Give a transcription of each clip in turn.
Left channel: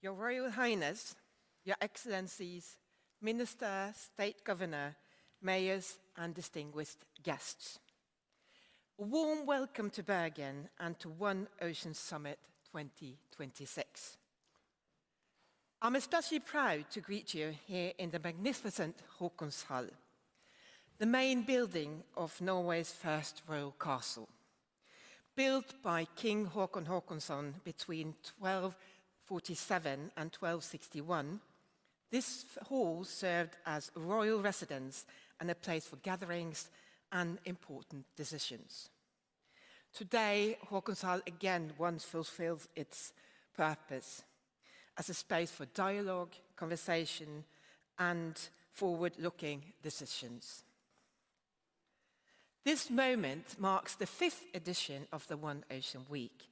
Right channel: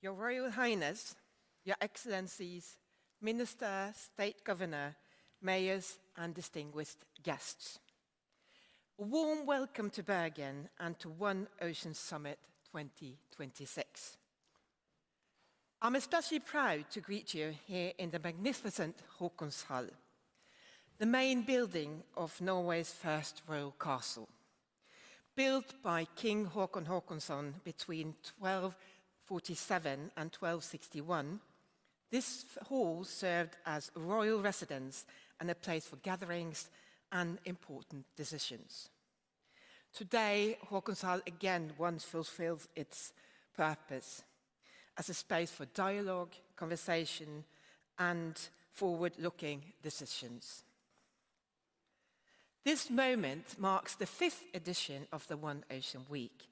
Your Royal Highness, Your Excellencies, Minister, State Governor, Mayors and distinguished guests. A warm welcome to Bergen and to One Ocean Summit 2026. I'm especially proud to greet you here in the magnificent Håkonshallen, the main building of Norway's first royal castle. Built by King Håkon Håkonsson between 1247 and 1261, this hall served as a royal residence and a place for gatherings and important decisions. Today, Håkonshallen again once fulfills its purpose as a space for dialogue, conversation, and forward-looking decisions. This moment marks the 5th edition of the One Ocean Week,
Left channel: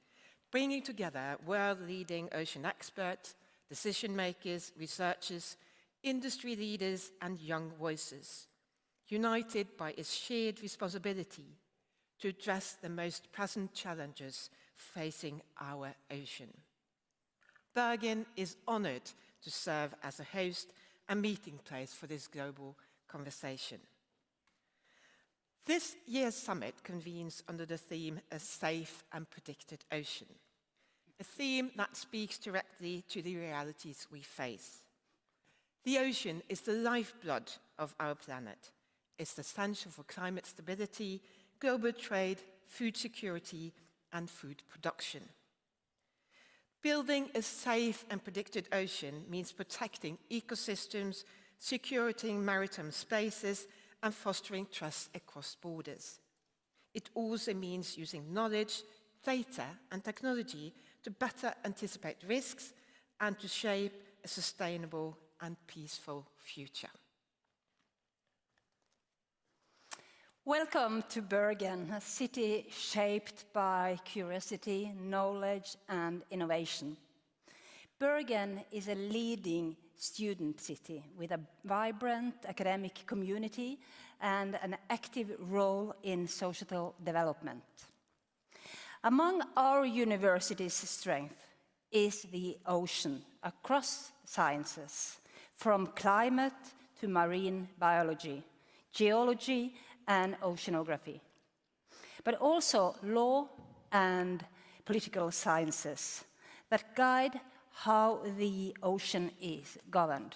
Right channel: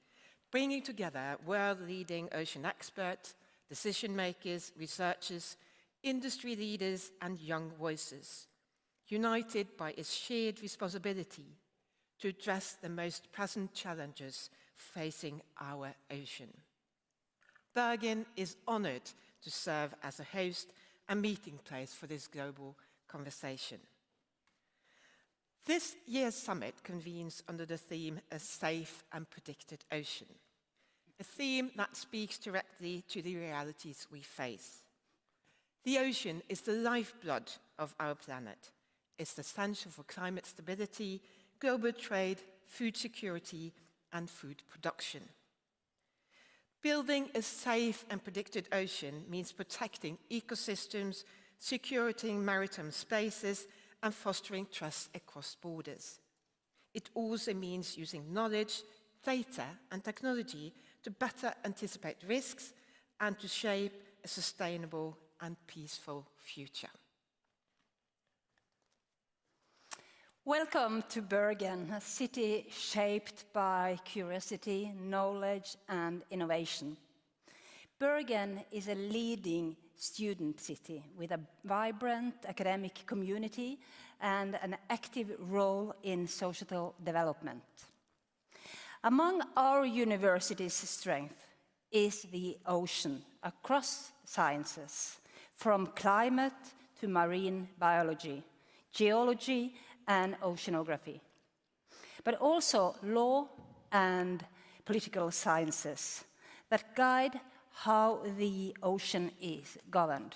bringing together world-leading ocean experts, decision-makers, researchers, industry leaders, and young voices, united by its shared responsibility to address the most present challenges facing our ocean. Bergen is honored to serve as a host and meeting place for this global conversation. This year's summit convenes under the theme A Safe and Predicted Ocean, a theme that speaks directly to the realities we face. The ocean is the lifeblood of our planet. It's essential for climate stability, global trade, food security, and food production. Building a safe and predicted ocean means protecting ecosystems, securing maritime spaces, and fostering trust across borders. It also means using knowledge, data, and technology to better anticipate risks and to shape a sustainable and peaceful future. Welcome to Bergen, a city shaped by curiosity, knowledge, and innovation. Bergen is a leading student city with a vibrant academic community and an active role in social development. Among our university's strengths is the ocean across sciences, from climate to marine biology, geology, and oceanography, but also law and political sciences that guide how the ocean is governed.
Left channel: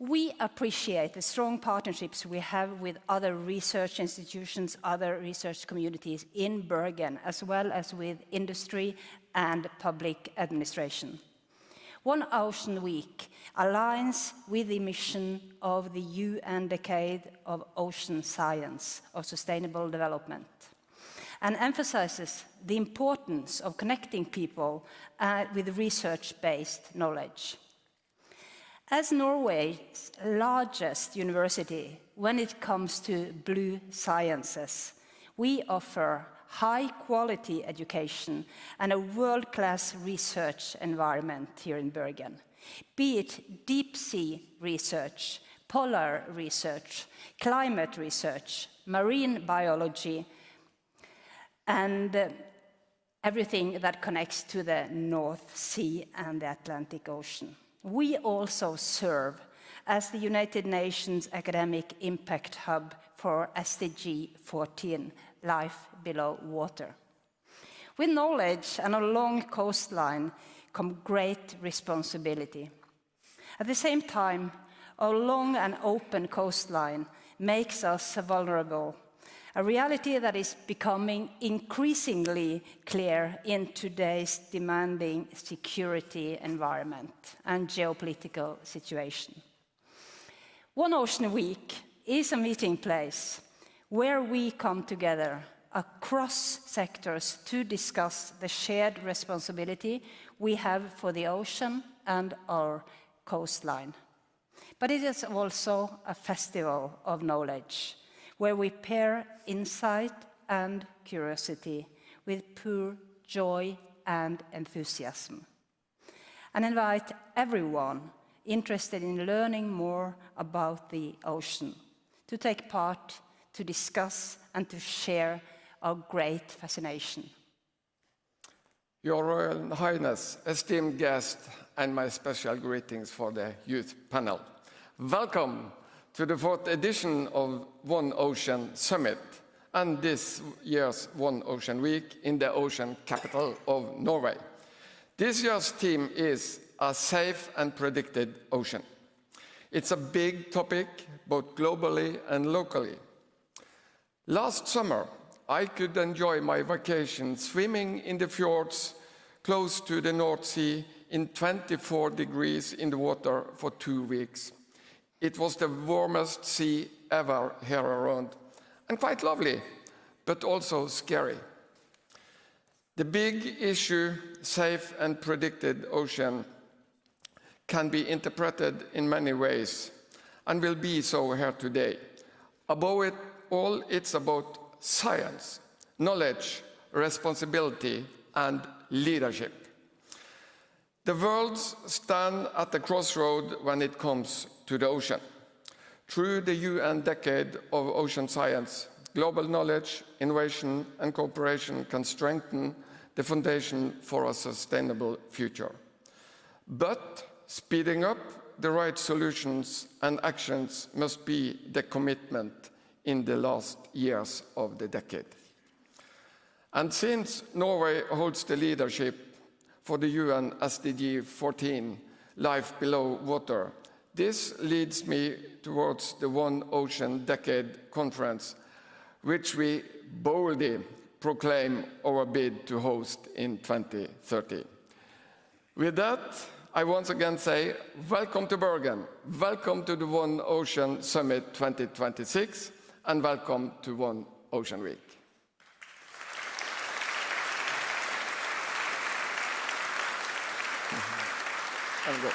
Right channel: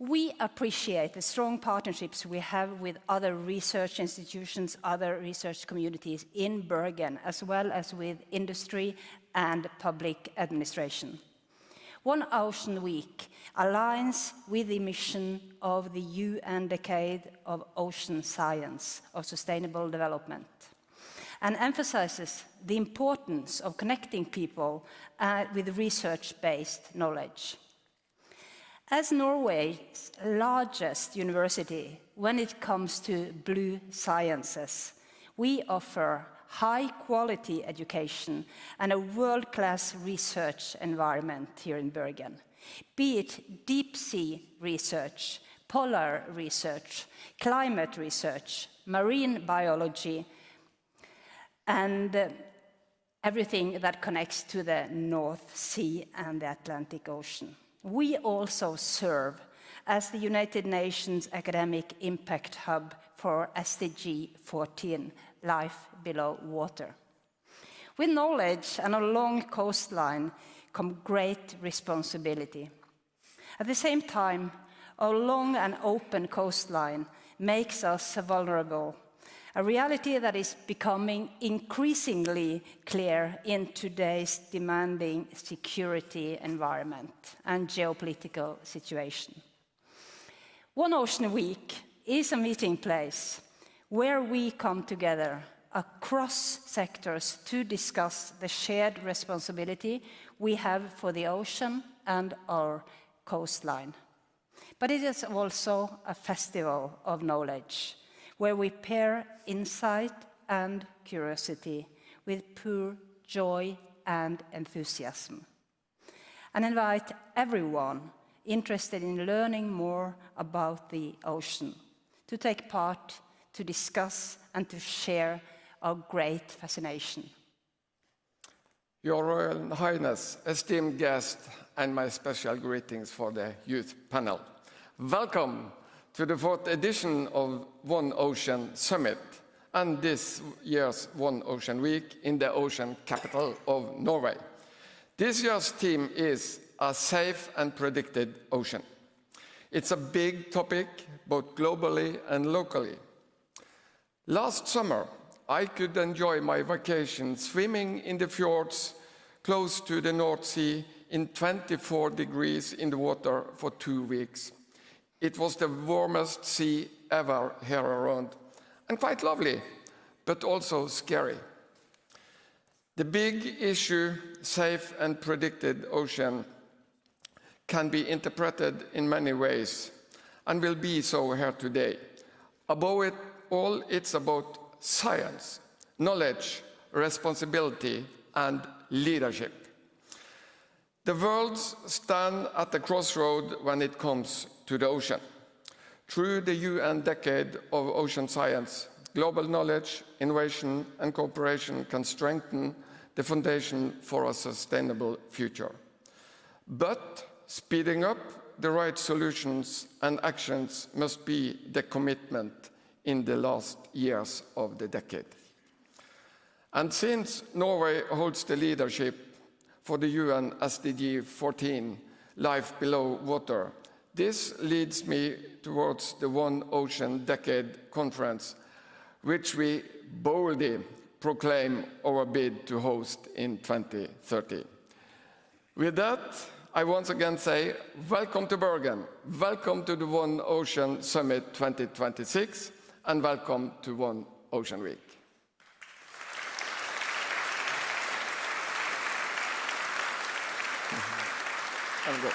We appreciate the strong partnerships we have with other research institutions, other research communities in Bergen, as well as with industry and public administration. One Ocean Week aligns with the mission of the UN Decade of Ocean Science of Sustainable Development and emphasizes the importance of connecting people with research-based knowledge. As Norway's largest university when it comes to blue sciences, we offer high-quality education and a world-class research environment here in Bergen, be it deep-sea research, polar research, climate research, marine biology, and everything that connects to the North Sea and the Atlantic Ocean. We also serve as the United Nations Academic Impact Hub for SDG 14, Life Below Water. With knowledge and a long coastline come great responsibility. At the same time, our long and open coastline makes us vulnerable a reality that is becoming increasingly clear in today's demanding security environment and geopolitical situation. One Ocean Week is a meeting place where we come together across sectors to discuss the shared responsibility we have for the ocean and our coastline. But it is also a festival of knowledge, where we pair insight and curiosity with pure joy and enthusiasm, and invite everyone interested in learning more about the ocean to take part, to discuss, and to share our great fascination. Your Royal Highness, esteemed guests, and my special greetings for the youth panel. Welcome to the 4th edition of One Ocean Summit and this year's One Ocean Week in the ocean capital of Norway. This year's theme is a safe and predicted ocean. It's a big topic, both globally and locally. Last summer, I could enjoy my vacation swimming in the fjords close to the North Sea in 24 degrees in the water for 2 weeks. It was the warmest sea ever here around, and quite lovely, but also scary. The big issue, safe and predicted ocean, can be interpreted in many ways, and will be so here today. Above it all, it's about science, knowledge, responsibility, and leadership. The world stands at the crossroad when it comes to the ocean. Through the UN Decade of Ocean Science, global knowledge, innovation, and cooperation can strengthen the foundation for a sustainable future. But speeding up the right solutions and actions must be the commitment in the last years of the decade. And since Norway holds the leadership for the UN SDG 14, Life Below Water, this leads me towards the One Ocean Decade Conference, which we boldly proclaim our bid to host in 2030. With that, I once again say, welcome to Bergen, welcome to the One Ocean Summit 2026, and welcome to One Ocean Week. I'm good.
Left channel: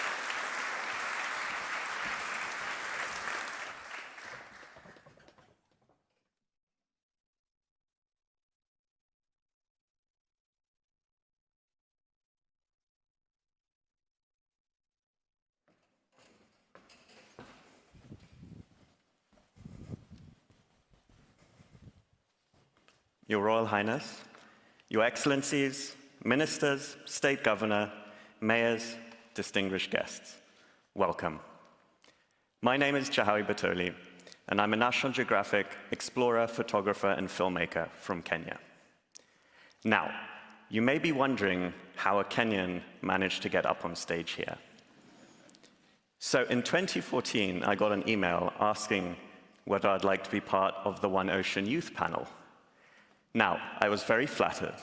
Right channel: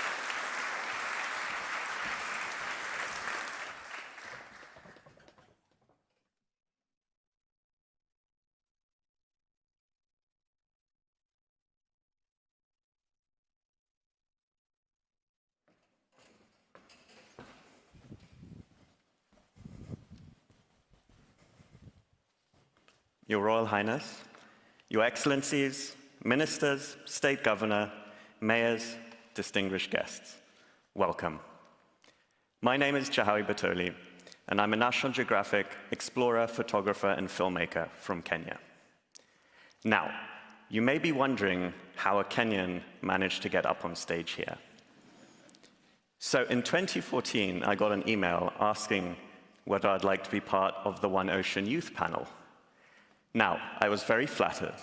Your Royal Highness, Your Excellencies, Ministers, State Governor, Mayors, distinguished guests, welcome. My name is Chahawi Batoli, and I'm a National Geographic explorer, photographer, and filmmaker from Kenya. Now, you may be wondering how a Kenyan managed to get up on stage here. So in 2014, I got an email asking whether I'd like to be part of the One Ocean Youth Panel. Now, I was very flattered,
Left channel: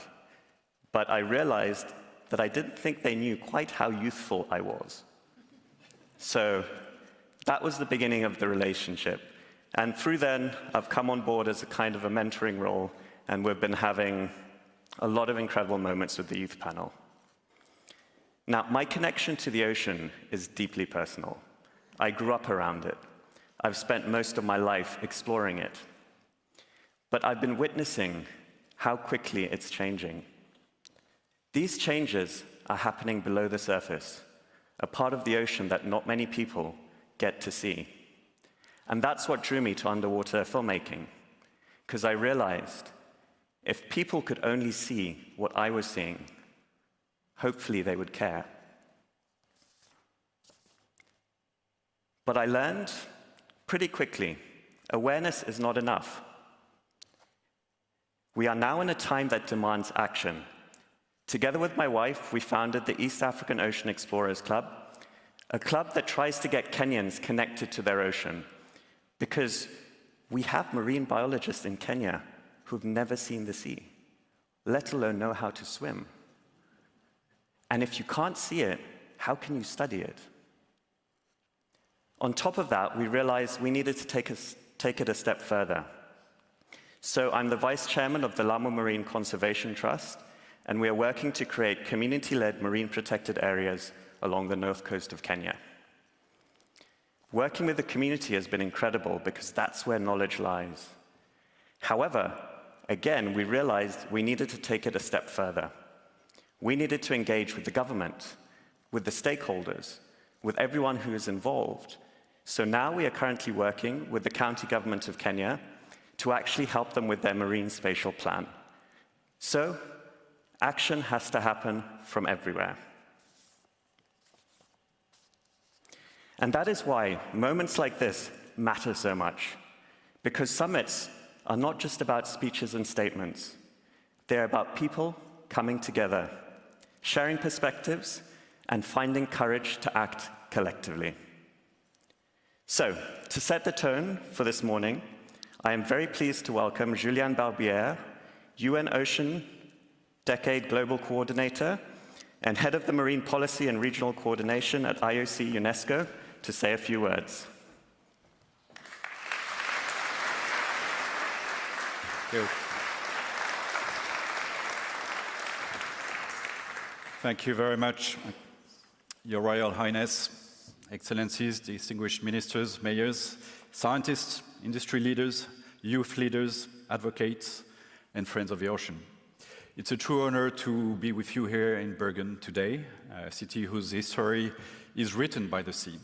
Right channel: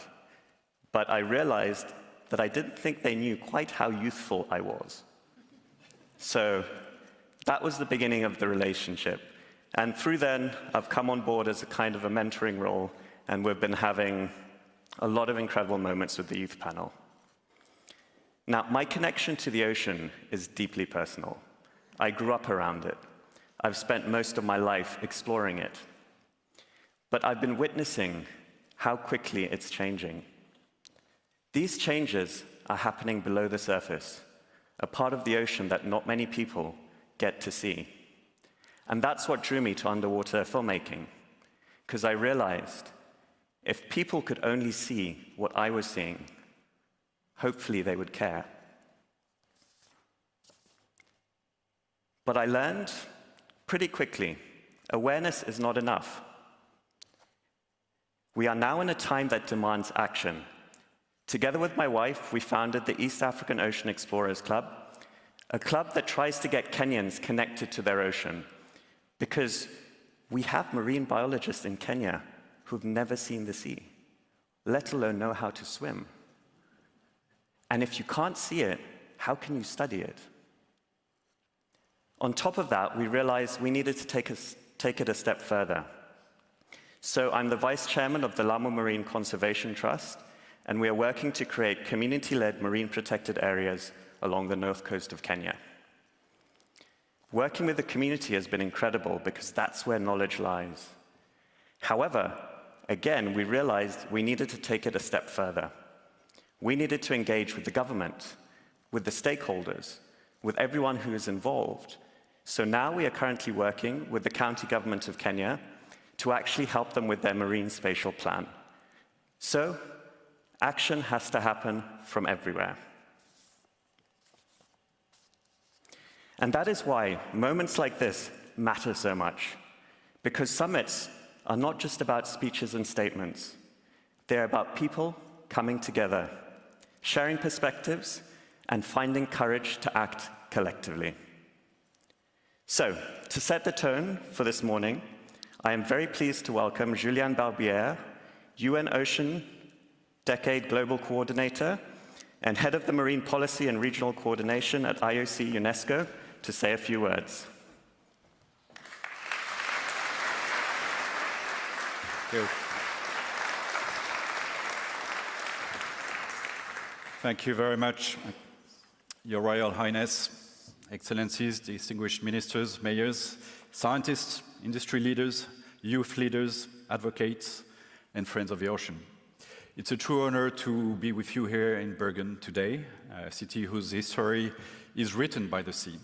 but I realized that I didn't think they knew quite how youthful I was. So that was the beginning of the relationship. And through then, I've come on board as a kind of a mentoring role, and we've been having a lot of incredible moments with the youth panel. Now, my connection to the ocean is deeply personal. I grew up around it. I've spent most of my life exploring it. But I've been witnessing how quickly it's changing. These changes are happening below the surface, a part of the ocean that not many people get to see. And that's what drew me to underwater filmmaking, because I realized if people could only see what I was seeing, hopefully they would care. But I learned pretty quickly, awareness is not enough. We are now in a time that demands action. Together with my wife, we founded the East African Ocean Explorers Club, a club that tries to get Kenyans connected to their ocean, because We have marine biologists in Kenya who've never seen the sea, let alone know how to swim. And if you can't see it, how can you study it? On top of that, we realized we needed to take it a step further. So I'm the vice chairman of the Lamu Marine Conservation Trust, and we are working to create community-led marine protected areas along the north coast of Kenya. Working with the community has been incredible because that's where knowledge lies. However, again, we realized we needed to take it a step further. We needed to engage with the government, with the stakeholders, with everyone who is involved. So now we are currently working with the county government of Kenya to actually help them with their marine spatial plan. So, action has to happen from everywhere. And that is why moments like this matter so much, because summits are not just about speeches and statements. They're about people coming together, sharing perspectives, and finding courage to act collectively. So, to set the tone for this morning, I am very pleased to welcome Julian Barbiere, UN Ocean Decade Global Coordinator and Head of the Marine Policy and Regional Coordination at IOC UNESCO, to say a few words. Thank you very much, Your Royal Highness, Excellencies, distinguished ministers, mayors, scientists, industry leaders, youth leaders, advocates, and friends of the ocean. It's a true honor to be with you here in Bergen today, a city whose history is written by the sea.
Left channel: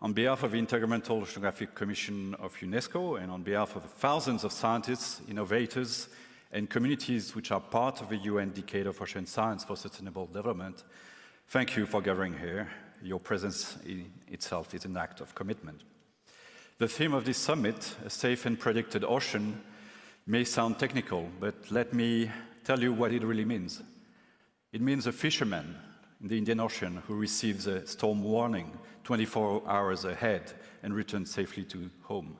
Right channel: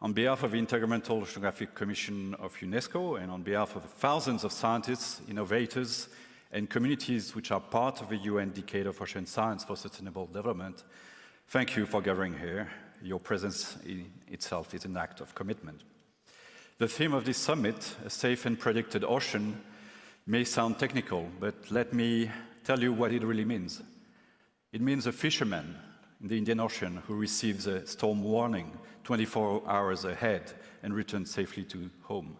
On behalf of the Intergovernmental Oceanographic Commission of UNESCO and on behalf of the thousands of scientists, innovators, and communities which are part of the UN Decade of Ocean Science for Sustainable Development, thank you for gathering here. Your presence in itself is an act of commitment. The theme of this summit, a safe and predicted ocean, may sound technical, but let me tell you what it really means. It means a fisherman in the Indian Ocean who receives a storm warning 24 hours ahead and returns safely to home.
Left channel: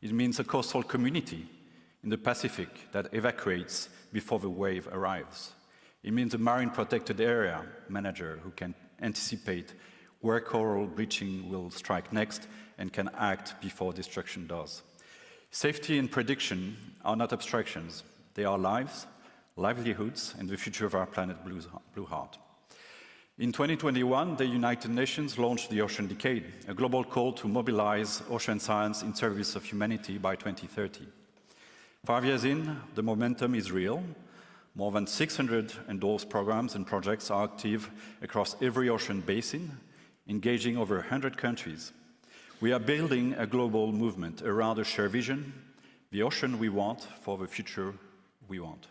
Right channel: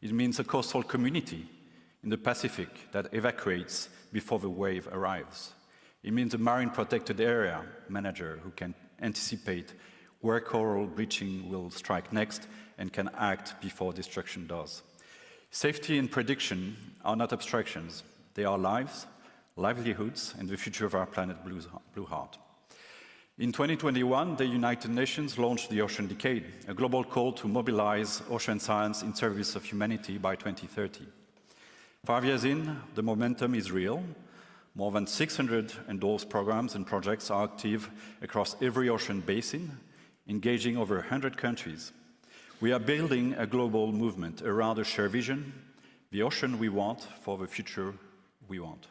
It means a coastal community in the Pacific that evacuates before the wave arrives. It means a marine protected area manager who can anticipate where coral bleaching will strike next and can act before destruction does. Safety and prediction are not abstractions. They are lives, livelihoods, and the future of our planet Blue Heart. In 2021, the United Nations launched the Ocean Decade, a global call to mobilize ocean science in service of humanity by 2030. 5 years in, the momentum is real. More than 600 endorsed programs and projects are active across every ocean basin, engaging over 100 countries. We are building a global movement around a shared vision, the ocean we want for the future we want.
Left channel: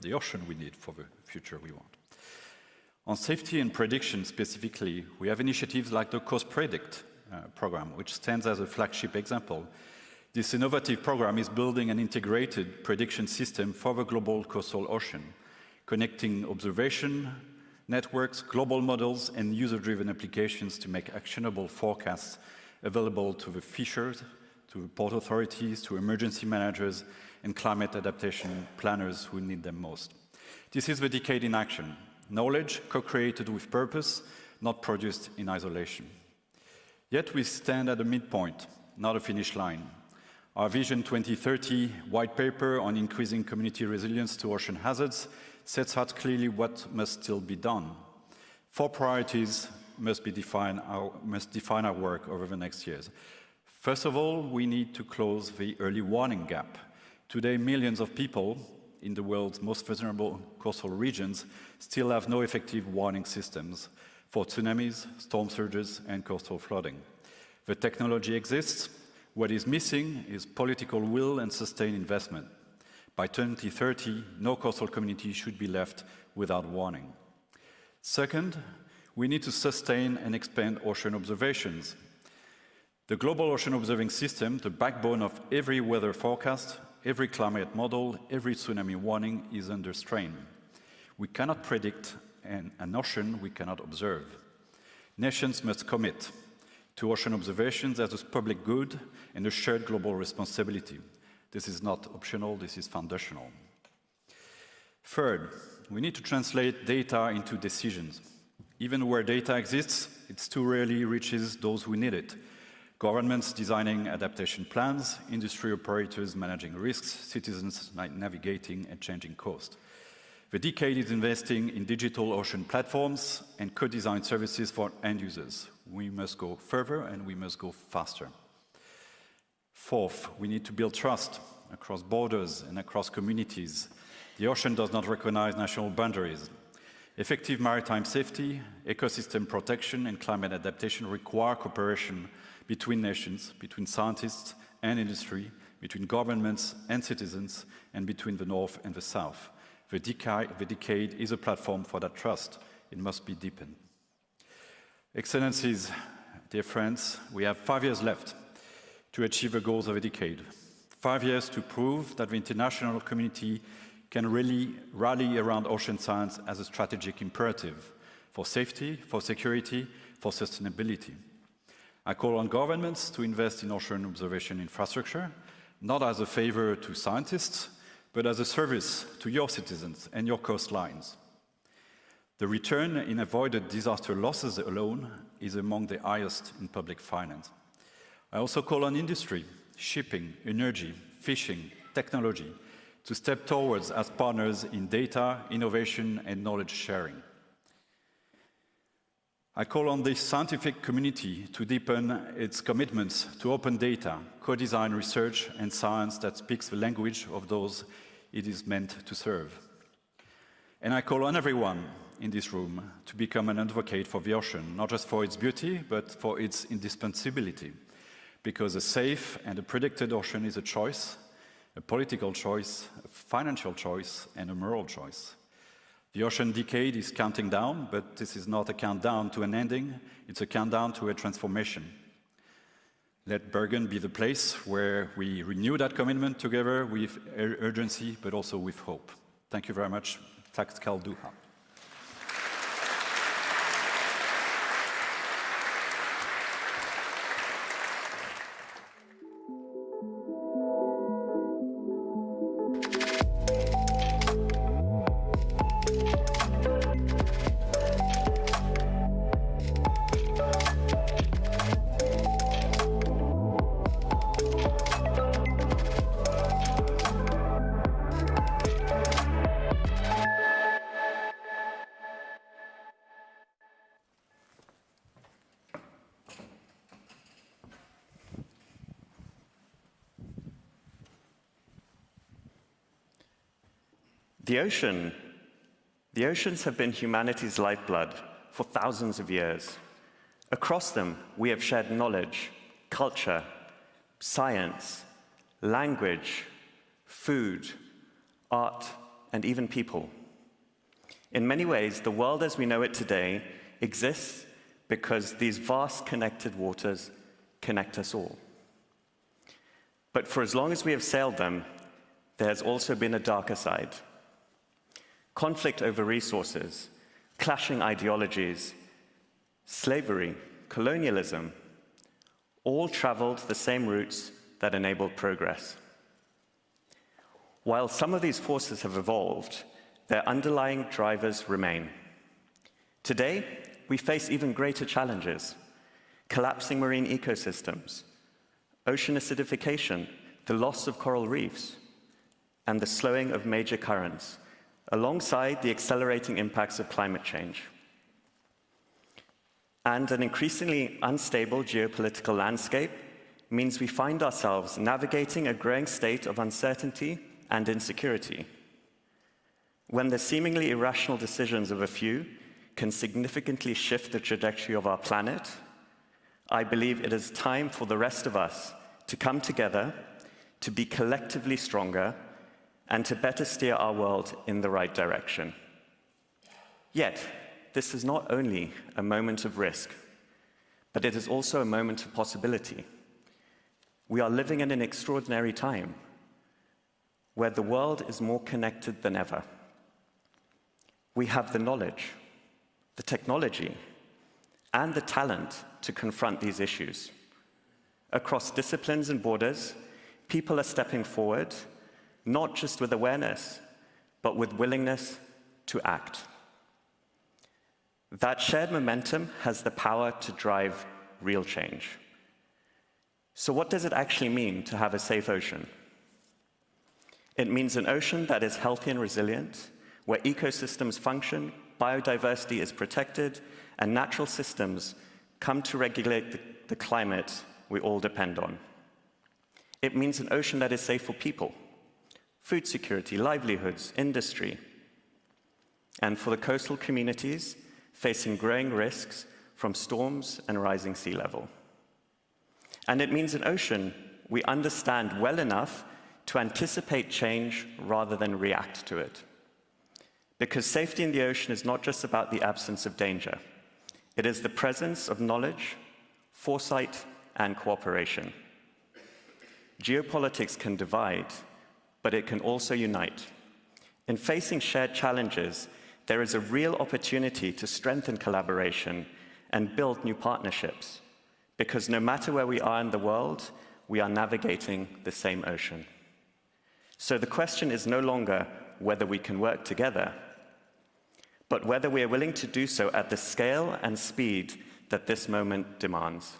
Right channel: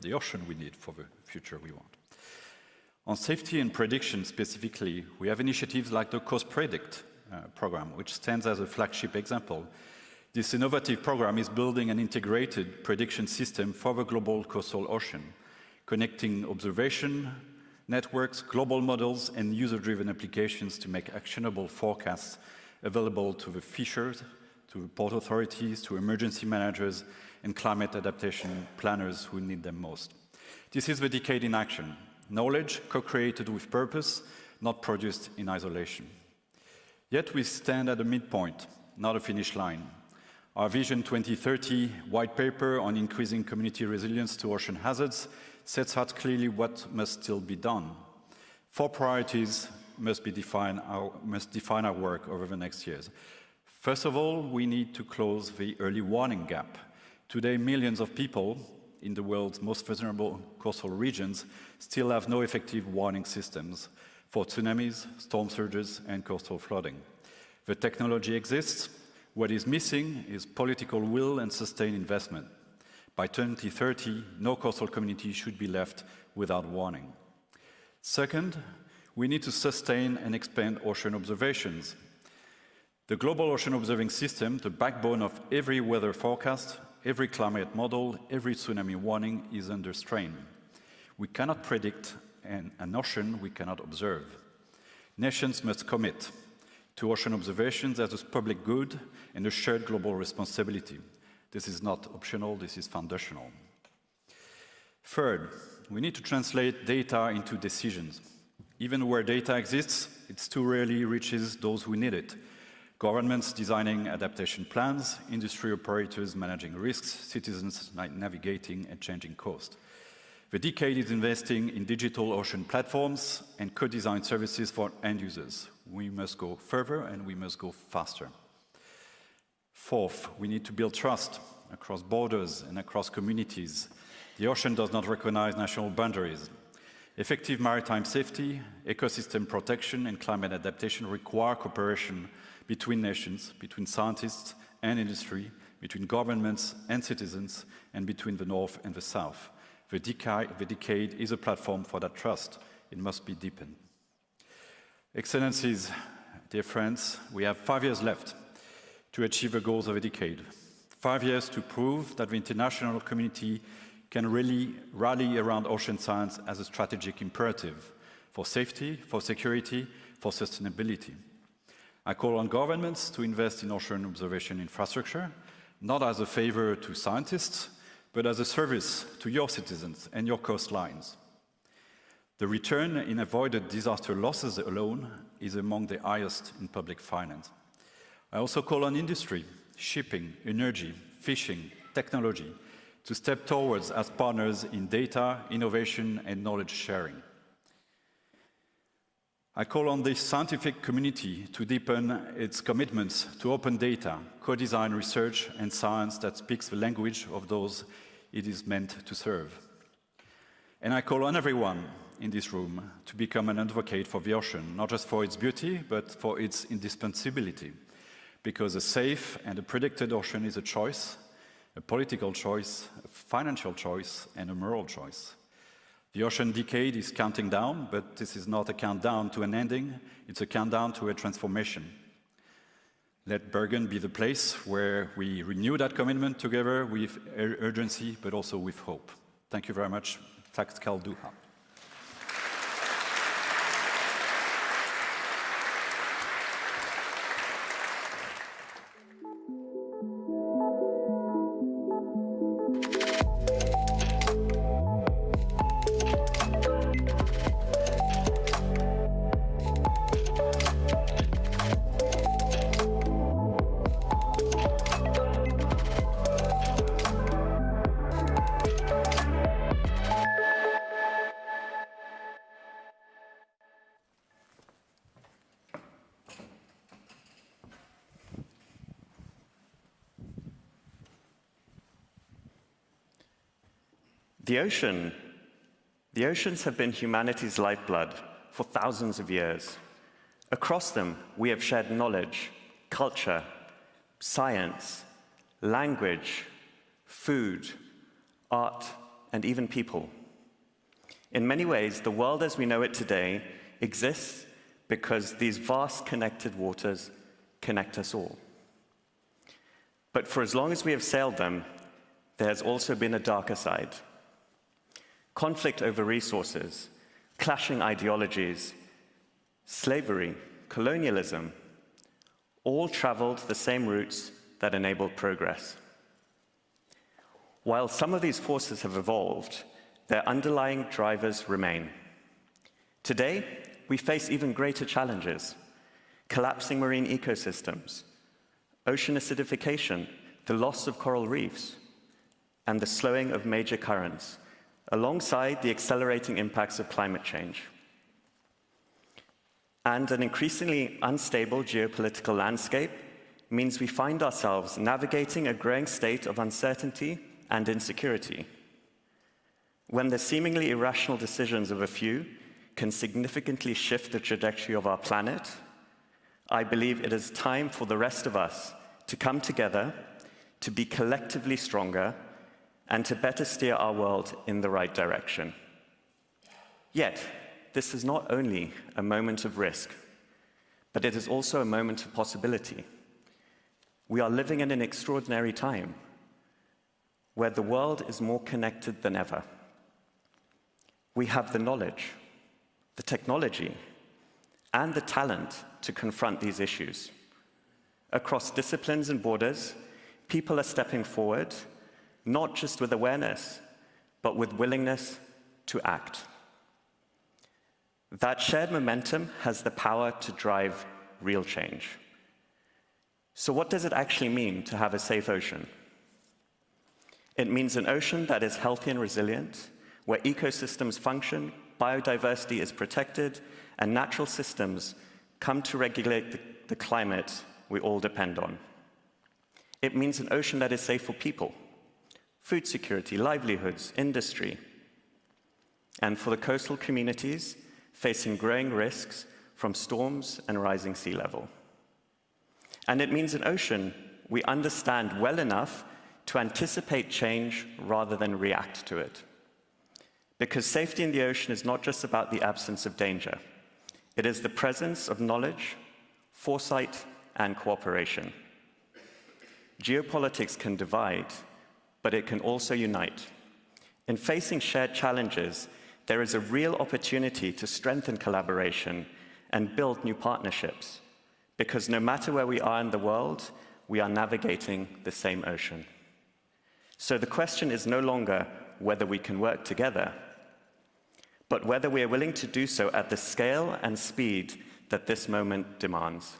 The ocean we need for the future we want. On safety and prediction specifically, we have initiatives like the Coast Predict program, which stands as a flagship example. This innovative program is building an integrated prediction system for the global coastal ocean, connecting observation networks, global models, and user-driven applications to make actionable forecasts available to the fishers, to port authorities, to emergency managers, and climate adaptation planners who need them most. This is the decade in action. Knowledge co-created with purpose, not produced in isolation. Yet we stand at a midpoint, not a finish line. Our Vision 2030 white paper on increasing community resilience to ocean hazards sets out clearly what must still be done. 4 priorities must define our work over the next years. First of all, we need to close the early warning gap. Today, millions of people in the world's most vulnerable coastal regions still have no effective warning systems for tsunamis, storm surges, and coastal flooding. The technology exists. What is missing is political will and sustained investment. By 2030, no coastal community should be left without warning. Second, we need to sustain and expand ocean observations. The global ocean observing system, the backbone of every weather forecast, every climate model, every tsunami warning, is under strain. We cannot predict an ocean we cannot observe. Nations must commit. to ocean observations as a public good and a shared global responsibility. This is not optional, this is foundational. Third, we need to translate data into decisions. Even where data exists, it too rarely reaches those who need it. Governments designing adaptation plans, industry operators managing risks, citizens navigating and changing coast. The decade is investing in digital ocean platforms and co-designed services for end users. We must go further and we must go faster. Fourth, we need to build trust across borders and across communities. The ocean does not recognize national boundaries. Effective maritime safety, ecosystem protection, and climate adaptation require cooperation between nations, between scientists and industry, between governments and citizens, and between the North and the South. The decade is a platform for that trust. It must be deepened. Excellencies, dear friends, we have 5 years left to achieve the goals of a decade. 5 years to prove that the international community can really rally around ocean science as a strategic imperative for safety, for security, for sustainability. I call on governments to invest in ocean observation infrastructure, not as a favor to scientists, but as a service to your citizens and your coastlines. The return in avoided disaster losses alone is among the highest in public finance. I also call on industry, shipping, energy, fishing, technology, to step towards as partners in data, innovation, and knowledge sharing. I call on the scientific community to deepen its commitments to open data, co-design research, and science that speaks the language of those it is meant to serve. And I call on everyone in this room to become an advocate for the ocean, not just for its beauty, but for its indispensability, because a safe and a protected ocean is a choice, a political choice, a financial choice, and a moral choice. The ocean decade is counting down, but this is not a countdown to an ending, it's a countdown to a transformation. Let Bergen be the place where we renew that commitment together with urgency, but also with hope. Thank you very much. Tack skal du ha. The oceans have been humanity's lifeblood for thousands of years. Across them, we have shared knowledge, culture, science, language, food, art, and even people. In many ways, the world as we know it today exists because these vast connected waters connect us all. But for as long as we have sailed them, there has also been a darker side. Conflict over resources, clashing ideologies, slavery, colonialism, all traveled the same routes that enabled progress. While some of these forces have evolved, their underlying drivers remain. Today, we face even greater challenges: collapsing marine ecosystems, ocean acidification, the loss of coral reefs, and the slowing of major currents, alongside the accelerating impacts of climate change. And an increasingly unstable geopolitical landscape means we find ourselves navigating a growing state of uncertainty and insecurity. When the seemingly irrational decisions of a few can significantly shift the trajectory of our planet, I believe it is time for the rest of us to come together, to be collectively stronger, and to better steer our world in the right direction. Yet, this is not only a moment of risk, but it is also a moment of possibility. We are living in an extraordinary time where the world is more connected than ever. We have the knowledge, the technology, and the talent to confront these issues. Across disciplines and borders, people are stepping forward, not just with awareness, but with willingness to act. That shared momentum has the power to drive real change. So what does it actually mean to have a safe ocean? It means an ocean that is healthy and resilient, where ecosystems function, biodiversity is protected, and natural systems come to regulate the climate we all depend on. It means an ocean that is safe for people, food security, livelihoods, industry, and for the coastal communities facing growing risks from storms and rising sea level. And it means an ocean we understand well enough to anticipate change rather than react to it. Because safety in the ocean is not just about the absence of danger. It is the presence of knowledge, foresight, and cooperation. Geopolitics can divide, but it can also unite. In facing shared challenges, there is a real opportunity to strengthen collaboration and build new partnerships, because no matter where we are in the world, we are navigating the same ocean. So the question is no longer whether we can work together, but whether we are willing to do so at the scale and speed that this moment demands.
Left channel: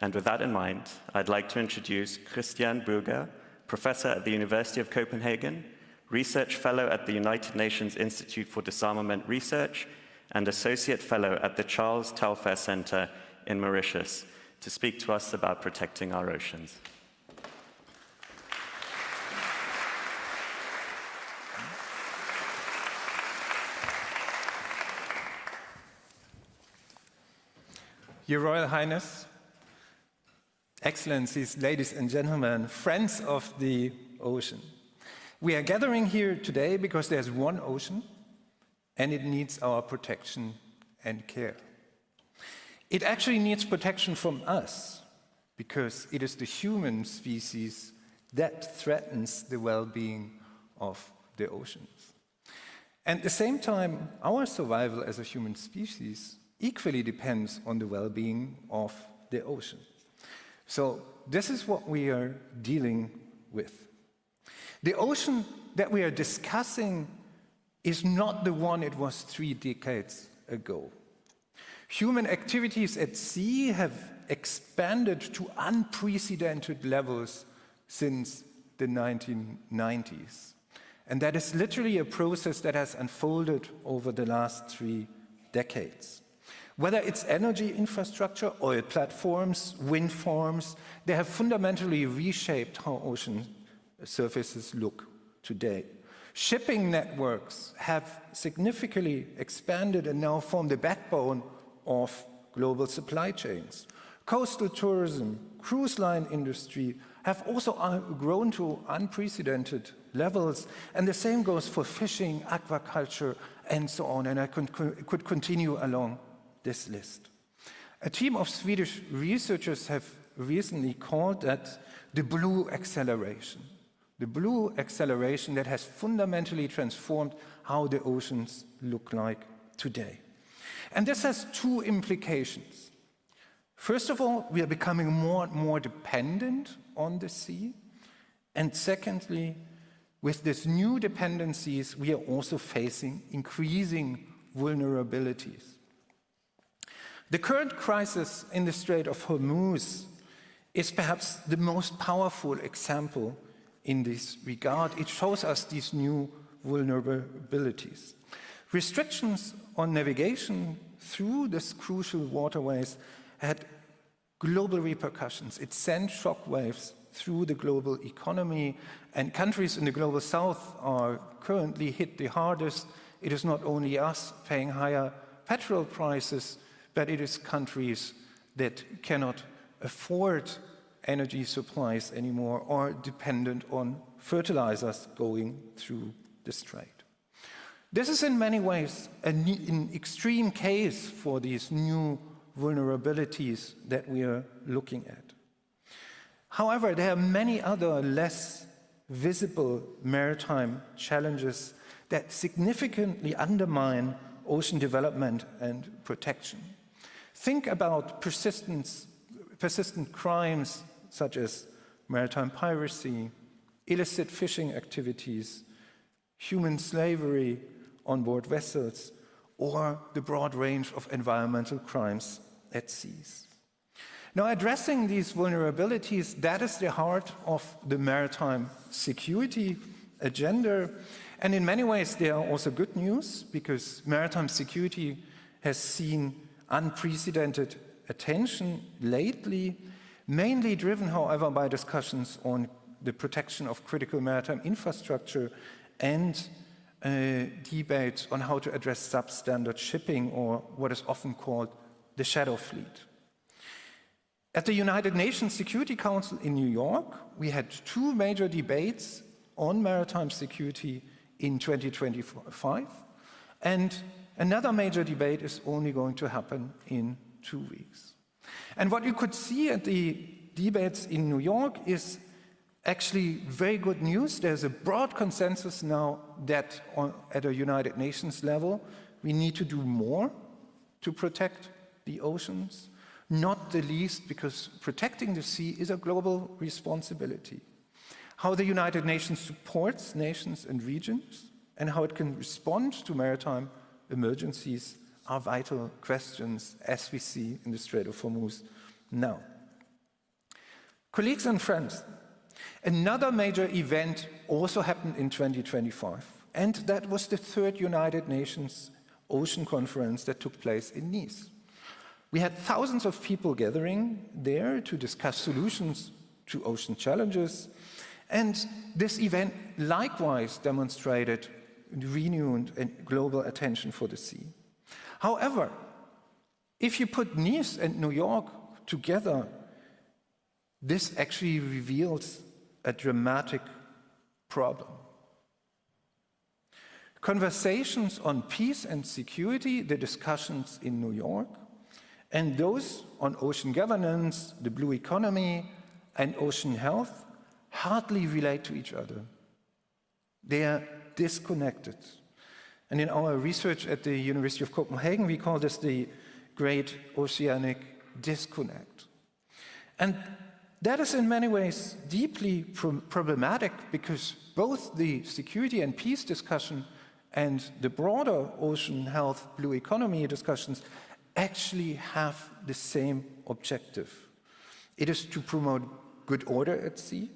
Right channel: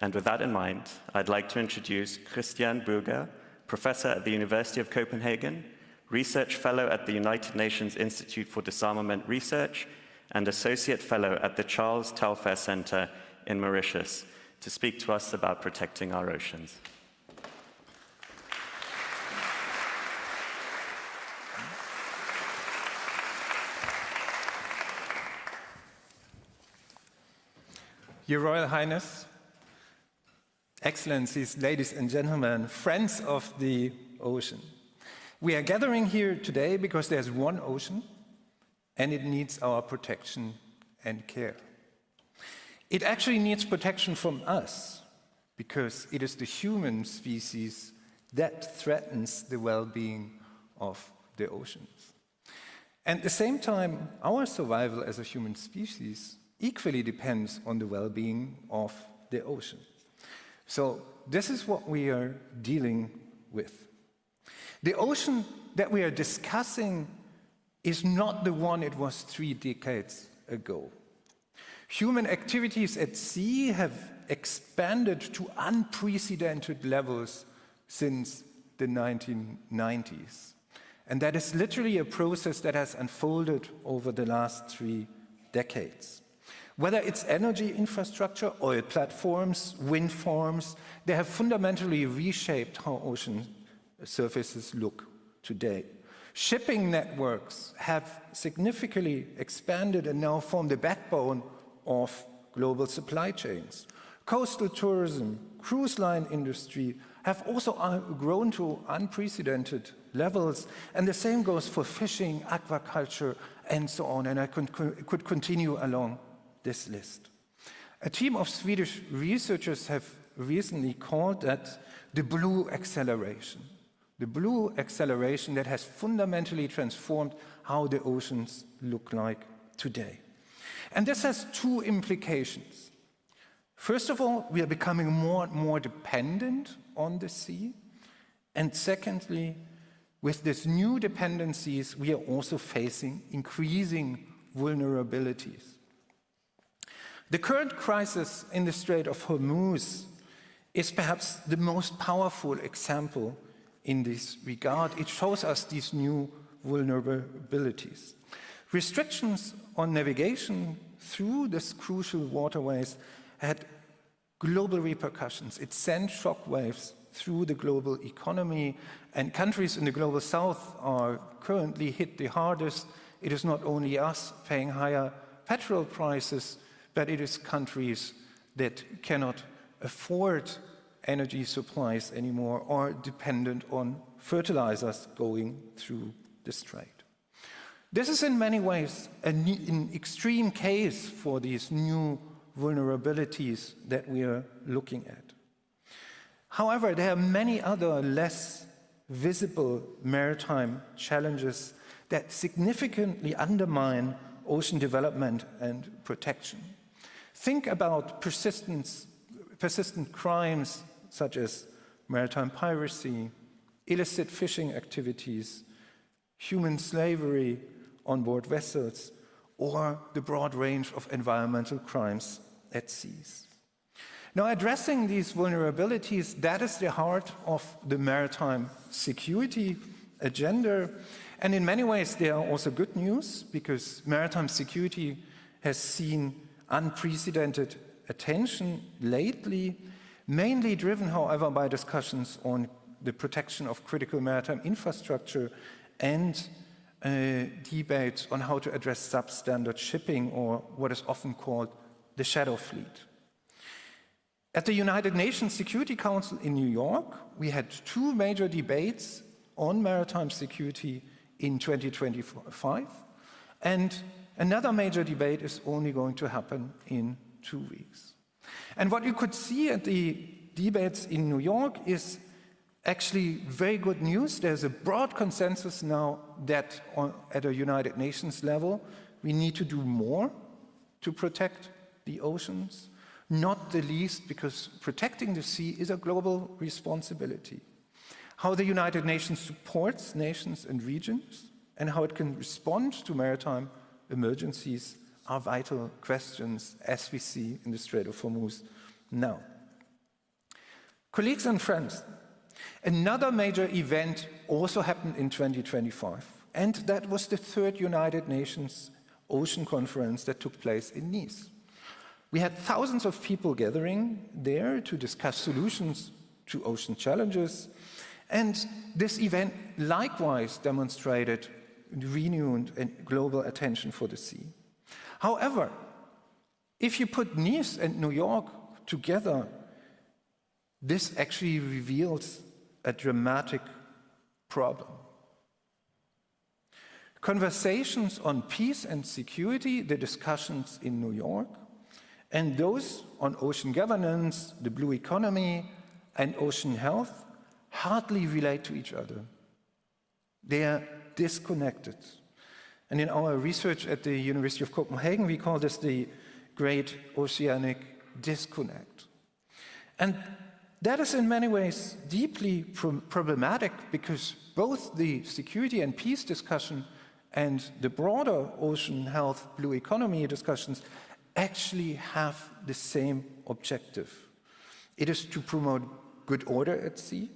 And with that in mind, I'd like to introduce Julian Barbiere, professor at the University of Copenhagen, research fellow at the United Nations Institute for Disarmament Research, and associate fellow at the Charles Telfair Center in Mauritius, to speak to us about protecting our oceans. Your Royal Highness, Excellencies, ladies and gentlemen, friends of the ocean. We are gathering here today because there's one ocean and it needs our protection and care. It actually needs protection from us because it is the human species that threatens the well-being of the oceans. And at the same time, our survival as a human species equally depends on the well-being of the ocean. So this is what we are dealing with. The ocean that we are discussing is not the one it was 3 decades ago. Human activities at sea have expanded to unprecedented levels since the 1990s. And that is literally a process that has unfolded over the last 3 decades. Whether it's energy infrastructure, oil platforms, wind farms, they have fundamentally reshaped how ocean surfaces look today. Shipping networks have significantly expanded and now form the backbone of global supply chains. Coastal tourism, cruise line industry have also grown to unprecedented levels, and the same goes for fishing, aquaculture, and so on, and I could continue along this list. A team of Swedish researchers have recently called that the blue acceleration. The blue acceleration that has fundamentally transformed how the oceans look like today. And this has 2 implications. First of all, we are becoming more and more dependent on the sea. And secondly, with these new dependencies, we are also facing increasing vulnerabilities. The current crisis in the Strait of Hormuz is perhaps the most powerful example in this regard. It shows us these new vulnerabilities. Restrictions on navigation through these crucial waterways had global repercussions. It sent shockwaves through the global economy, and countries in the global south are currently hit the hardest. It is not only us paying higher petrol prices, but it is countries that cannot afford energy supplies anymore or dependent on fertilizers going through the strait. This is in many ways an extreme case for these new vulnerabilities that we are looking at. However, there are many other less visible maritime challenges that significantly undermine ocean development and protection. Think about persistent crimes such as maritime piracy, illicit fishing activities, human slavery on board vessels, or the broad range of environmental crimes at seas. Now, addressing these vulnerabilities, that is the heart of the maritime security agenda. And in many ways, there are also good news, because maritime security has seen unprecedented attention lately, mainly driven, however, by discussions on the protection of critical maritime infrastructure and debates on how to address substandard shipping, or what is often called the shadow fleet. At the United Nations Security Council in New York, we had 2 major debates on maritime security in 2025, and another major debate is only going to happen in 2 weeks. And what you could see at the debates in New York is actually very good news. There's a broad consensus now that at a United Nations level, we need to do more to protect the oceans, not the least because protecting the sea is a global responsibility. How the United Nations supports nations and regions and how it can respond to maritime emergencies are vital questions, as we see in the Strait of Hormuz now. Colleagues and friends, another major event also happened in 2025, and that was the 3rd United Nations Ocean Conference that took place in Nice. We had thousands of people gathering there to discuss solutions to ocean challenges, and this event likewise demonstrated renewed and global attention for the sea. However, if you put Nice and New York together, this actually reveals a dramatic problem. Conversations on peace and security, the discussions in New York, and those on ocean governance, the blue economy, and ocean health hardly relate to each other. They are disconnected. And in our research at the University of Copenhagen, we call this the Great Oceanic Disconnect. And that is in many ways deeply problematic, because both the security and peace discussion and the broader ocean health, blue economy discussions actually have the same objective. It is to promote good order at sea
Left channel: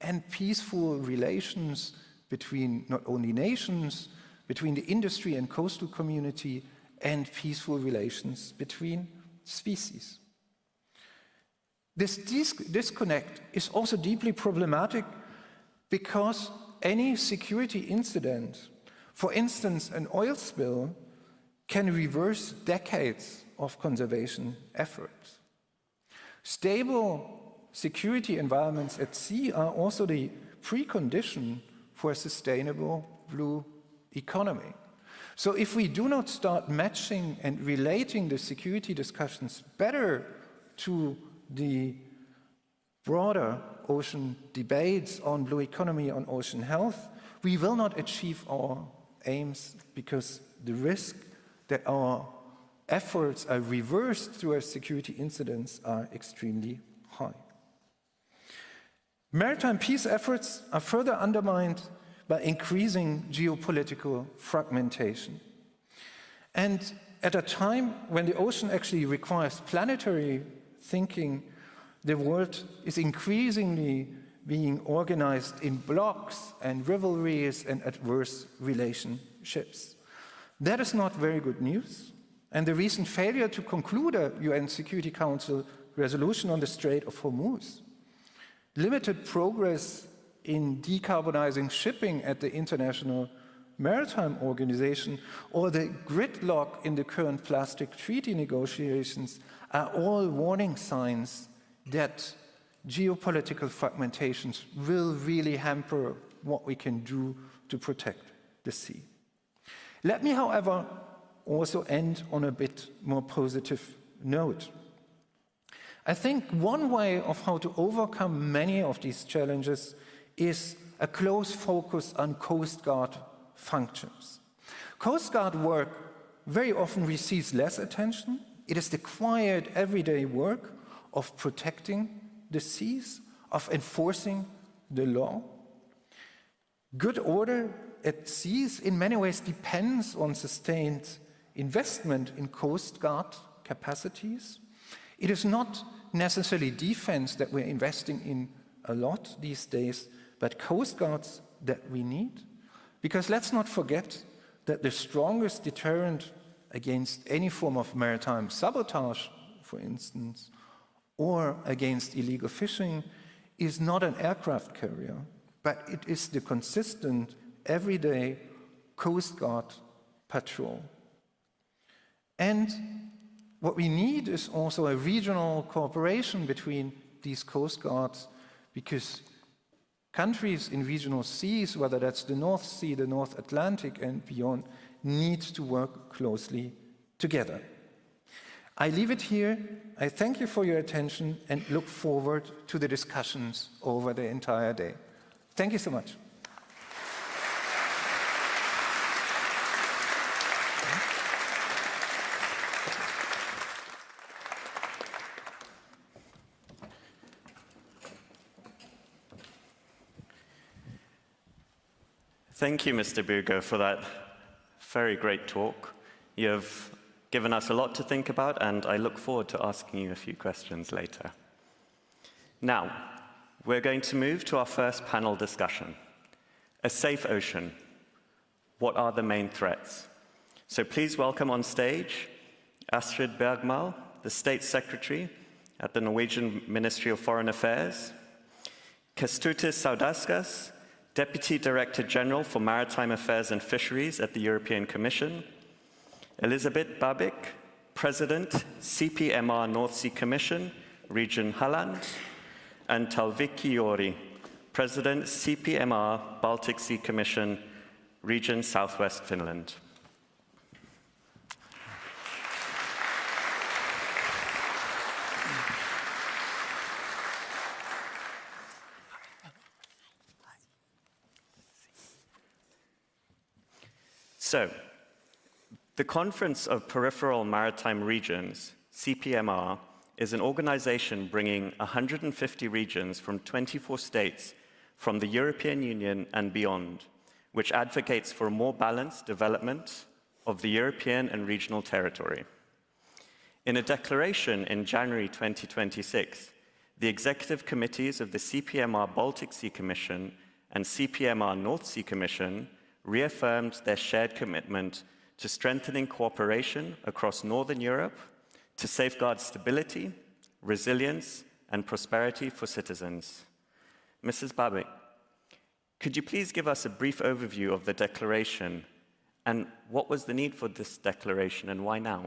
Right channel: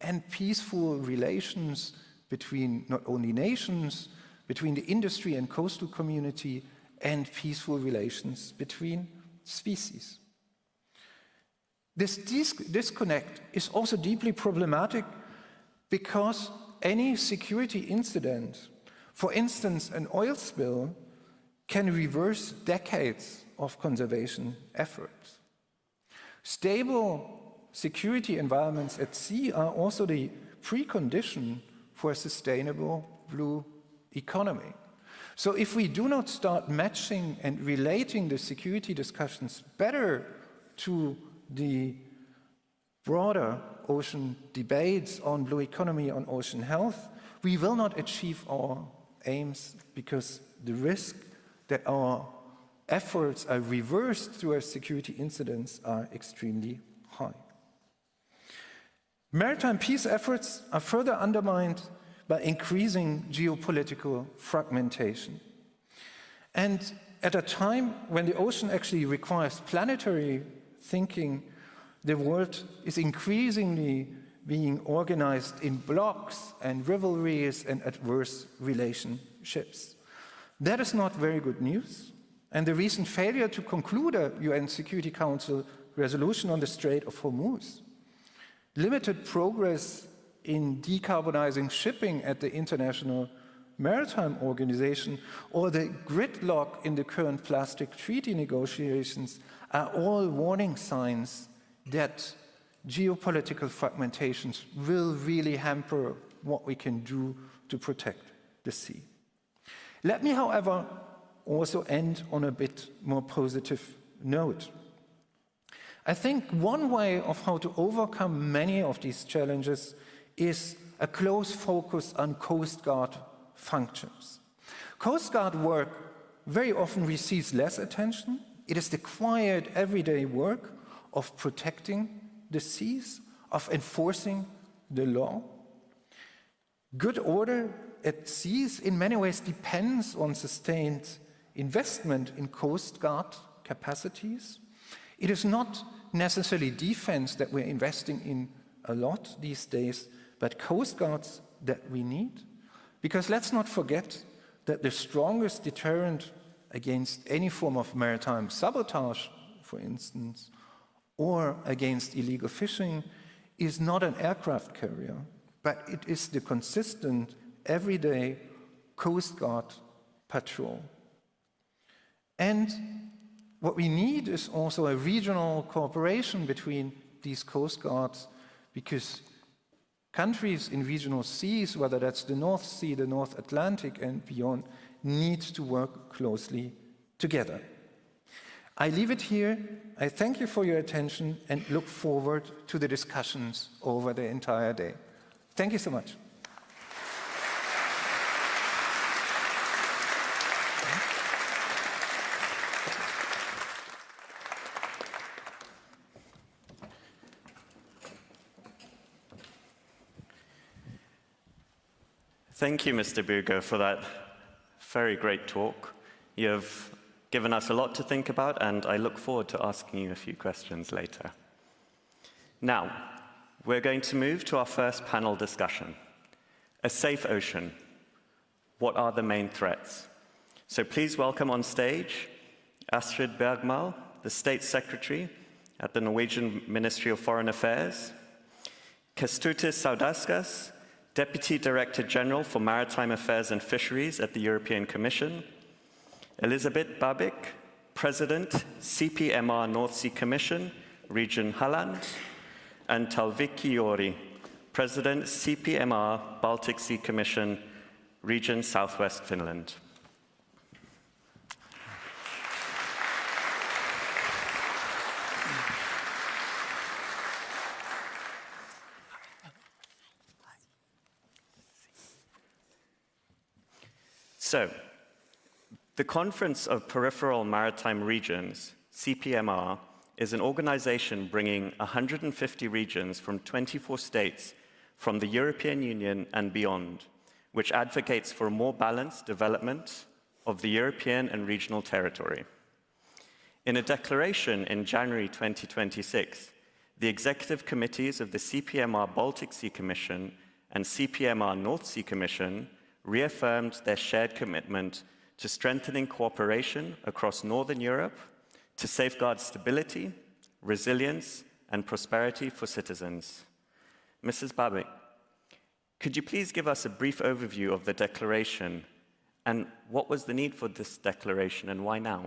and peaceful relations between not only nations, between the industry and coastal community, and peaceful relations between species. This disconnect is also deeply problematic because any security incident, for instance an oil spill, can reverse decades of conservation efforts. Stable security environments at sea are also the precondition for a sustainable blue economy. So if we do not start matching and relating the security discussions better to the broader ocean debates on blue economy, on ocean health, we will not achieve our aims, because the risk that our efforts are reversed through our security incidents are extremely high. Maritime peace efforts are further undermined by increasing geopolitical fragmentation. And at a time when the ocean actually requires planetary thinking, the world is increasingly being organized in blocks and rivalries and adverse relationships. That is not very good news. And the recent failure to conclude a UN Security Council resolution on the Strait of Hormuz, limited progress in decarbonizing shipping at the International Maritime Organization, or the gridlock in the current plastic treaty negotiations are all warning signs that geopolitical fragmentations will really hamper what we can do to protect the sea. Let me, however, also end on a bit more positive note. I think one way of how to overcome many of these challenges is a close focus on Coast Guard functions. Coast Guard work very often receives less attention. It is the quiet, everyday work of protecting the seas, of enforcing the law. Good order at seas in many ways depends on sustained investment in Coast Guard capacities. It is not necessarily defense that we're investing in a lot these days, but Coast Guards that we need. Because let's not forget that the strongest deterrent against any form of maritime sabotage, for instance, or against illegal fishing is not an aircraft carrier, but it is the consistent, everyday Coast Guard patrol. And what we need is also a regional cooperation between these Coast Guards, because countries in regional seas, whether that's the North Sea, the North Atlantic, and beyond, need to work closely together. I leave it here. I thank you for your attention and look forward to the discussions over the entire day. Thank you so much. Thank you, Mr. Buger, for that very great talk. You've given us a lot to think about, and I look forward to asking you a few questions later. Now, we're going to move to our first panel discussion. A safe ocean. What are the main threats? So please welcome on stage Astrid Bergmal, the State Secretary at the Norwegian Ministry of Foreign Affairs, Kęstutis Sadauskas, Deputy Director General for Maritime Affairs and Fisheries at the European Commission, Elisabeth Babik, President, CPMR North Sea Commission, Region Halland, and Talviki Jori, President, CPMR Baltic Sea Commission, Region Southwest-Finland. So, the Conference of Peripheral Maritime Regions, CPMR, is an organization bringing 150 regions from 24 states from the European Union and beyond, which advocates for a more balanced development of the European and regional territory. In a declaration in January 2026, the executive committees of the CPMR Baltic Sea Commission and CPMR North Sea Commission reaffirmed their shared commitment to strengthening cooperation across Northern Europe to safeguard stability, resilience, and prosperity for citizens. Mrs. Babik, could you please give us a brief overview of the declaration and what was the need for this declaration and why now?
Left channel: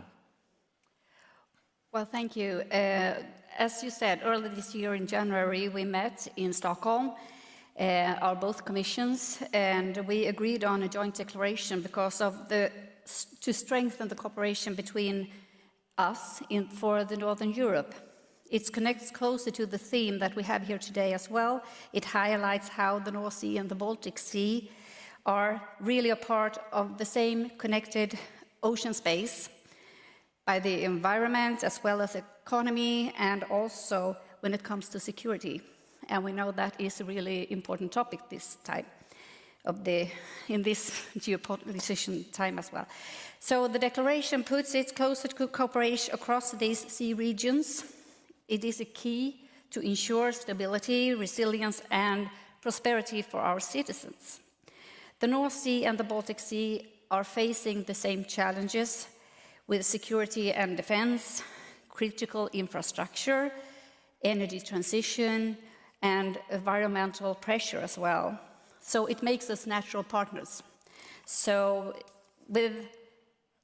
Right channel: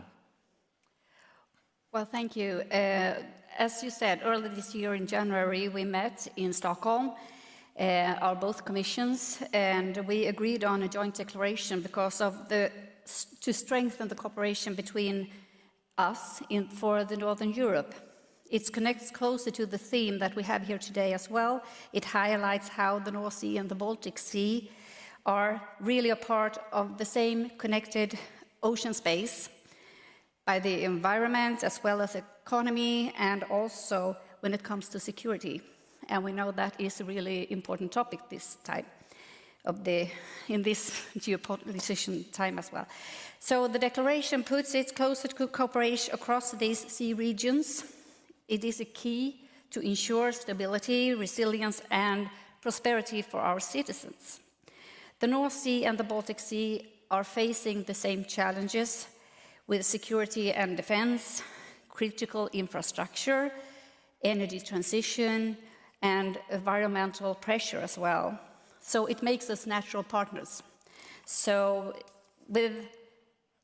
Well, thank you. As you said, earlier this year in January, we met in Stockholm, our both commissions, and we agreed on a joint declaration because of to strengthen the cooperation between us for the Northern Europe. It connects closer to the theme that we have here today as well. It highlights how the North Sea and the Baltic Sea are really a part of the same connected ocean space by the environment as well as economy, and also when it comes to security. And we know that is a really important topic this time in this geopolitical time as well. So the declaration puts it closer to cooperation across these sea regions. It is a key to ensure stability, resilience, and prosperity for our citizens. The North Sea and the Baltic Sea are facing the same challenges with security and defense, critical infrastructure, energy transition, and environmental pressure as well. So it makes us natural partners. So with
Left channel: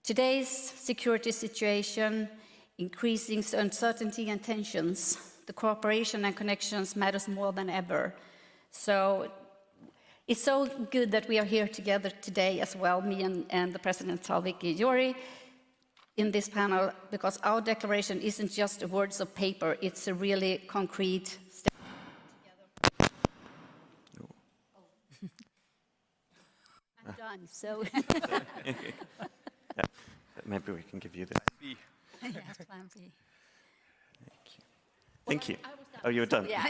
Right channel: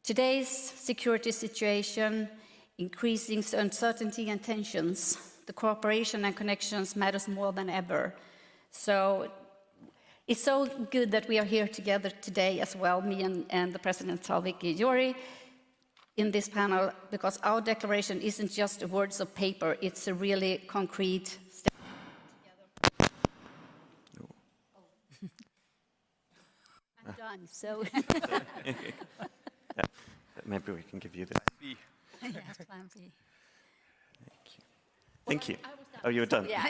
today's security situation, increasing uncertainty and tensions, the cooperation and connections matters more than ever. So it's so good that we are here together today as well, me and the President Talviki Jori, in this panel, because our declaration isn't just words of paper, it's a really concrete step. I'm done, so. maybe we can give you this. Yes, plan B. Thank you. Oh, you were done? Yeah.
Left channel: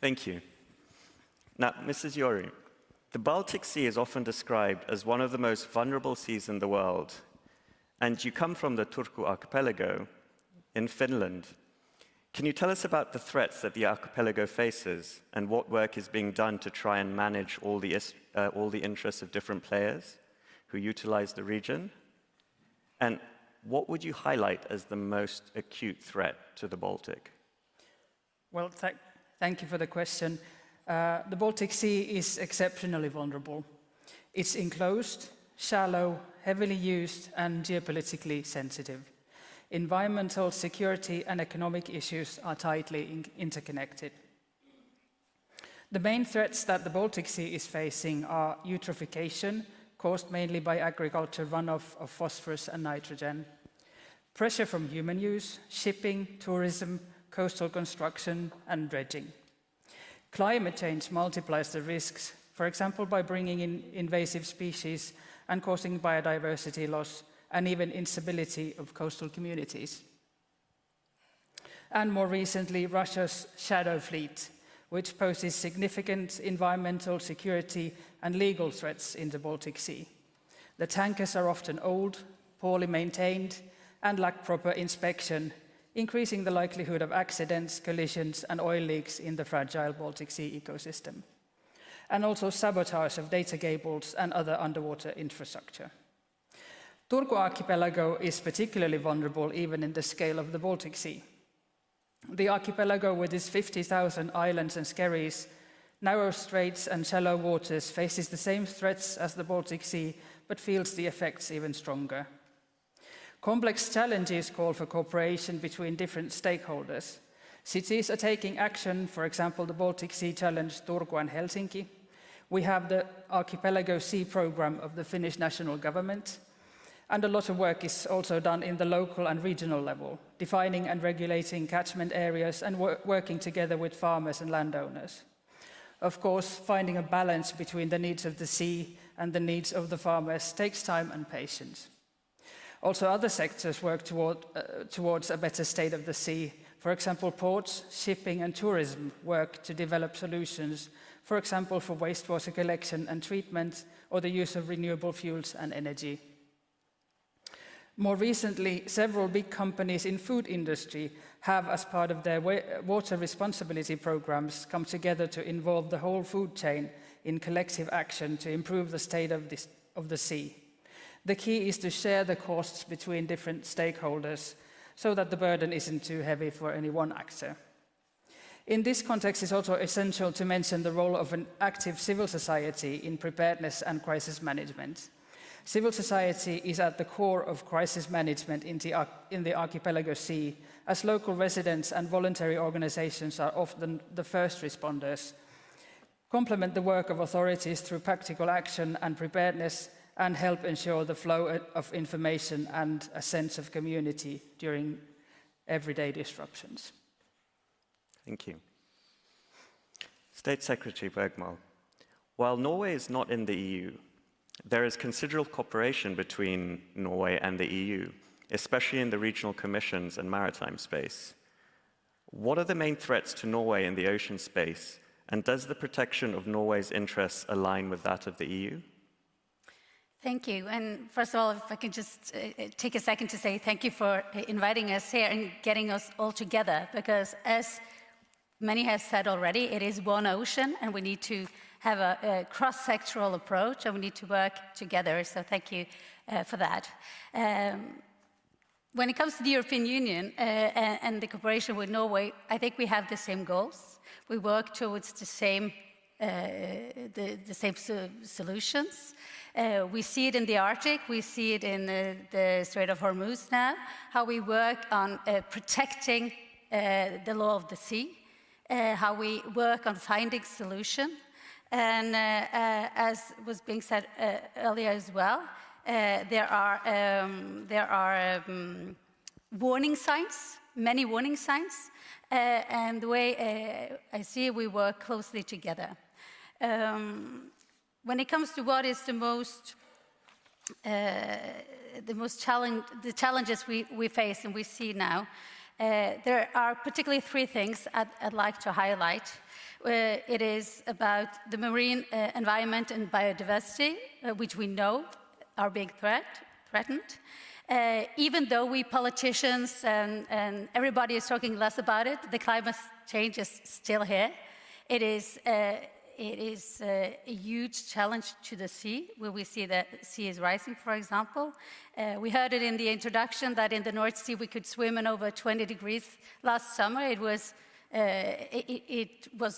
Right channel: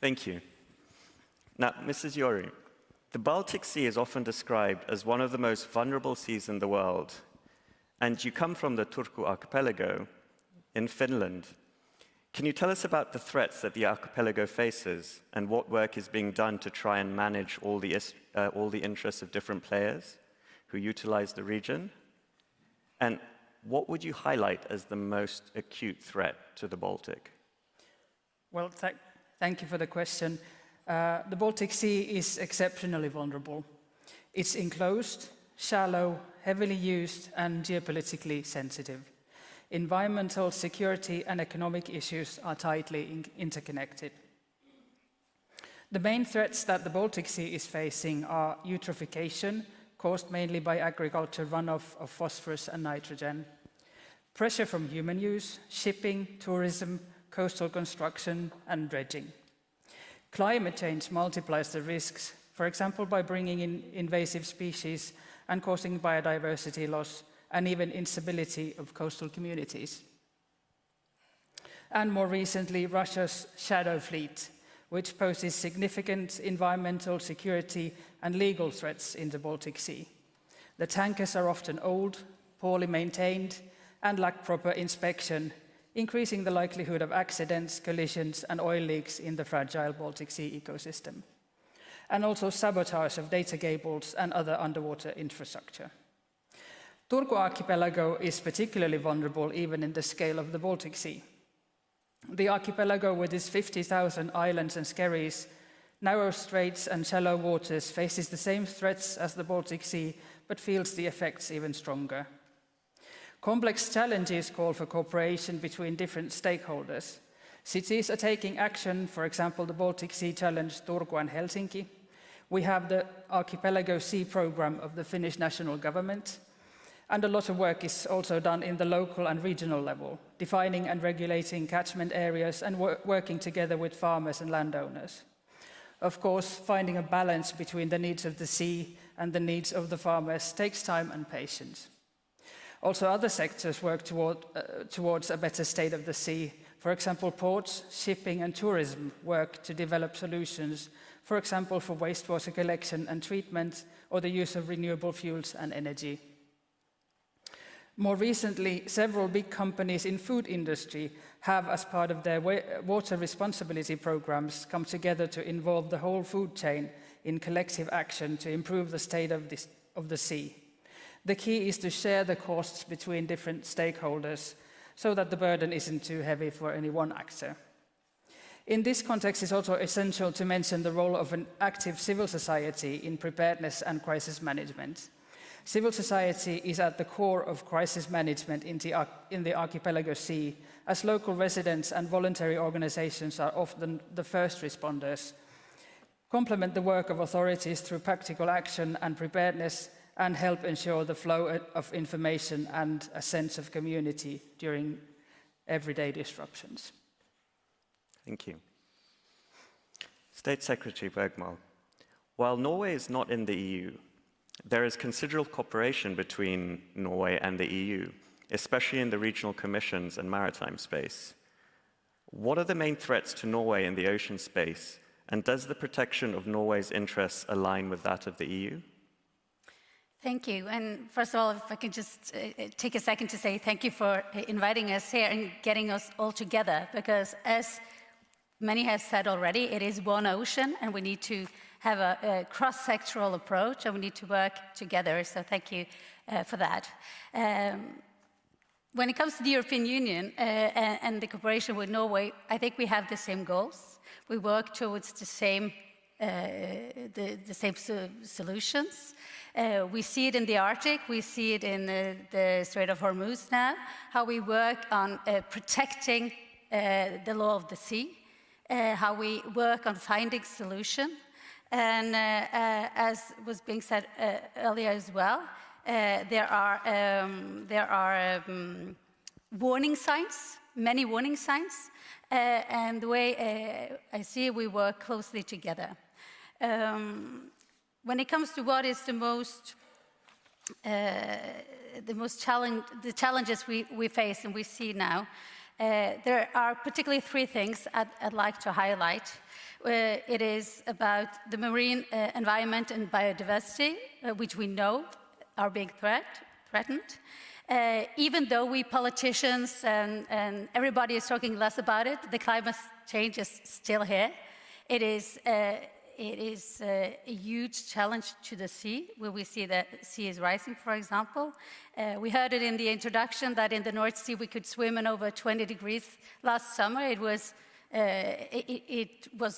Thank you. Now, Mrs. Joru, the Baltic Sea is often described as one of the most vulnerable seas in the world, and you come from the Turku archipelago in Finland. Can you tell us about the threats that the archipelago faces and what work is being done to try and manage all the interests of different players who utilize the region? And what would you highlight as the most acute threat to the Baltic? Well, thank you for the question. The Baltic Sea is exceptionally vulnerable. It's enclosed, shallow, heavily used, and geopolitically sensitive. Environmental, security, and economic issues are tightly interconnected. The main threats that the Baltic Sea is facing are eutrophication, caused mainly by agriculture runoff of phosphorus and nitrogen, pressure from human use, shipping, tourism, coastal construction, and dredging. Climate change multiplies the risks, for example, by bringing in invasive species and causing biodiversity loss, and even instability of coastal communities. And more recently, Russia's shadow fleet, which poses significant environmental, security, and legal threats in the Baltic Sea. The tankers are often old, poorly maintained, and lack proper inspection, increasing the likelihood of accidents, collisions, and oil leaks in the fragile Baltic Sea ecosystem, and also sabotage of data cables and other underwater infrastructure. Turku archipelago is particularly vulnerable even in the scale of the Baltic Sea. The archipelago, with its 50,000 islands and skerries, narrow straits and shallow waters, faces the same threats as the Baltic Sea, but feels the effects even stronger. Complex challenges call for cooperation between different stakeholders. Cities are taking action, for example, the Baltic Sea Challenge Turku and Helsinki. We have the Archipelago Sea Programme of the Finnish national government, and a lot of work is also done in the local and regional level, defining and regulating catchment areas and working together with farmers and landowners. Of course, finding a balance between the needs of the sea and the needs of the farmers takes time and patience. Also, other sectors work towards a better state of the sea. For example, ports, shipping and tourism work to develop solutions, for example, for wastewater collection and treatment, or the use of renewable fuels and energy. More recently, several big companies in food industry have, as part of their water responsibility programs, come together to involve the whole food chain in collective action to improve the state of the sea. The key is to share the costs between different stakeholders so that the burden isn't too heavy for any one actor. In this context, it's also essential to mention the role of an active civil society in preparedness and crisis management. Civil society is at the core of crisis management in the archipelago sea, as local residents and voluntary organizations are often the first responders, complement the work of authorities through practical action and preparedness, and help ensure the flow of information and a sense of community during everyday disruptions. Thank you. State Secretary Bergman, while Norway is not in the EU, there is considerable cooperation between Norway and the EU, especially in the regional commissions and maritime space. What are the main threats to Norway in the ocean space, and does the protection of Norway's interests align with that of the EU? Thank you. And first of all, if I could just take a second to say thank you for inviting us here and getting us all together, because as many have said already, it is one ocean and we need to have a cross-sectoral approach and we need to work together. So thank you for that. When it comes to the European Union and the cooperation with Norway, I think we have the same goals. We work towards the same solutions. We see it in the Arctic, we see it in the Strait of Hormuz now, how we work on protecting the law of the sea, how we work on finding solutions. And as was being said earlier as well, there are warning signs, many warning signs, and the way I see it, we work closely together. When it comes to what is the most the challenges we face and we see now. There are particularly three things I'd like to highlight. It is about the marine environment and biodiversity, which we know are being threatened. Even though we politicians and everybody is talking less about it, the climate change is still here. It is a huge challenge to the sea, where we see that the sea is rising, for example. We heard it in the introduction that in the North Sea we could swim in over 20 degrees last summer. It was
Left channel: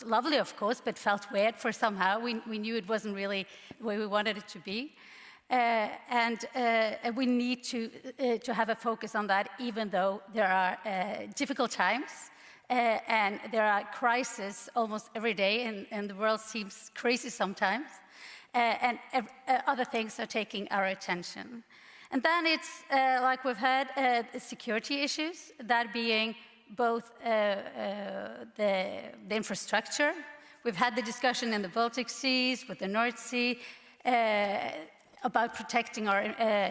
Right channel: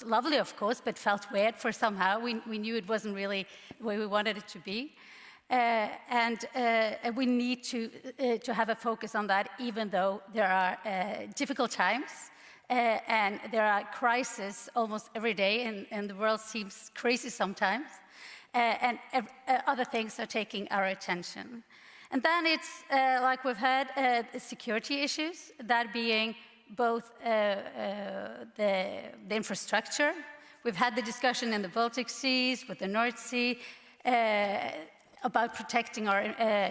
lovely, of course, but felt weird for somehow. We knew it wasn't really where we wanted it to be. And we need to have a focus on that, even though there are difficult times. And there are crises almost every day, and the world seems crazy sometimes. And other things are taking our attention. And then it's, like we've heard, security issues, that being both the infrastructure. We've had the discussion in the Baltic Seas, with the North Sea, about protecting our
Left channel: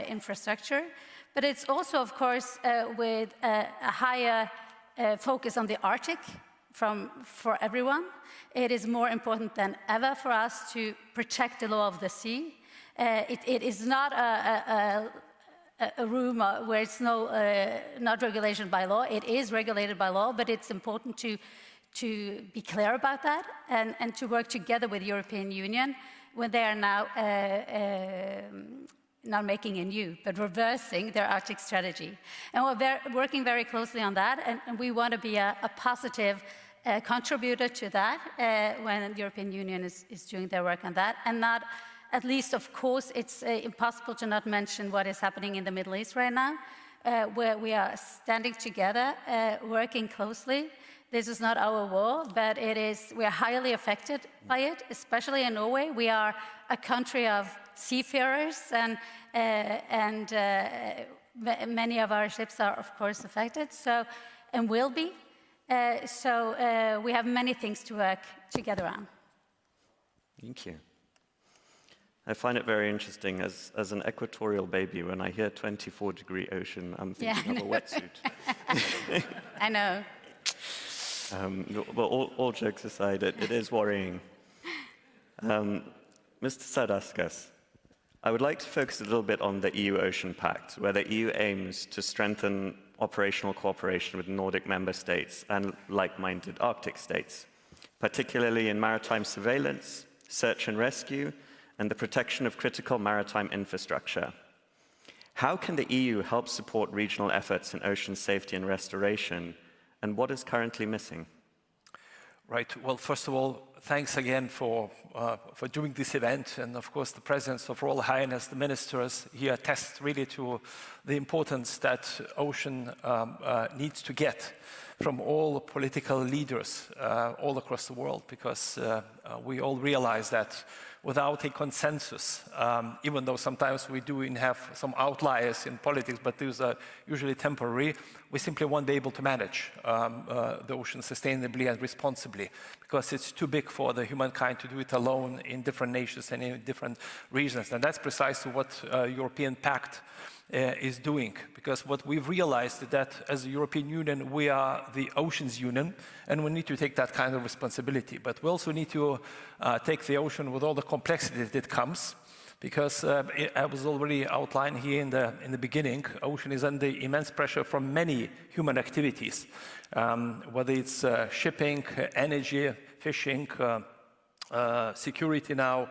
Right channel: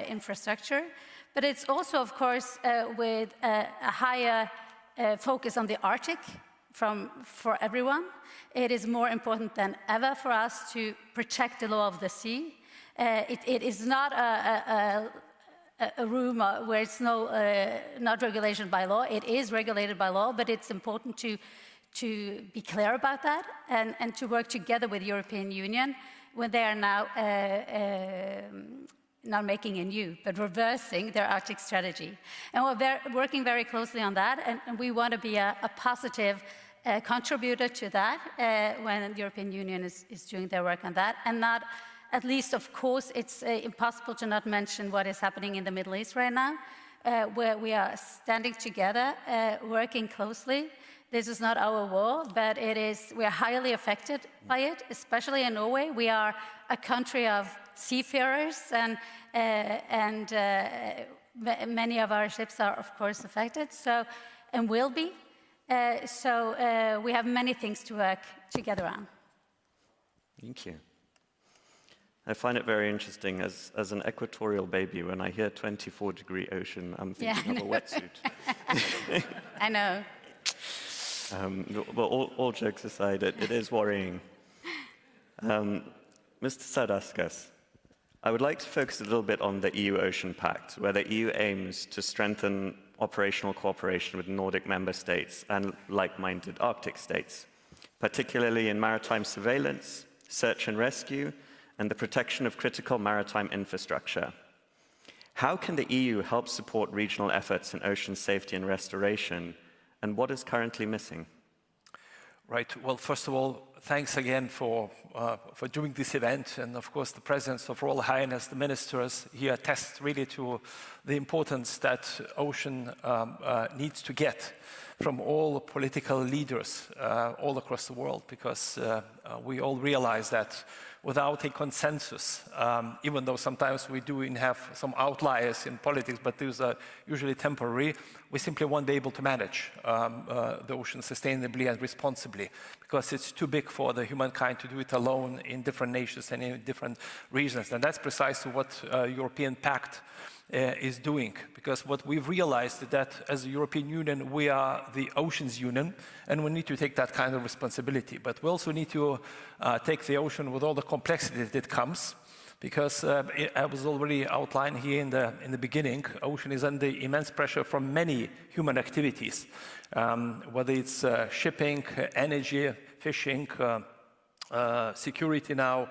infrastructure. But it's also, of course, with a higher focus on the Arctic for everyone. It is more important than ever for us to protect the law of the sea. It is not a room where it's not regulation by law. It is regulated by law, but it's important to be clear about that and to work together with the European Union when they are now not making a new, but reversing their Arctic strategy. And we're working very closely on that, and we want to be a positive contributor to that when the European Union is doing their work on that. And not, at least, of course, it's impossible to not mention what is happening in the Middle East right now, where we are standing together, working closely. This is not our war, but we are highly affected by it, especially in Norway. We are a country of seafarers, and many of our ships are, of course, affected, and will be. So we have many things to work together on. Thank you. I find it very interesting as an equatorial baby, when I hear 24-degree ocean, I'm thinking of a wetsuit. I know. But all jokes aside, it is worrying. Mr. Sadauskas, I would like to focus a little bit on the EU Ocean Pact, where the EU aims to strengthen operational cooperation with Nordic member states and like-minded Arctic states, particularly in maritime surveillance, search and rescue, and the protection of critical maritime infrastructure. How can the EU help support regional efforts in ocean safety and restoration, and what is currently missing? Right. Well, first of all, thanks again for doing this event, and of course the presence of Royal Highness, the ministers here, attests really to the importance that ocean needs to get from all political leaders all across the world, because we all realize that without a consensus, even though sometimes we do have some outliers in politics, but those are usually temporary, we simply won't be able to manage the ocean sustainably and responsibly, because it's too big for the humankind to do it alone in different nations and in different regions. And that's precisely what European Pact is doing, because what we've realized is that as a European Union, we are the Oceans Union, and we need to take that kind of responsibility. But we also need to take the ocean with all the complexity that comes, because I was already outlined here in the beginning, ocean is under immense pressure from many human activities, whether it's shipping, energy, fishing, security now,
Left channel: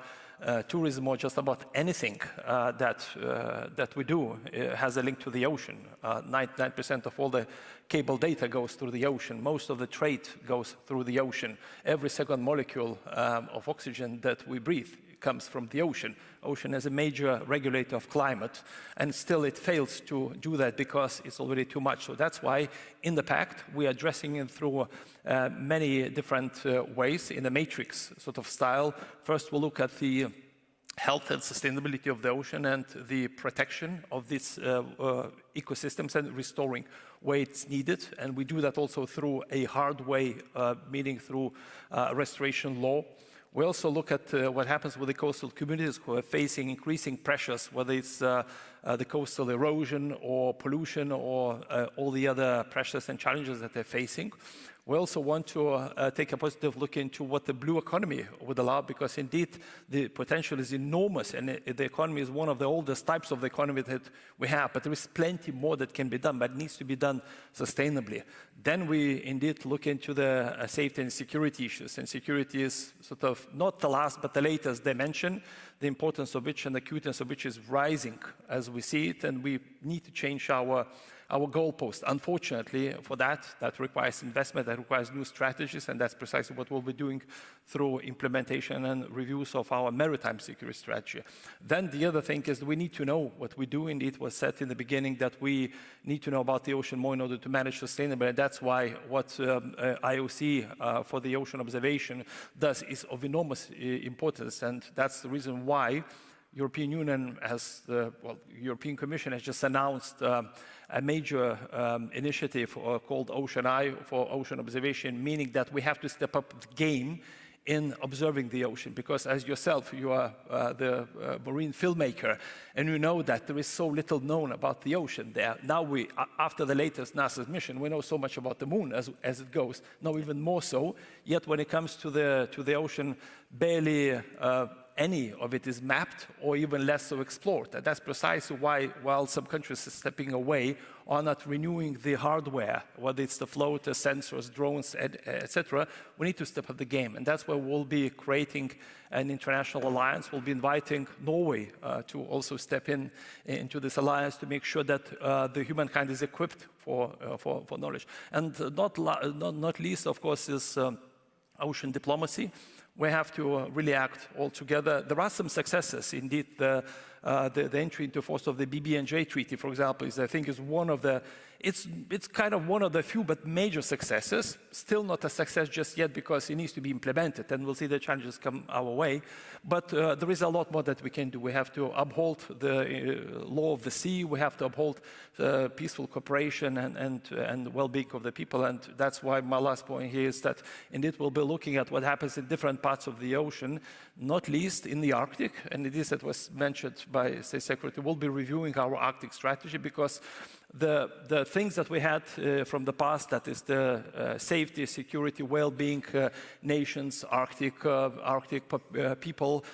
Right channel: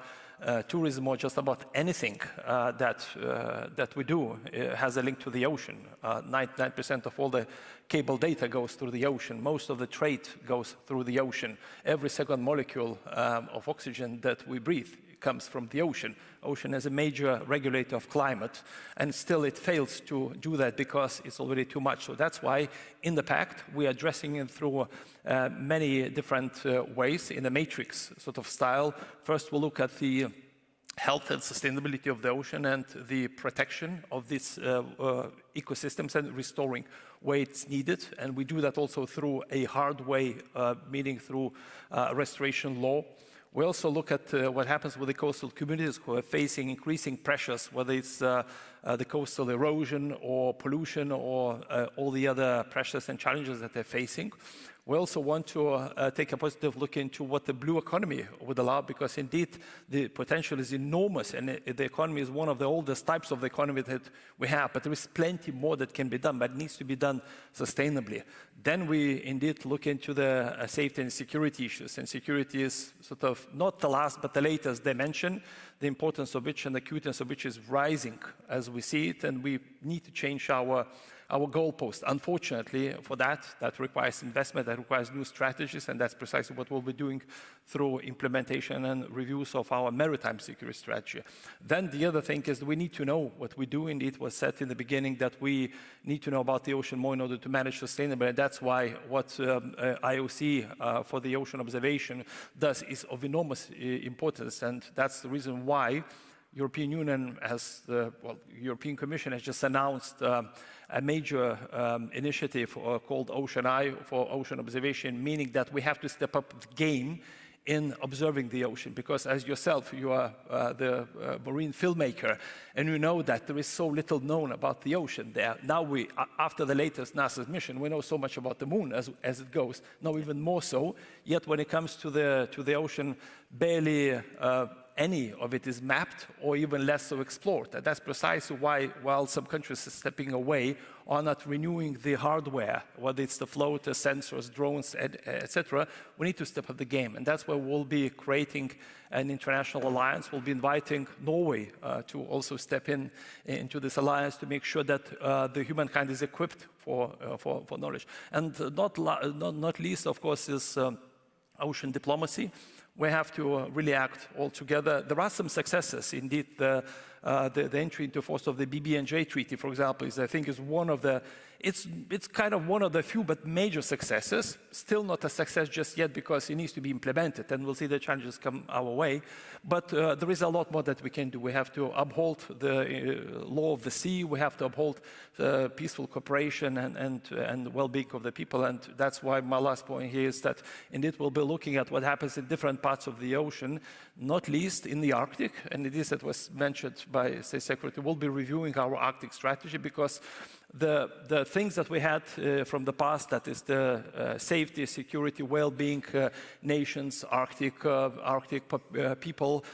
tourism, or just about anything that we do has a link to the ocean. 99% of all the cable data goes through the ocean. Most of the trade goes through the ocean. Every second molecule of oxygen that we breathe comes from the ocean. Ocean is a major regulator of climate, and still it fails to do that because it's already too much. So that's why in the pact we are addressing it through many different ways in a matrix sort of style. First, we'll look at the health and sustainability of the ocean and the protection of these ecosystems and restoring where it's needed. And we do that also through a hard way, meaning through restoration law. We also look at what happens with the coastal communities who are facing increasing pressures, whether it's the coastal erosion or pollution or all the other pressures and challenges that they're facing. We also want to take a positive look into what the blue economy would allow, because indeed the potential is enormous, and the economy is one of the oldest types of the economy that we have, but there is plenty more that can be done, but it needs to be done sustainably. Then we indeed look into the safety and security issues, and security is sort of not the last but the latest dimension, the importance of which and the acuteness of which is rising as we see it, and we need to change our goalpost. Unfortunately, for that requires investment, that requires new strategies, and that's precisely what we'll be doing through implementation and reviews of our maritime security strategy. Then the other thing is we need to know what we do. Indeed, it was said in the beginning that we need to know about the ocean more in order to manage sustainability, and that's why what IOC for the ocean observation does is of enormous importance, and that's the reason why European Union has, European Commission has just announced a major initiative called Ocean Eye for ocean observation, meaning that we have to step up the game in observing the ocean, because as yourself, you are the marine filmmaker, and you know that there is so little known about the ocean there. Now we, after the latest NASA's mission, we know so much about the moon as it goes, now even more so, yet when it comes to the ocean, barely any of it is mapped or even less so explored. And that's precisely why, while some countries are stepping away, are not renewing the hardware, whether it's the floaters, sensors, drones, etc., we need to step up the game. And that's where we'll be creating an international alliance. We'll be inviting Norway to also step into this alliance to make sure that the humankind is equipped for knowledge. And not least, of course, is ocean diplomacy. We have to really act all together. There are some successes. Indeed, the entry into force of the BBNJ Treaty, for example, I think is one of the, it's kind of one of the few but major successes. Still not a success just yet because it needs to be implemented, and we'll see the challenges come our way. But there is a lot more that we can do. We have to uphold the law of the sea. We have to uphold peaceful cooperation and well-being of the people. And that's why my last point here is that indeed we'll be looking at what happens in different parts of the ocean, not least in the Arctic. And it is that was mentioned by State Secretary. We'll be reviewing our Arctic strategy because the things that we had from the past, that is the safety, security, well-being nations, Arctic people,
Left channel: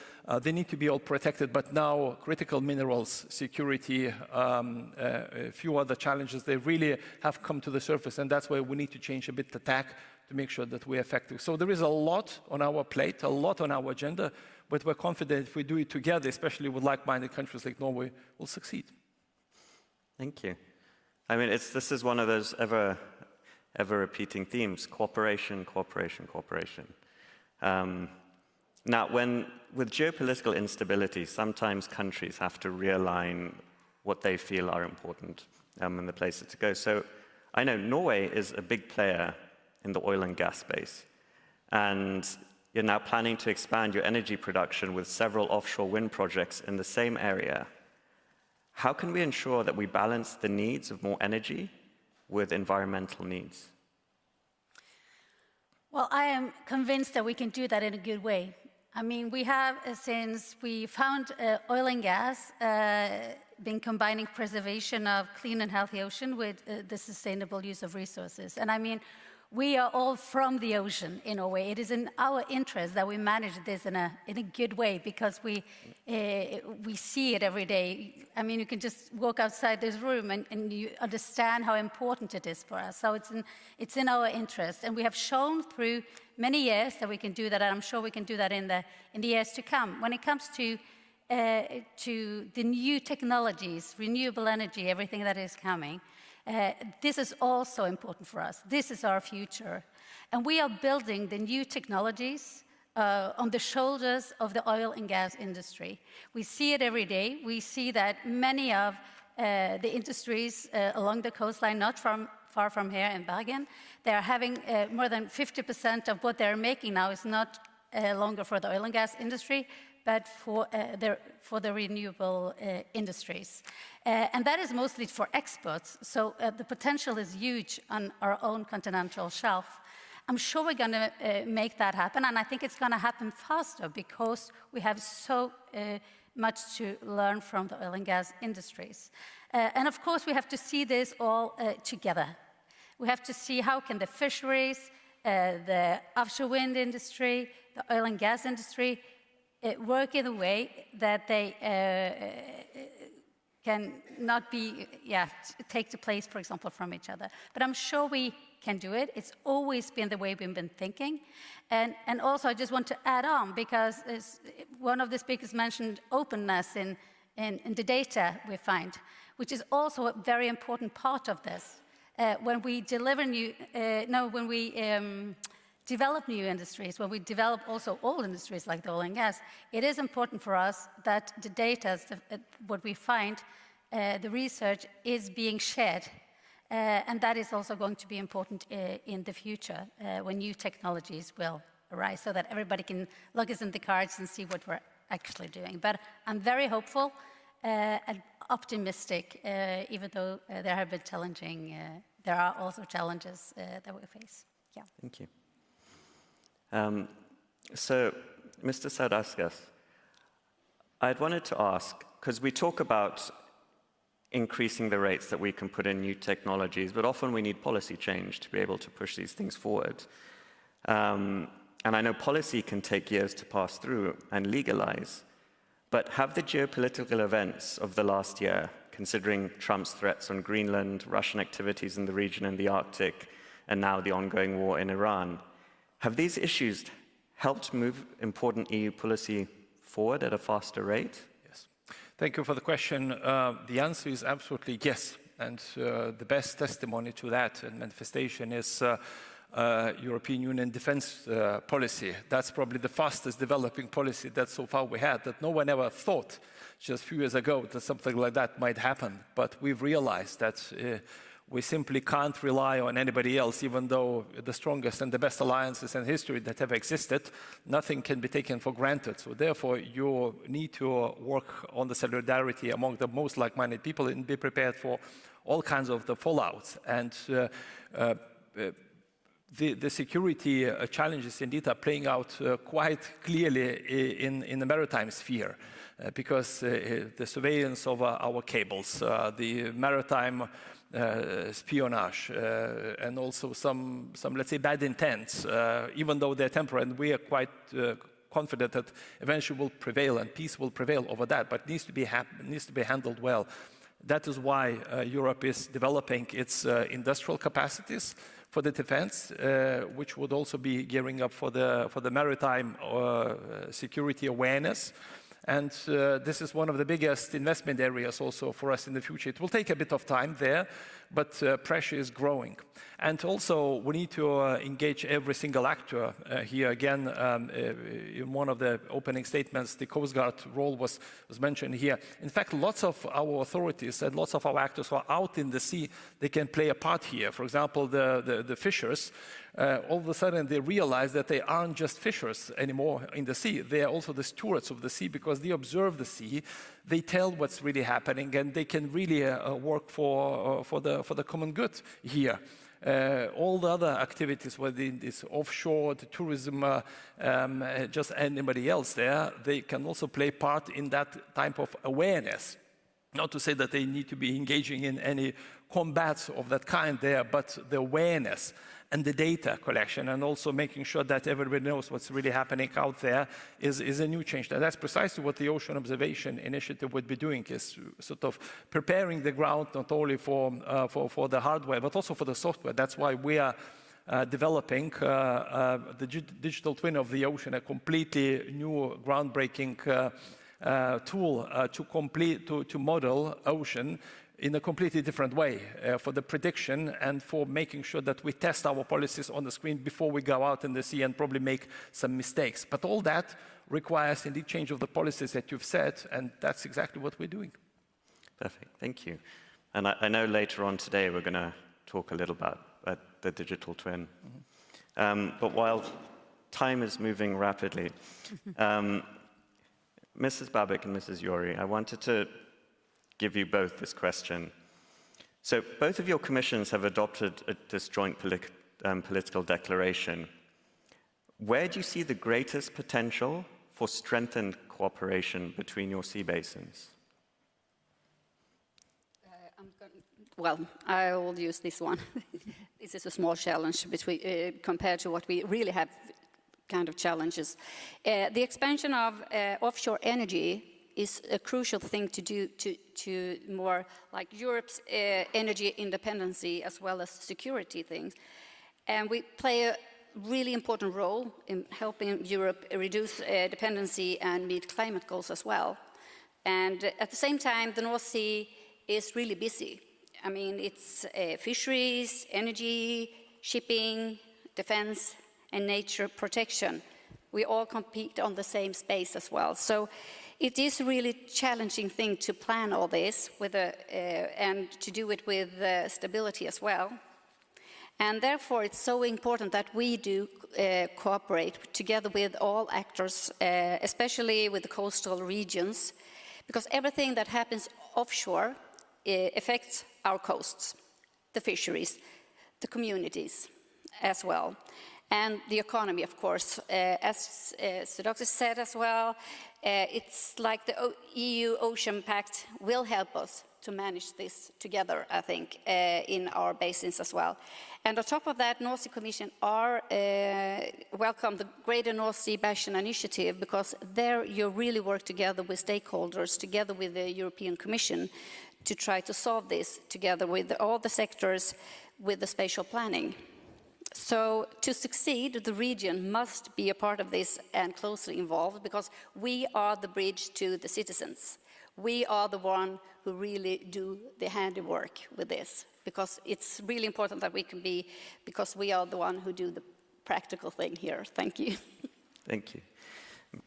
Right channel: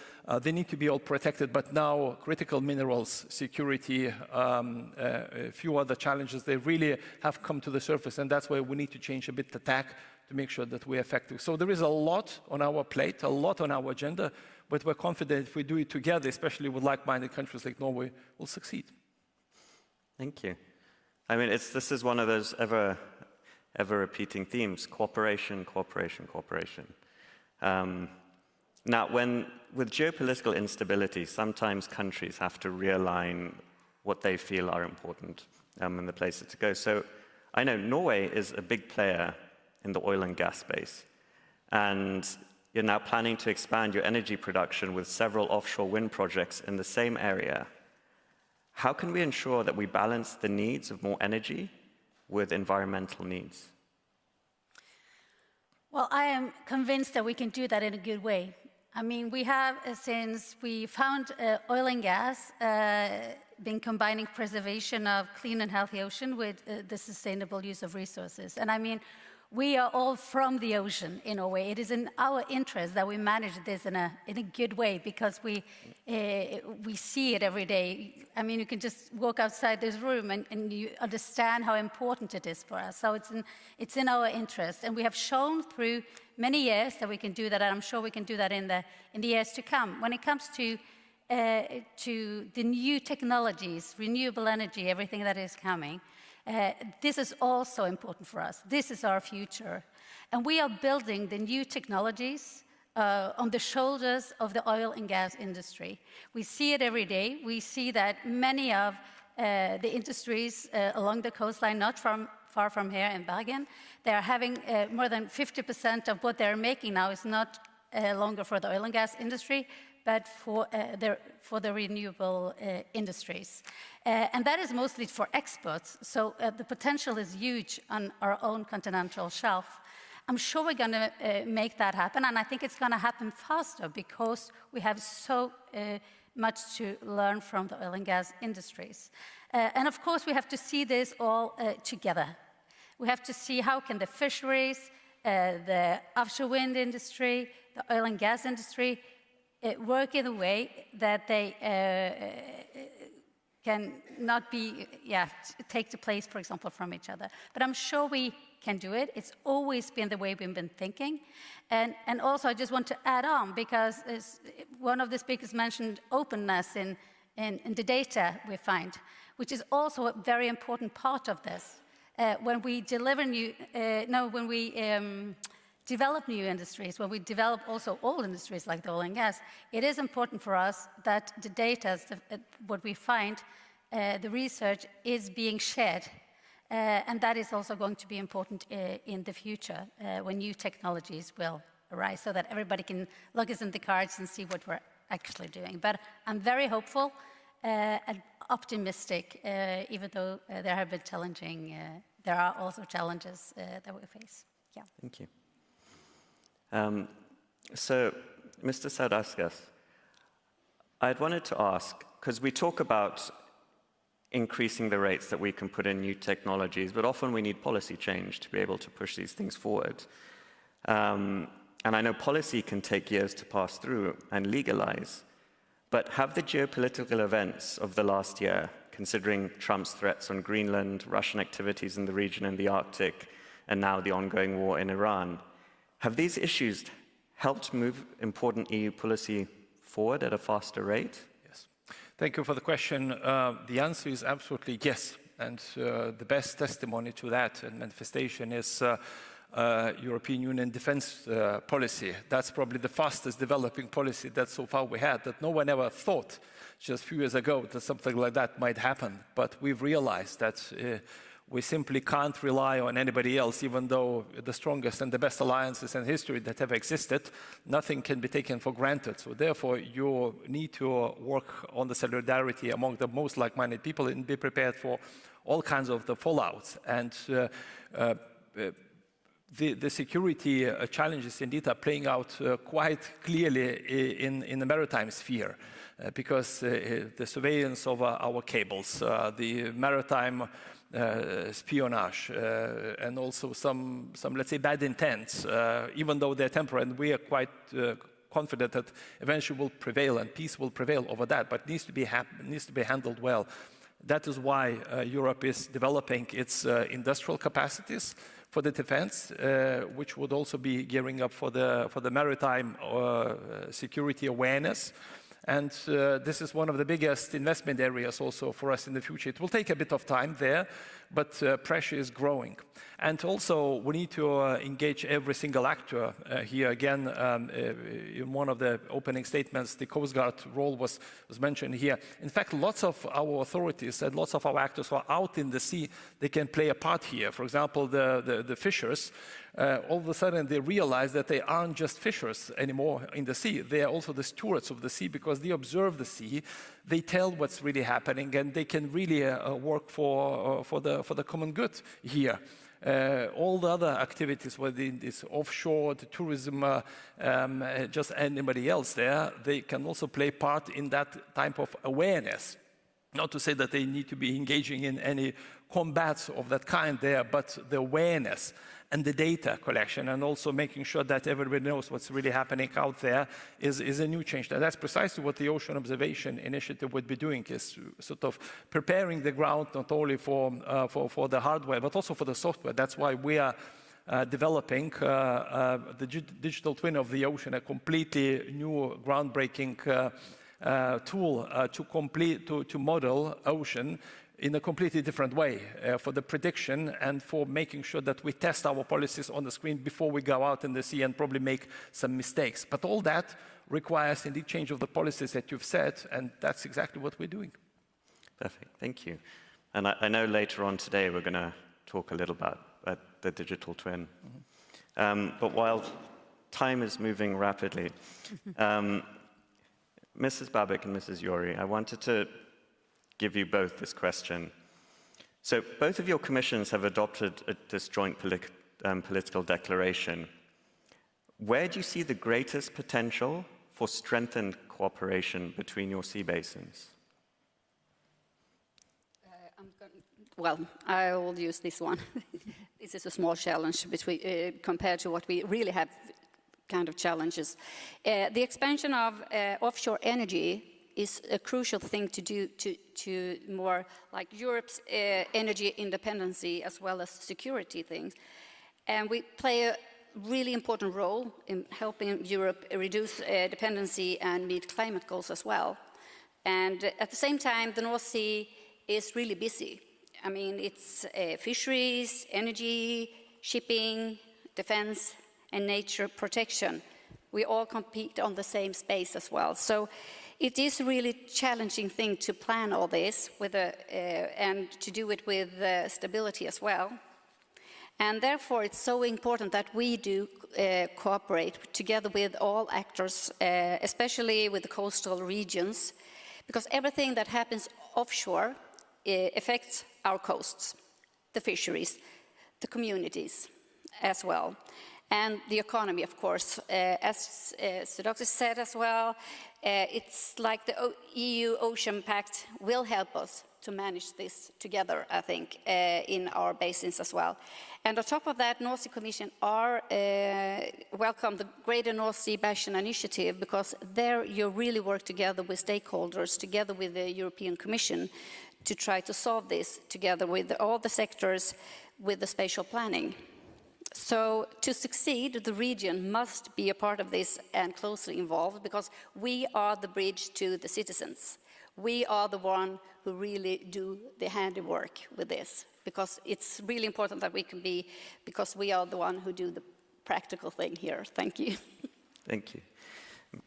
they need to be all protected. But now critical minerals, security, a few other challenges, they really have come to the surface, and that's why we need to change a bit the tack to make sure that we're effective. So there is a lot on our plate, a lot on our agenda, but we're confident if we do it together, especially with like-minded countries like Norway, we'll succeed. Thank you. I mean, this is one of those ever repeating themes: cooperation, cooperation, cooperation. Now, with geopolitical instability, sometimes countries have to realign what they feel are important and the places to go. So I know Norway is a big player in the oil and gas space, and you're now planning to expand your energy production with several offshore wind projects in the same area. How can we ensure that we balance the needs of more energy with environmental needs? Well, I am convinced that we can do that in a good way. I mean, we have, since we found oil and gas, been combining preservation of clean and healthy ocean with the sustainable use of resources. And I mean, we are all from the ocean in a way. It is in our interest that we manage this in a good way, because we see it every day. I mean, you can just walk outside this room and you understand how important it is for us. So it's in our interest, and we have shown through many years that we can do that, and I'm sure we can do that in the years to come. When it comes to the new technologies, renewable energy, everything that is coming, this is also important for us. This is our future. And we are building the new technologies on the shoulders of the oil and gas industry. We see it every day. We see that many of the industries along the coastline, not far from here in Bergen, they are having more than 50% of what they're making now is not longer for the oil and gas industry, but for the renewable industries. And that is mostly for exports, so the potential is huge on our own continental shelf. I'm sure we're going to make that happen, and I think it's going to happen faster because we have so much to learn from the oil and gas industries. And of course, we have to see this all together. We have to see how can the fisheries, the offshore wind industry, the oil and gas industry work in a way that they can not be, take the place, for example, from each other. But I'm sure we can do it. It's always been the way we've been thinking. And also, I just want to add on, because one of the speakers mentioned openness in the data we find, which is also a very important part of this. When we develop new industries, when we develop also old industries like the oil and gas, it is important for us that the data, what we find, the research is being shared. And that is also going to be important in the future when new technologies will arise, so that everybody can look us in the cards and see what we're actually doing. But I'm very hopeful and optimistic, even though there have been challenging, there are also challenges that we face. Yeah. Thank you. So, Mr. Sadauskas, I'd wanted to ask, because we talk about increasing the rates that we can put in new technologies, but often we need policy change to be able to push these things forward. And I know policy can take years to pass through and legalize, but have the geopolitical events of the last year, considering Trump's threats on Greenland, Russian activities in the region and the Arctic, and now the ongoing war in Iran, have these issues helped move important EU policy forward at a faster rate? Yes. Thank you for the question. The answer is absolutely yes. And the best testimony to that and manifestation is European Union defense policy. That's probably the fastest developing policy that so far we had, that no one ever thought just a few years ago that something like that might happen. But we've realized that we simply can't rely on anybody else, even though the strongest and the best alliances in history that have existed, nothing can be taken for granted. So therefore, you need to work on the solidarity among the most like-minded people and be prepared for all kinds of the fallout. And the security challenges indeed are playing out quite clearly in the maritime sphere, because the surveillance of our cables, the maritime espionage, and also some, let's say, bad intents, even though they're temporary, and we are quite confident that eventually will prevail and peace will prevail over that, but needs to be handled well. That is why Europe is developing its industrial capacities for the defense, which would also be gearing up for the maritime security awareness. And this is one of the biggest investment areas also for us in the future. It will take a bit of time there, but pressure is growing. And also, we need to engage every single actor. Here again, in one of the opening statements, the Coast Guard role was mentioned here. In fact, lots of our authorities and lots of our actors who are out in the sea, they can play a part here. For example, the fishers, all of a sudden they realize that they aren't just fishers anymore in the sea. They are also the stewards of the sea, because they observe the sea, they tell what's really happening, and they can really work for the common good here. All the other activities, whether it's offshore, the tourism, just anybody else there, they can also play part in that type of awareness. Not to say that they need to be engaging in any combats of that kind there, but the awareness and the data collection, and also making sure that everybody knows what's really happening out there is a new change. Now, that's precisely what the Ocean Observation Initiative would be doing, is sort of preparing the ground not only for the hardware, but also for the software. That's why we are developing the digital twin of the ocean, a completely new groundbreaking tool to model ocean in a completely different way for the prediction and for making sure that we test our policies on the screen before we go out in the sea and probably make some mistakes. But all that requires indeed change of the policies that you've said, and that's exactly what we're doing. Perfect, thank you. And I know later on today we're going to talk a little about the digital twin. But while time is moving rapidly, Mrs. Babik and Mrs. Yori, I wanted to give you both this question. So both of your commissions have adopted this joint political declaration. Where do you see the greatest potential for strengthened cooperation between your sea basins? Well, I will use this one. This is a small challenge between, compared to what we really have kind of challenges. The expansion of offshore energy is a crucial thing to do to more like Europe's energy independency as well as security things. And we play a really important role in helping Europe reduce dependency and meet climate goals as well. And at the same time, the North Sea is really busy. I mean, it's fisheries, energy, shipping, defense, and nature protection. We all compete on the same space as well. So it is a really challenging thing to plan all this with and to do it with stability as well. And therefore, it's so important that we do cooperate together with all actors, especially with the coastal regions, because everything that happens offshore affects our coasts, the fisheries, the communities as well, and the economy, of course. As Sadauskas said as well, it's like the EU Ocean Pact will help us to manage this together, I think, in our basins as well. And on top of that, North Sea Commission welcome the Greater North Sea Basin Initiative, because there you really work together with stakeholders, together with the European Commission, to try to solve this together with all the sectors with the spatial planning. So to succeed, the region must be a part of this and closely involved, because we are the bridge to the citizens. We are the one who really do the handiwork with this, because it's really important that we can be, because we are the one who do the practical thing here. Thank you. Thank you.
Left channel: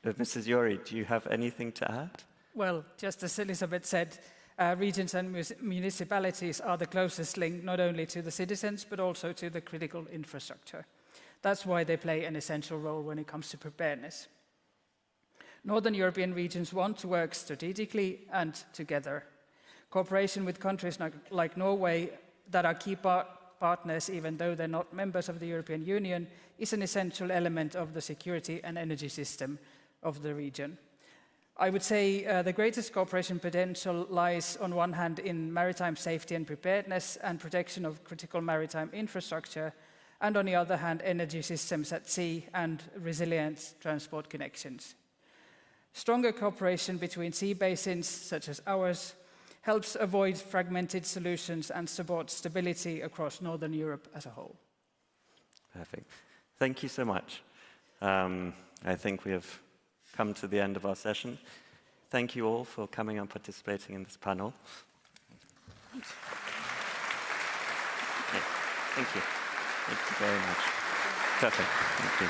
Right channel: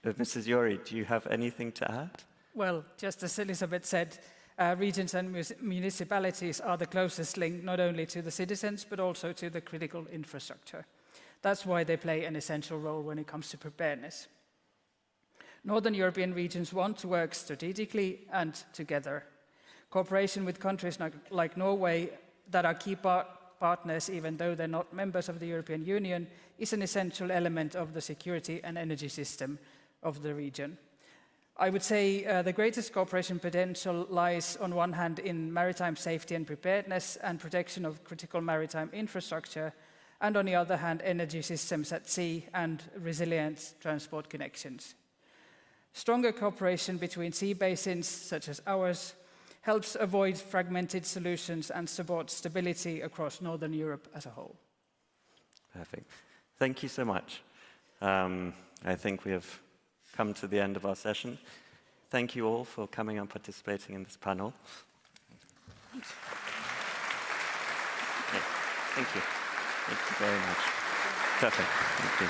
Mrs. Yori, do you have anything to add? Well, just as Elizabeth said, regions and municipalities are the closest link not only to the citizens but also to the critical infrastructure. That's why they play an essential role when it comes to preparedness. Northern European regions want to work strategically and together. Cooperation with countries like Norway that are key partners, even though they're not members of the European Union, is an essential element of the security and energy system of the region. I would say the greatest cooperation potential lies on one hand in maritime safety and preparedness and protection of critical maritime infrastructure, and on the other hand, energy systems at sea and resilient transport connections. Stronger cooperation between sea basins, such as ours, helps avoid fragmented solutions and support stability across Northern Europe as a whole. Perfect. Thank you so much. I think we have come to the end of our session. Thank you all for coming and participating in this panel. Okay. Thank you. Thank you very much. Perfect. Thank you.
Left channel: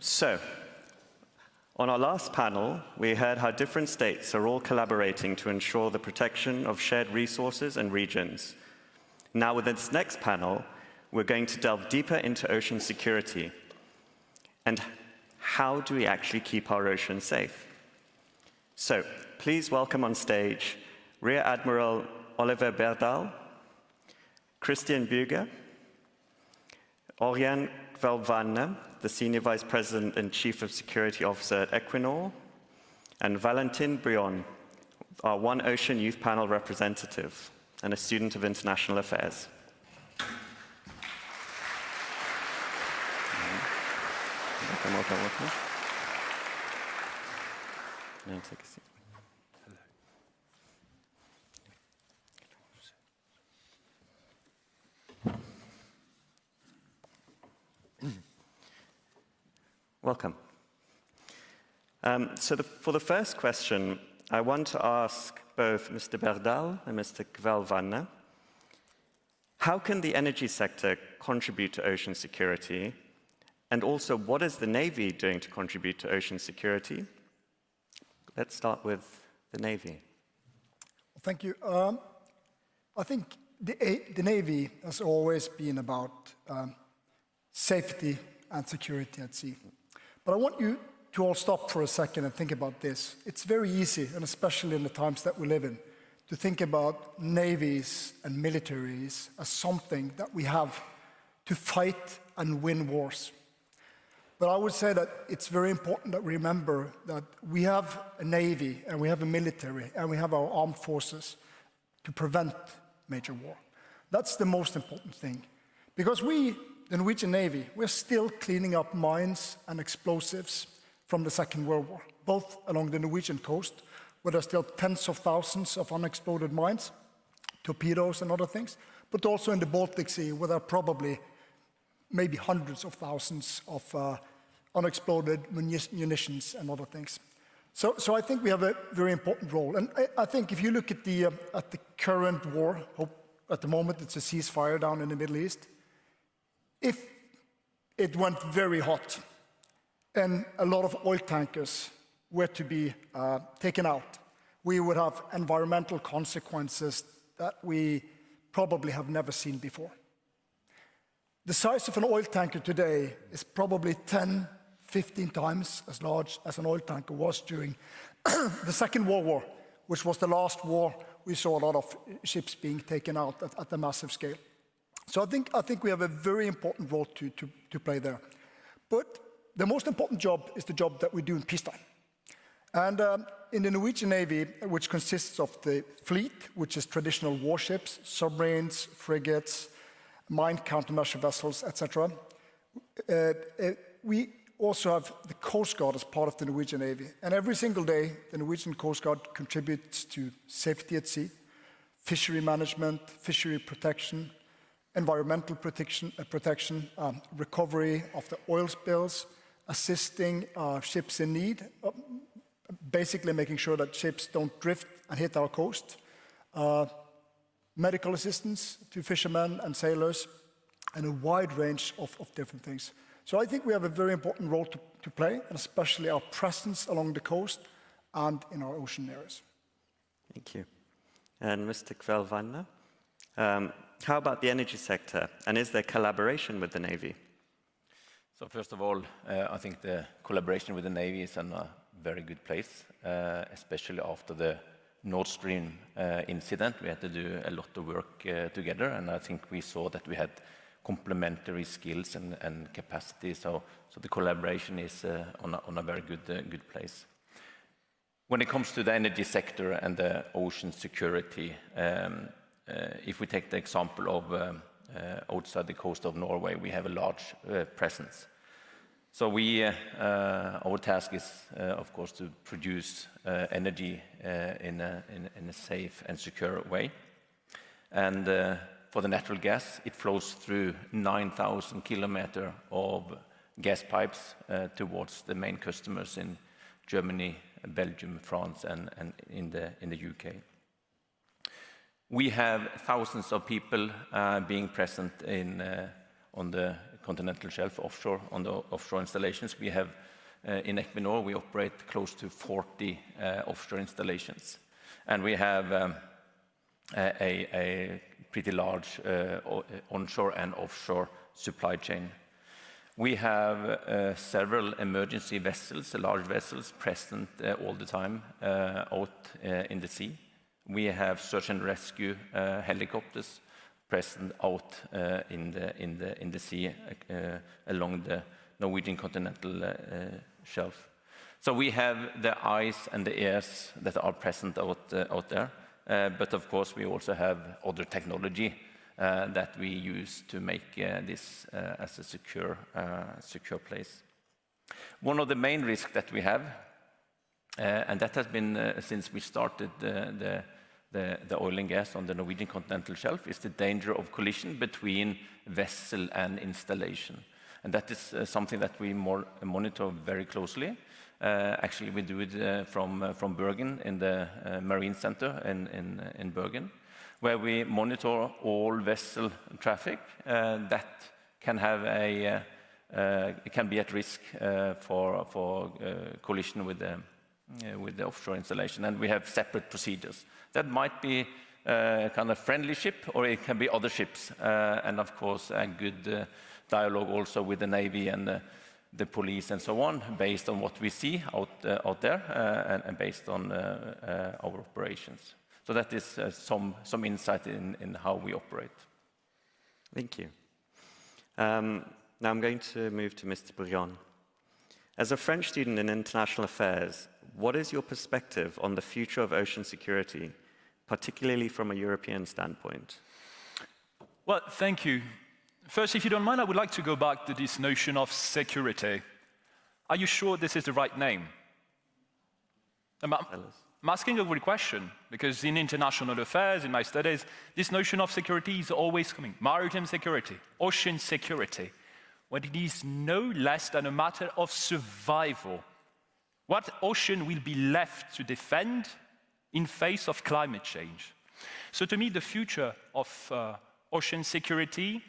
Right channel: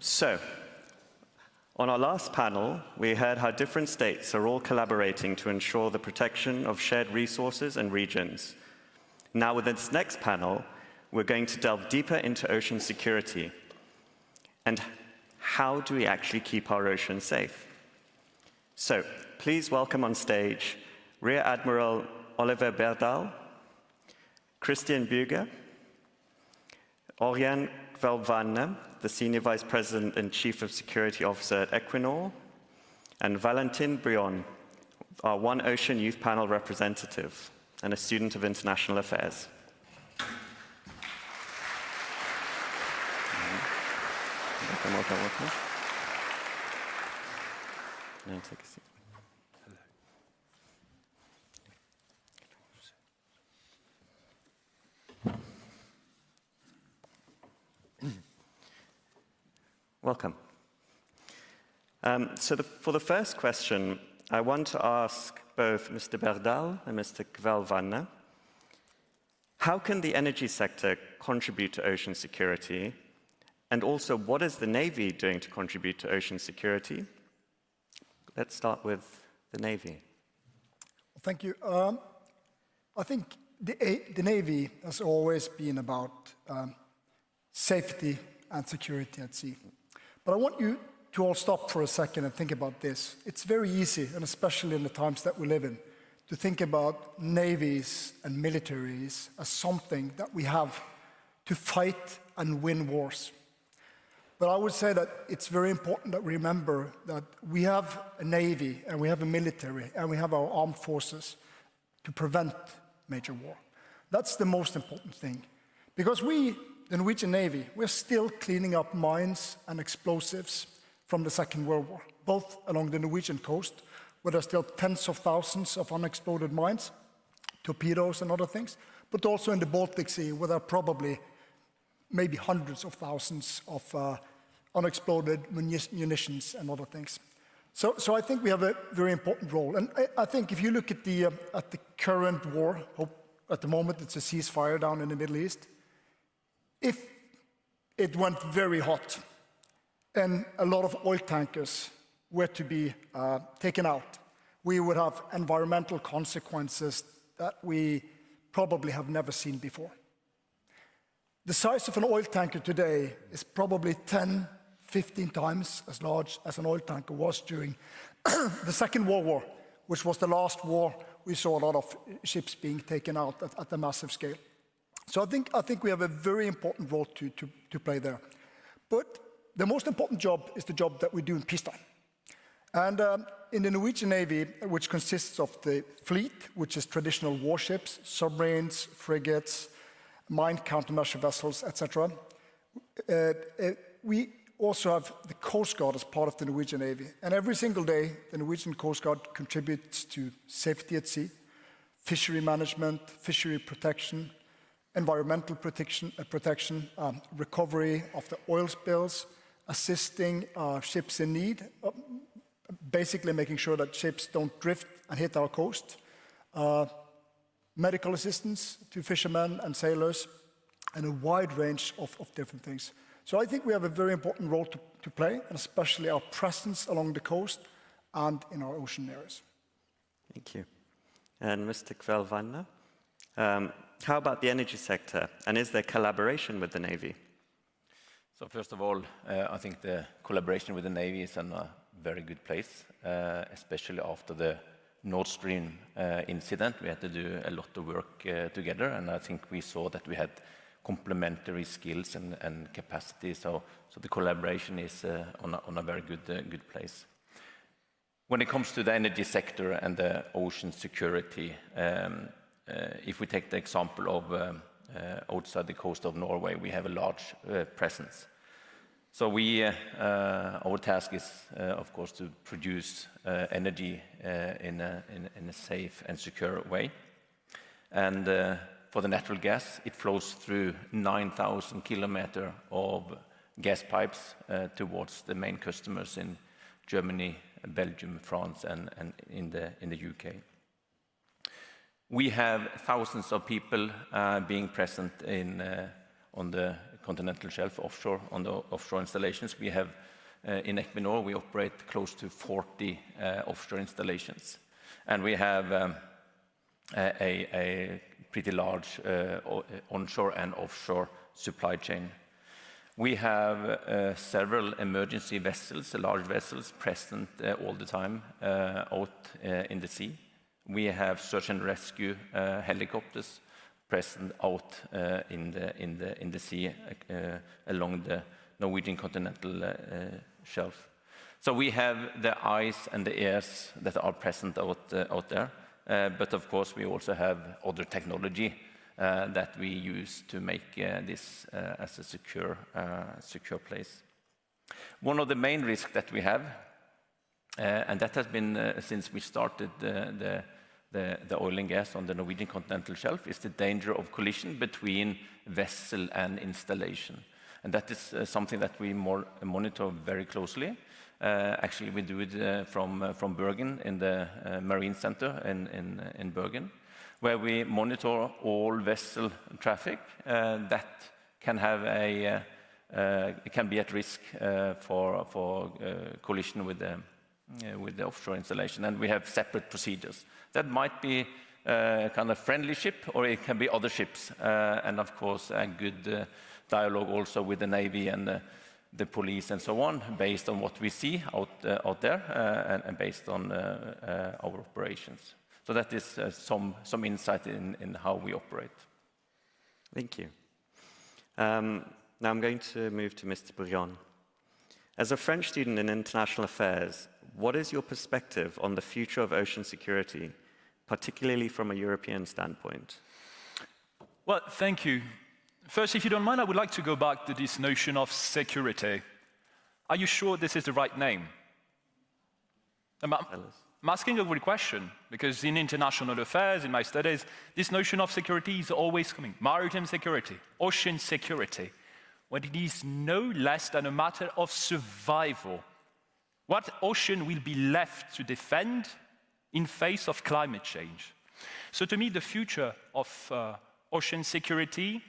So, on our last panel, we heard how different states are all collaborating to ensure the protection of shared resources and regions. Now, with this next panel, we're going to delve deeper into ocean security and how do we actually keep our oceans safe. So, please welcome on stage Rear Admiral Oliver Berdal, Christian Büger, Ørjan Kvelvane, the Senior Vice President and Chief of Security Officer at Equinor, and Valentin Brion, our One Ocean Youth Panel representative and a student of international affairs. Welcome. Now take a seat. Welcome. For the first question, I want to ask both Mr. Berdal and Mr. Kvelvane, how can the energy sector contribute to ocean security? And also, what is the Navy doing to contribute to ocean security? Let's start with the Navy. Thank you. I think the Navy has always been about safety and security at sea. But I want you to all stop for a second and think about this. It's very easy, and especially in the times that we live in, to think about navies and militaries as something that we have to fight and win wars. But I would say that it's very important that we remember that we have a navy and we have a military and we have our armed forces to prevent major war. That's the most important thing. Because we, the Norwegian Navy, we're still cleaning up mines and explosives from the Second World War, both along the Norwegian coast, where there's still tens of thousands of unexploded mines, torpedoes and other things, but also in the Baltic Sea, where there are probably maybe hundreds of thousands of unexploded munitions and other things. So I think we have a very important role. And I think if you look at the current war, at the moment it's a ceasefire down in the Middle East, if it went very hot and a lot of oil tankers were to be taken out, we would have environmental consequences that we probably have never seen before. The size of an oil tanker today is probably 10, 15 times as large as an oil tanker was during the Second World War, which was the last war we saw a lot of ships being taken out at a massive scale. So I think we have a very important role to play there. But the most important job is the job that we do in peacetime. And in the Norwegian Navy, which consists of the fleet, which is traditional warships, submarines, frigates, mine countermeasure vessels, etc. We also have the Coast Guard as part of the Norwegian Navy. And every single day, the Norwegian Coast Guard contributes to safety at sea, fishery management, fishery protection, environmental protection, recovery of the oil spills, assisting ships in need, basically making sure that ships don't drift and hit our coast, medical assistance to fishermen and sailors, and a wide range of different things. So I think we have a very important role to play, and especially our presence along the coast and in our ocean areas. Thank you. And Mr. Kvelvane, how about the energy sector, and is there collaboration with the Navy? So first of all, I think the collaboration with the Navy is in a very good place, especially after the Nord Stream incident. We had to do a lot of work together, and I think we saw that we had complementary skills and capacity. So the collaboration is on a very good place. When it comes to the energy sector and the ocean security, if we take the example of outside the coast of Norway, we have a large presence. So our task is, of course, to produce energy in a safe and secure way. And for the natural gas, it flows through 9,000 kilometers of gas pipes towards the main customers in Germany, Belgium, France, and in the UK. We have thousands of people being present on the continental shelf offshore, on the offshore installations. We have, in Equinor, we operate close to 40 offshore installations. And we have a pretty large onshore and offshore supply chain. We have several emergency vessels, large vessels, present all the time out in the sea. We have search and rescue helicopters present out in the sea along the Norwegian continental shelf. So we have the eyes and the ears that are present out there, but of course we also have other technology that we use to make this as a secure place. One of the main risks that we have, and that has been since we started the oil and gas on the Norwegian continental shelf, is the danger of collision between vessel and installation. And that is something that we monitor very closely. Actually, we do it from Bergen in the Marine Center in Bergen, where we monitor all vessel traffic that can have it can be at risk for collision with the offshore installation, and we have separate procedures. That might be a kind of friendly ship, or it can be other ships, and of course a good dialogue also with the Navy and the police and so on, based on what we see out there and based on our operations. So that is some insight in how we operate. Thank you. Now I'm going to move to Mr. Ørjan. As a French student in international affairs, what is your perspective on the future of ocean security, particularly from a European standpoint? Well, thank you. First, if you don't mind, I would like to go back to this notion of security. Are you sure this is the right name? I'm asking a good question, because in international affairs, in my studies, this notion of security is always coming. Maritime security, ocean security. When it is no less than a matter of survival. What ocean will be left to defend in face of climate change? So to me, the future of ocean security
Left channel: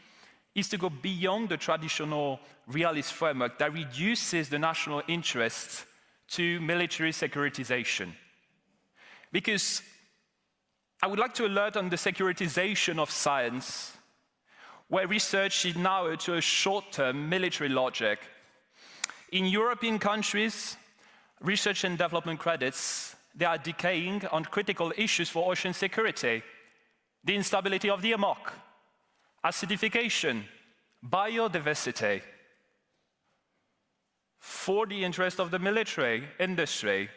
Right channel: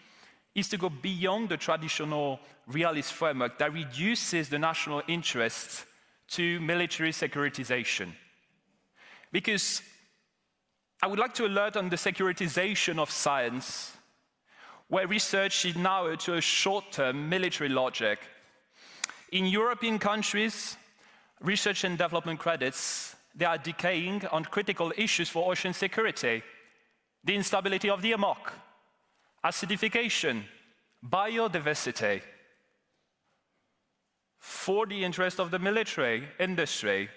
is to go beyond the traditional realist framework that reduces the national interests to military securitization. Because I would like to alert on the securitization of science, where research is now to a short-term military logic. In European countries, research and development credits, they are decaying on critical issues for ocean security. The instability of the amok, acidification, biodiversity, for the interest of the military industry.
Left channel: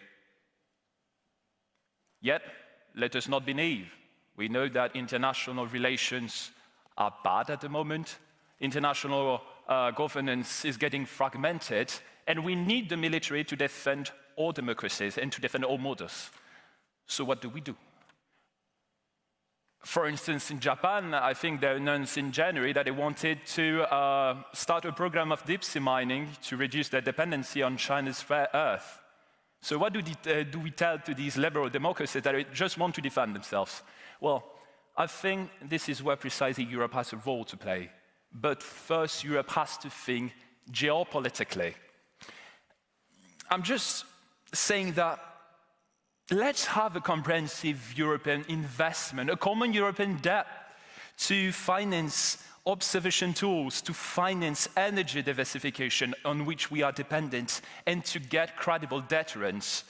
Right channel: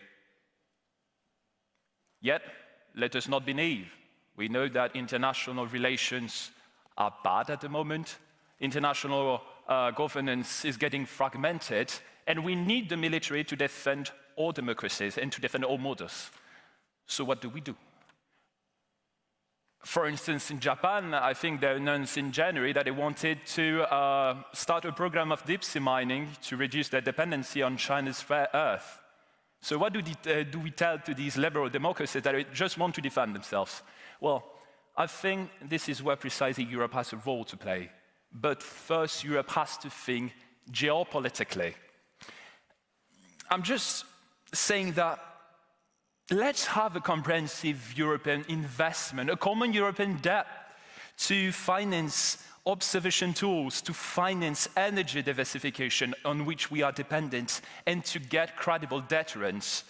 Yet, let us not be naive. We know that international relations are bad at the moment. International governance is getting fragmented, and we need the military to defend all democracies and to defend all models. So what do we do? For instance, in Japan, I think they announced in January that they wanted to start a program of deep sea mining to reduce their dependency on China's rare earth. So what do we tell to these liberal democracies that they just want to defend themselves? Well, I think this is where precisely Europe has a role to play. But first, Europe has to think geopolitically. I'm just saying that let's have a comprehensive European investment, a common European debt to finance observation tools, to finance energy diversification on which we are dependent, and to get credible deterrence.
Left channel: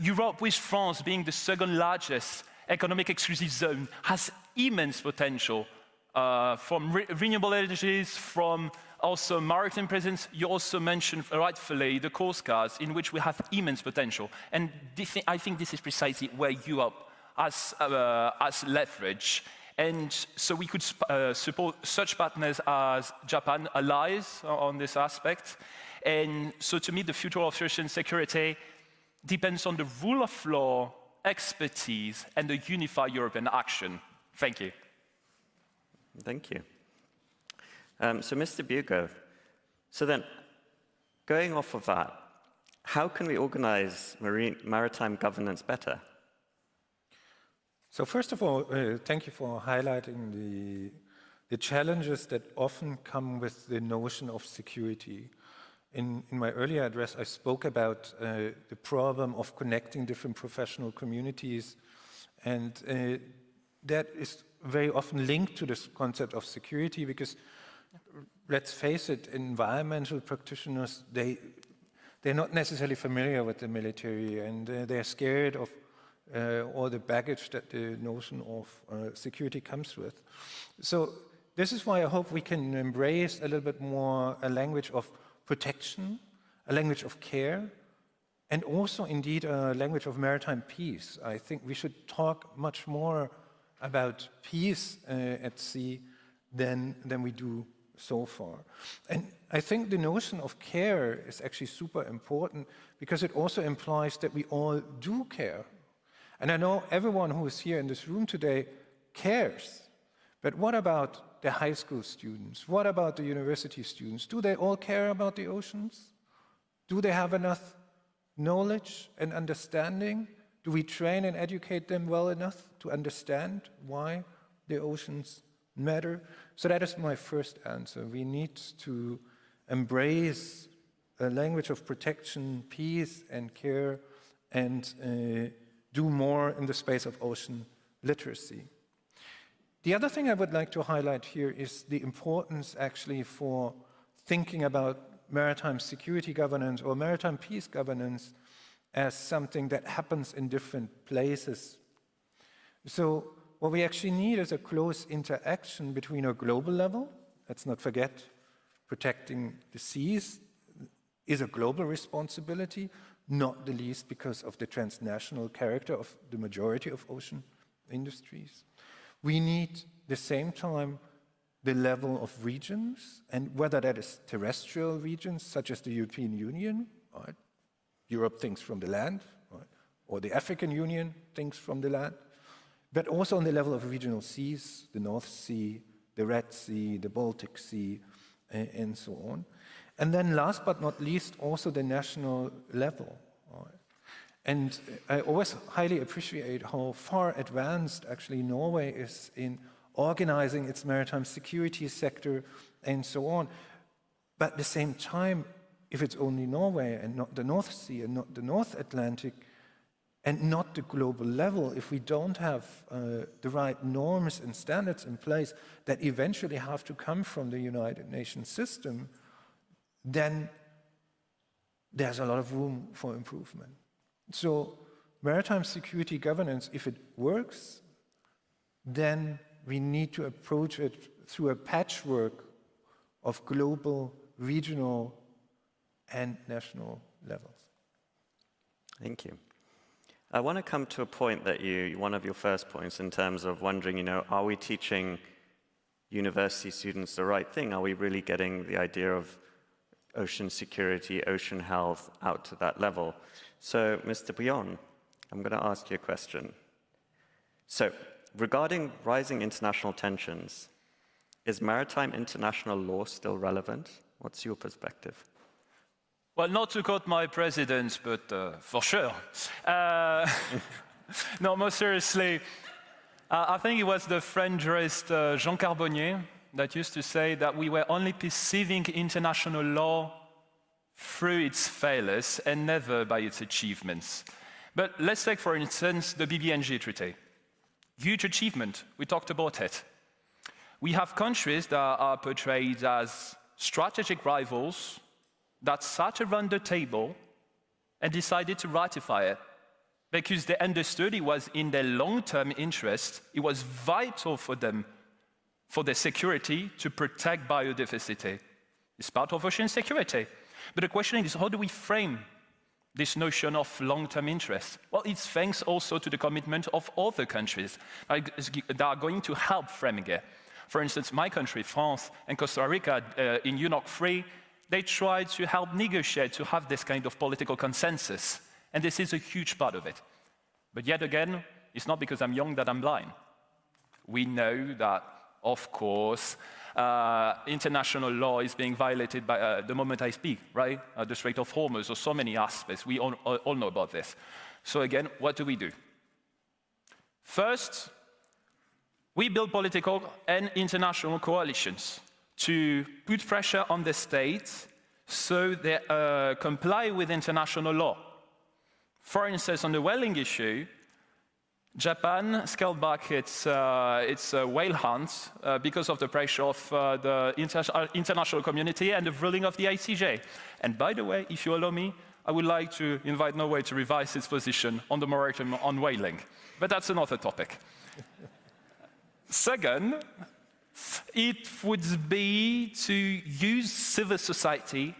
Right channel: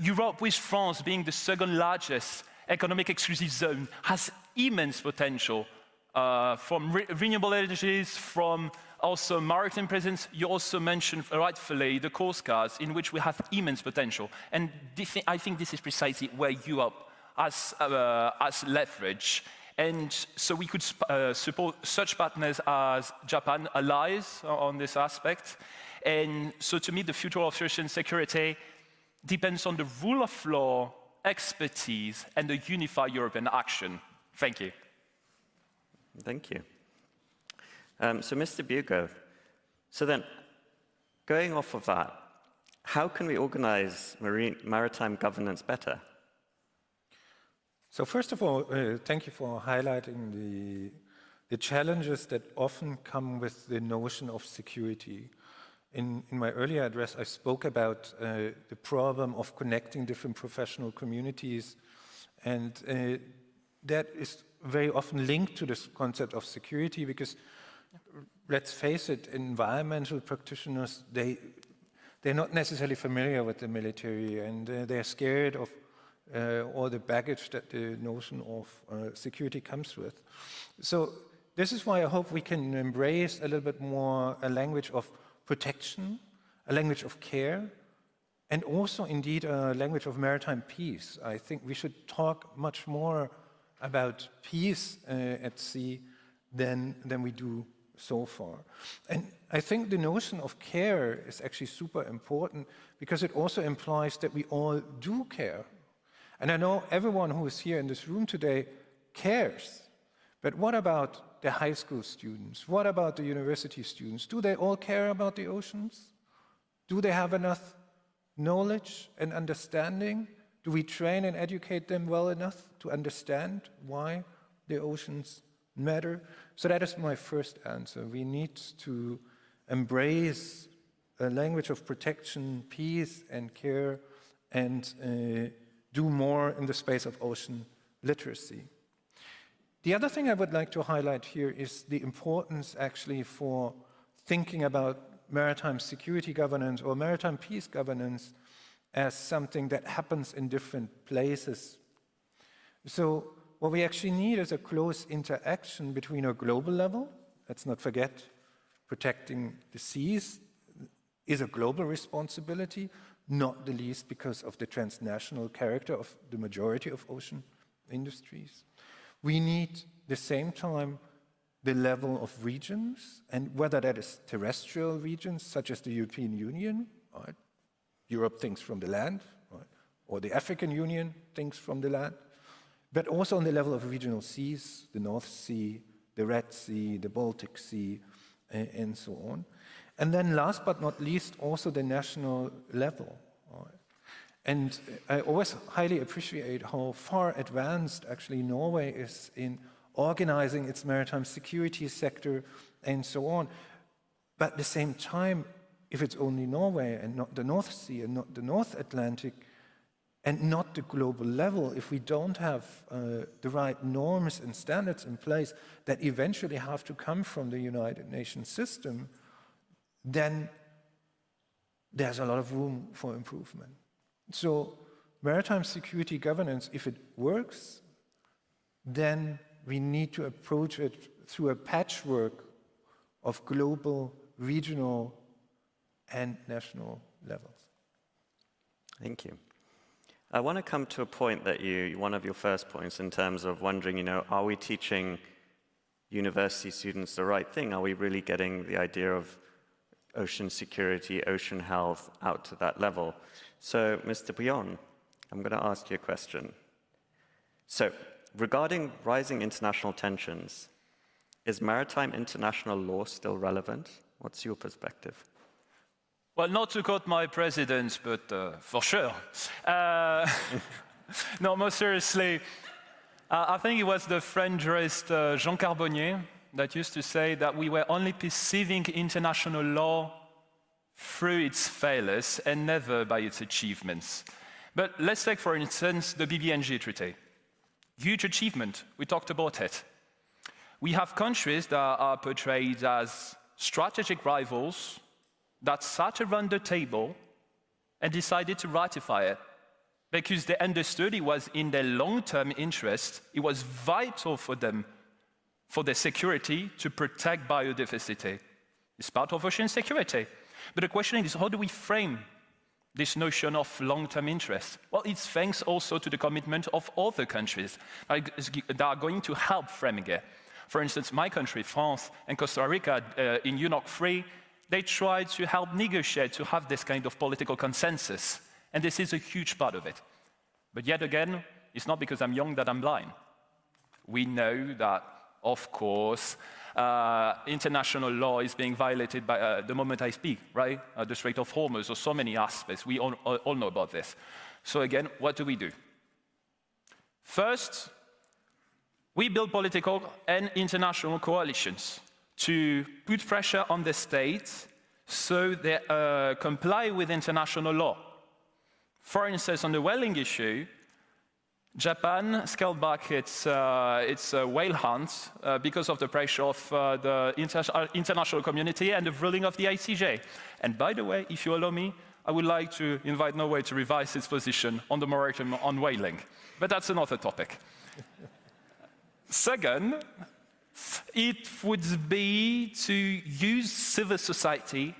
Europe, with France being the second largest economic exclusive zone, has immense potential from renewable energies, from also maritime presence. You also mentioned rightfully the coast guards, in which we have immense potential. And I think this is precisely where Europe has leverage. And so we could support such partners as Japan, allies on this aspect. And so to me, the future of ocean security depends on the rule of law, expertise, and the unified European action. Thank you. Thank you. So Mr. Bugo, so then, going off of that, how can we organize maritime governance better? So first of all, thank you for highlighting the challenges that often come with the notion of security. In my earlier address, I spoke about the problem of connecting different professional communities, and that is very often linked to this concept of security, because let's face it, environmental practitioners, they're not necessarily familiar with the military, and they're scared of all the baggage that the notion of security comes with. So this is why I hope we can embrace a little bit more a language of protection, a language of care, and also indeed a language of maritime peace. I think we should talk much more about peace at sea than we do so far. And I think the notion of care is actually super important, because it also implies that we all do care. And I know everyone who is here in this room today cares. But what about the high school students? What about the university students? Do they all care about the oceans? Do they have enough knowledge and understanding? Do we train and educate them well enough to understand why the oceans matter? So that is my first answer. We need to embrace a language of protection, peace, and care, and do more in the space of ocean literacy. The other thing I would like to highlight here is the importance actually for thinking about maritime security governance or maritime peace governance as something that happens in different places. So what we actually need is a close interaction between a global level. Let's not forget, protecting the seas is a global responsibility, not the least because of the transnational character of the majority of ocean industries. We need, at the same time, the level of regions, and whether that is terrestrial regions, such as the European Union, right? Europe thinks from the land, right? Or the African Union thinks from the land, but also on the level of regional seas, the North Sea, the Red Sea, the Baltic Sea, and so on. And then last but not least, also the national level. Right? And I always highly appreciate how far advanced actually Norway is in organizing its maritime security sector and so on. But at the same time, if it's only Norway and not the North Sea and not the North Atlantic and not the global level, if we don't have the right norms and standards in place that eventually have to come from the United Nations system, then there's a lot of room for improvement. So maritime security governance, if it works, then we need to approach it through a patchwork of global, regional, and national levels. Thank you. I want to come to a point that one of your first points in terms of wondering, are we teaching university students the right thing? Are we really getting the idea of ocean security, ocean health out to that level? So, Mr. Bjorn, I'm going to ask you a question. So, regarding rising international tensions, is maritime international law still relevant? What's your perspective? Well, not to quote my president, but for sure. No, more seriously, I think it was the French jurist Jean Carbonnier that used to say that we were only perceiving international law through its failures and never by its achievements. But let's take, for instance, the BBNG Treaty. Huge achievement, we talked about it. We have countries that are portrayed as strategic rivals that sat around the table and decided to ratify it because they understood it was in their long-term interest, it was vital for them, for their security, to protect biodiversity. It's part of ocean security. But the question is, how do we frame this notion of long-term interest? Well, it's thanks also to the commitment of other countries that are going to help framing it. For instance, my country, France, and Costa Rica, in UNOC 3, they tried to help negotiate to have this kind of political consensus. And this is a huge part of it. But yet again, it's not because I'm young that I'm blind. We know that, of course, international law is being violated by the moment I speak, right? The Strait of Hormuz, or so many aspects. We all know about this. So again, what do we do? First, we build political and international coalitions to put pressure on the states so they comply with international law. For instance, on the whaling issue, Japan scaled back its whale hunts because of the pressure of the international community and the ruling of the ICJ. And by the way, if you allow me, I would like to invite Norway to revise its position on the moratorium on whaling. But that's another topic. Second, it would be to use civil society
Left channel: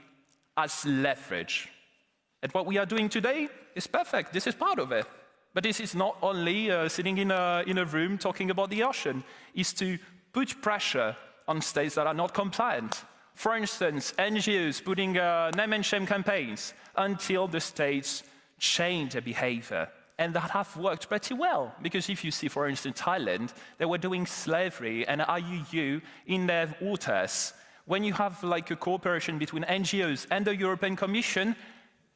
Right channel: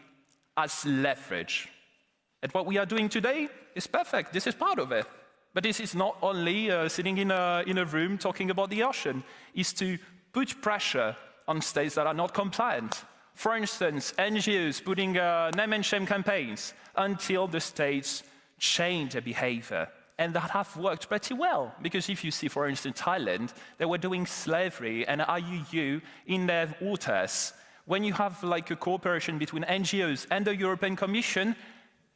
as leverage. And what we are doing today is perfect. This is part of it. But this is not only sitting in a room talking about the ocean. It's to put pressure on states that are not compliant. For instance, NGOs putting name and shame campaigns until the states change their behavior. And that have worked pretty well. Because if you see, for instance, Thailand, they were doing slavery and IUU in their waters. When you have like a cooperation between NGOs and the European Commission,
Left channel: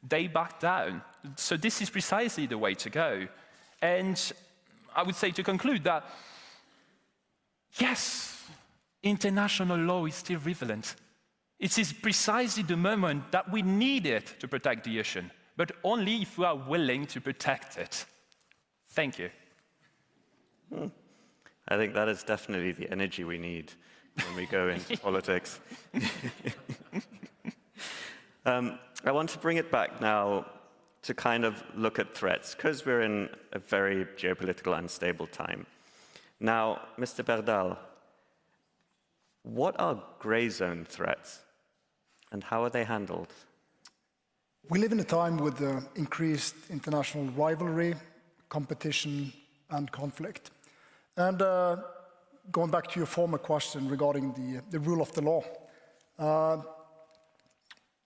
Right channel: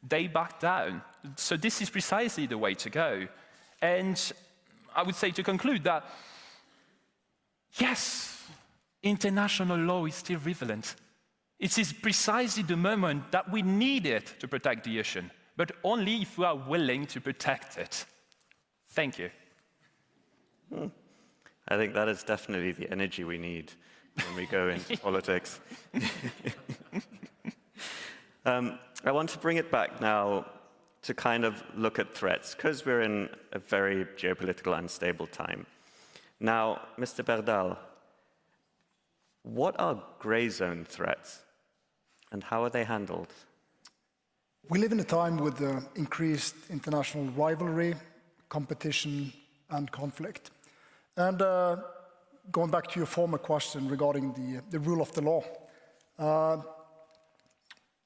they back down. So this is precisely the way to go. And I would say to conclude that, yes, international law is still relevant. It is precisely the moment that we need it to protect the ocean, but only if we are willing to protect it. Thank you. I think that is definitely the energy we need when we go into politics. I want to bring it back now to kind of look at threats, because we're in a very geopolitical unstable time. Now, Mr. Berdal, what are grey zone threats, and how are they handled? We live in a time with increased international rivalry, competition, and conflict. And going back to your former question regarding the rule of the law,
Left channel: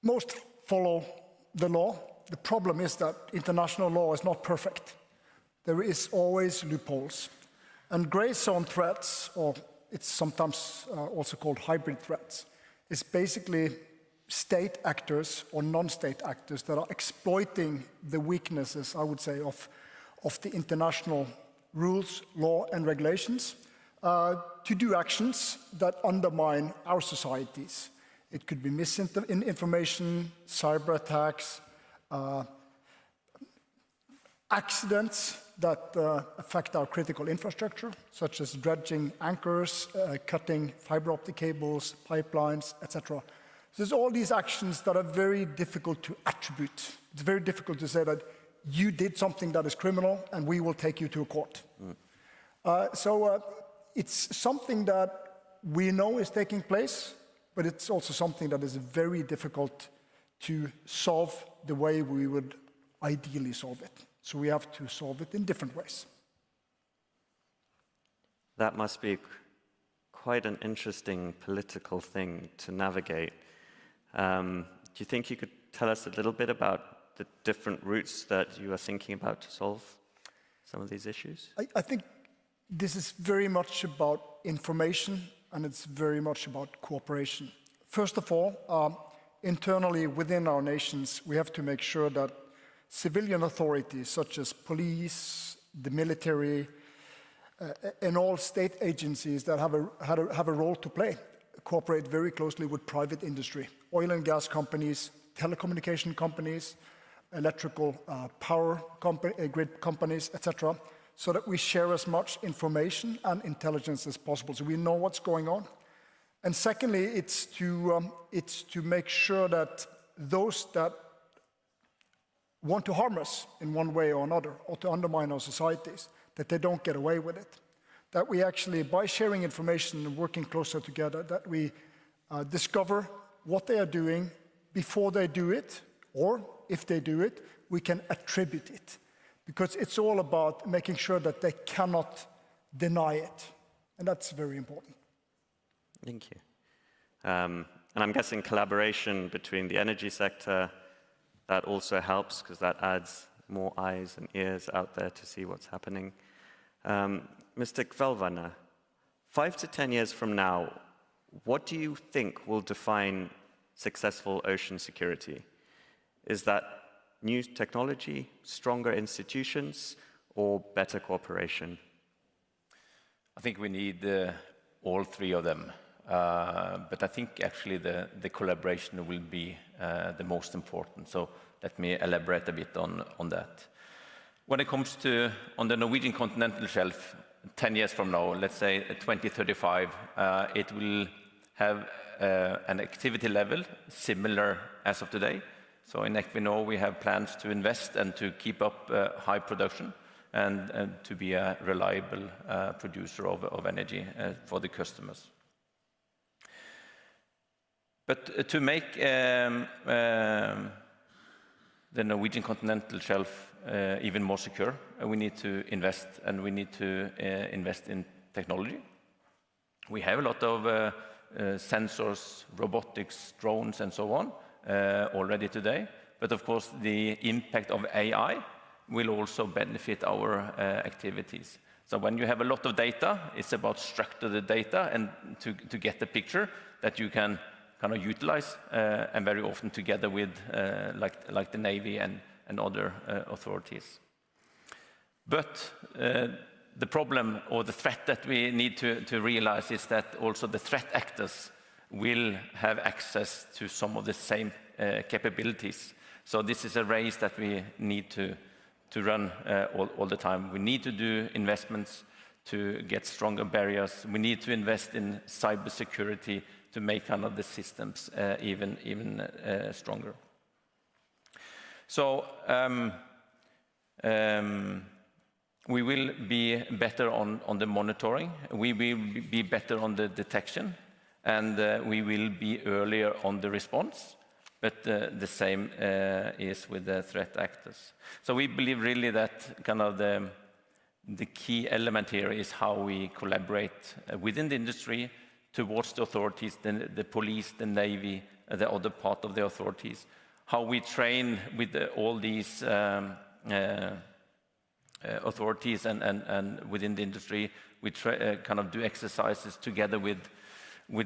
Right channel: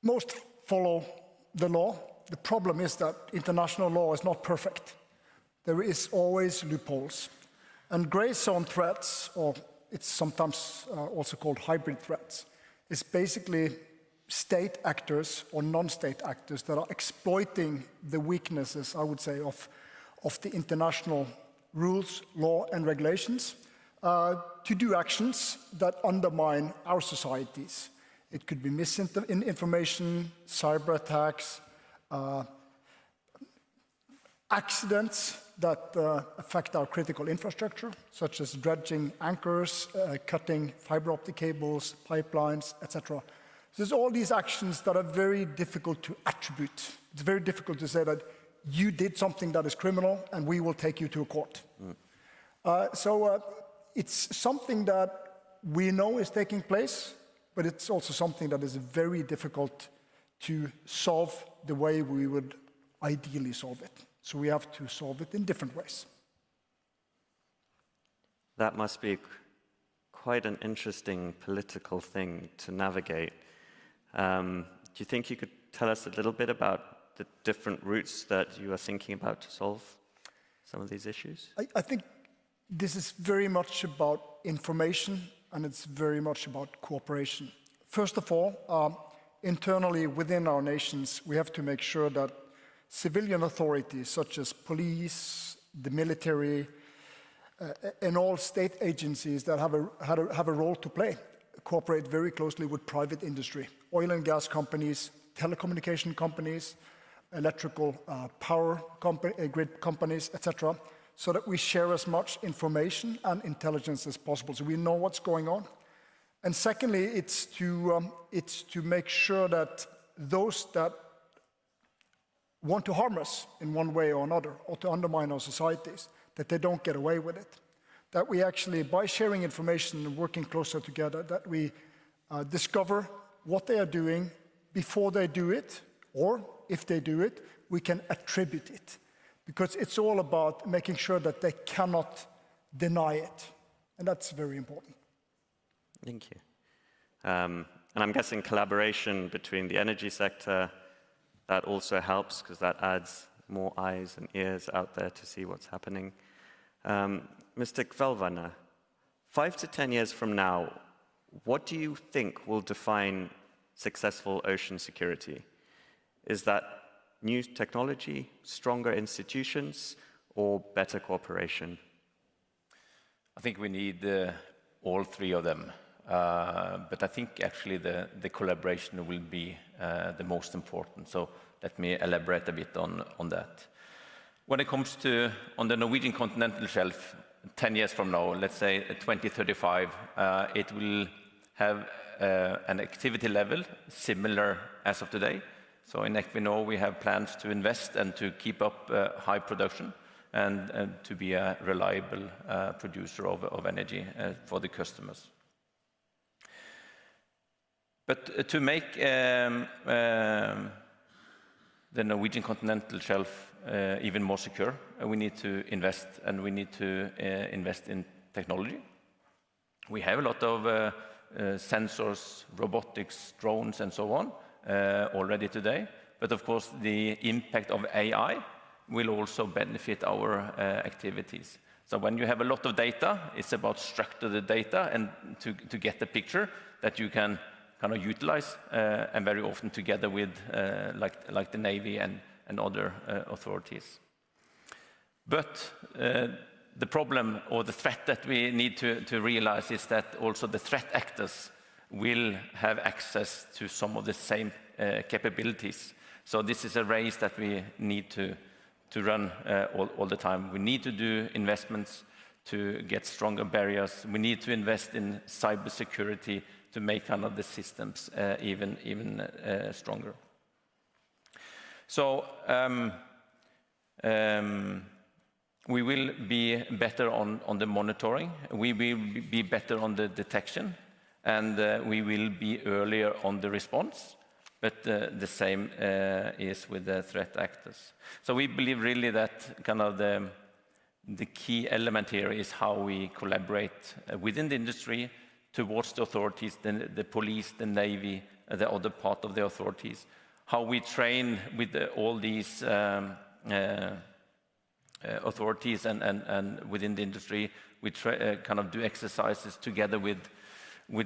most follow the law. The problem is that international law is not perfect. There is always loopholes. And grey zone threats, or it's sometimes also called hybrid threats, is basically state actors or non-state actors that are exploiting the weaknesses, I would say, of the international rules, law, and regulations to do actions that undermine our societies. It could be misinformation, cyber attacks, accidents that affect our critical infrastructure, such as dredging anchors, cutting fiber optic cables, pipelines, etc. So there's all these actions that are very difficult to attribute. It's very difficult to say that you did something that is criminal and we will take you to a court. So it's something that we know is taking place, but it's also something that is very difficult to solve the way we would ideally solve it. So we have to solve it in different ways. That must be quite an interesting political thing to navigate. Do you think you could tell us a little bit about the different routes that you are thinking about to solve some of these issues? I think this is very much about information, and it's very much about cooperation. First of all, internally within our nations, we have to make sure that civilian authorities such as police, the military, and all state agencies that have a role to play cooperate very closely with private industry, oil and gas companies, telecommunication companies, electrical power grid companies, etc., so that we share as much information and intelligence as possible, so we know what's going on. And secondly, it's to make sure that those that want to harm us in one way or another, or to undermine our societies, that they don't get away with it. That we actually, by sharing information and working closer together, that we discover what they are doing before they do it, or if they do it, we can attribute it. Because it's all about making sure that they cannot deny it. And that's very important. Thank you. And I'm guessing collaboration between the energy sector, that also helps because that adds more eyes and ears out there to see what's happening. Mr. Kvelvane, 5 to 10 years from now, what do you think will define successful ocean security? Is that new technology, stronger institutions, or better cooperation? I think we need all three of them. But I think actually the collaboration will be the most important. So let me elaborate a bit on that. When it comes to on the Norwegian continental shelf, 10 years from now, let's say 2035, it will have an activity level similar as of today. So in Equinor, we have plans to invest and to keep up high production and to be a reliable producer of energy for the customers. But to make the Norwegian continental shelf even more secure, we need to invest, and we need to invest in technology. We have a lot of sensors, robotics, drones, and so on already today. But of course, the impact of AI will also benefit our activities. So when you have a lot of data, it's about structure the data and to get the picture that you can kind of utilize, and very often together with like the Navy and other authorities. But the problem or the threat that we need to realize is that also the threat actors will have access to some of the same capabilities. So this is a race that we need to run all the time. We need to do investments to get stronger barriers. We need to invest in cybersecurity to make kind of the systems even stronger. So we will be better on the monitoring, we will be better on the detection, and we will be earlier on the response, but the same is with the threat actors. So we believe really that kind of the key element here is how we collaborate within the industry towards the authorities, the police, the Navy, the other part of the authorities, how we train with all these authorities and within the industry. We kind of do exercises together with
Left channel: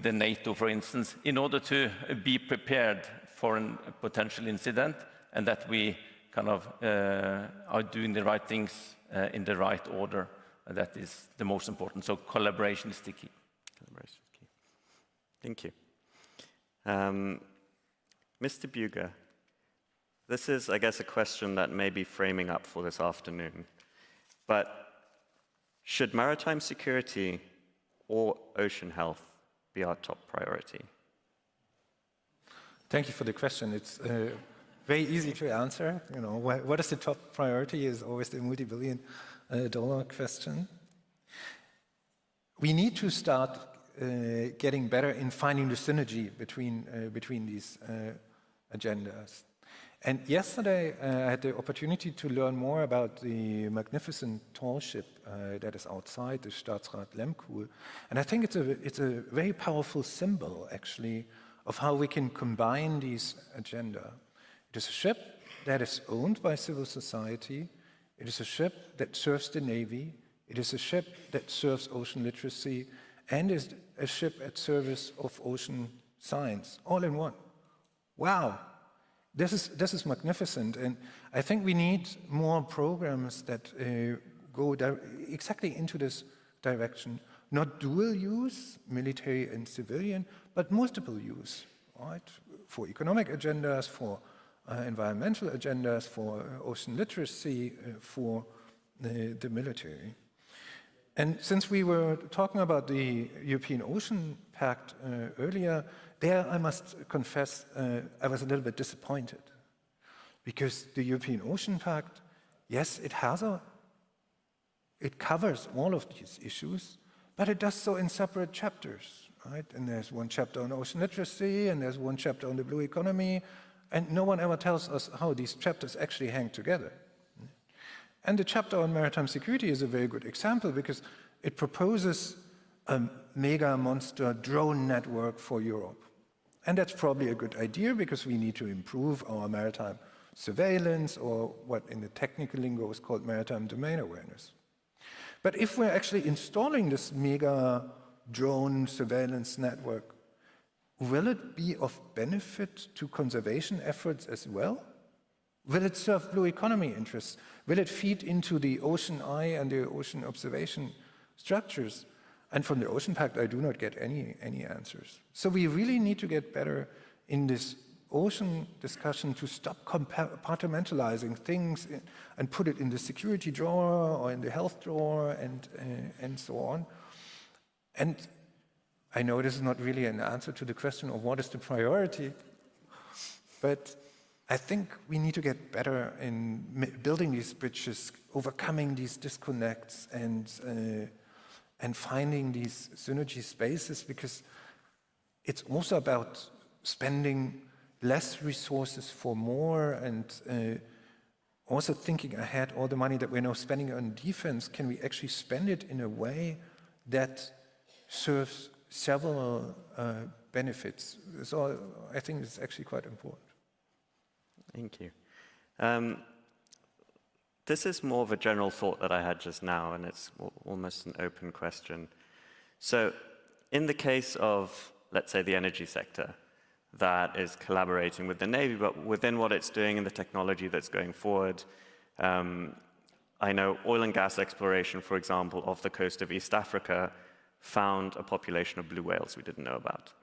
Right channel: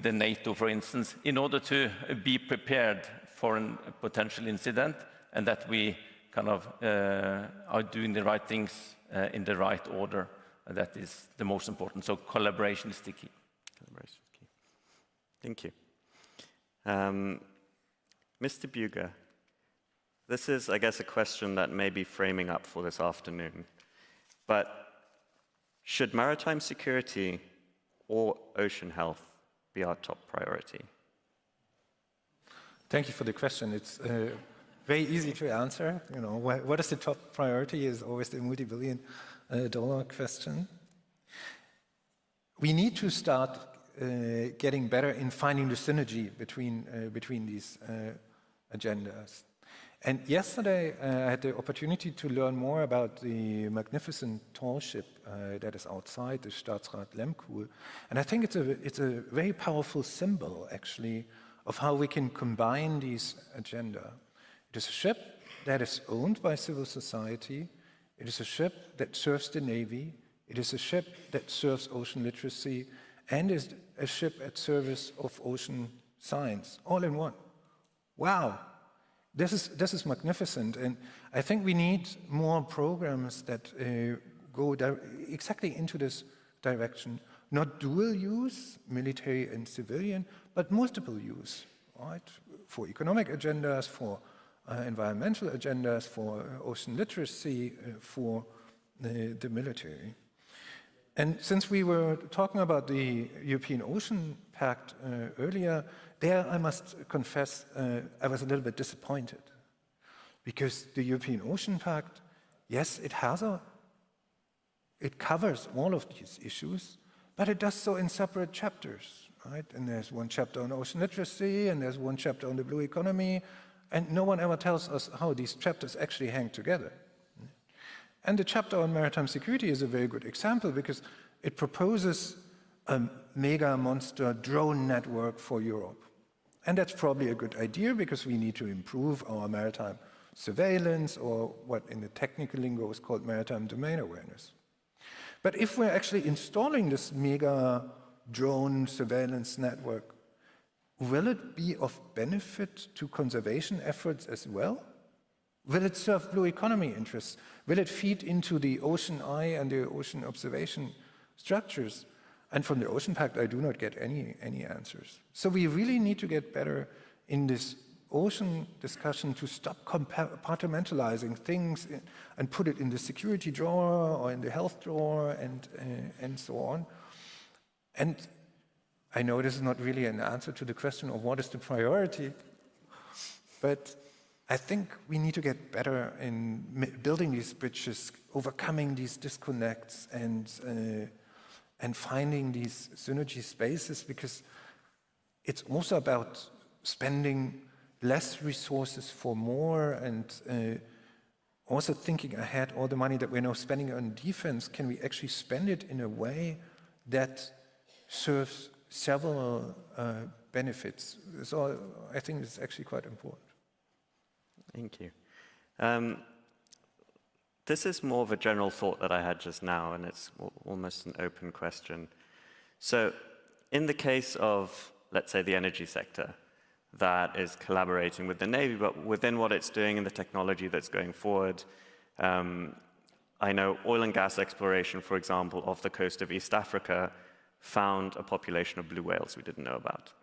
the NATO, for instance, in order to be prepared for a potential incident, and that we kind of are doing the right things in the right order. That is the most important. So collaboration is the key. Collaboration is key. Thank you. Mr. Bugge, this is, I guess, a question that may be framing up for this afternoon. But should maritime security or ocean health be our top priority? Thank you for the question. It's very easy to answer. You know, what is the top priority is always the multi-billion-dollar question. We need to start getting better in finding the synergy between these agendas. And yesterday, I had the opportunity to learn more about the magnificent tall ship that is outside, the Staatsrat Lemkuhl. And I think it's a very powerful symbol, actually, of how we can combine these agenda. It is a ship that is owned by civil society. It is a ship that serves the Navy. It is a ship that serves ocean literacy, and is a ship at service of ocean science, all in one. Wow. This is magnificent, and I think we need more programs that go exactly into this direction. Not dual use, military and civilian, but multiple use, right? For economic agendas, for environmental agendas, for ocean literacy, for the military. And since we were talking about the European Ocean Pact earlier, there I must confess I was a little bit disappointed, because the European Ocean Pact, yes, it covers all of these issues, but it does so in separate chapters, right? And there's one chapter on ocean literacy, and there's one chapter on the blue economy, and no one ever tells us how these chapters actually hang together. And the chapter on maritime security is a very good example, because it proposes a mega monster drone network for Europe. And that's probably a good idea, because we need to improve our maritime surveillance, or what in the technical lingo is called maritime domain awareness. But if we're actually installing this mega drone surveillance network, will it be of benefit to conservation efforts as well? Will it serve blue economy interests? Will it feed into the ocean eye and the ocean observation structures? And from the Ocean Pact, I do not get any answers. So we really need to get better in this ocean discussion to stop compartmentalizing things and put it in the security drawer or in the health drawer and so on. And I know this is not really an answer to the question of what is the priority, but I think we need to get better in building these bridges, overcoming these disconnects, and finding these synergy spaces, because it's also about spending less resources for more, and also thinking ahead. All the money that we're now spending on defense, can we actually spend it in a way that serves several benefits? So I think it's actually quite important. Thank you. This is more of a general thought that I had just now, and it's almost an open question. So in the case of, let's say, the energy sector that is collaborating with the Navy, but within what it's doing and the technology that's going forward, I know oil and gas exploration, for example, off the coast of East Africa found a population of blue whales we didn't know about,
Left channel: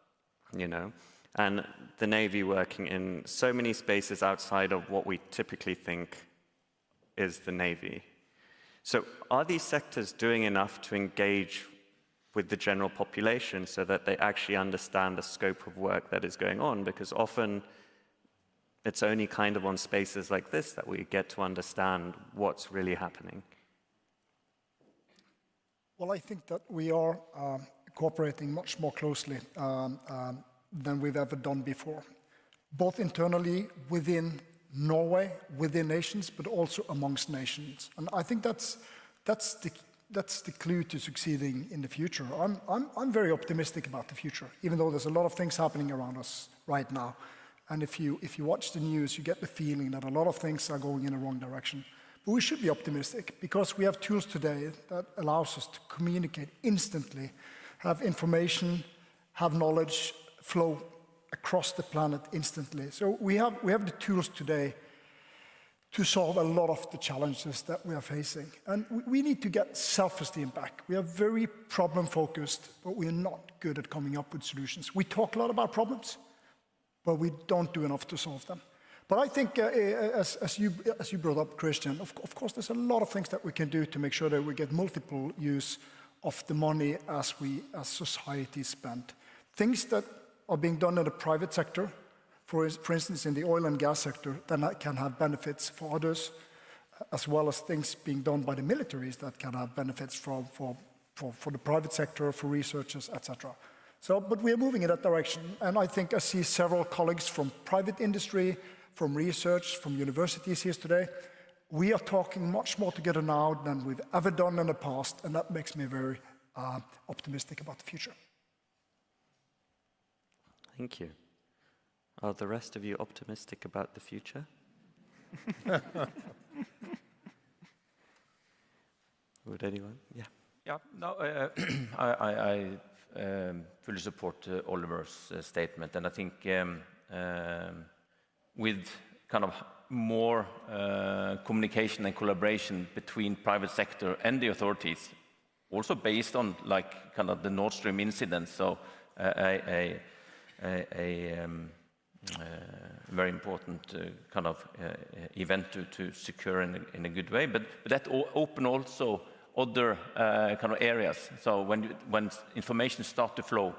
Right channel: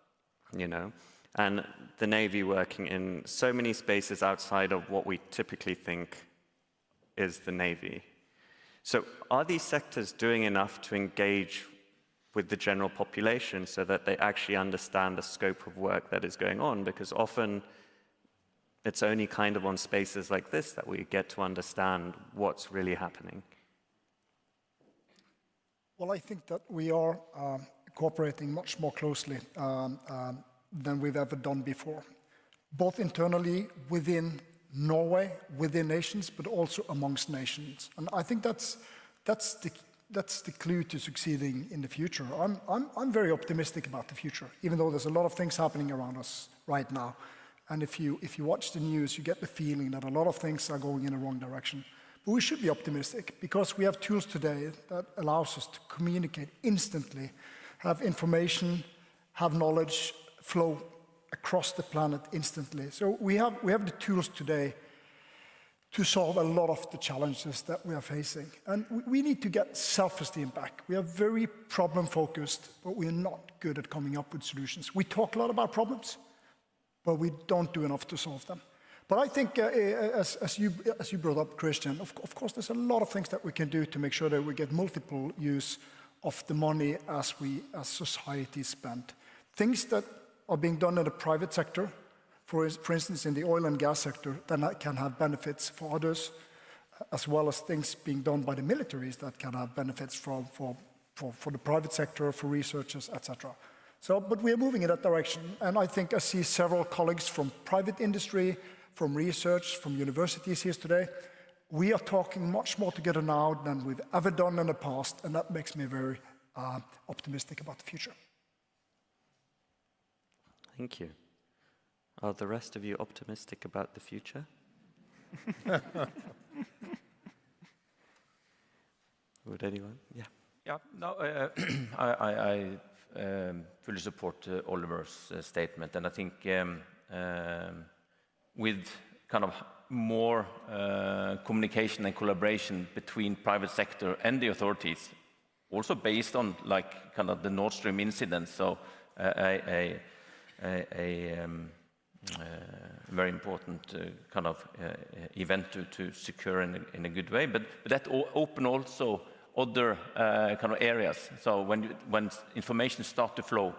you know? And the Navy working in so many spaces outside of what we typically think is the Navy. So are these sectors doing enough to engage with the general population so that they actually understand the scope of work that is going on? Because often it's only kind of on spaces like this that we get to understand what's really happening. Well, I think that we are cooperating much more closely than we've ever done before, both internally within Norway, within nations, but also amongst nations. And I think that's the clue to succeeding in the future. I'm very optimistic about the future, even though there's a lot of things happening around us right now. And if you watch the news, you get the feeling that a lot of things are going in the wrong direction. But we should be optimistic because we have tools today that allows us to communicate instantly, have information, have knowledge flow across the planet instantly. So we have the tools today to solve a lot of the challenges that we are facing. And we need to get self-esteem back. We are very problem-focused, but we are not good at coming up with solutions. We talk a lot about problems, but we don't do enough to solve them. But I think, as you brought up, Christian, of course, there's a lot of things that we can do to make sure that we get multiple use of the money as society spend. Things that are being done in the private sector, for instance, in the oil and gas sector, that can have benefits for others, as well as things being done by the militaries that can have benefits for the private sector, for researchers, etc. So, but we are moving in that direction, and I think I see several colleagues from private industry, from research, from universities here today. We are talking much more together now than we've ever done in the past, and that makes me very optimistic about the future. Thank you. Are the rest of you optimistic about the future? Would anyone? Yeah. Yeah, no, I fully support Oliver's statement, and I think with kind of more communication and collaboration between private sector and the authorities, also based on like kind of the Nord Stream incident, so a very important kind of event to secure in a good way, but that open also other kind of areas. So when information starts to flow,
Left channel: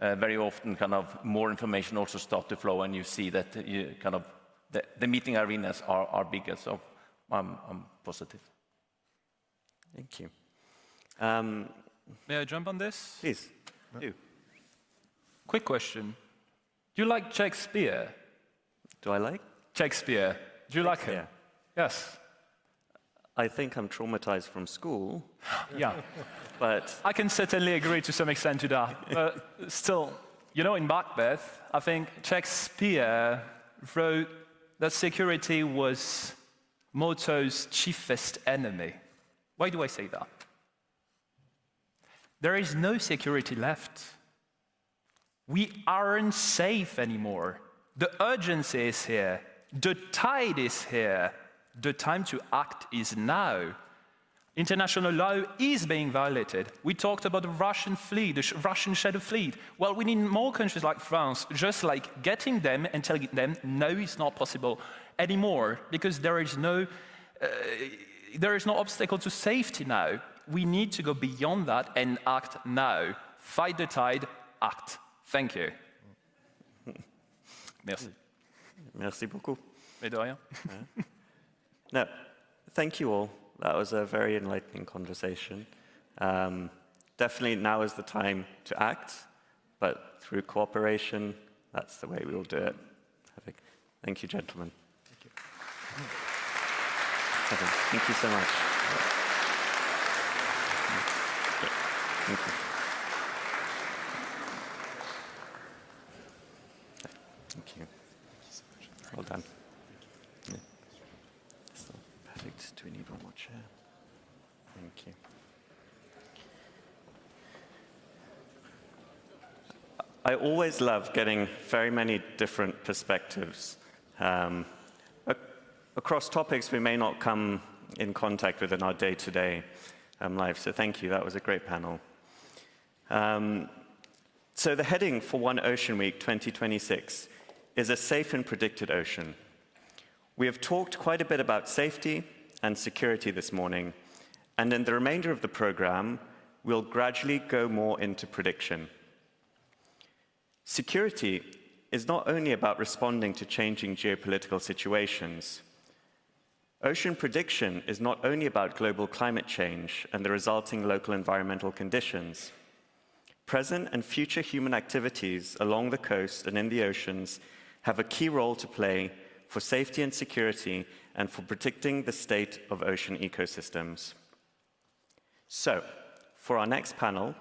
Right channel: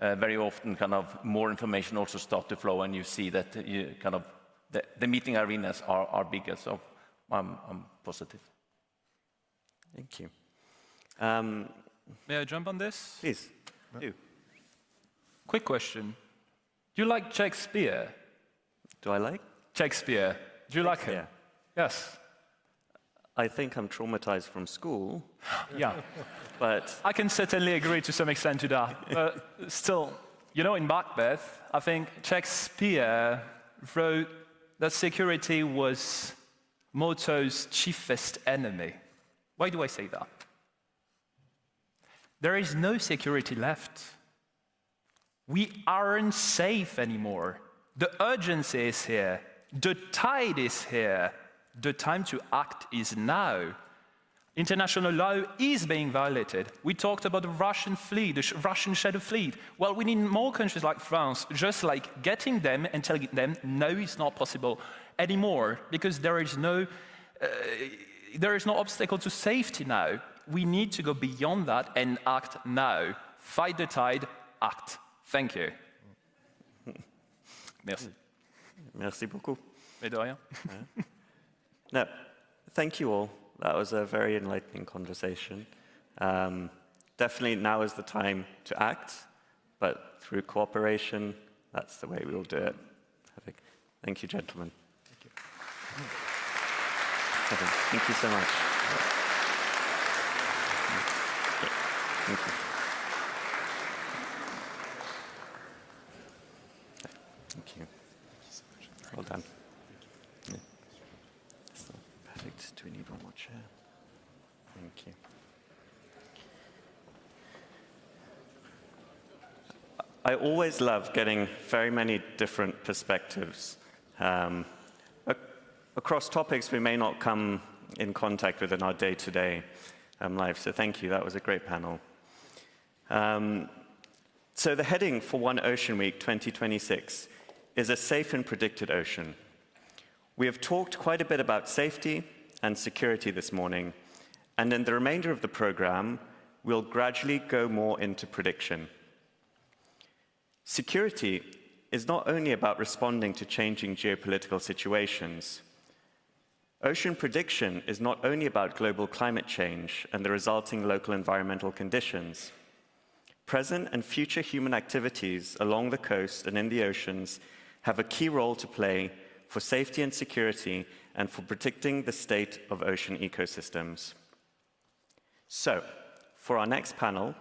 very often kind of more information also start to flow, and you see that you kind of the meeting arenas are bigger. So I'm positive. Thank you. May I jump on this? Please, do. Quick question. Do you like Shakespeare? Do I like? Shakespeare. Do you like him? Yes. I think I'm traumatized from school. Yeah. But I can certainly agree to some extent to that. But still, you know, in Macbeth, I think Shakespeare wrote that security was Morto's chiefest enemy. Why do I say that? There is no security left. We aren't safe anymore. The urgency is here. The tide is here. The time to act is now. International law is being violated. We talked about the Russian fleet, the Russian shadow fleet. Well, we need more countries like France, just like getting them and telling them, no, it's not possible anymore, because there is no obstacle to safety now. We need to go beyond that and act now. Fight the tide, act. Thank you. Merci. Merci beaucoup. Mais de rien. No, thank you all. That was a very enlightening conversation. Definitely now is the time to act, but through cooperation, that's the way we will do it. Perfect. Thank you, gentlemen. Thank you. Perfect. Thank you so much. Thank you. Thank you. Well done. Yeah. Perfect. Do we need one more chair? Thank you. I always love getting very many different perspectives across topics we may not come in contact with in our day-to-day life. So thank you. That was a great panel. So the heading for One Ocean Week 2026 is a safe and predicted ocean. We have talked quite a bit about safety and security this morning, and in the remainder of the program, we'll gradually go more into prediction. Security is not only about responding to changing geopolitical situations. Ocean prediction is not only about global climate change and the resulting local environmental conditions. Present and future human activities along the coast and in the oceans have a key role to play for safety and security and for predicting the state of ocean ecosystems. So, for our next panel,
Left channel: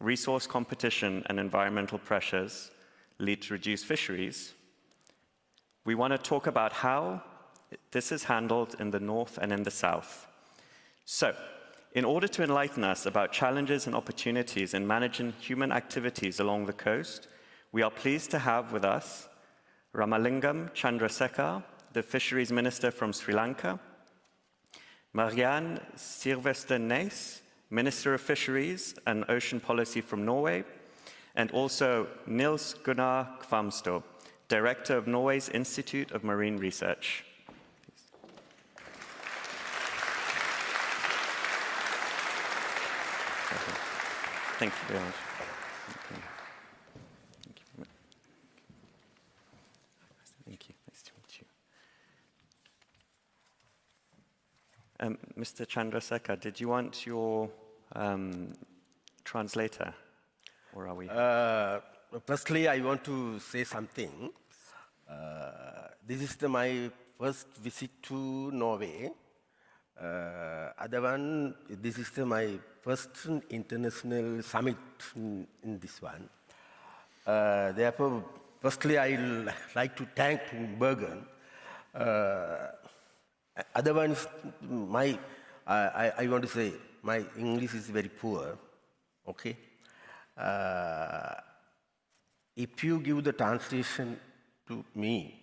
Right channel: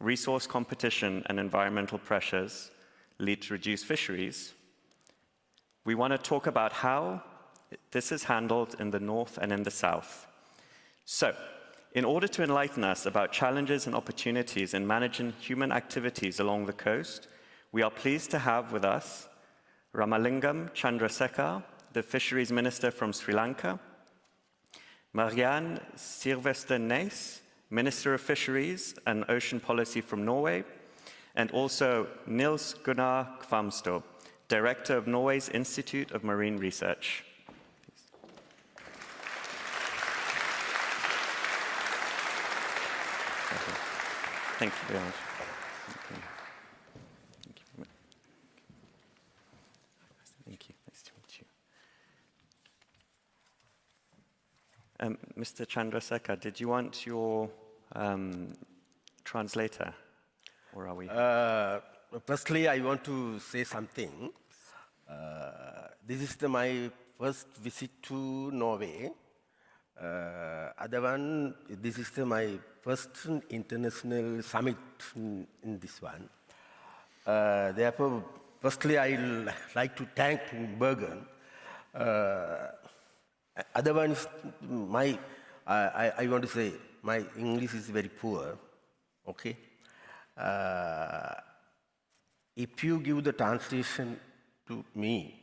resource competition and environmental pressures lead to reduced fisheries, we want to talk about how this is handled in the north and in the south. So, in order to enlighten us about challenges and opportunities in managing human activities along the coast, we are pleased to have with us Ramalingam Chandrasekhar, the Fisheries Minister from Sri Lanka, Marianne Sirvester-Næss, Minister of Fisheries and Ocean Policy from Norway, and also Nils Gunnar Kvamstad, Director of Norway's Institute of Marine Research. Thank you very much. Thank you. Nice to meet you. Mr. Chandrasekhar, did you want your translator, or are we? Firstly, I want to say something. This is my first visit to Norway. Other one, this is my first international summit in this one. Therefore, firstly, I would like to thank Bergen. Other ones, I want to say, my English is very poor, okay? If you give the translation to me,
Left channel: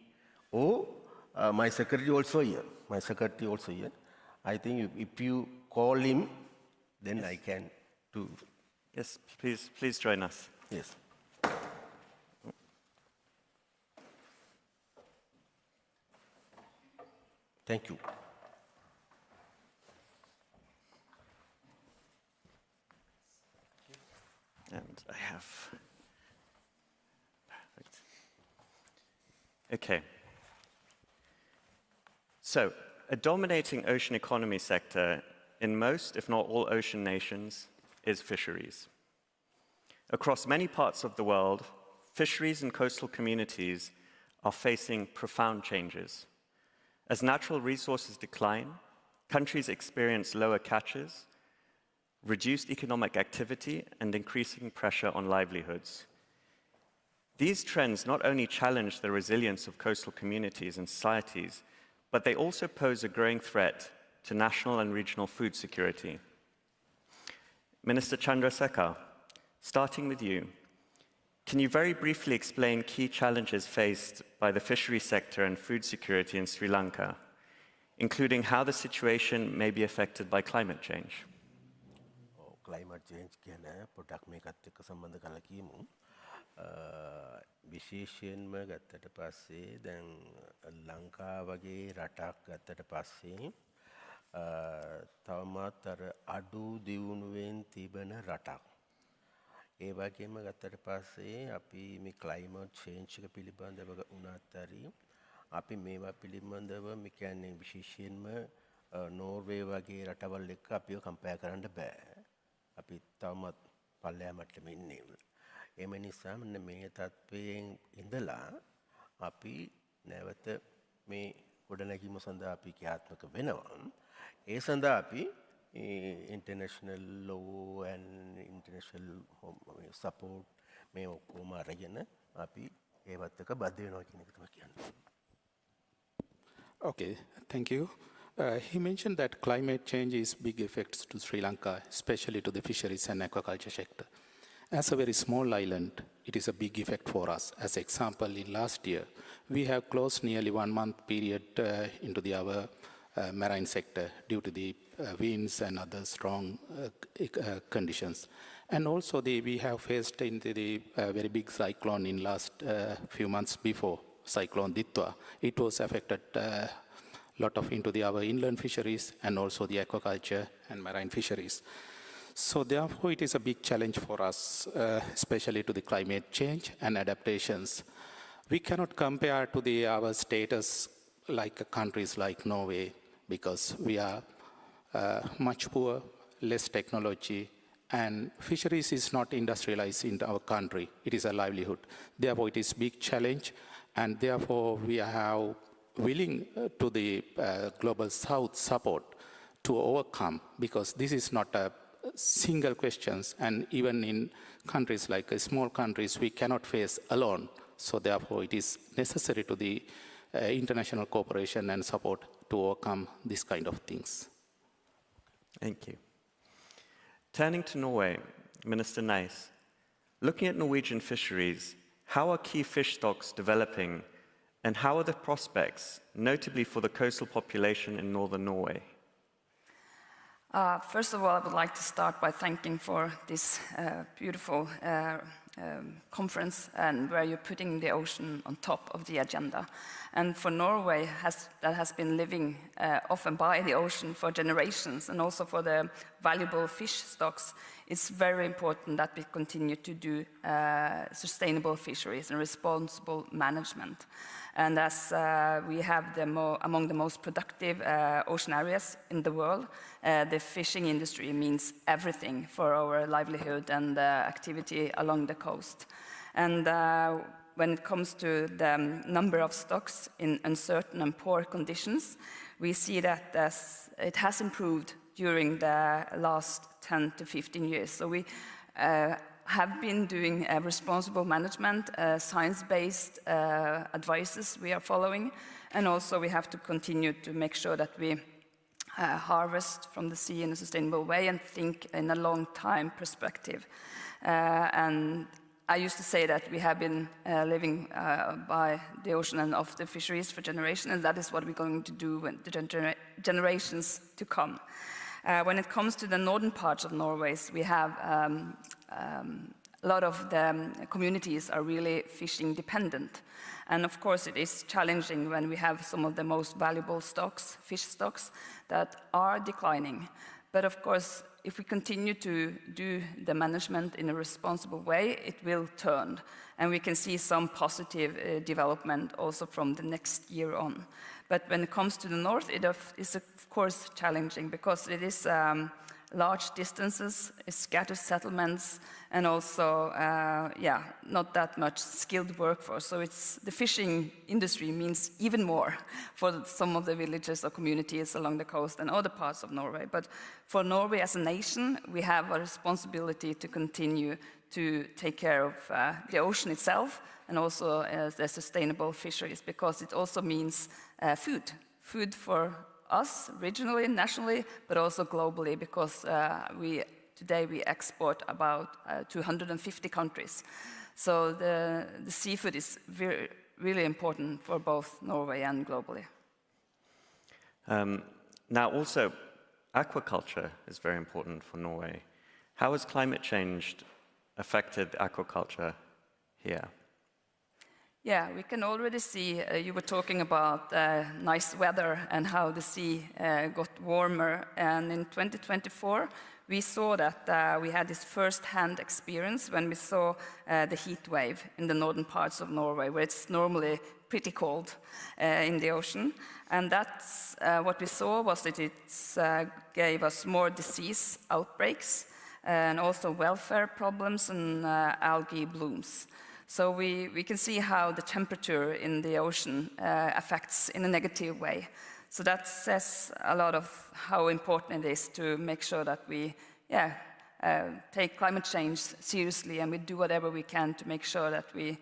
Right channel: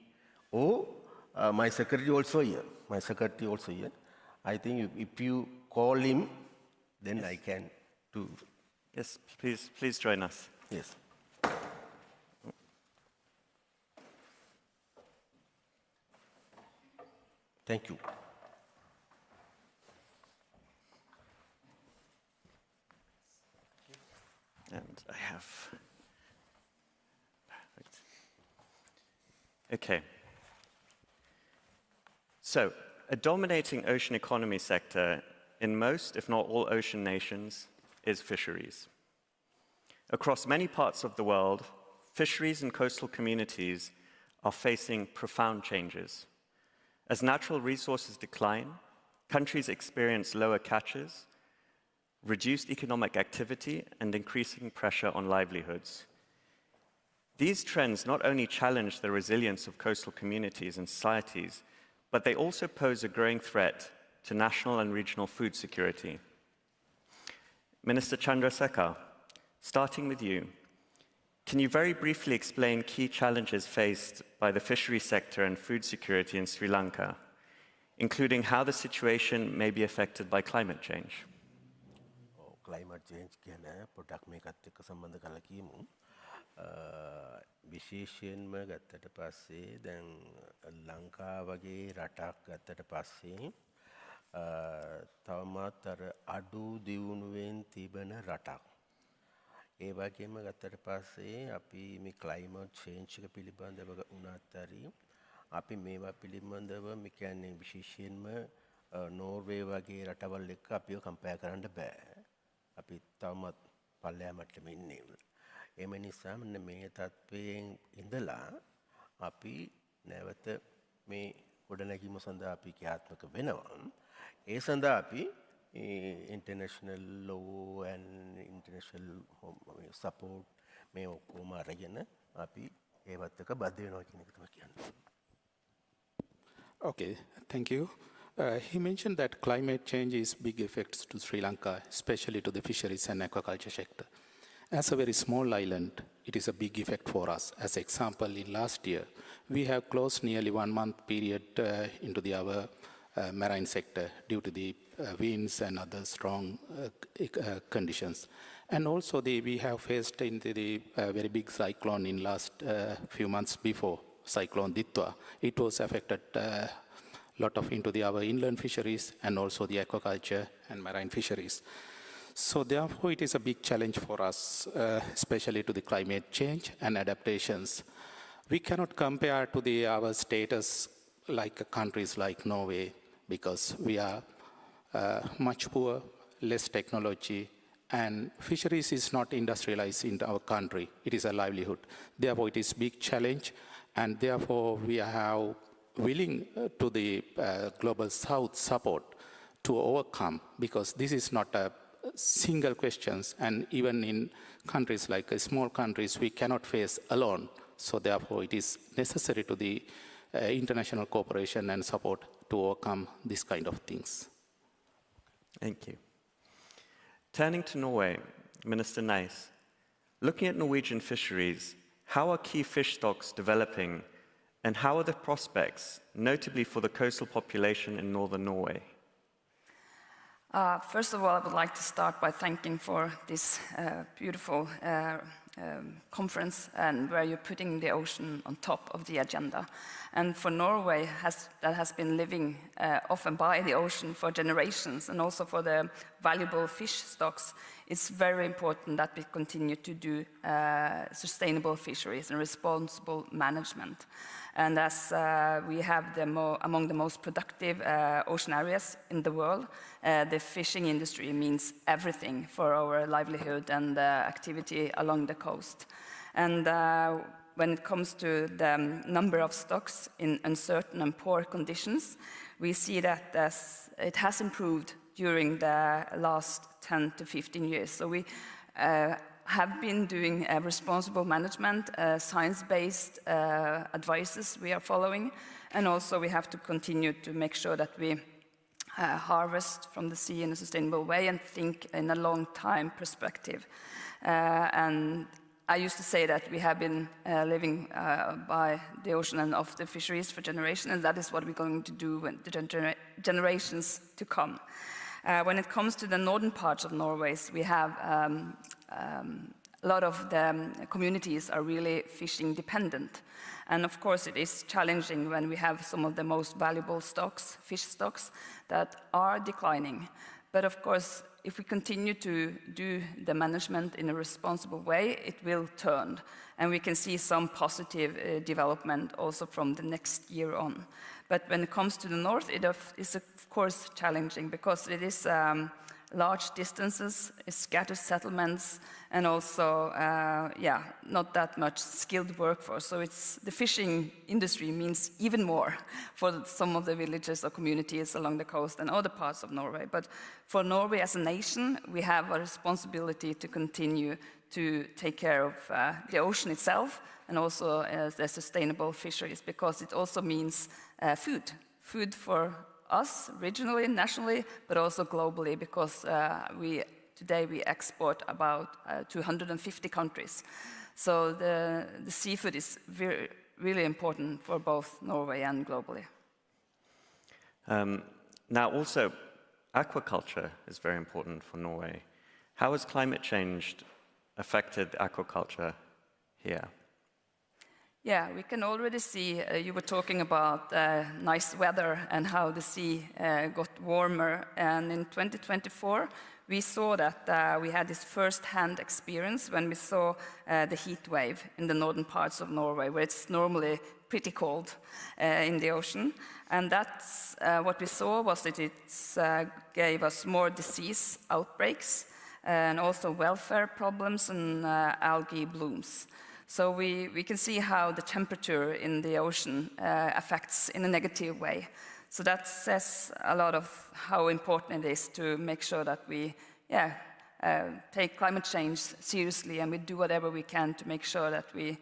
my secretary also here, I think if you call him, then yes. I can do. Yes, please join us. Yes. Thank you. And I have. Perfect. Okay. So, a dominating ocean economy sector in most, if not all, ocean nations is fisheries. Across many parts of the world, fisheries and coastal communities are facing profound changes. As natural resources decline, countries experience lower catches, reduced economic activity, and increasing pressure on livelihoods. These trends not only challenge the resilience of coastal communities and societies, but they also pose a growing threat to national and regional food security. Minister Chandrasekhar, starting with you, can you very briefly explain key challenges faced by the fishery sector and food security in Sri Lanka, including how the situation may be affected by climate change? Climate change ගැන පොඩක් මේකත් එක්ක සම්බන්ධ කරලා කියමු. විශේෂයෙන්ම ගත්තට පස්සේ දැන් ලංකාව වගේ රටක් ගත්තට පස්සේ තවමත් අර අඩු දියුණුවෙන් තිබෙන රටක්. ඒ වගේම ගත්තට පස්සේ අපි මේ ක්ලයිමේට් චේන්ජ් එක පිළිබඳව උනත් හරි අපි මේවා පිළිබඳව මේ කියන්නේ විශේෂයෙන්ම නෝර්වේ වගේ රටවල් එක්ක අපිව කම්පෙයාර් කරන්න බෑ. අපි තවමත් පල්ලෙහා මට්ටමේ ඉන්නේ. එම නිසා මෙන්න මේ තත්ත්වයෙන් ඉඳලා අපි නැවත මේ ගොඩනැගීම සඳහා අපි ක්‍රියාත්මක වෙනවා. ඒ සඳහා අපි international law and international support මේ ඔක්කොම අරගෙන අපි ඒවත් එක්ක බද්ධ වෙනවා කියන එක තමයි කියන්නේ. Okay, thank you. He mentioned that climate change is big effects to Sri Lanka, especially to the fisheries and aquaculture sector. As a very small island, it is a big effect for us. As example, in last year, we have closed nearly 1 month period into our marine sector due to the winds and other strong conditions. And also we have faced into the very big cyclone in last few months before, Cyclone Ditwa. It was affected lot of into our inland fisheries and also the aquaculture and marine fisheries. So therefore it is a big challenge for us, especially to the climate change and adaptations. We cannot compare to our status like countries like Norway because we are much poor, less technology, and fisheries is not industrialized in our country. It is a livelihood. Therefore, it is a big challenge, and therefore we are willing to the Global South support to overcome, because this is not a single question, and even in countries like small countries, we cannot face alone. So therefore, it is necessary to the international cooperation and support to overcome these kind of things. Thank you. Turning to Norway, Minister Nice, looking at Norwegian fisheries, how are key fish stocks developing, and how are the prospects, notably for the coastal population in northern Norway? First of all, I would like to start by thanking for this beautiful conference, and where you're putting the ocean on top of the agenda. And for Norway, that has been living off and by the ocean for generations, and also for the valuable fish stocks, it's very important that we continue to do sustainable fisheries and responsible management. And as we have among the most productive ocean areas in the world, the fishing industry means everything for our livelihood and activity along the coast. And when it comes to the number of stocks in uncertain and poor conditions, we see that it has improved during the last 10 to 15 years. So we have been doing responsible management, science-based advices we are following, and also we have to continue to make sure that we harvest from the sea in a sustainable way and think in a long-time perspective. And I used to say that we have been living by the ocean and off the fisheries for generations, and that is what we're going to do with the generations to come. When it comes to the northern parts of Norway, we have a lot of the communities are really fishing dependent. And of course, it is challenging when we have some of the most valuable stocks, fish stocks, that are declining. But of course, if we continue to do the management in a responsible way, it will turn. And we can see some positive development also from the next year on. But when it comes to the north, it is of course challenging, because it is large distances, scattered settlements, and also, not that much skilled workforce. So the fishing industry means even more for some of the villages or communities along the coast and other parts of Norway. But for Norway as a nation, we have a responsibility to continue to take care of the ocean itself, and also the sustainable fisheries, because it also means food for us regionally, nationally, but also globally, because today we export about 250 countries. So the seafood is really important for both Norway and globally. Now also, aquaculture is very important for Norway. How has climate change affected aquaculture here? Yeah, we can already see, you were talking about nice weather and how the sea got warmer. And in 2024, we saw that we had this first-hand experience when we saw the heat wave in the northern parts of Norway, where it's normally pretty cold in the ocean. And that's what we saw was that it gave us more disease outbreaks and also welfare problems and algae blooms. So we can see how the temperature in the ocean affects in a negative way. So that says a lot of how important it is to make sure that we take climate change seriously, and we do whatever we can to make sure that we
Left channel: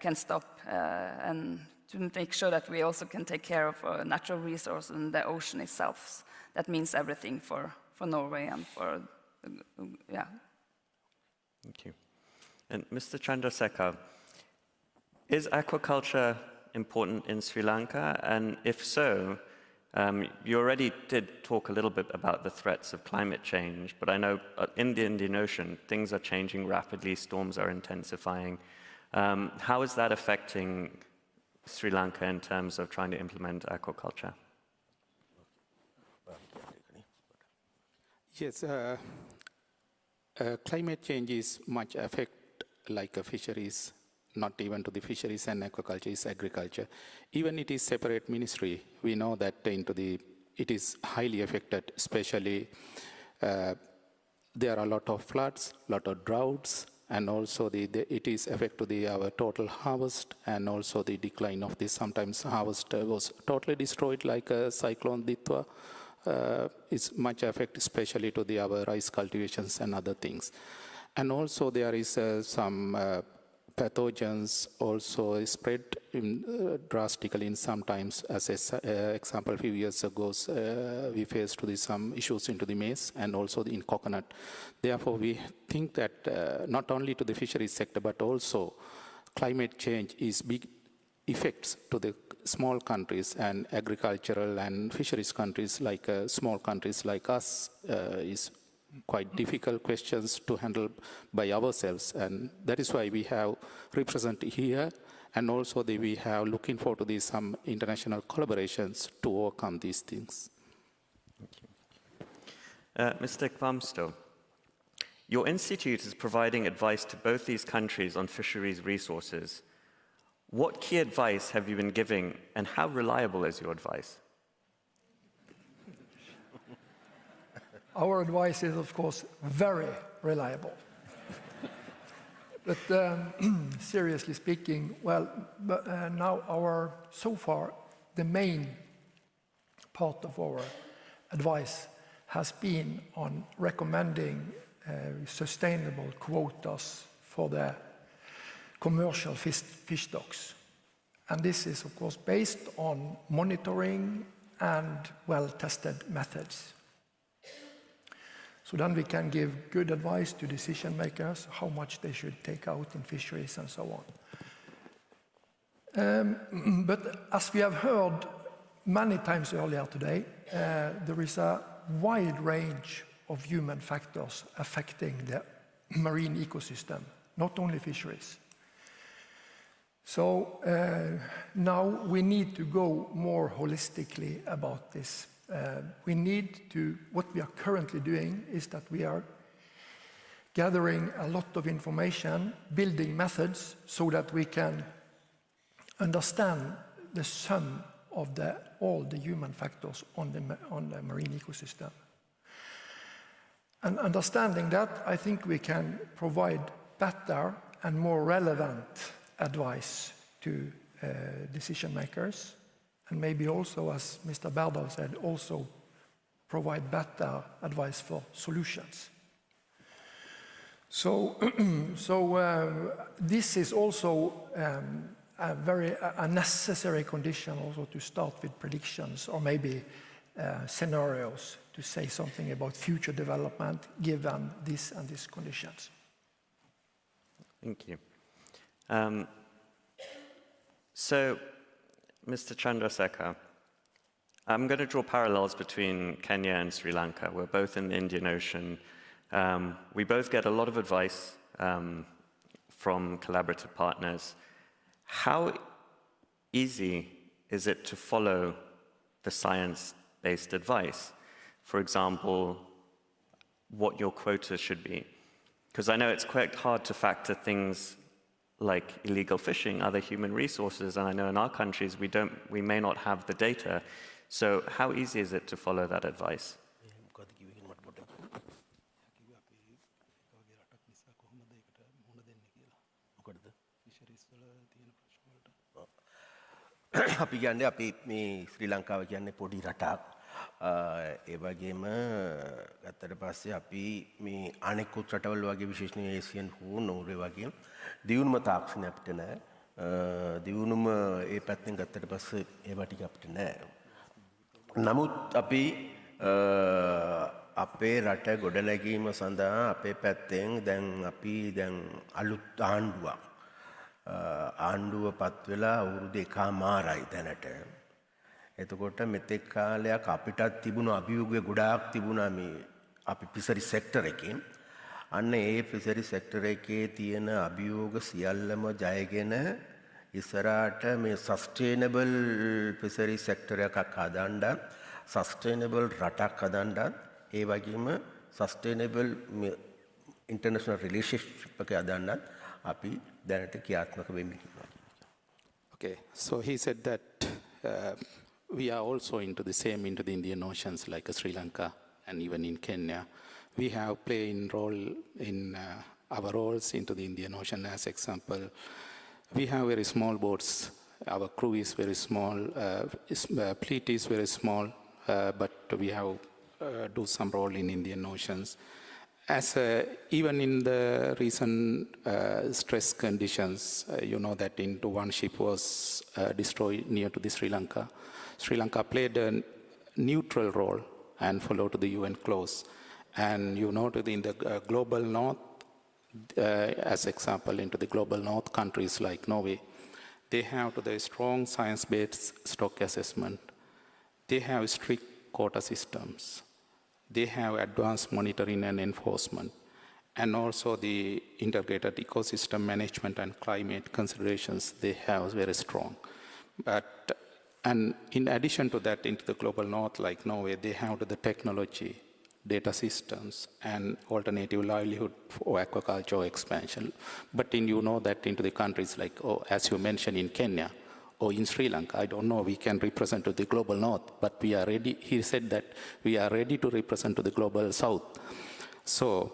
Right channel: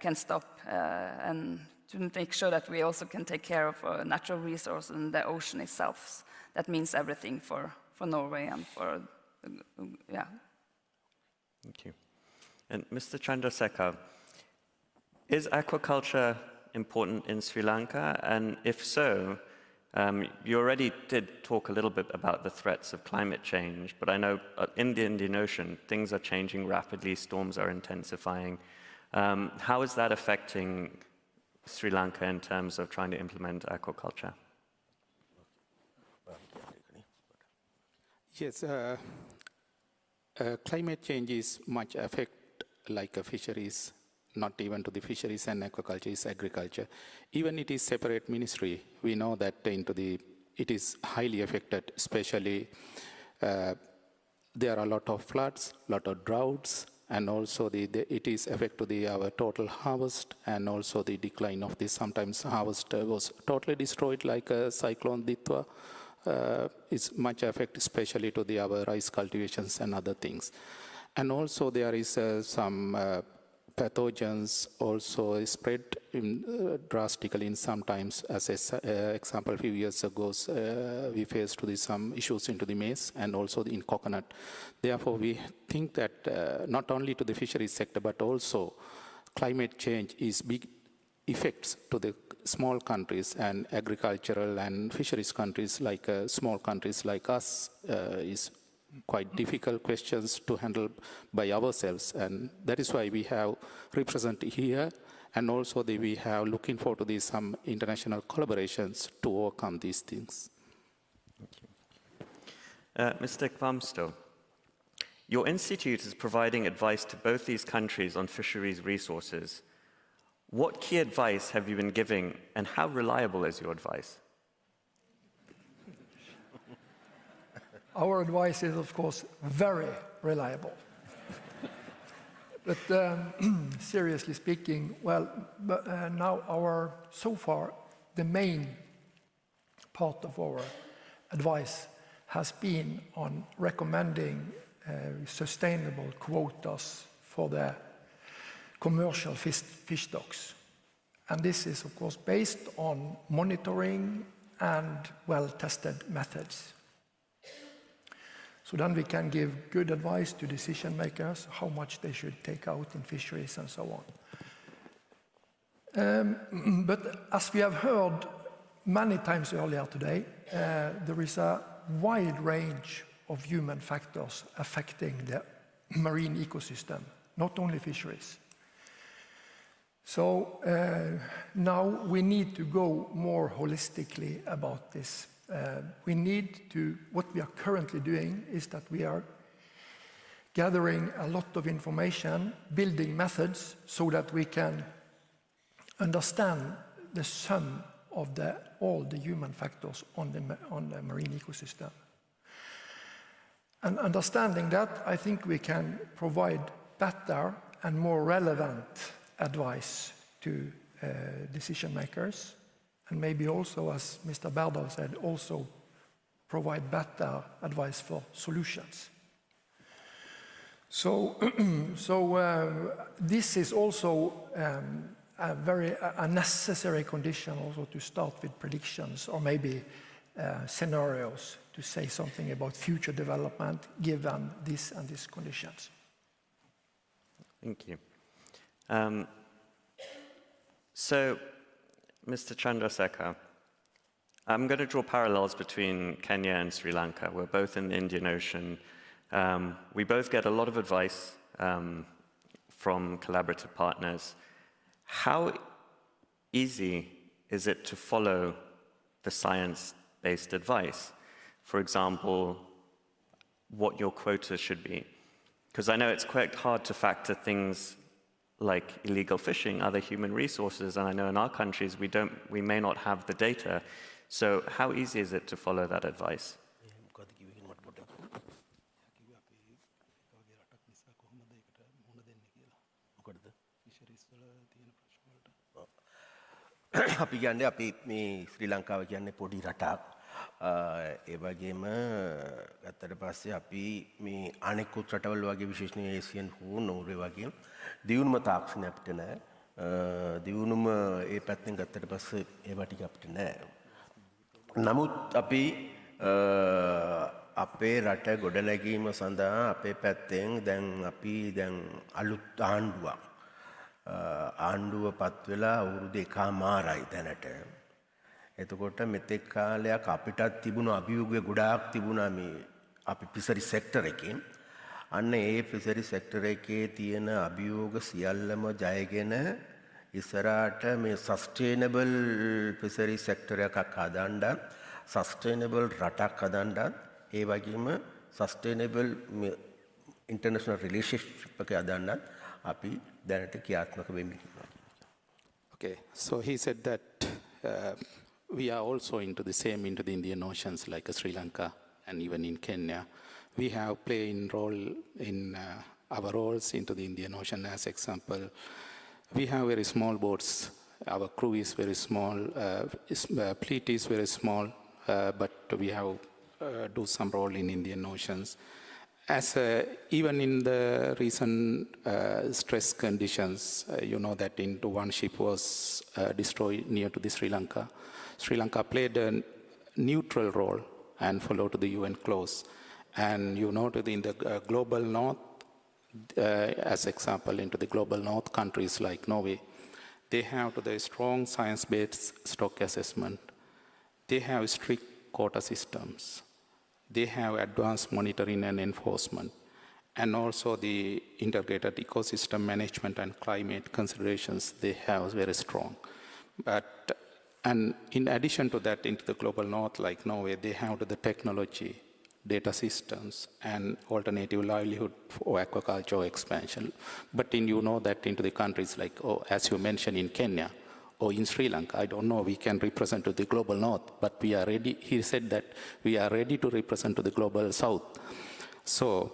can stop and to make sure that we also can take care of natural resources and the ocean itself. That means everything for Norway and for, Thank you. And Mr. Chandrasekhar, is aquaculture important in Sri Lanka? And if so, you already did talk a little bit about the threats of climate change, but I know in the Indian Ocean, things are changing rapidly, storms are intensifying. How is that affecting Sri Lanka in terms of trying to implement aquaculture? Yes, climate change is much affect like fisheries not even to the fisheries and aquaculture, is agriculture. Even it is separate ministry, we know that it is highly affected, especially there are a lot of floods, lot of droughts, and also it is affect to our total harvest, and also the decline of this. Sometimes harvest was totally destroyed, like cyclone Ditwa is much affect, especially to our rice cultivations and other things. And also there is some pathogens also spread drastically in sometimes. As an example, a few years ago, we faced some issues into the maize and also in coconut. Therefore, we think that not only to the fisheries sector, but also climate change is big effects to the small countries, and agricultural and fisheries countries, like small countries like us, is quite difficult questions to handle by ourselves, and that is why we have represented here, and also we have looking forward to some international collaborations to overcome these things. Mr. Kvamsto, your institute is providing advice to both these countries on fisheries resources. What key advice have you been giving, and how reliable is your advice? Our advice is, of course, very reliable. But seriously speaking, well, now so far, the main part of our advice has been on recommending sustainable quotas for the commercial fish stocks. And this is, of course, based on monitoring and well-tested methods. So then we can give good advice to decision makers how much they should take out in fisheries and so on. But as we have heard many times earlier today, there is a wide range of human factors affecting the marine ecosystem, not only fisheries. So now we need to go more holistically about this. What we are currently doing is that we are gathering a lot of information, building methods so that we can understand the sum of all the human factors on the marine ecosystem. And understanding that, I think we can provide better and more relevant advice to decision makers, and maybe also, as Mr. Barbiere said, also provide better advice for solutions. So, this is also a necessary condition also to start with predictions or maybe scenarios to say something about future development given this and these conditions. Thank you. So, Mr. Chandrasekhar, I'm going to draw parallels between Kenya and Sri Lanka. We're both in the Indian Ocean. We both get a lot of advice from collaborative partners. How easy is it to follow the science-based advice? For example, what your quota should be. Because I know it's quite hard to factor things like illegal fishing, other human resources, and I know in our countries we may not have the data. So how easy is it to follow that advice? අපි කියන්නේ අපි මේ ශ්‍රී ලංකාව කියන්නේ පොඩි රටක්. ඒ වගේම ගත්තට පස්සේ අපි මේ අනෙකුත් රටවල් වගේ විශේෂයෙන් ඒසියන් හෝ නෝර්වේ වගේ දියුණුම තාක්ෂණය අපිට නැහැ. දියුණුම ඒ පැත්තෙන් ගත්තට පස්සේ ඒවා ටික අපිට නැහැ. නමුත් අපි අපේ රට ගොඩනැගීම සඳහා අපේ පැත්තෙන් දැන් අලුත් ආණ්ඩුව පත් වෙලා අවුරුදු එකමාරයි දැනට. එතකොට මෙතෙක් කාලයක් අපිටත් තිබුණු අභියෝගය ගොඩාක් තිබුණා මේ අපි ෆිෂරි සෙක්ටර් එකේ. අන්න ඒ ෆිෂරි සෙක්ටර් එකේ තියෙන අභියෝග සියල්ලම ජයගෙන ඉස්සරහට මේ සස්ටේනබල් ෆිෂරි සෙක්ටර් එකක් හදන්න, සස්ටේනබල් රටක් හදන්න, ඒ වගේම සස්ටේනබල් ඉන්ටර්නැෂනල් රිලේෂන්ෂිප් එකක් හදන්න අපි දැනට ක්‍රියාත්මක වෙමි. Okay, so he said that we are also into the Indian Oceans like Sri Lanka and even in Kenya. We have played a role in our roles into the Indian Ocean. As example, we have very small boats. Our crew is very small, fleet is very small, but we have do some role in Indian Oceans. As even in the recent stress conditions, you know that into one ship was destroyed near to the Sri Lanka. Sri Lanka played a neutral role and followed the UN clause. And you know that in the global north, as example, into the global north countries like Norway, they have the strong science-based stock assessment. They have strict quota systems. They have advanced monitoring and enforcement, and also the integrated ecosystem management and climate considerations they have very strong. And in addition to that, into the global north, like Norway, they have the technology, data systems, and alternative livelihood for aquaculture expansion. But you know that into the countries like, as you mentioned, in Kenya, or in Sri Lanka, I don't know, we can represent to the global north, but we are ready, he said that we are ready to represent to the global south. So,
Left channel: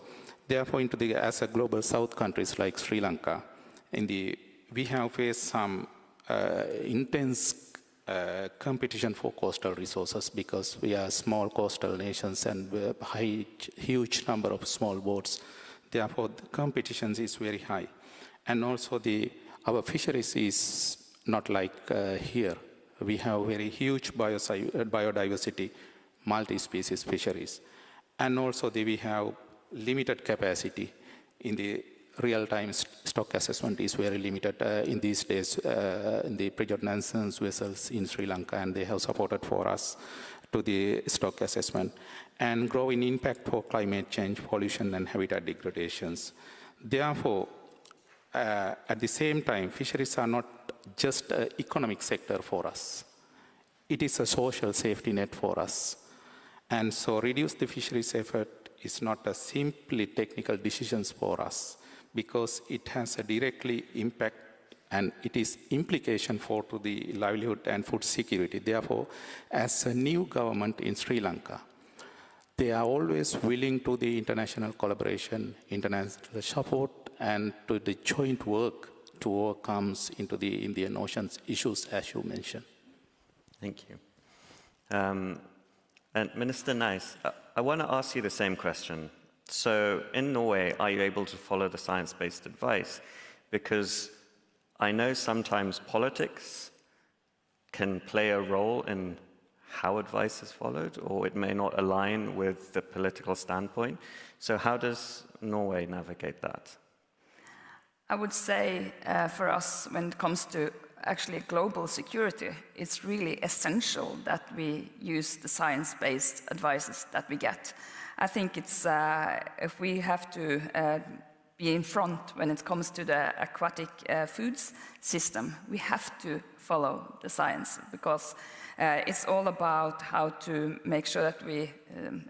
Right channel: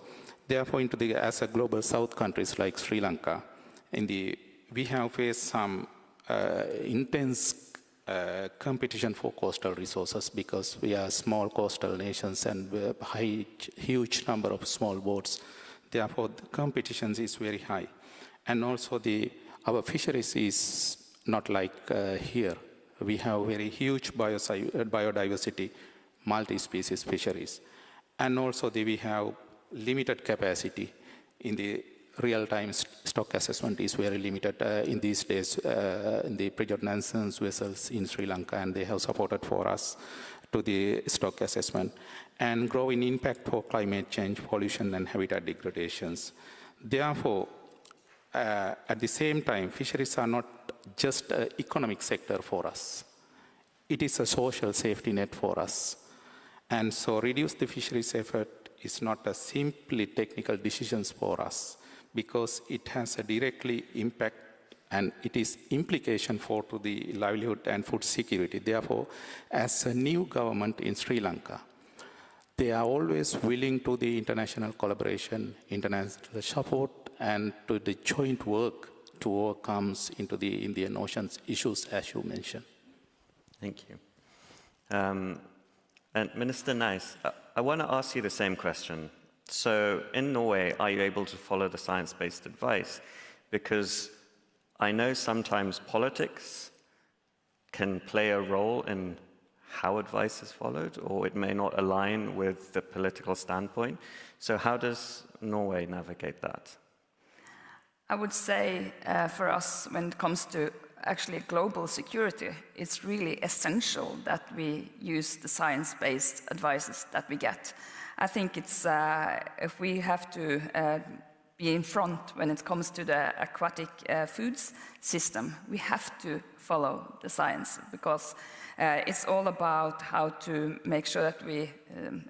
therefore, as a global south countries like Sri Lanka, we have faced some intense competition for coastal resources because we are small coastal nations and huge number of small boats. Therefore, the competition is very high. And also our fisheries is not like here. We have very huge biodiversity, multi-species fisheries. And also we have limited capacity in the real-time stock assessment is very limited in these days in the predominance vessels in Sri Lanka, and they have supported for us to the stock assessment. And growing impact for climate change, pollution, and habitat degradations. Therefore, at the same time, fisheries are not just an economic sector for us. It is a social safety net for us. And so reduce the fisheries effort is not a simply technical decisions for us, because it has a directly impact and it is implication for to the livelihood and food security. Therefore, as a new government in Sri Lanka, they are always willing to the international collaboration, international support, and to the joint work to overcome into the Indian Ocean's issues, as you mentioned. Thank you. And Minister Nice, I want to ask you the same question. So in Norway, are you able to follow the science-based advice? Because I know sometimes politics can play a role in how advice is followed, or it may not align with the political standpoint. So how does Norway navigate that? I would say for us, when it comes to actually global security, it's really essential that we use the science-based advices that we get. I think it's, if we have to be in front when it comes to the aquatic foods system, we have to follow the science, because it's all about how to make sure that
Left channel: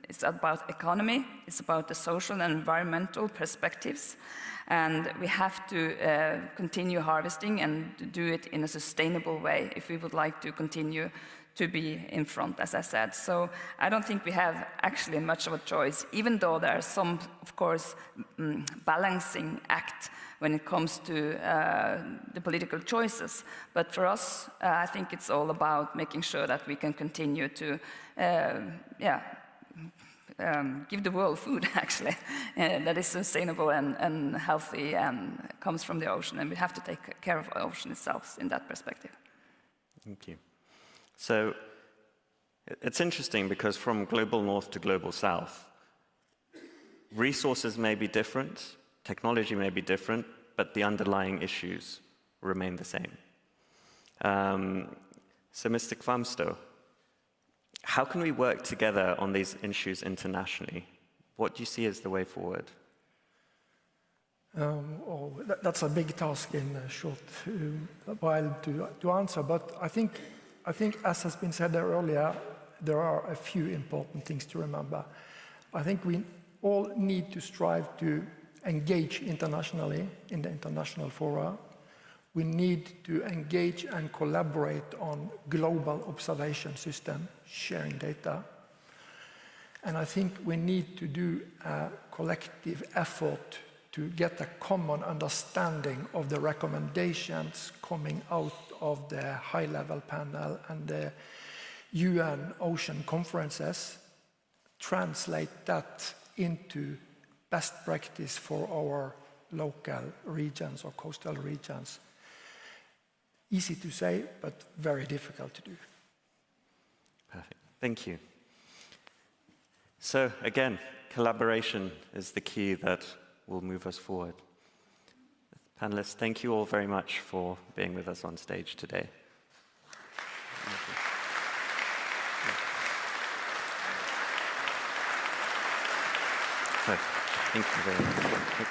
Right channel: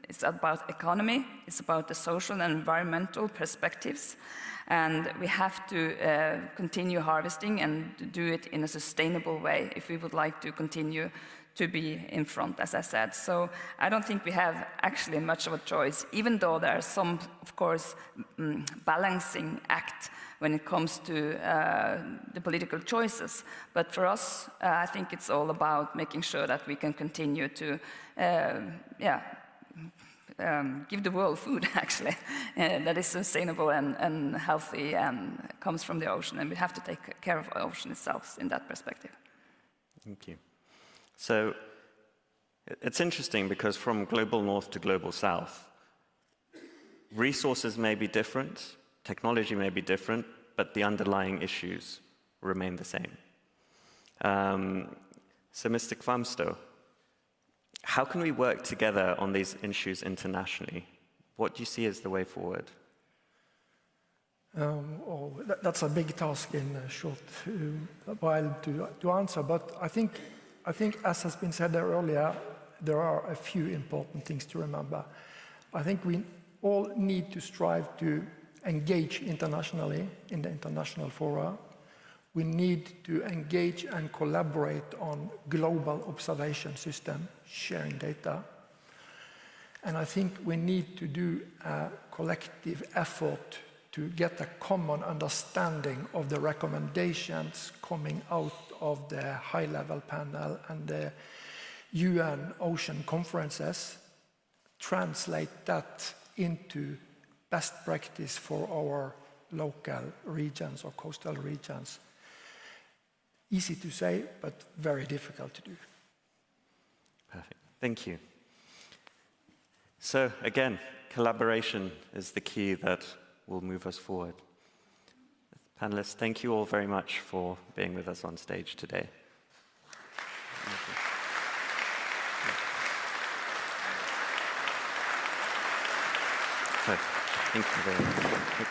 it's about economy, it's about the social and environmental perspectives, and we have to continue harvesting and do it in a sustainable way if we would like to continue to be in front, as I said. So I don't think we have actually much of a choice, even though there are some, of course, balancing act when it comes to the political choices. But for us, I think it's all about making sure that we can continue to, give the world food, actually, that is sustainable and healthy and comes from the ocean. And we have to take care of the ocean itself in that perspective. Thank you. So it's interesting because from global north to global south, resources may be different, technology may be different, but the underlying issues remain the same. So Mr. Kvalvane, how can we work together on these issues internationally? What do you see as the way forward? That's a big task in a short while to answer, but I think, as has been said there earlier, there are a few important things to remember. I think we all need to strive to engage internationally in the international fora. We need to engage and collaborate on global observation system, sharing data. And I think we need to do a collective effort to get a common understanding of the recommendations coming out of the high-level panel and the UN ocean conferences, translate that into best practice for our local regions or coastal regions. Easy to say, but very difficult to do. Perfect. Thank you. So again, collaboration is the key that will move us forward. Panelists, thank you all very much for being with us on stage today. So, thank you very much.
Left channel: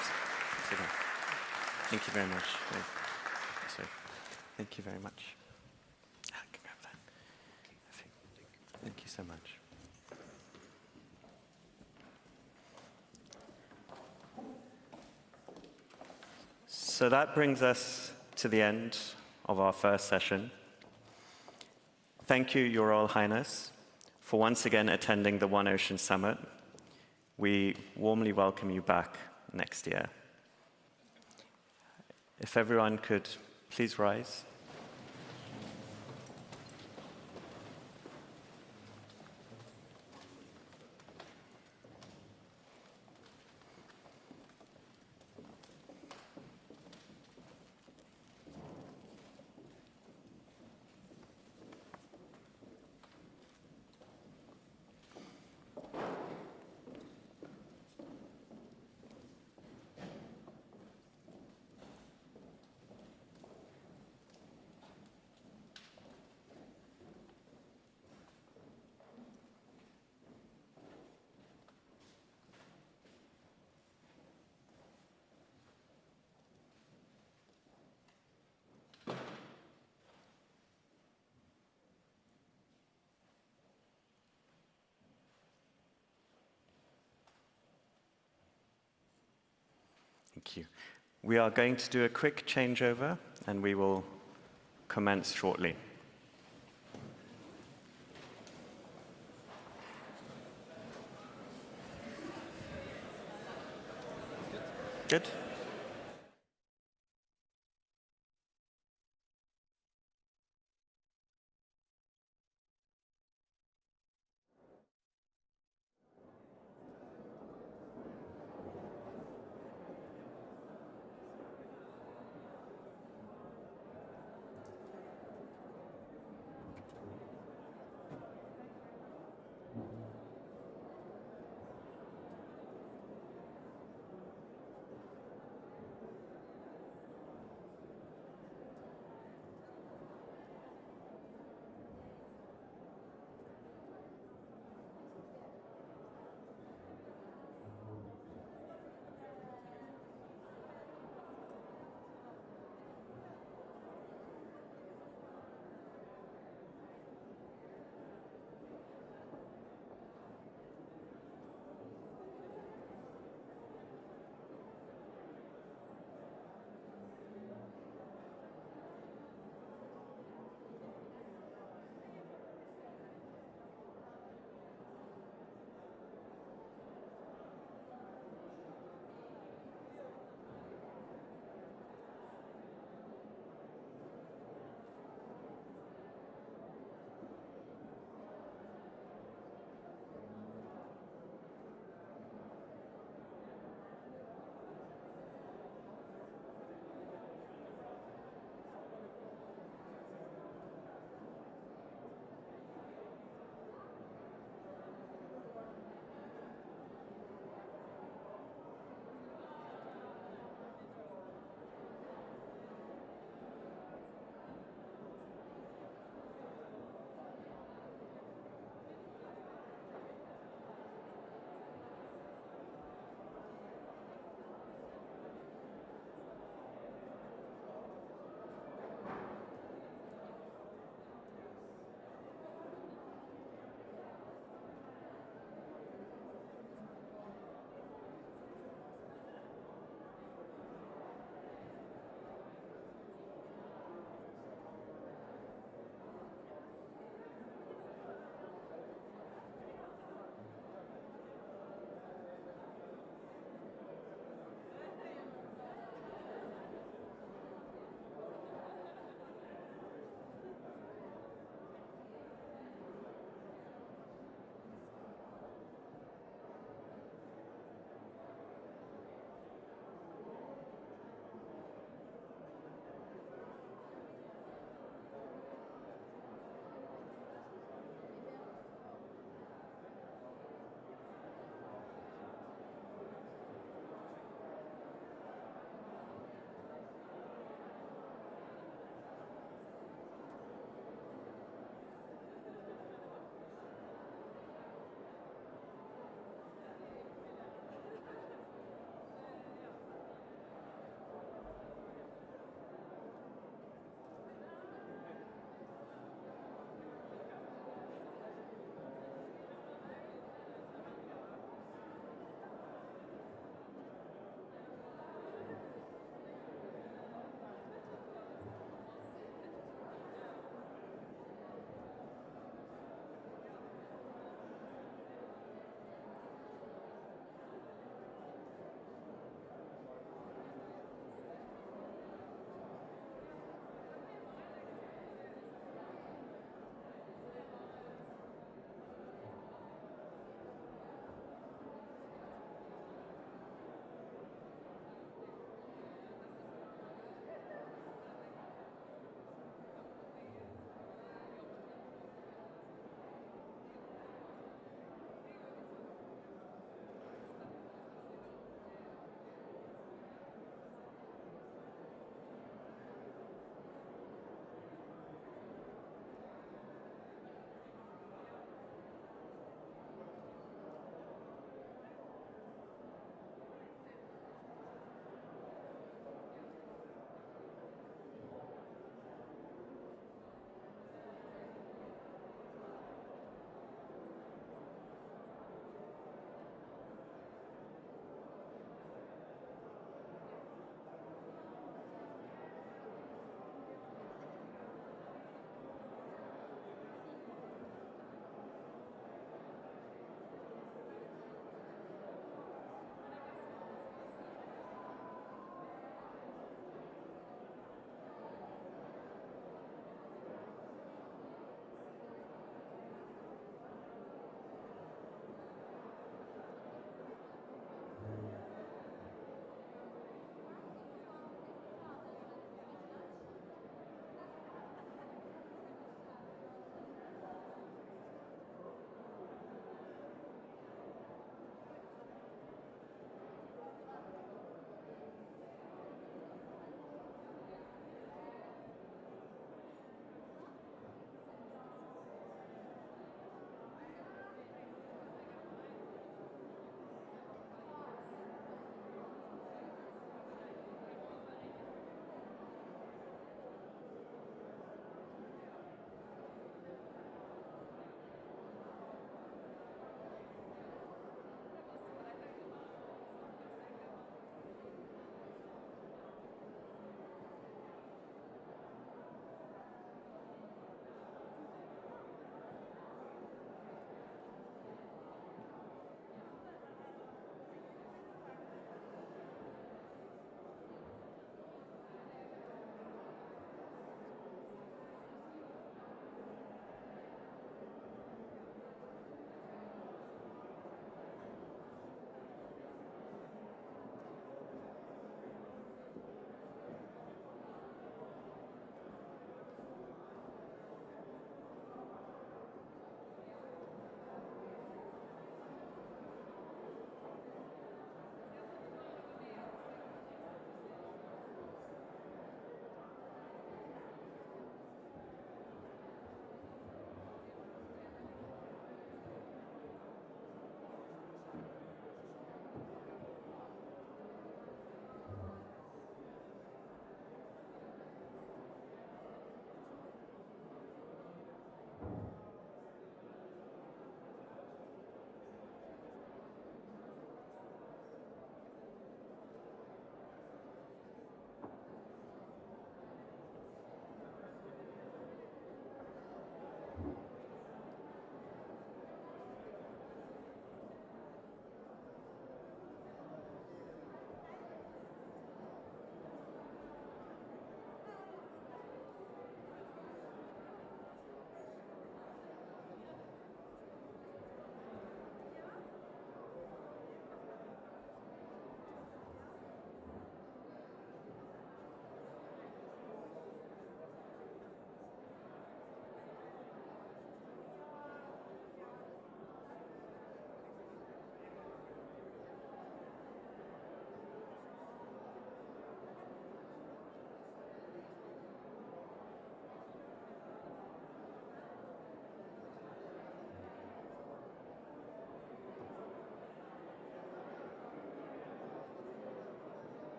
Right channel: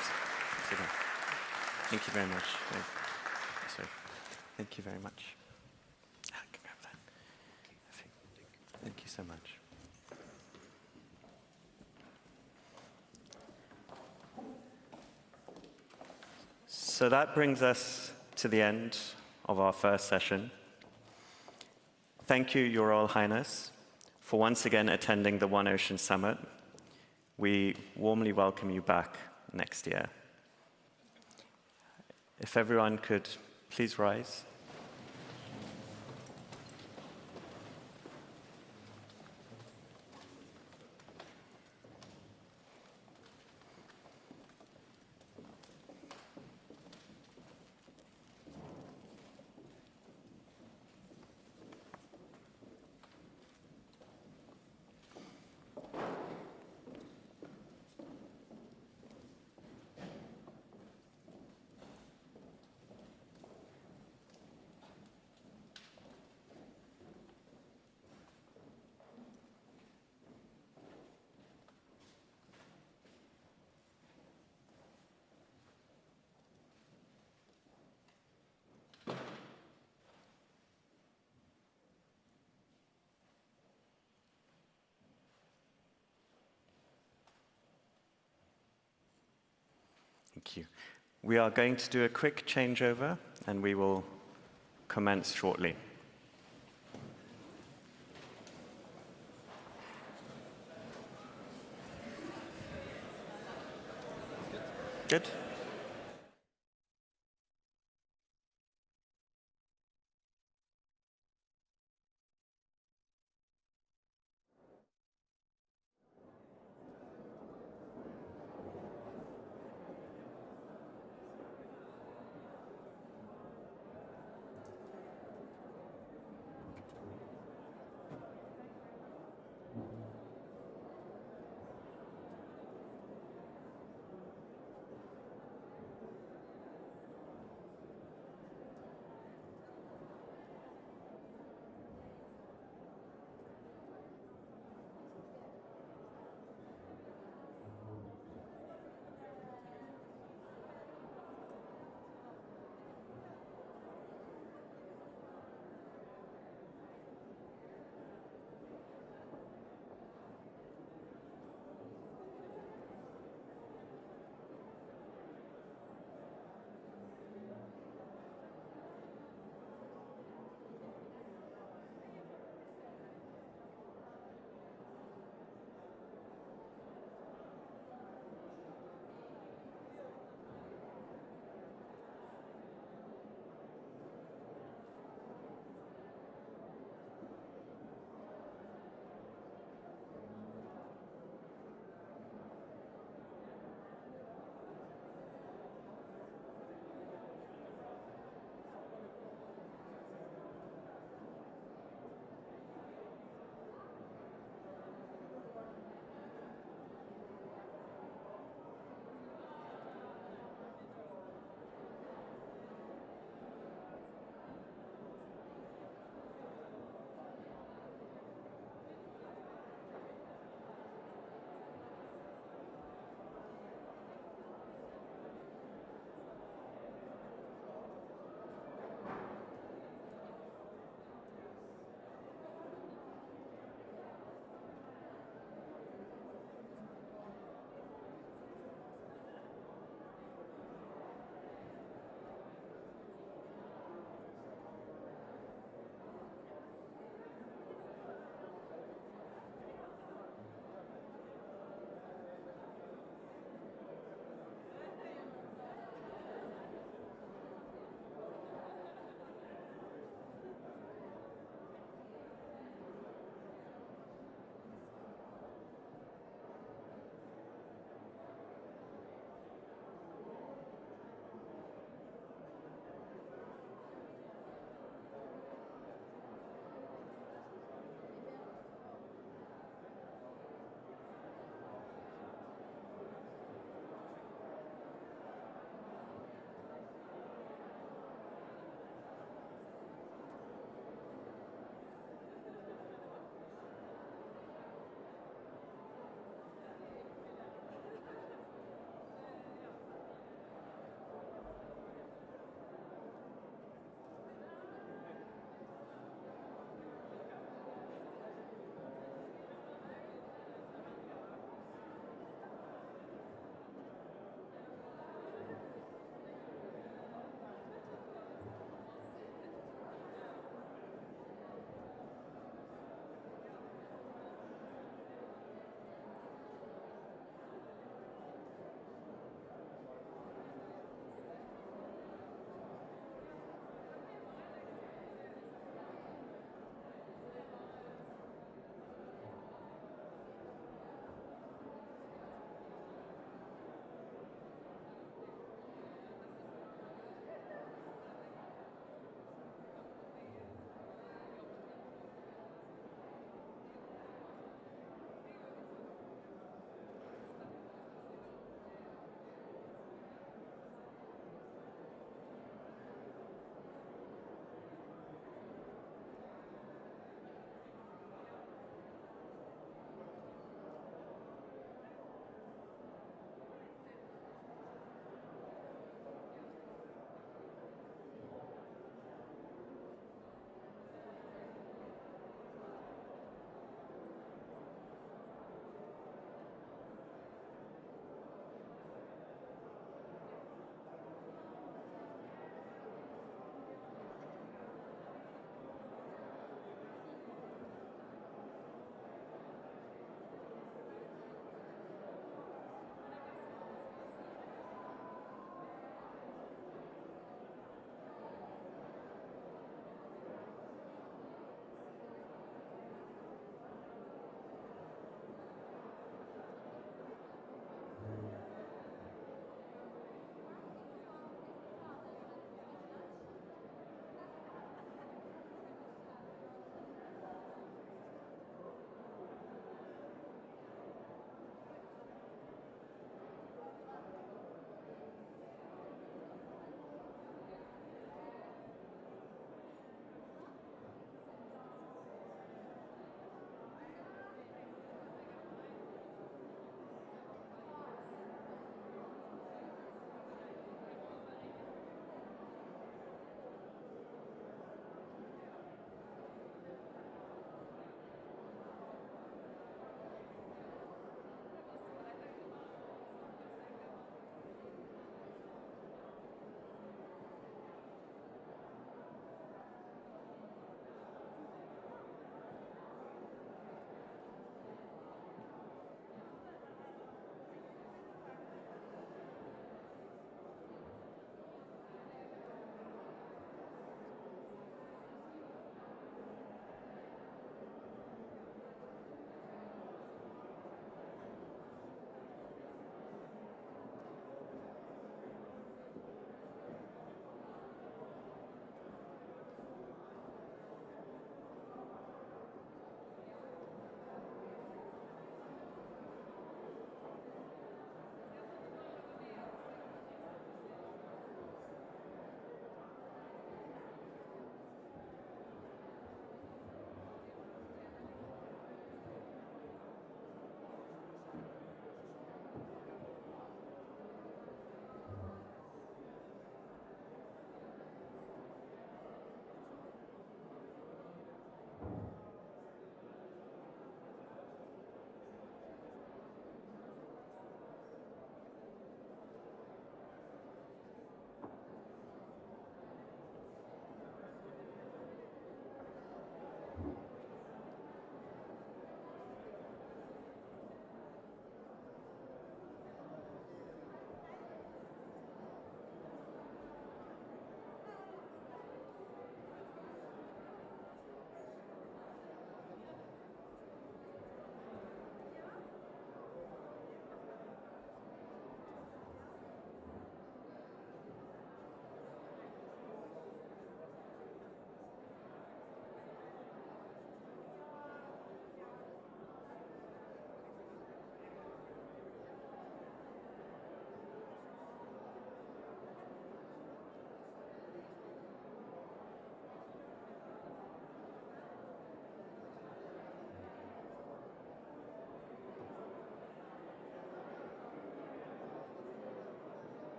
Thank you very much. So, thank you very much. Thank you so much. So that brings us to the end of our first session. Thank you, Your Royal Highness, for once again attending the One Ocean Summit. We warmly welcome you back next year. If everyone could please rise. Thank you. We are going to do a quick changeover and we will commence shortly. Good.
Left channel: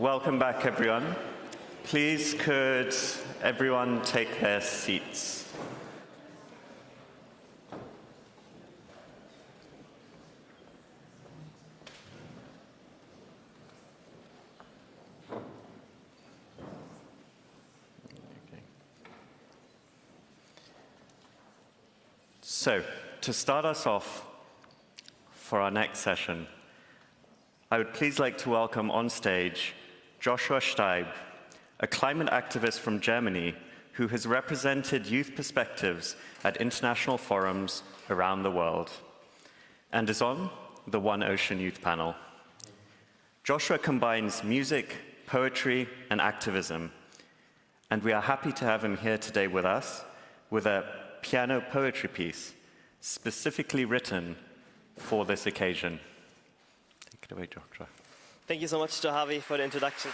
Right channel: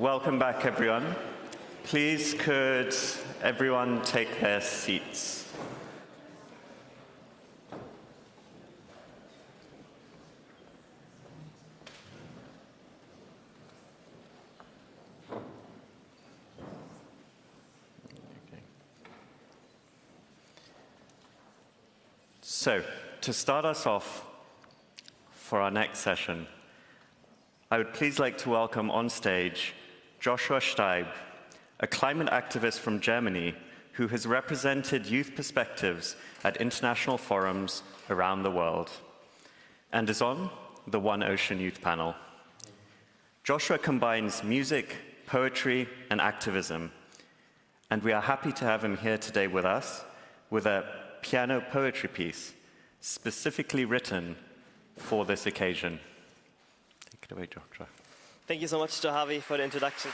welcome back everyone. Please could everyone take their seats? So, to start us off for our next session, I would please like to welcome on stage Joshua Steib, a climate activist from Germany who has represented youth perspectives at international forums around the world and is on the One Ocean Youth Panel. Joshua combines music, poetry, and activism, and we are happy to have him here today with us with a piano poetry piece specifically written for this occasion. Take it away, Joshua. Thank you so much to Harvey for the introduction.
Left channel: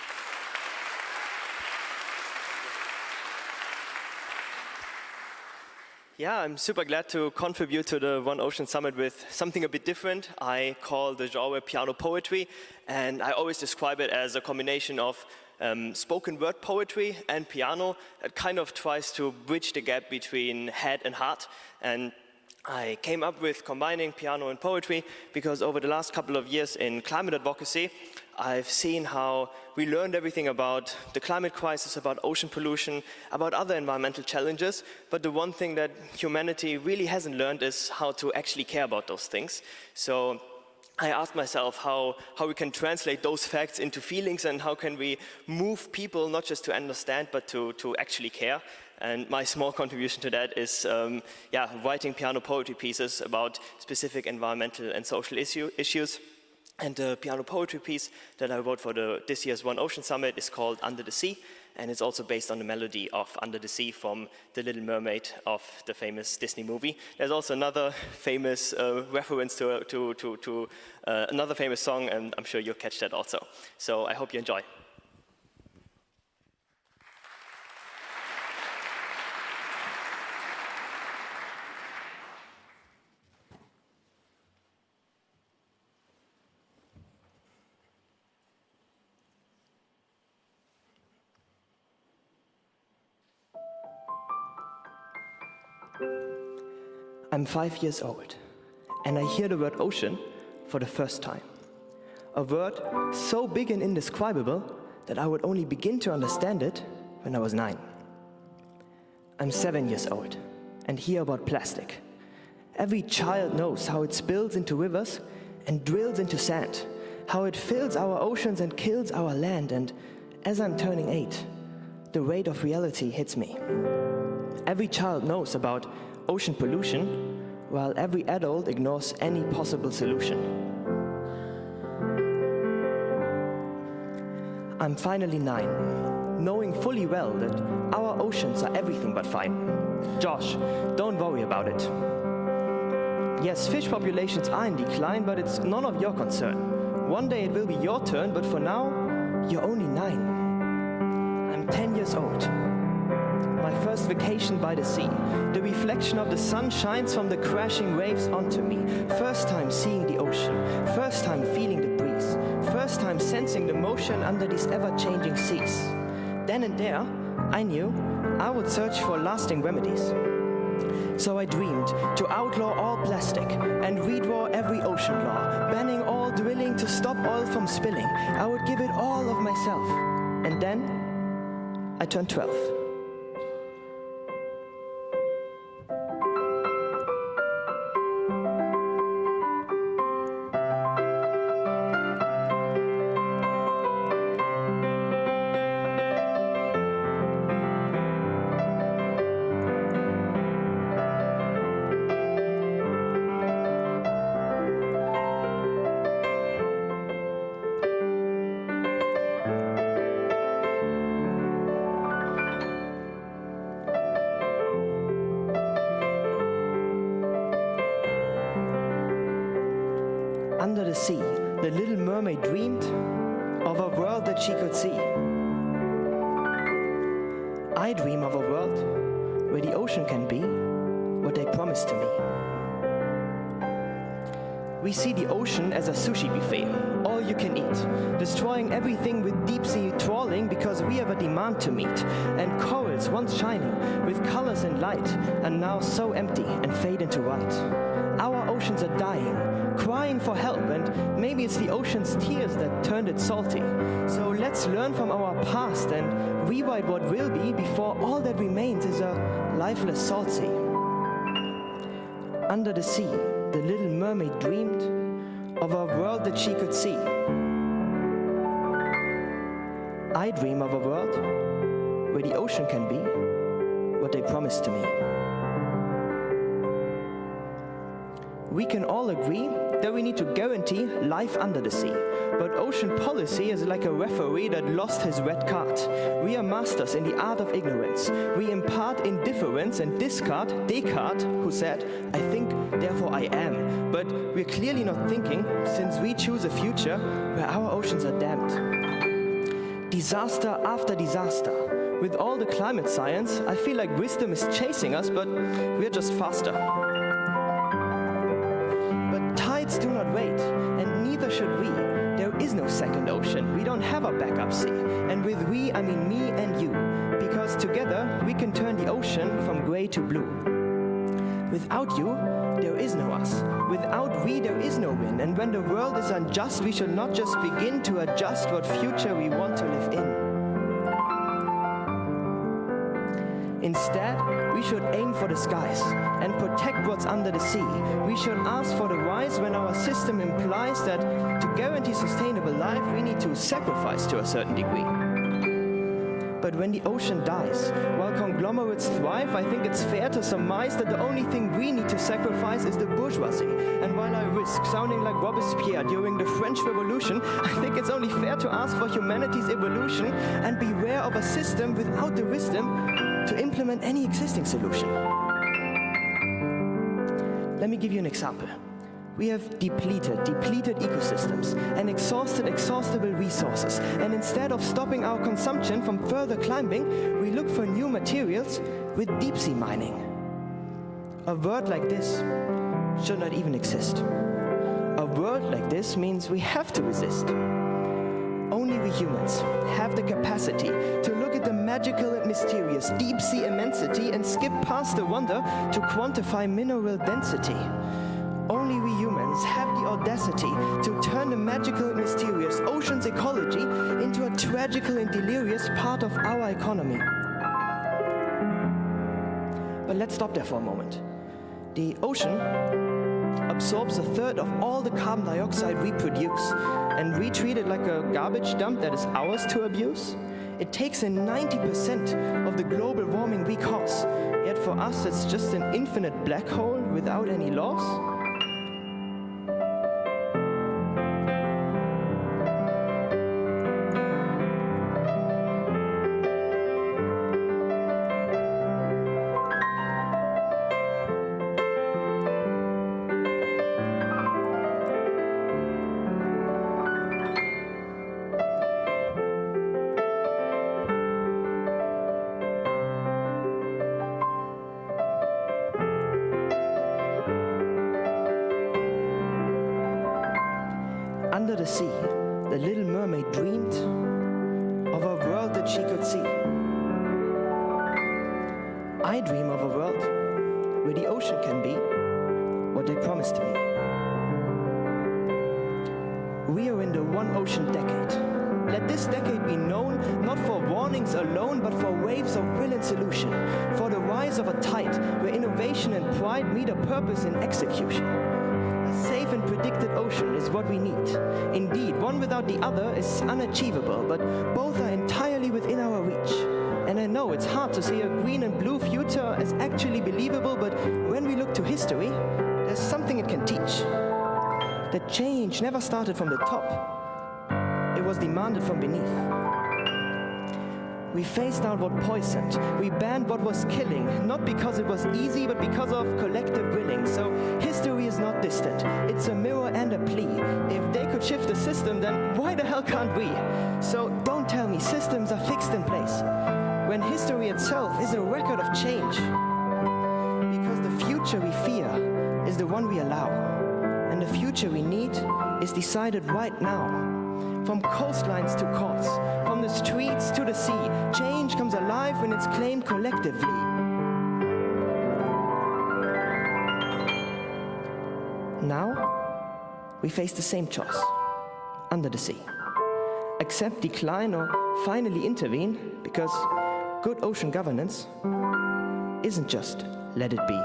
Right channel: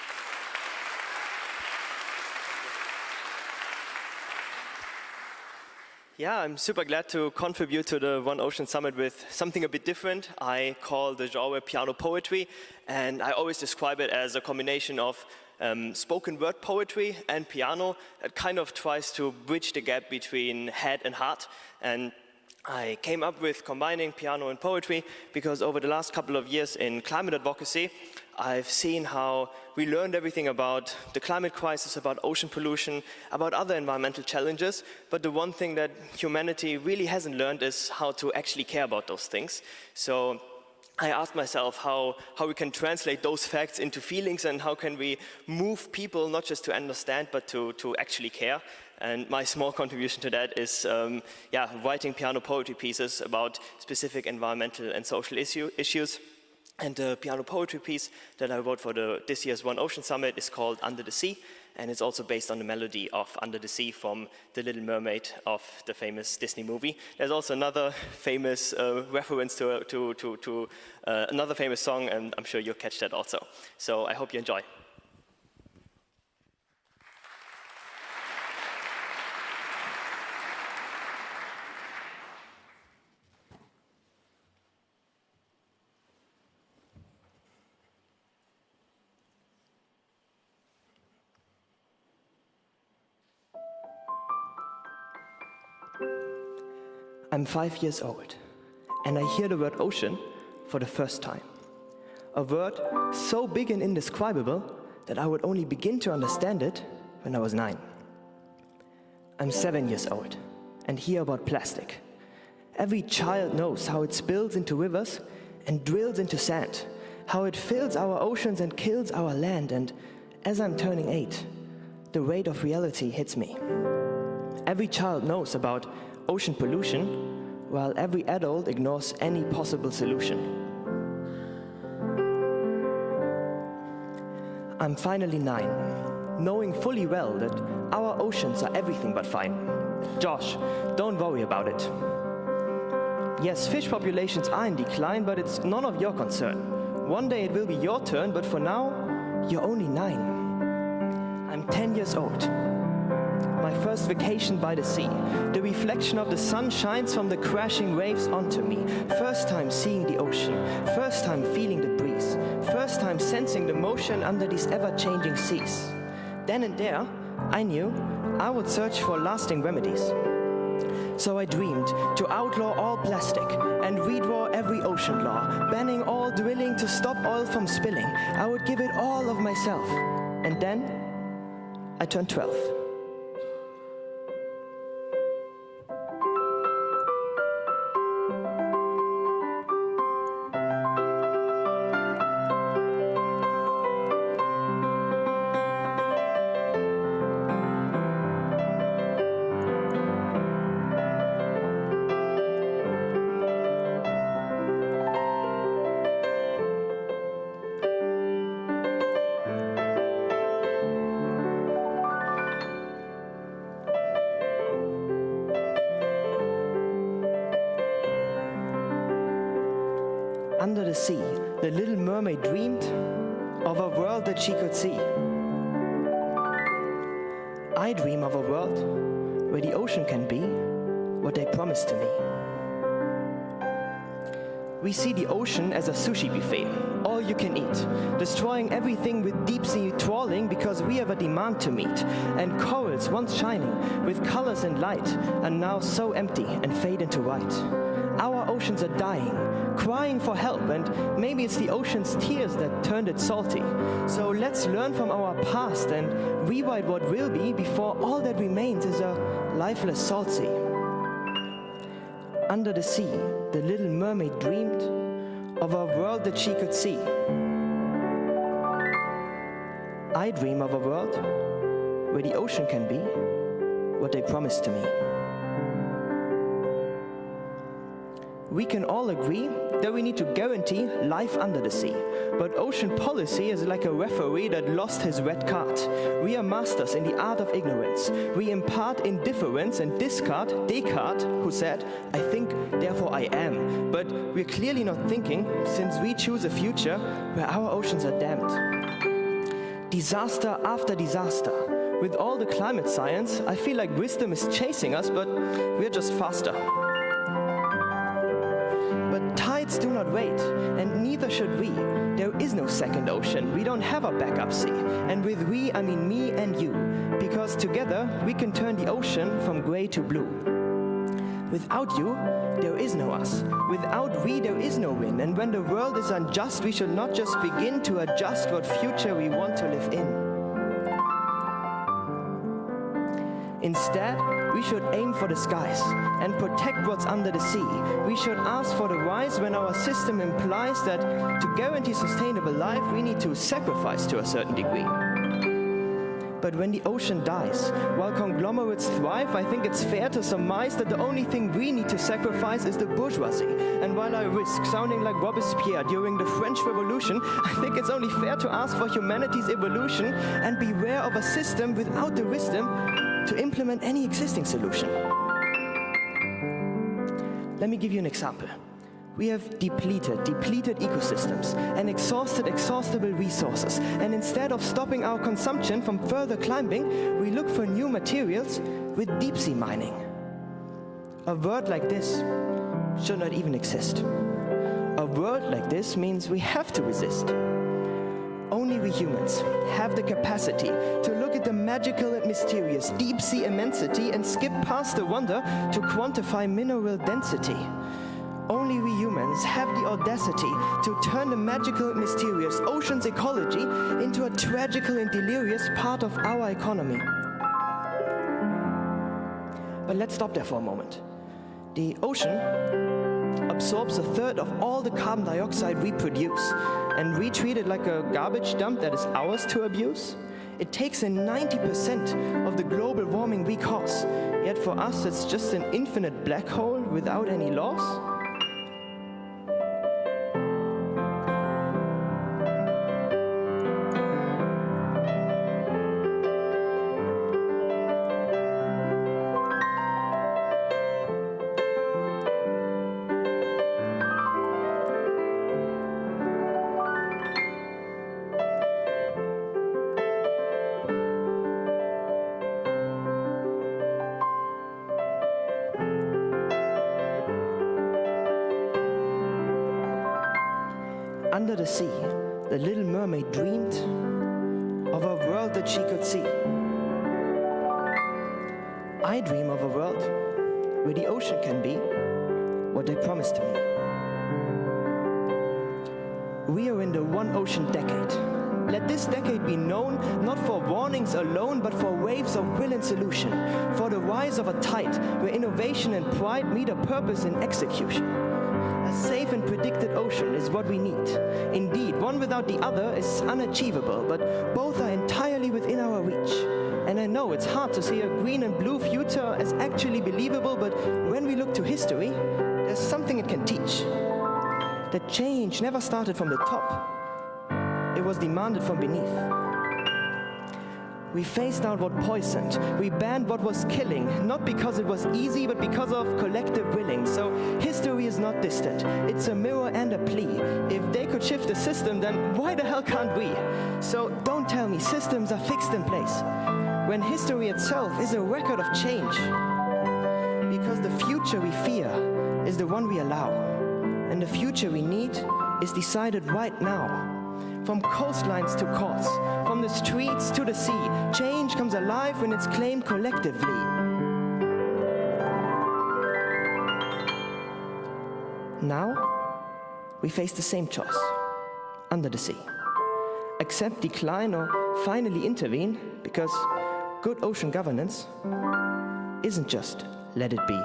Yeah, I'm super glad to contribute to the One Ocean Summit with something a bit different. I call the genre piano poetry, and I always describe it as a combination of spoken word poetry and piano that kind of tries to bridge the gap between head and heart. And I came up with combining piano and poetry because over the last couple of years in climate advocacy, I've seen how we learned everything about the climate crisis, about ocean pollution, about other environmental challenges, but the one thing that humanity really hasn't learned is how to actually care about those things. So I asked myself how we can translate those facts into feelings and how can we move people not just to understand but to actually care. And my small contribution to that is writing piano poetry pieces about specific environmental and social issues. And the piano poetry piece that I wrote for this year's One Ocean Summit is called Under the Sea, and it's also based on the melody of Under the Sea from The Little Mermaid of the famous Disney movie. There's also another famous reference to another famous song, and I'm sure you'll catch that also. So I hope you enjoy. I'm 5 years old, and I hear the word ocean for the first time. A word so big and indescribable that I would only begin to understand it when I was 9. I'm 7 years old, and hear about plastic. Every child knows how it spills into rivers and drills into sand, how it fills our oceans and kills our land, and as I'm turning 8, the weight of reality hits me. Every child knows about ocean pollution, while every adult ignores any possible solution. I'm finally 9, knowing fully well that our oceans are everything but fine. Josh, don't worry about it. Yes, fish populations are in decline, but it's none of your concern. One day it will be your turn, but for now, you're only 9. I'm 10 years old. My first vacation by the sea. The reflection of the sun shines from the crashing waves onto me. First time seeing the ocean. First time feeling the breeze. First time sensing the motion under these ever-changing seas. Then and there, I knew I would search for lasting remedies. So I dreamed to outlaw all plastic and redraw every ocean law, banning all drilling to stop oil from spilling. I would give it all of myself. And then I turned 12. Under the sea, the little mermaid dreamed of a world that she could see. I dream of a world where the ocean can be what they promised to me. We see the ocean as a sushi buffet, all you can eat, destroying everything with deep-sea trawling because we have a demand to meet. And corals, once shining with colors and light, are now so empty and fade into white. Our oceans are dying, crying for help, and maybe it's the ocean's tears that turned it salty. So let's learn from our past and rewrite what will be before all that remains is a lifeless salt sea. Under the sea, the little mermaid dreamed of a world that she could see. I dream of a world where the ocean can be what they promised to me. We can all agree that we need to guarantee life under the sea. But ocean policy is like a referee that lost his red card. We are masters in the art of ignorance. We impart indifference and discard Descartes, who said, "I think, therefore I am." But we're clearly not thinking, since we choose a future where our oceans are damned. Disaster after disaster. With all the climate science, I feel like wisdom is chasing us, but we're just faster. Tides do not wait, and neither should we. There is no second ocean. We don't have a backup sea. And with we, I mean me and you. Because together, we can turn the ocean from grey to blue. Without you, there is no us. Without we, there is no win. And when the world is unjust, we should not just begin to adjust what future we want to live in. Instead, we should aim for the skies and protect what's under the sea. We should ask for the rise when our system implies that to guarantee sustainable life, we need to sacrifice to a certain degree. But when the ocean dies, while conglomerates thrive, I think it's fair to surmise that the only thing we need to sacrifice is the bourgeoisie. And while I risk sounding like Robespierre during the French Revolution, I think it's only fair to ask for humanity's evolution and beware of a system without the wisdom to implement any existing solution. Let me give you an example. We have depleted ecosystems and exhaustible resources. And instead of stopping our consumption from further climbing, we look for new materials with deep-sea mining. A word like this should not even exist. A word like this means we have to resist. Only we humans have the capacity to look at the magical and mysterious deep-sea immensity and skip past the wonder to quantify mineral density. Only we humans have the audacity to turn the magical and mysterious ocean's ecology into a tragical and delirious part of our economy. But let's stop there for a moment. The ocean absorbs a third of all the carbon dioxide we produce, and we treat it like a garbage dump that is ours to abuse. It takes in 90% of the global warming we cause, yet for us it's just an infinite black hole without any loss. Under the sea, the little mermaid dreamed of a world that she could see. I dream of a world where the ocean can be what they promised to me. We are in the one ocean decade. Let this decade be known not for warnings alone, but for waves of will and solution, for the rise of a tide where innovation and pride meet a purpose in execution. A safe and predicted ocean is what we need. Indeed, one without the other is unachievable, but both are entirely within our reach. And I know it's hard to see a green and blue future as actually believable, but when we look to history, there's something it can teach. The change never started from the top. It was demanded from beneath. We phased out what poisoned. We banned what was killing, not because it was easy, but because of collective willing. So history is not distant. It's a mirror and a plea. If they could shift the system, then why the hell can't we? So don't tell me systems are fixed in place, when history itself is a record of change. Because the future we fear is the one we allow. And the the future we need is decided right now. From coastlines to courts, from the streets to the sea, change comes alive when it's claimed collectively. Now, we face the same choice, under the sea. Accept, decline, or finally intervene, because good ocean governance isn't just let it be.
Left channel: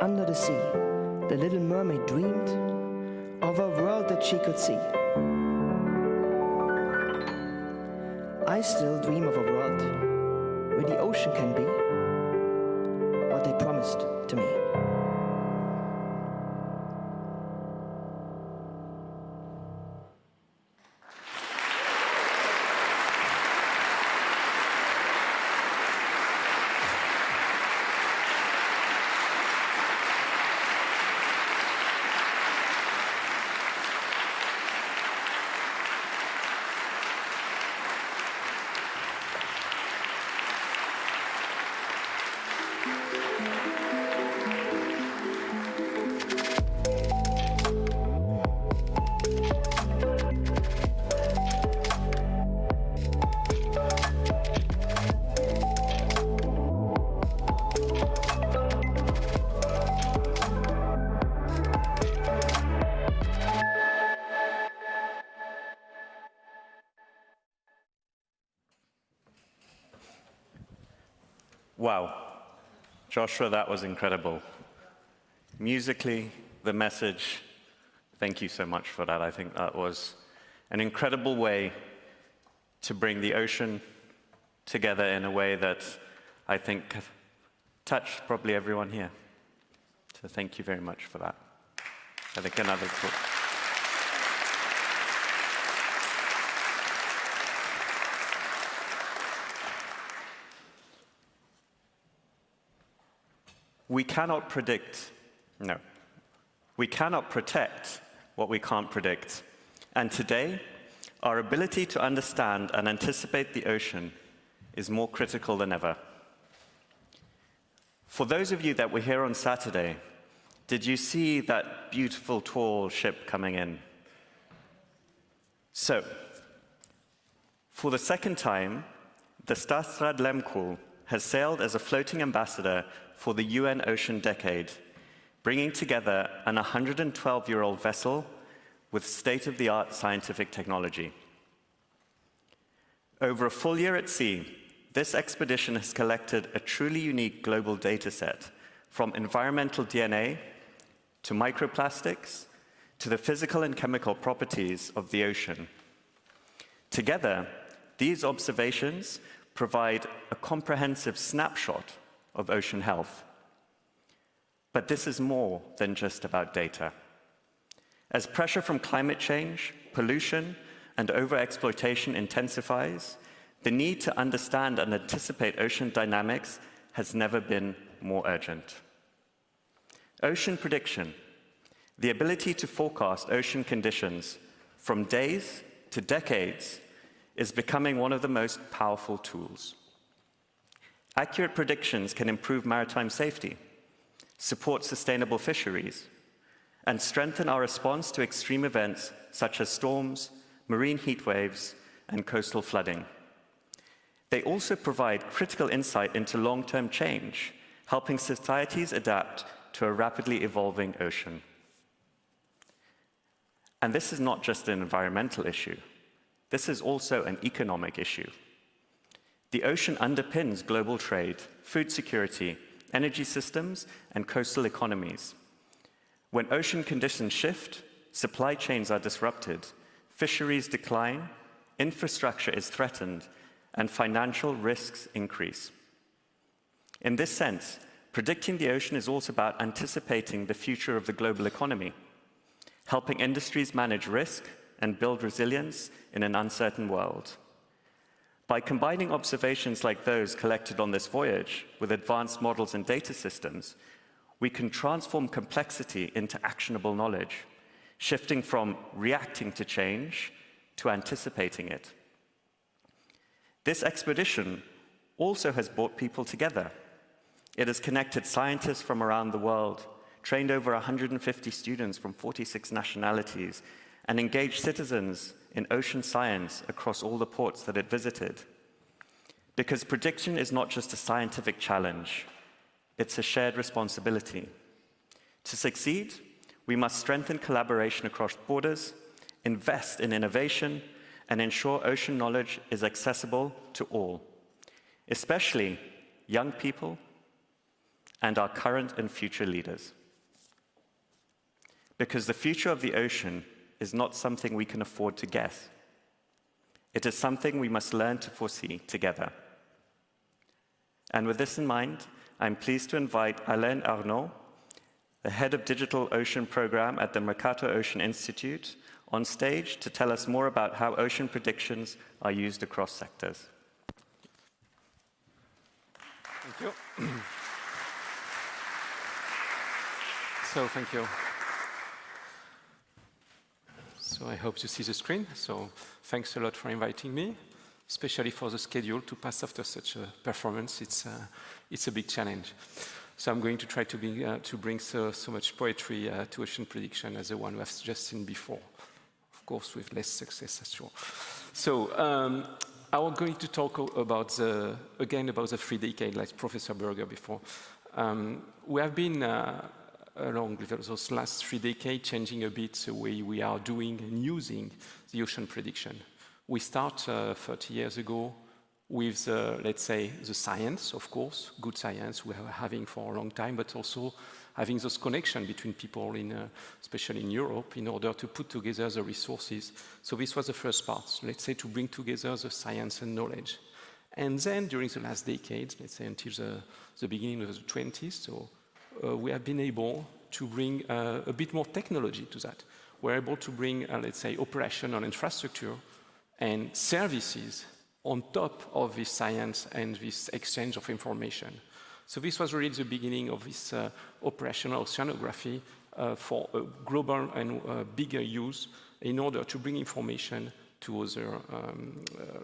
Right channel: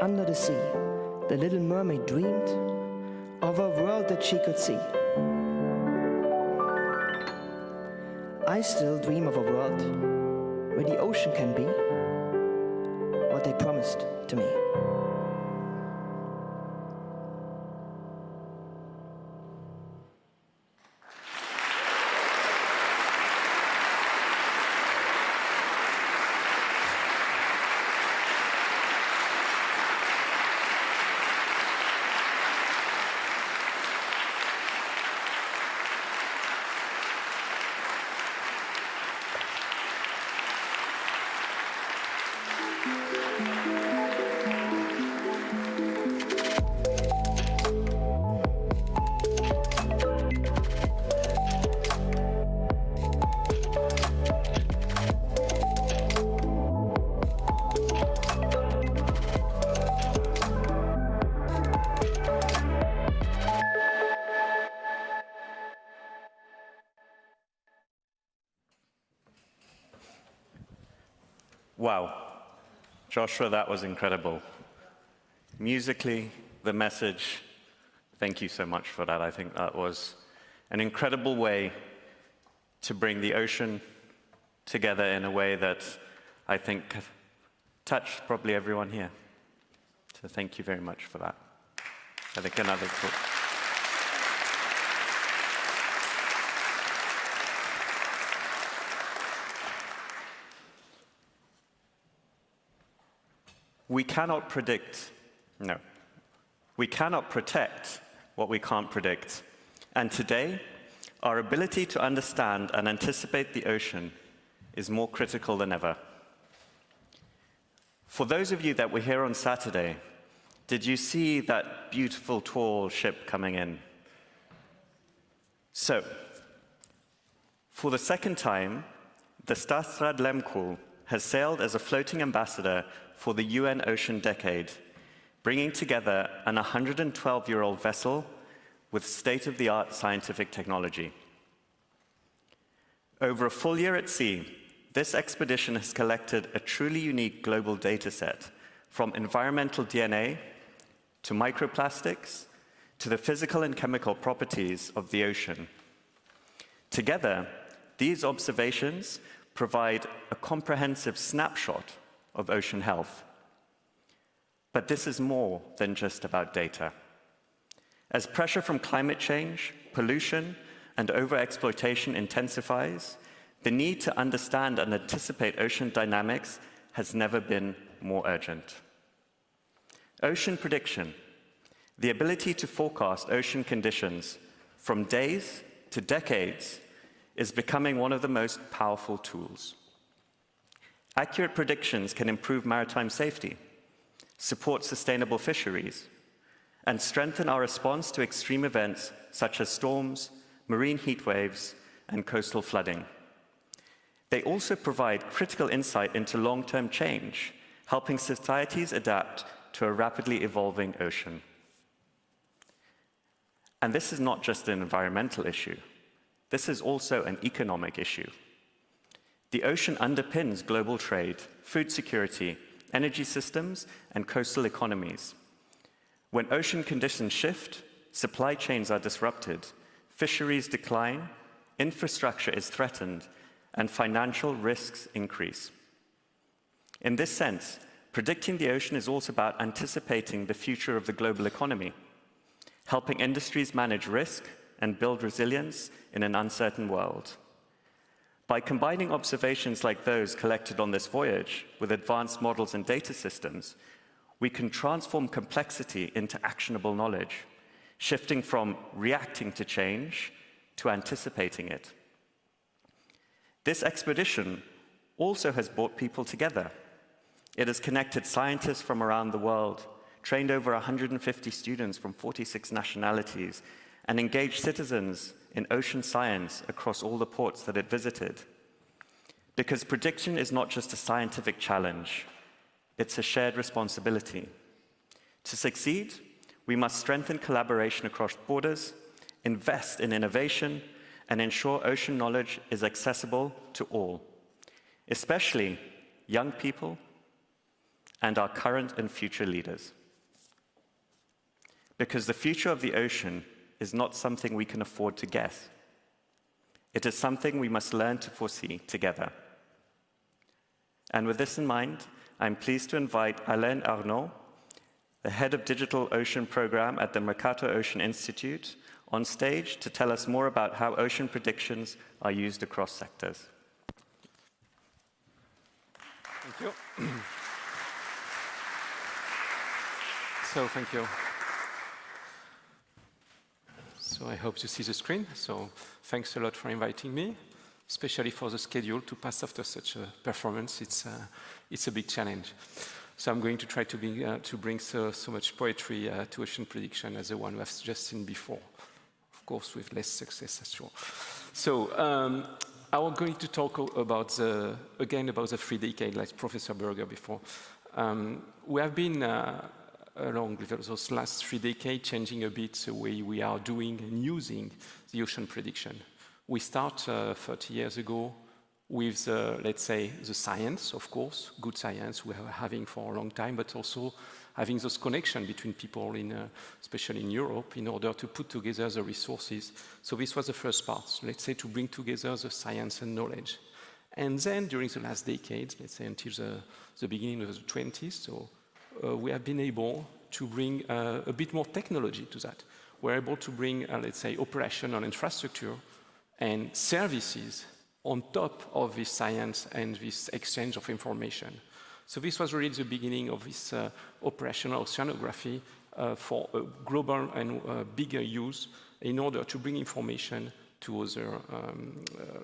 Under the sea, the little mermaid dreamed of a world that she could see. I still dream of a world where the ocean can be what they promised to me. Wow, Joshua, that was incredible. Musically, the message, thank you so much for that. I think that was an incredible way to bring the ocean together in a way that I think touched probably everyone here. So thank you very much for that. I think another clip. We cannot predict, no, we cannot protect what we can't predict. And today, our ability to understand and anticipate the ocean is more critical than ever. For those of you that were here on Saturday, did you see that beautiful tall ship coming in? So, for the second time, the Statsraad Lemkul has sailed as a floating ambassador for the UN Ocean Decade, bringing together an 112-year-old vessel with state-of-the-art scientific technology. Over a full year at sea, this expedition has collected a truly unique global data set, from environmental DNA to microplastics to the physical and chemical properties of the ocean. Together, these observations provide a comprehensive snapshot of ocean health. But this is more than just about data. As pressure from climate change, pollution, and overexploitation intensifies, the need to understand and anticipate ocean dynamics has never been more urgent. Ocean prediction, the ability to forecast ocean conditions from days to decades, is becoming one of the most powerful tools. Accurate predictions can improve maritime safety, support sustainable fisheries, and strengthen our response to extreme events such as storms, marine heat waves, and coastal flooding. They also provide critical insight into long-term change, helping societies adapt to a rapidly evolving ocean. And this is not just an environmental issue. This is also an economic issue. The ocean underpins global trade, food security, energy systems, and coastal economies. When ocean conditions shift, supply chains are disrupted, fisheries decline, infrastructure is threatened, and financial risks increase. In this sense, predicting the ocean is also about anticipating the future of the global economy, helping industries manage risk and build resilience in an uncertain world. By combining observations like those collected on this voyage with advanced models and data systems, we can transform complexity into actionable knowledge, shifting from reacting to change to anticipating it. This expedition also has brought people together. It has connected scientists from around the world, trained over 150 students from 46 nationalities, and engaged citizens in ocean science across all the ports that it visited. Because prediction is not just a scientific challenge, it's a shared responsibility. To succeed, we must strengthen collaboration across borders, invest in innovation, and ensure ocean knowledge is accessible to all, especially young people and our current and future leaders. Because the future of the ocean is not something we can afford to guess. It is something we must learn to foresee together. And with this in mind, I'm pleased to invite Alain Arnaud, the head of Digital Ocean Program at the Mercator Ocean Institute, on stage to tell us more about how ocean predictions are used across sectors. Thank you. Thank you. So I hope you see the screen. So thanks a lot for inviting me, especially for the schedule to pass after such a performance. It's a big challenge. So I'm going to try to bring so much poetry to ocean prediction as the one we have just seen before. Of course, with less success, as sure. So I'm going to talk about again about the 3 decades, like Professor Berger before. We have been along with those last 3 decades, changing a bit the way we are doing and using the ocean prediction. We start 30 years ago with, let's say, the science, of course, good science we are having for a long time, but also having those connections between people, especially in Europe, in order to put together the resources. So this was the first part, let's say, to bring together the science and knowledge. And then during the last decade, let's say until the beginning of the 20s, so we have been able to bring a bit more technology to that. We're able to bring, let's say, operational infrastructure and services on top of this science and this exchange of information. So this was really the beginning of this operational oceanography for a global and bigger use in order to bring information to other,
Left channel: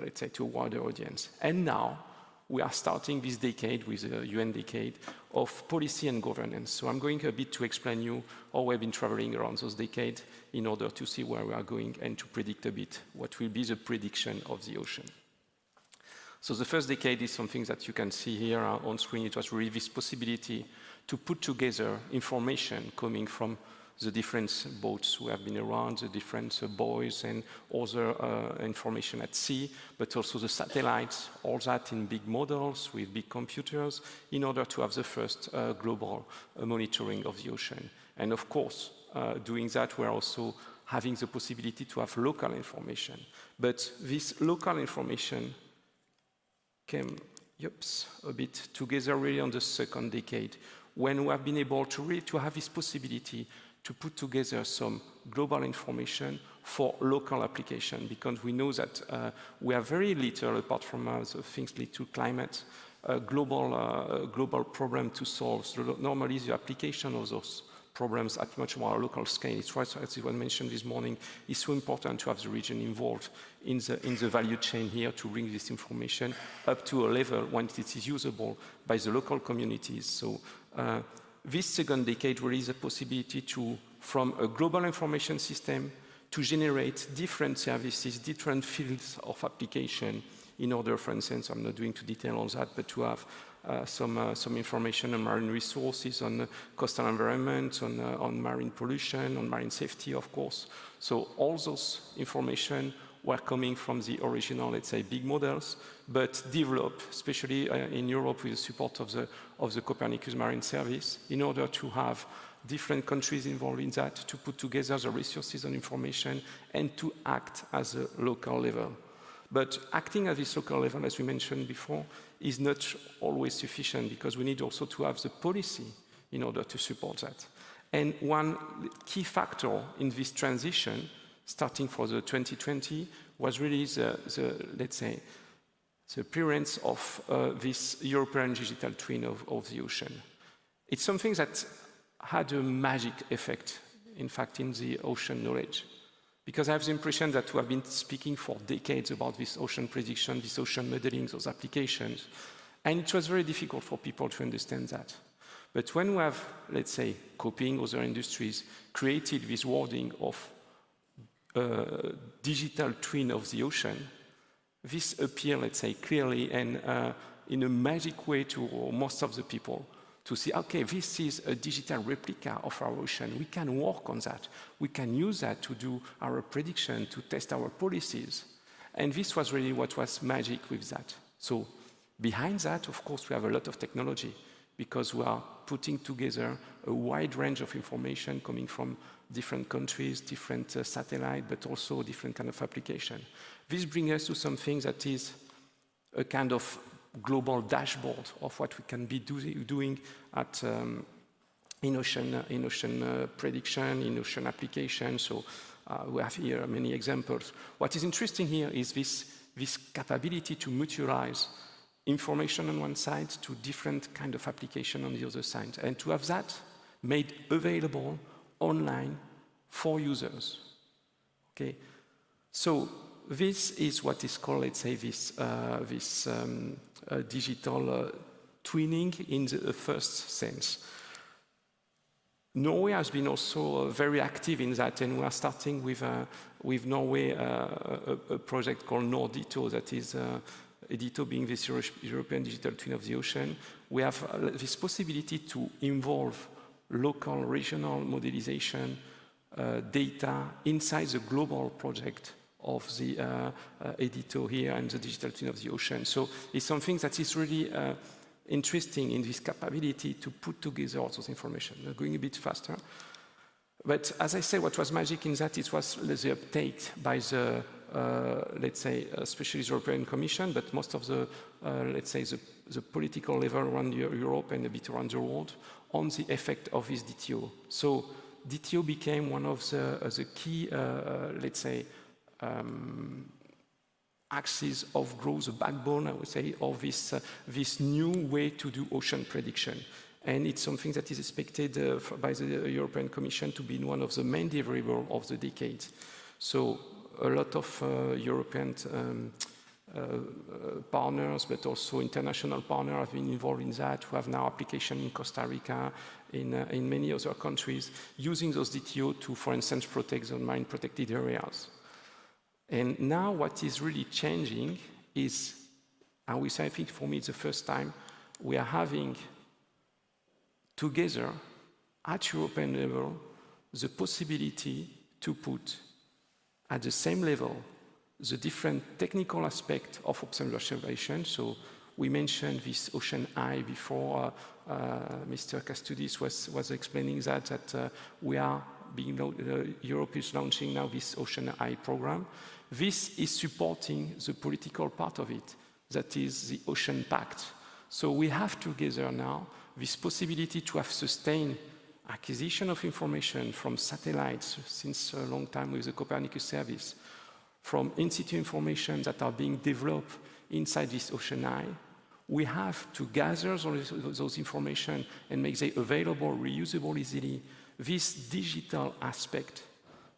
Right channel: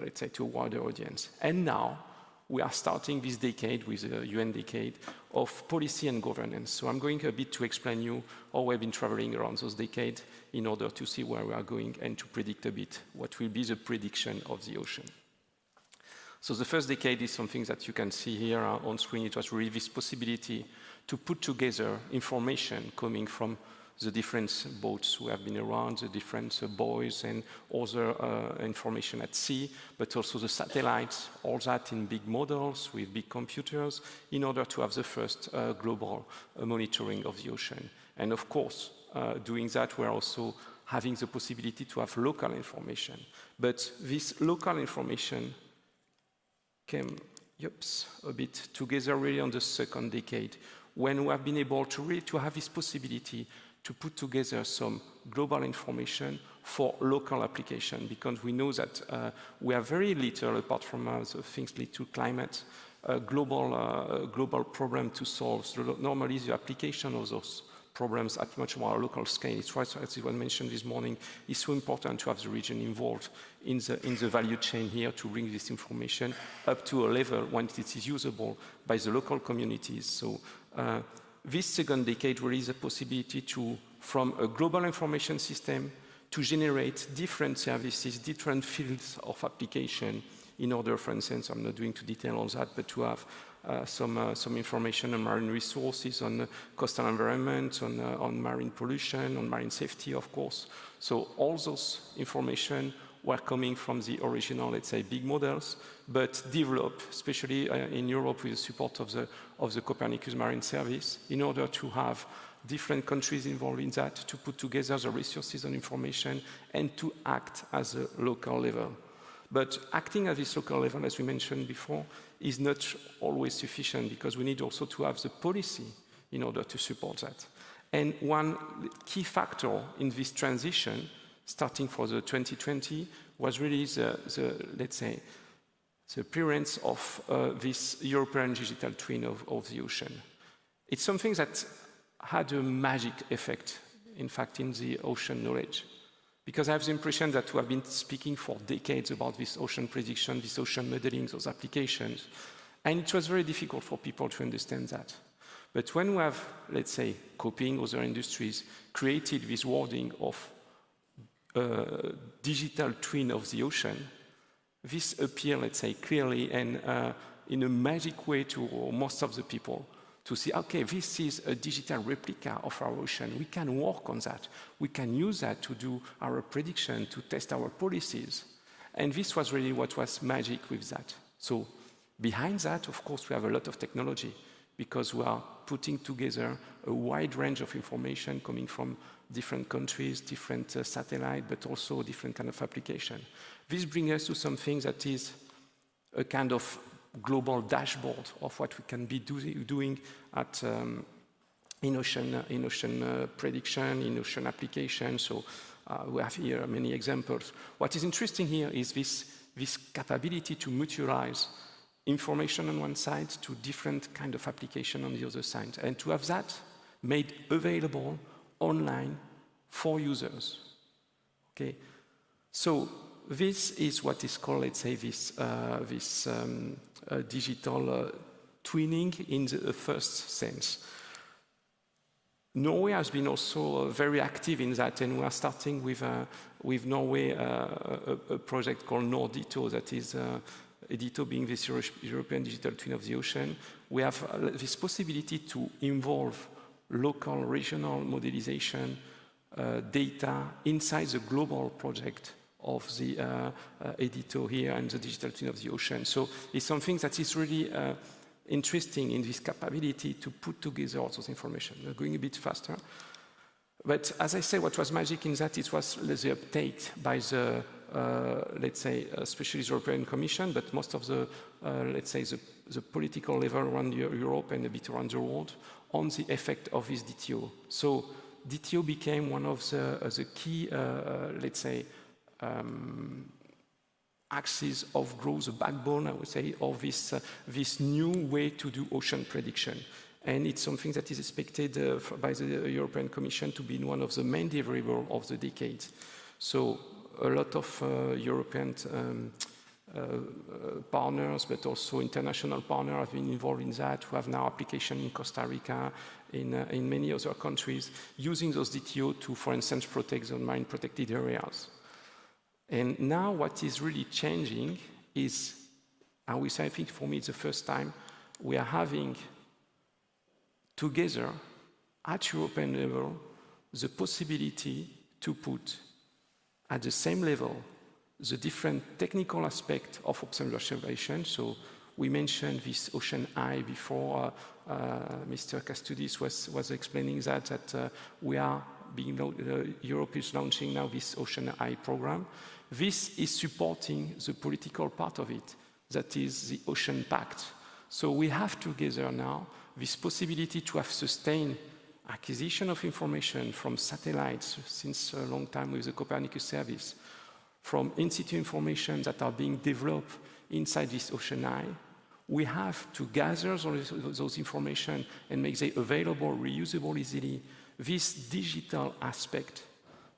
let's say, to a wider audience. And now, we are starting this decade with the UN decade of policy and governance. So I'm going a bit to explain you how we've been traveling around those decades in order to see where we are going and to predict a bit what will be the prediction of the ocean. So the first decade is something that you can see here on screen. It was really this possibility to put together information coming from the different boats who have been around, the different buoys and other information at sea, but also the satellites, all that in big models with big computers in order to have the first global monitoring of the ocean. And of course, doing that, we're also having the possibility to have local information. But this local information came a bit together really on the second decade, when we have been able to really to have this possibility to put together some global information for local application, because we know that we have very little, apart from the things linked to climate, global problem to solve. So normally the application of those problems at much more local scale. It's right, as it was mentioned this morning, it's so important to have the region involved in the value chain here to bring this information up to a level when it is usable by the local communities. So this second decade really is a possibility to, from a global information system, to generate different services, different fields of application in order, for instance, I'm not going into detail on that, but to have some information on marine resources, on coastal environment, on marine pollution, on marine safety, of course. So all those information were coming from the original, let's say, big models, but developed, especially in Europe with the support of the Copernicus Marine Service, in order to have different countries involved in that, to put together the resources and information, and to act as a local level. But acting at this local level, as we mentioned before, is not always sufficient, because we need also to have the policy in order to support that. And one key factor in this transition, starting for the 2020, was really let's say, the appearance of this European digital twin of the ocean. It's something that had a magic effect, in fact, in the ocean knowledge. Because I have the impression that we have been speaking for decades about this ocean prediction, this ocean modeling, those applications, and it was very difficult for people to understand that. But when we have, let's say, copying other industries, created this wording of digital twin of the ocean, this appeared, let's say, clearly and in a magic way to most of the people to see, okay, this is a digital replica of our ocean. We can work on that. We can use that to do our prediction, to test our policies. And this was really what was magic with that. So behind that, of course, we have a lot of technology, because we are putting together a wide range of information coming from different countries, different satellites, but also different kind of application. This brings us to something that is a kind of global dashboard of what we can be doing at in ocean prediction, in ocean application. So we have here many examples. What is interesting here is this capability to mutualize information on one side to different kind of application on the other side, and to have that made available online for users. Okay, so this is what is called, let's say, this digital twinning in the first sense. Norway has been also very active in that, and we are starting with Norway a project called Nordito, that is Edito being this European digital twin of the ocean. We have this possibility to involve local, regional modelization data inside the global project of the Edito here and the digital twin of the ocean. So it's something that is really interesting in this capability to put together all those information. We're going a bit faster. But as I said, what was magic in that, it was the uptake by the, let's say, especially the European Commission, but most of the, let's say, the political level around Europe and a bit around the world on the effect of this DTO. So DTO became one of the key, let's say, axis of growth, the backbone, I would say, of this new way to do ocean prediction. And it's something that is expected by the European Commission to be one of the main deliverables of the decade. So a lot of European partners, but also international partners have been involved in that. We have now application in Costa Rica, in many other countries, using those DTO to, for instance, protect the marine protected areas. And now what is really changing is, and we say, I think for me it's the first time, we are having together at European level the possibility to put at the same level the different technical aspects of observation. So we mentioned this ocean eye before. Mr. Kęstutis was explaining that we are Europe is launching now this ocean eye program. This is supporting the political part of it, that is the Ocean Pact. So we have together now this possibility to have sustained acquisition of information from satellites since a long time with the Copernicus service, from in-situ information that are being developed inside this ocean eye. We have to gather those information and make them available, reusable easily. This digital aspect,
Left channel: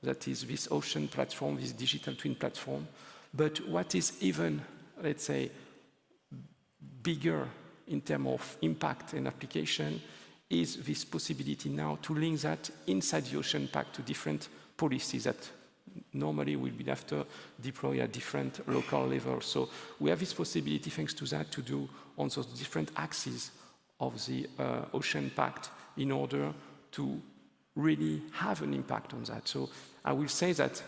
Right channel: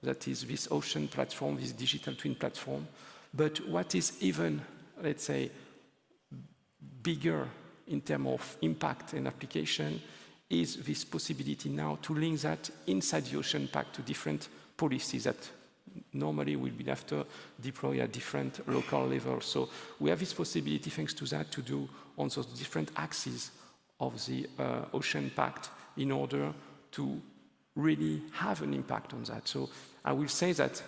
that is this ocean platform, this digital twin platform. But what is even, let's say, bigger in terms of impact and application is this possibility now to link that inside the Ocean Pact to different policies that normally will be after deploy at different local levels. So we have this possibility, thanks to that, to do on those different axes of the Ocean Pact in order to really have an impact on that. So I will say that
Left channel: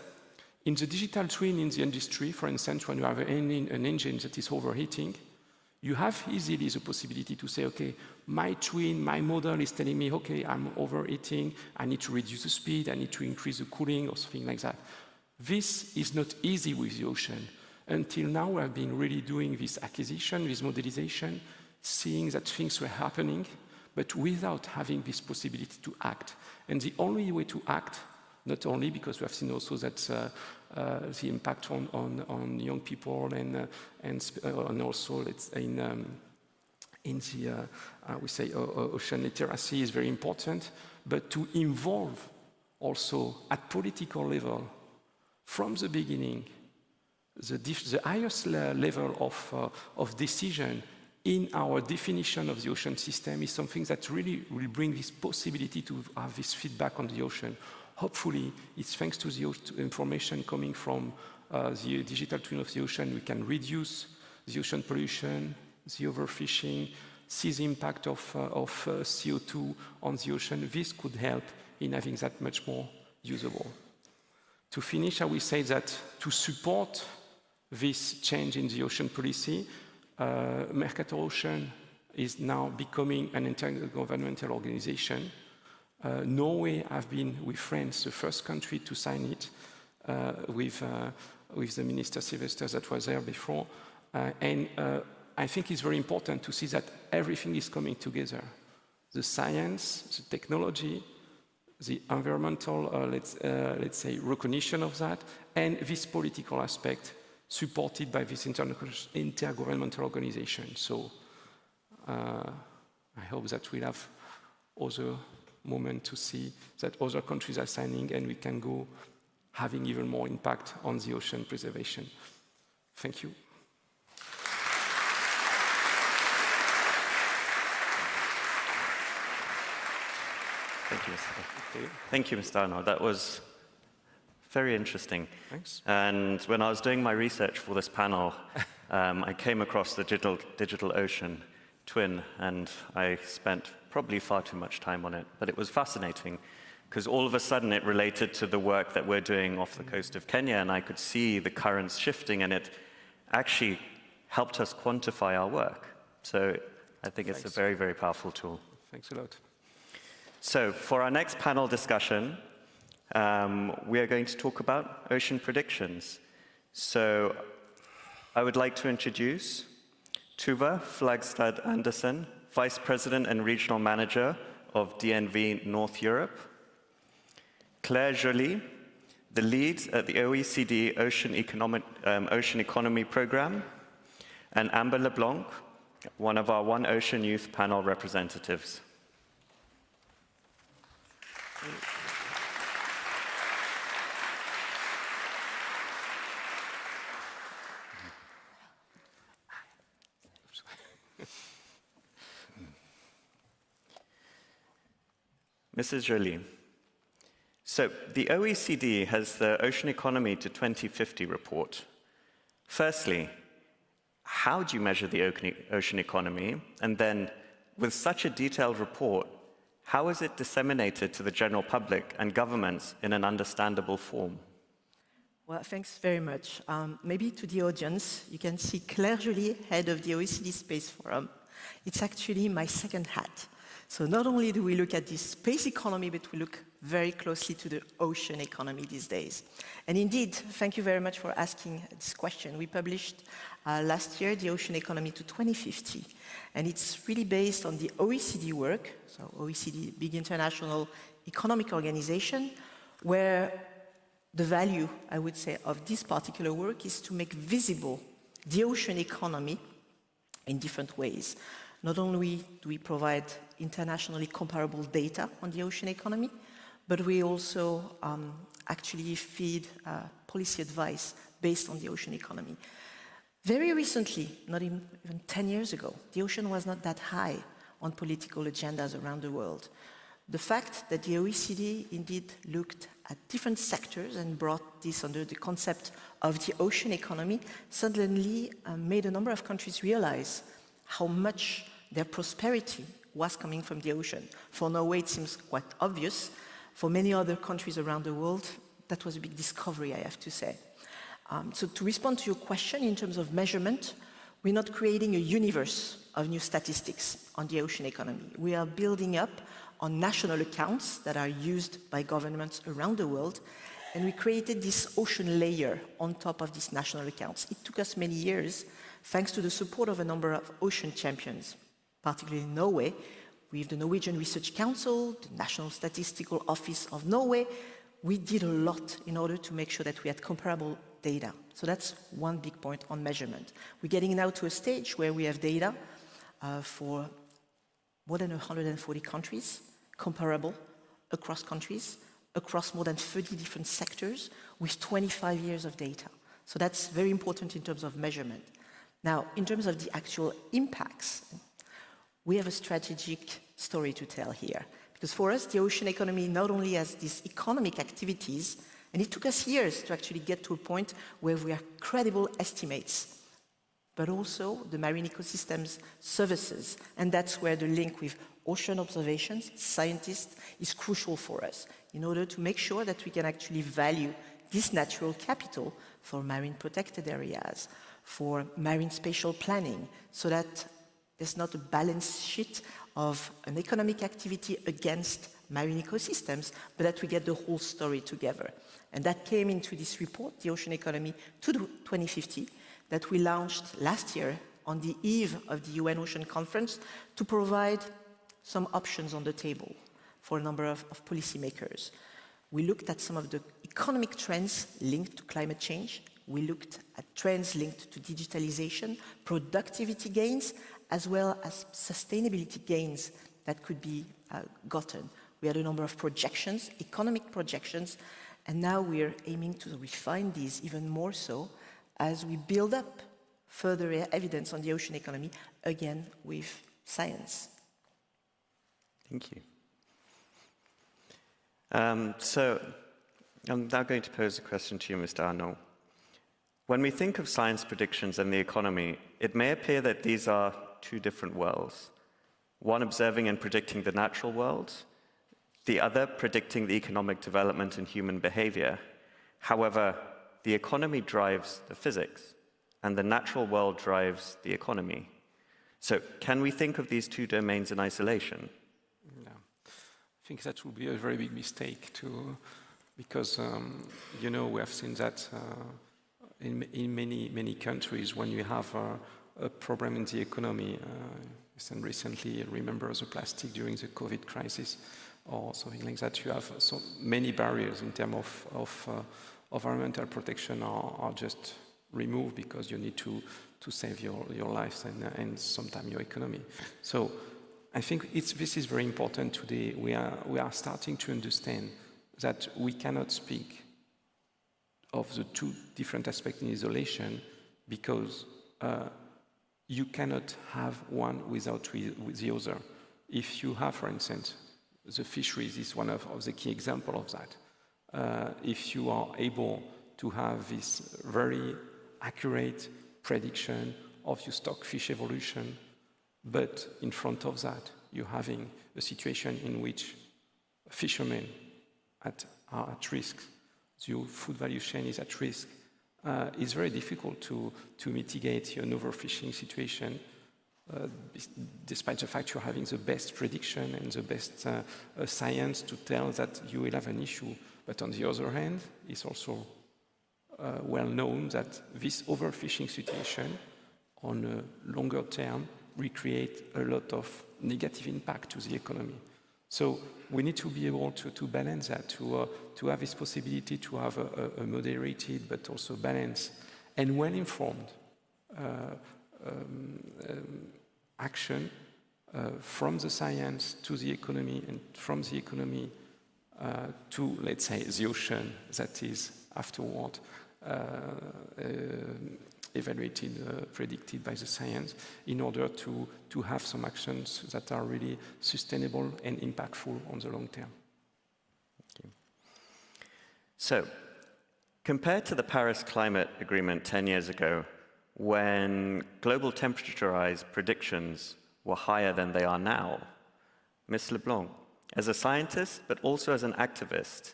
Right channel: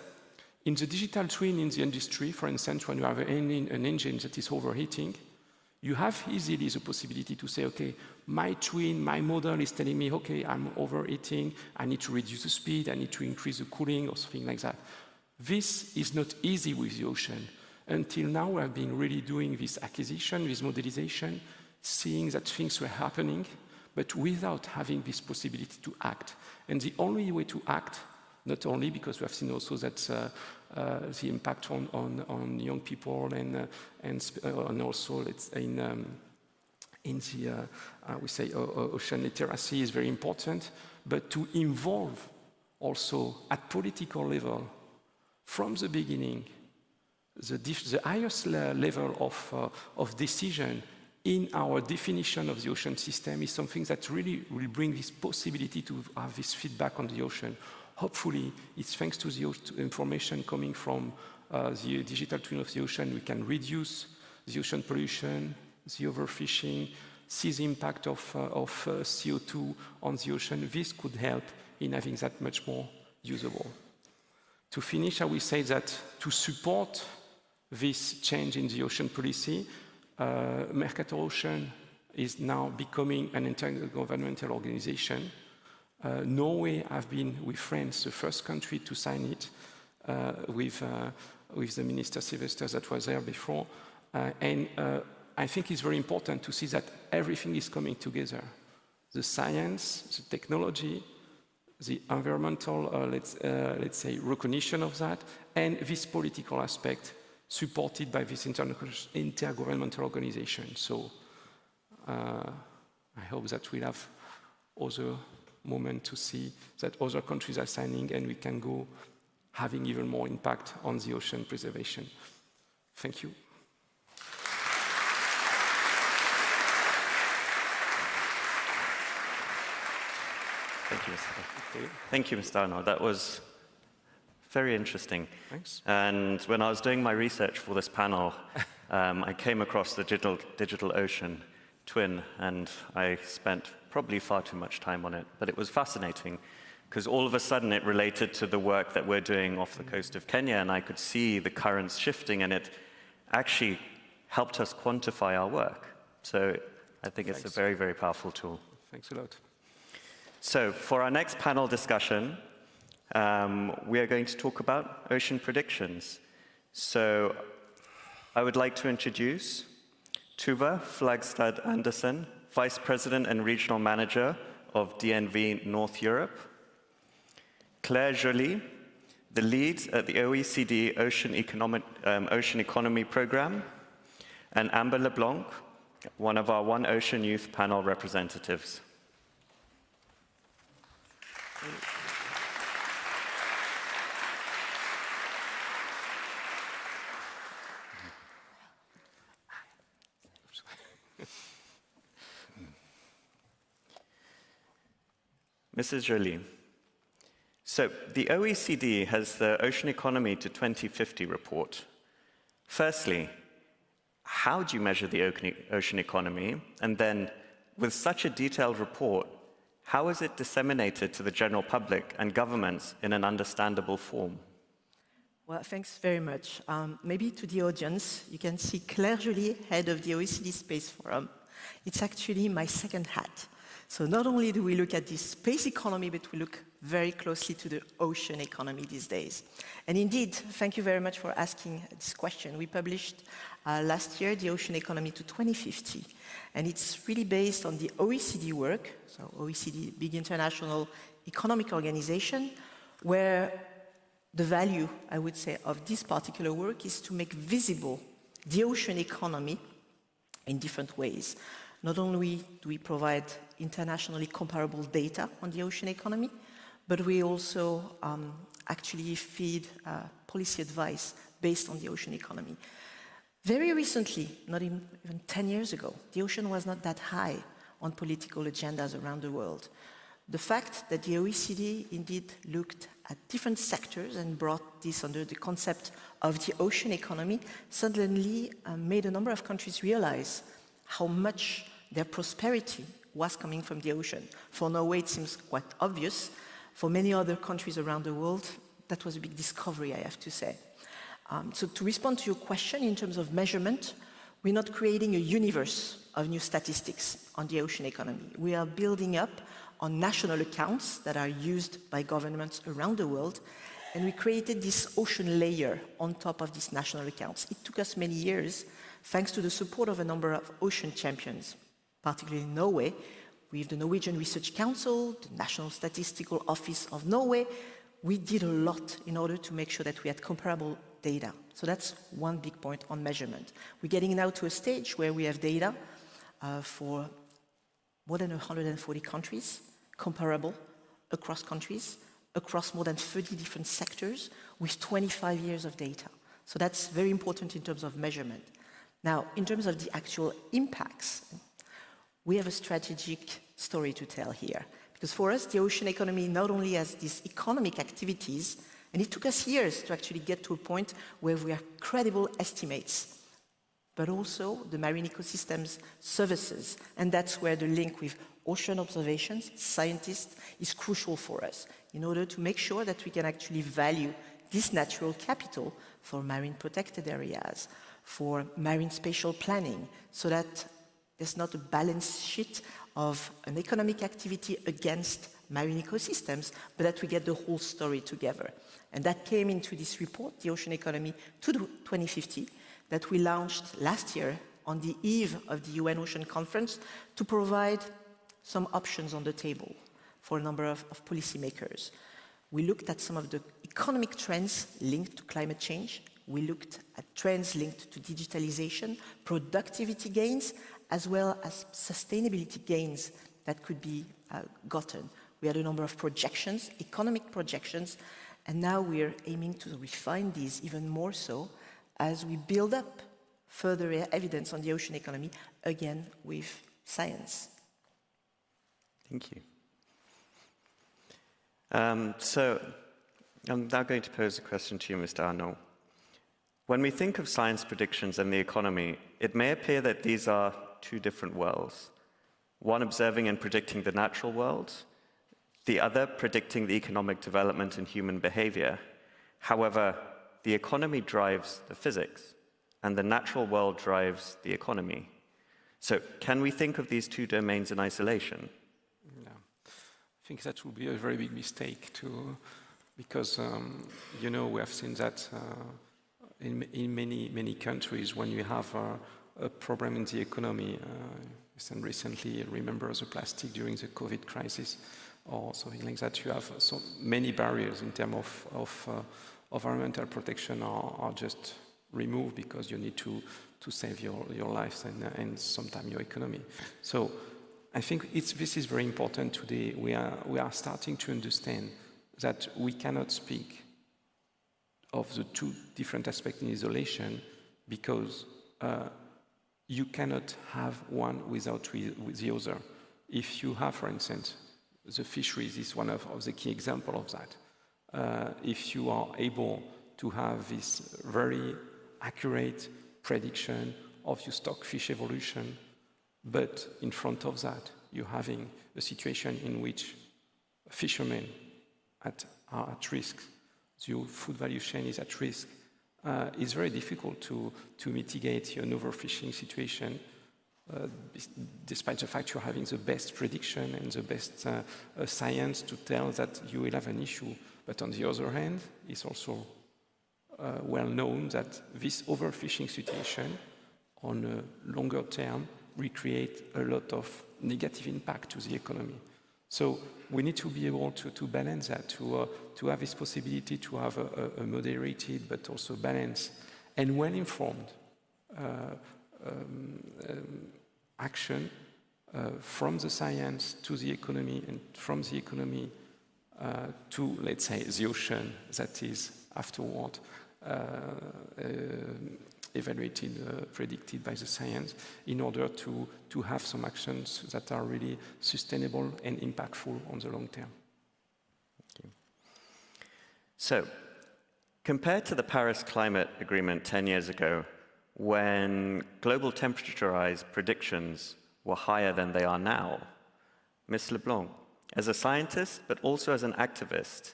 In the digital twin in the industry, for instance, when you have an engine that is overheating, you have easily the possibility to say, okay, my twin, my model is telling me, okay, I'm overheating, I need to reduce the speed, I need to increase the cooling or something like that. This is not easy with the ocean. Until now, I've been really doing this acquisition, this modelization, seeing that things were happening, but without having this possibility to act. And the only way to act, not only because we have seen also that the impact on young people and also in the we say ocean literacy is very important, but to involve also at political level from the beginning the highest level of decision in our definition of the ocean system is something that really will bring this possibility to have this feedback on the ocean. Hopefully, it's thanks to the information coming from the digital twin of the ocean, we can reduce the ocean pollution, the overfishing, see the impact of CO2 on the ocean. This could help in having that much more usable. To finish, I will say that to support this change in the ocean policy, Mercator Ocean is now becoming an intergovernmental organization. Norway have been, with France, the first country to sign it with the Minister Sylvester that was there before. And I think it's very important to see that everything is coming together. The science, the technology, the environmental, let's say, recognition of that, and this political aspect supported by this intergovernmental organization. So I hope that we'll have other moment to see that other countries are signing and we can go having even more impact on the ocean preservation. Thank you. Thank you, Thank you, Mr. Arnaud. That was very interesting. Thanks. And when I was doing my research for this panel, I came across the digital ocean twin, and I spent probably far too much time on it. But it was fascinating, because all of a sudden it related to the work that we're doing off the coast of Kenya, and I could see the currents shifting, and it actually helped us quantify our work. So I think it's a very, very powerful tool. Thanks a lot. So for our next panel discussion, we are going to talk about ocean predictions. So I would like to introduce Tuva Flagstad Andersen, Vice President and Regional Manager of DNV North Europe, Claire Joly, the lead at the OECD Ocean Economy Programme, and Amber LeBlanc, one of our One Ocean Youth panel representatives. Mrs. Joly, so the OECD has the Ocean Economy to 2050 report. Firstly, how do you measure the ocean economy? And then, with such a detailed report, how is it disseminated to the general public and governments in an understandable form? Well, thanks very much. Maybe to the audience, you can see Claire Joly, head of the OECD Space Forum. It's actually my second hat. So not only do we look at the space economy, but we look very closely to the ocean economy these days. And indeed, thank you very much for asking this question. We published last year the Ocean Economy to 2050, and it's really based on the OECD work, so OECD, big international economic organization, where the value, I would say, of this particular work is to make visible the ocean economy in different ways. Not only do we provide internationally comparable data on the ocean economy, but we also actually feed policy advice based on the ocean economy. Very recently, not even 10 years ago, the ocean was not that high on political agendas around the world. The fact that the OECD indeed looked at different sectors and brought this under the concept of the ocean economy suddenly made a number of countries realize how much their prosperity was coming from the ocean. For Norway, it seems quite obvious. For many other countries around the world, that was a big discovery, I have to say. So to respond to your question in terms of measurement, we're not creating a universe of new statistics on the ocean economy. We are building up on national accounts that are used by governments around the world, and we created this ocean layer on top of these national accounts. It took us many years, thanks to the support of a number of ocean champions, particularly in Norway, with the Norwegian Research Council, the National Statistical Office of Norway. We did a lot in order to make sure that we had comparable data. So that's one big point on measurement. We're getting now to a stage where we have data for more than 140 countries, comparable across countries, across more than 30 different sectors, with 25 years of data. So that's very important in terms of measurement. Now, in terms of the actual impacts, we have a strategic story to tell here. Because for us, the ocean economy not only has these economic activities, and it took us years to actually get to a point where we have credible estimates, but also the marine ecosystems services. And that's where the link with ocean observations, scientists, is crucial for us in order to make sure that we can actually value this natural capital for marine protected areas, for marine spatial planning, so that there's not a balance sheet of an economic activity against marine ecosystems, but that we get the whole story together. And that came into this report, The Ocean Economy to 2050, that we launched last year on the eve of the UN Ocean Conference to provide some options on the table for a number of policymakers. We looked at some of the economic trends linked to climate change. We looked at trends linked to digitalization, productivity gains, as well as sustainability gains that could be gotten. We had a number of projections, economic projections, and now we're aiming to refine these even more so as we build up further evidence on the ocean economy, again with science. Thank you. So I'm now going to pose a question to you, Mr. Arnault. When we think of science predictions and the economy, it may appear that these are two different worlds, one observing and predicting the natural world, the other predicting the economic development and human behavior. However, the economy drives the physics, and the natural world drives the economy. So can we think of these two domains in isolation? No. I think that would be a very big mistake because we have seen that in many countries when you have a problem in the economy. And recently, remember the plastic during the COVID crisis or something like that. You have so many barriers in terms of environmental protection are just removed because you need to save your lives and sometimes your economy. So I think this is very important today. We are starting to understand that we cannot speak of the two different aspects in isolation because you cannot have one without the other. If you have, for instance, the fisheries is one of the key examples of that. If you are able to have this very accurate prediction of your stockfish evolution, but in front of that, you're having a situation in which fishermen are at risk, your food value chain is at risk. It's very difficult to mitigate an overfishing situation, despite the fact you're having the best prediction and the best science to tell that you will have an issue. But on the other hand, it's also well known that this overfishing situation on a longer term will create a lot of negative impact to the economy. So we need to be able to balance that, to have this possibility to have a moderated but also balanced and well-informed action from the science to the economy and from the economy to, let's say, the ocean that is afterward evaluated, predicted by the science in order to have some actions that are really sustainable and impactful on the long term. Okay. So, compared to the Paris Climate Agreement 10 years ago, when global temperature rise predictions were higher than they are now, Ms. Leblanc, as a scientist but also as an activist,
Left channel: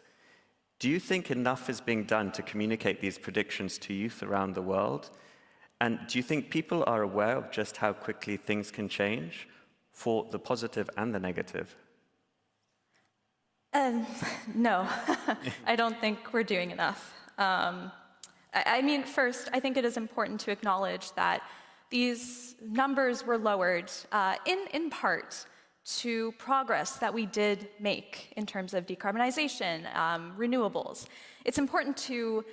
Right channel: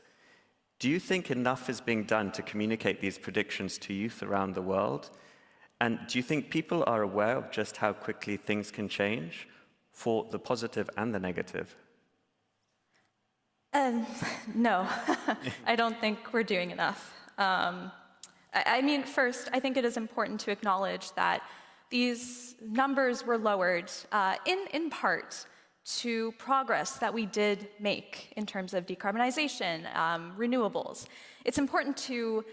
Do you think enough is being done to communicate these predictions to youth around the world? And do you think people are aware of just how quickly things can change for the positive and the negative? No, I don't think we're doing enough. I mean, first, I think it is important to acknowledge that these numbers were lowered in part to progress that we did make in terms of decarbonization, renewables. It's important to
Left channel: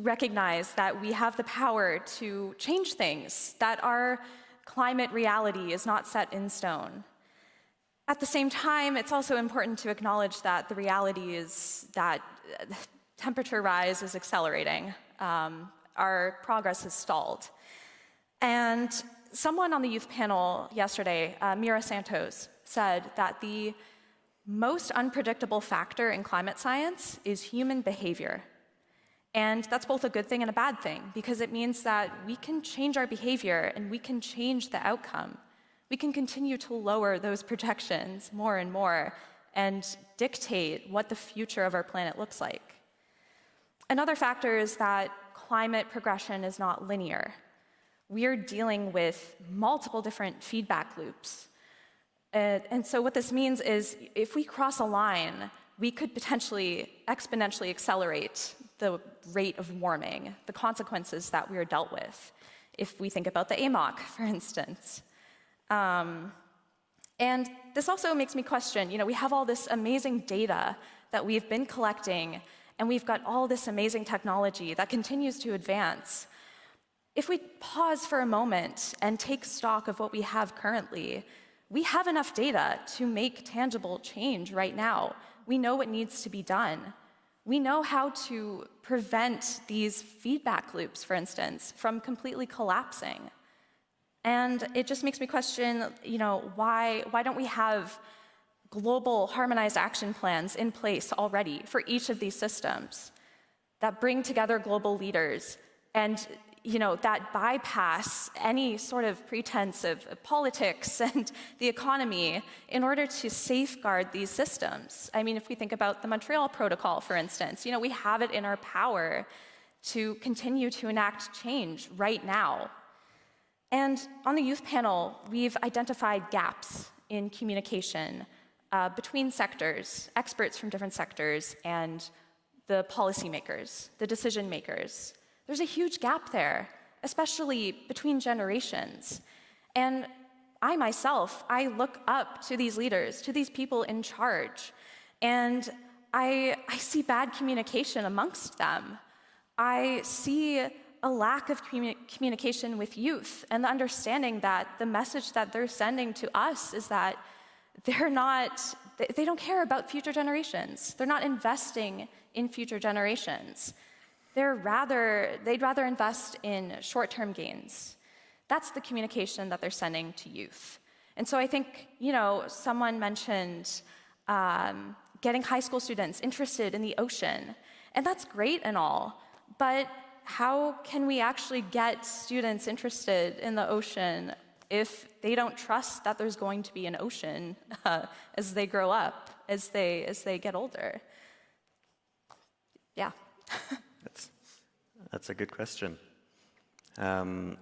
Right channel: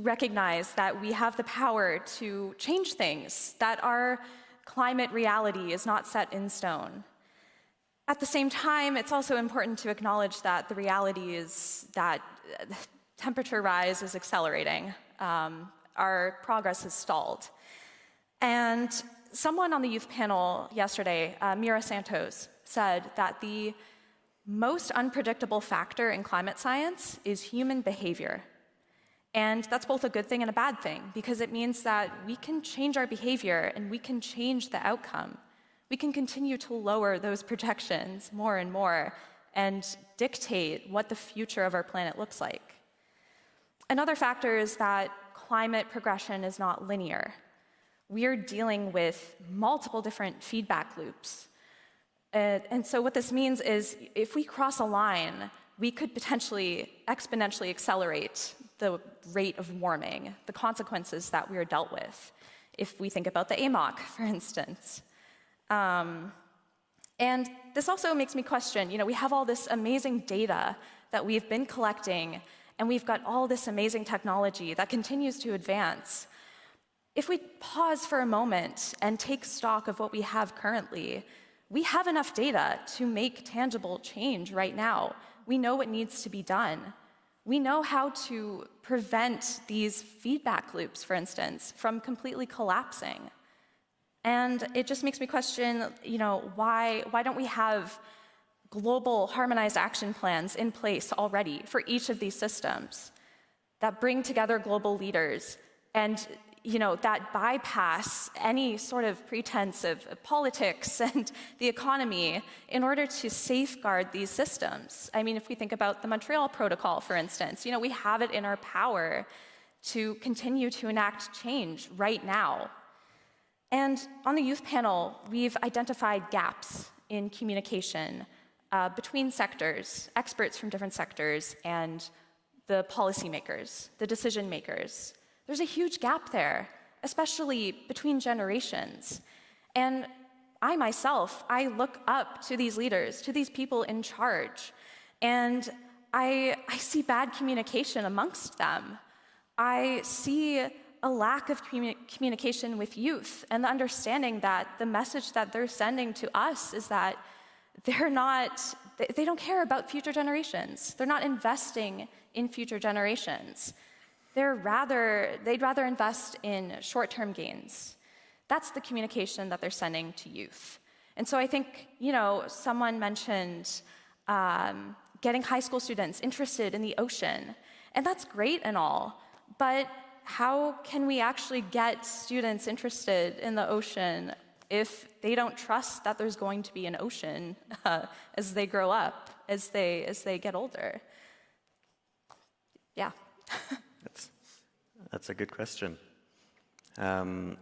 recognize that we have the power to change things, that our climate reality is not set in stone. At the same time, it's also important to acknowledge that the reality is that temperature rise is accelerating. Our progress has stalled. And someone on the youth panel yesterday, Mira Santos, said that the most unpredictable factor in climate science is human behavior. And that's both a good thing and a bad thing, because it means that we can change our behavior and we can change the outcome. We can continue to lower those projections more and more and dictate what the future of our planet looks like. Another factor is that climate progression is not linear. We are dealing with multiple different feedback loops. And so what this means is if we cross a line, we could potentially exponentially accelerate the rate of warming, the consequences that we are dealt with, if we think about the AMOC, for instance. And this also makes me question, we have all this amazing data that we've been collecting, and we've got all this amazing technology that continues to advance. If we pause for a moment and take stock of what we have currently, we have enough data to make tangible change right now. We know what needs to be done. We know how to prevent these feedback loops, for instance, from completely collapsing. And it just makes me question, why don't we have global harmonized action plans in place already for each of these systems that bring together global leaders and that bypass any sort of pretense of politics and the economy in order to safeguard these systems. I mean, if we think about the Montreal Protocol, for instance, we have it in our power to continue to enact change right now. And on the youth panel, we've identified gaps in communication between sectors, experts from different sectors, and the policymakers, the decision makers. There's a huge gap there, especially between generations. And I myself, I look up to these leaders, to these people in charge, and I see bad communication amongst them. I see a lack of communication with youth and the understanding that the message that they're sending to us is that they don't care about future generations. They're not investing in future generations. They'd rather invest in short-term gains. That's the communication that they're sending to youth. And so I think, someone mentioned getting high school students interested in the ocean. And that's great and all, but how can we actually get students interested in the ocean if they don't trust that there's going to be an ocean as they grow up, as they get older? Yeah. That's a good question. Now,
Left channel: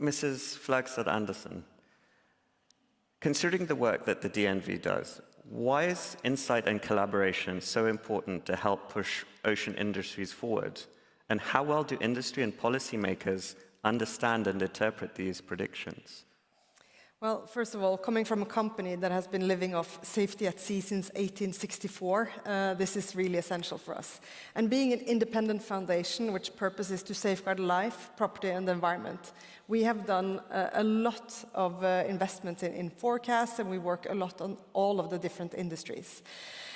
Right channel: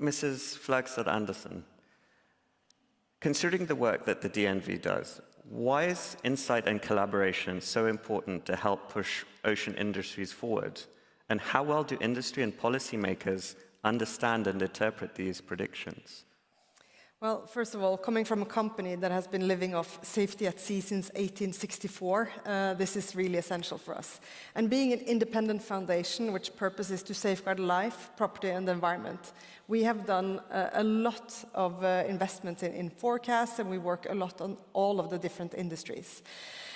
Mrs. Flagstad Andersen, considering the work that the DNV does, why is insight and collaboration so important to help push ocean industries forward? And how well do industry and policymakers understand and interpret these predictions? Well, first of all, coming from a company that has been living off safety at sea since 1864, this is really essential for us. And being an independent foundation, which purpose is to safeguard life, property, and the environment, we have done a lot of investments in forecasts, and we work a lot on all of the different industries.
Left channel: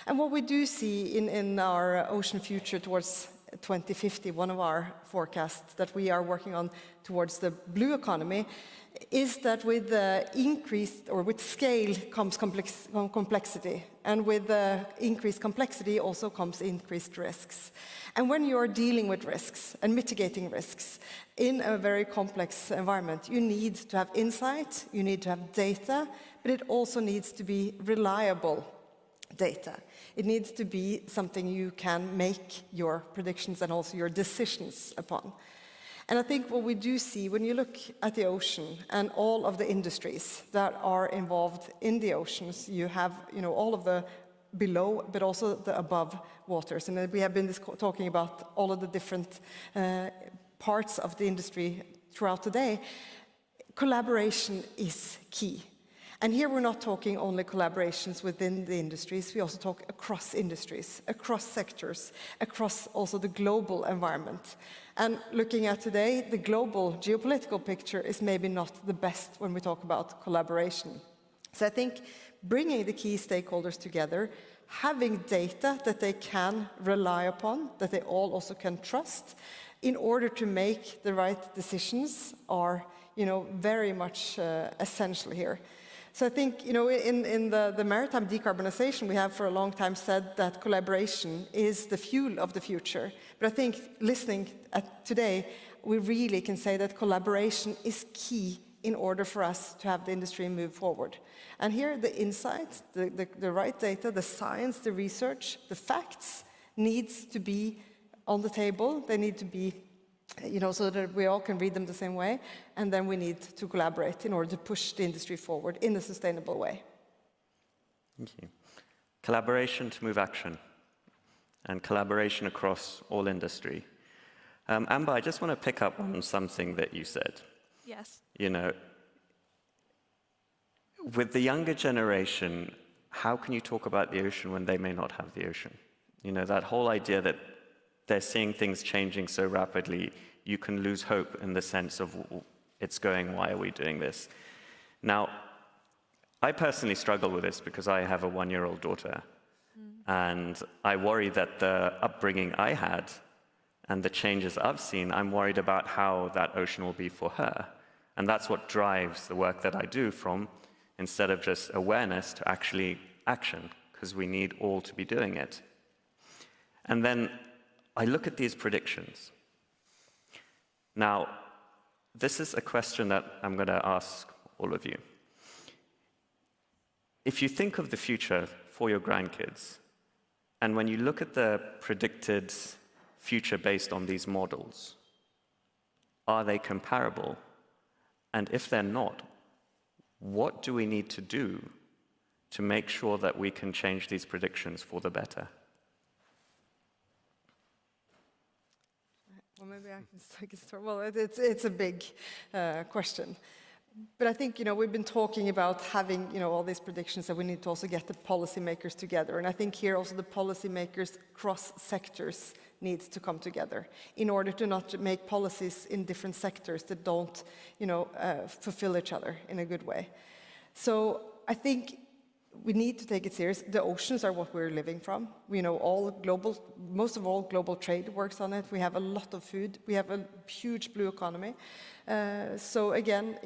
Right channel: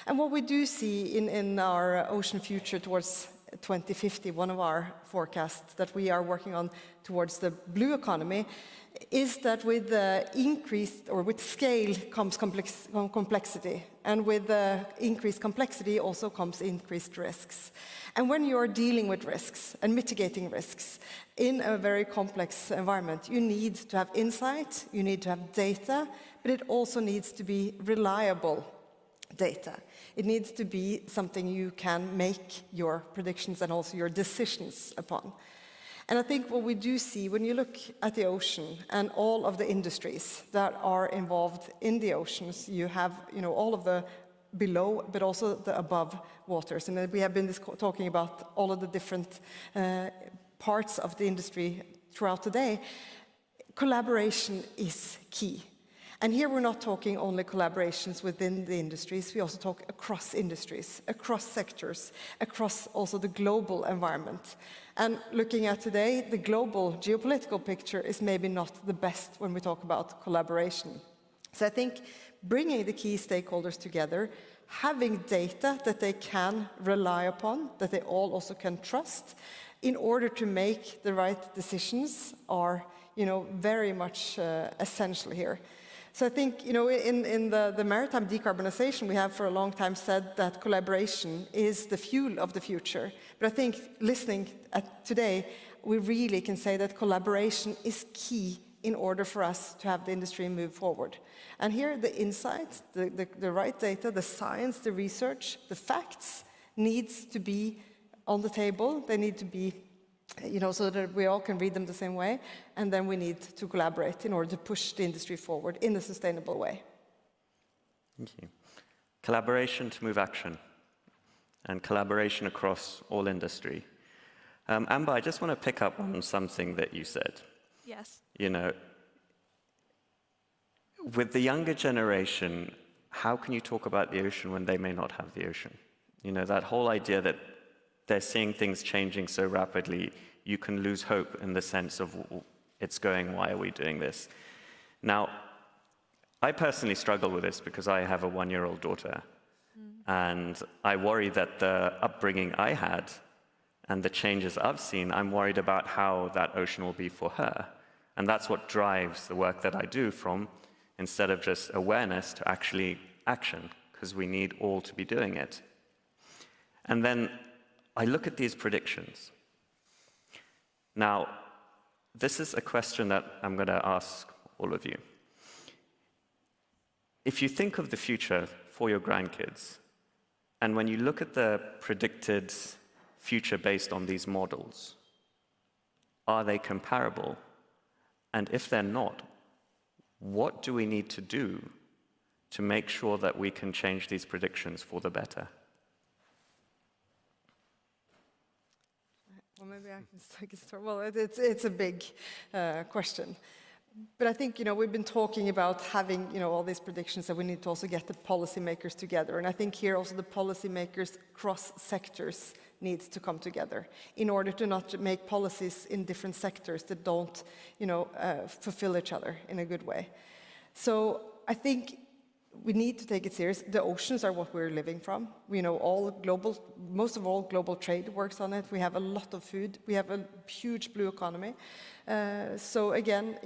And what we do see in our ocean future towards 2050, one of our forecasts that we are working on towards the blue economy, is that with with scale comes complexity, and with increased complexity also comes increased risks. And when you're dealing with risks and mitigating risks in a very complex environment, you need to have insight, you need to have data, but it also needs to be reliable data. It needs to be something you can make your predictions and also your decisions upon. And I think what we do see when you look at the ocean and all of the industries that are involved in the oceans, you have all of the below, but also the above waters. And we have been talking about all of the different parts of the industry throughout the day. Collaboration is key. And here we're not talking only collaborations within the industries, we also talk across industries, across sectors, across also the global environment. And looking at today, the global geopolitical picture is maybe not the best when we talk about collaboration. So I think bringing the key stakeholders together, having data that they can rely upon, that they all also can trust, in order to make the right decisions are, very much essential here. So I think, in the maritime decarbonization, we have for a long time said that collaboration is the fuel of the future. But I think listening today, we really can say that collaboration is key in order for us to have the industry move forward. And here the insights, the right data, the science, the research, the facts needs to be on the table. They need to be so that we all can read them the same way, and then we need to collaborate in order to push the industry forward in a sustainable way. Thank you. Collaboration to move action, and collaboration across all industry. Amber, I just want to pick up on something that you said. Yes. With the younger generation, how can you talk about the ocean when they may not have the ocean? That whole idea that they're seeing things changing so rapidly, you can lose hope in the sense of it's going, why are we doing this? Now, I personally struggle with this because I have a 1-year-old daughter. And I worry that the upbringing I had and the changes I've seen, I'm worried about how that ocean will be for her. And that's what drives the work that I do from, instead of just awareness, to actually action, because we need all to be doing it. And then I look at these predictions. Now, this is a question that I'm going to ask all of you. If you think of the future for your grandkids, and when you look at the predicted future based on these models, are they comparable? And if they're not, what do we need to do to make sure that we can change these predictions for the better? Well, maybe I can start. Well, it's a big question. But I think, we've been talking about having, all these predictions, that we need to also get the policymakers together. And I think here also the policymakers cross sectors needs to come together in order to not make policies in different sectors that don't, fulfill each other in a good way. So I think we need to take it serious. The oceans are what we're living from. We know most of all global trade works on it. We have a lot of food. We have a huge blue economy. So again,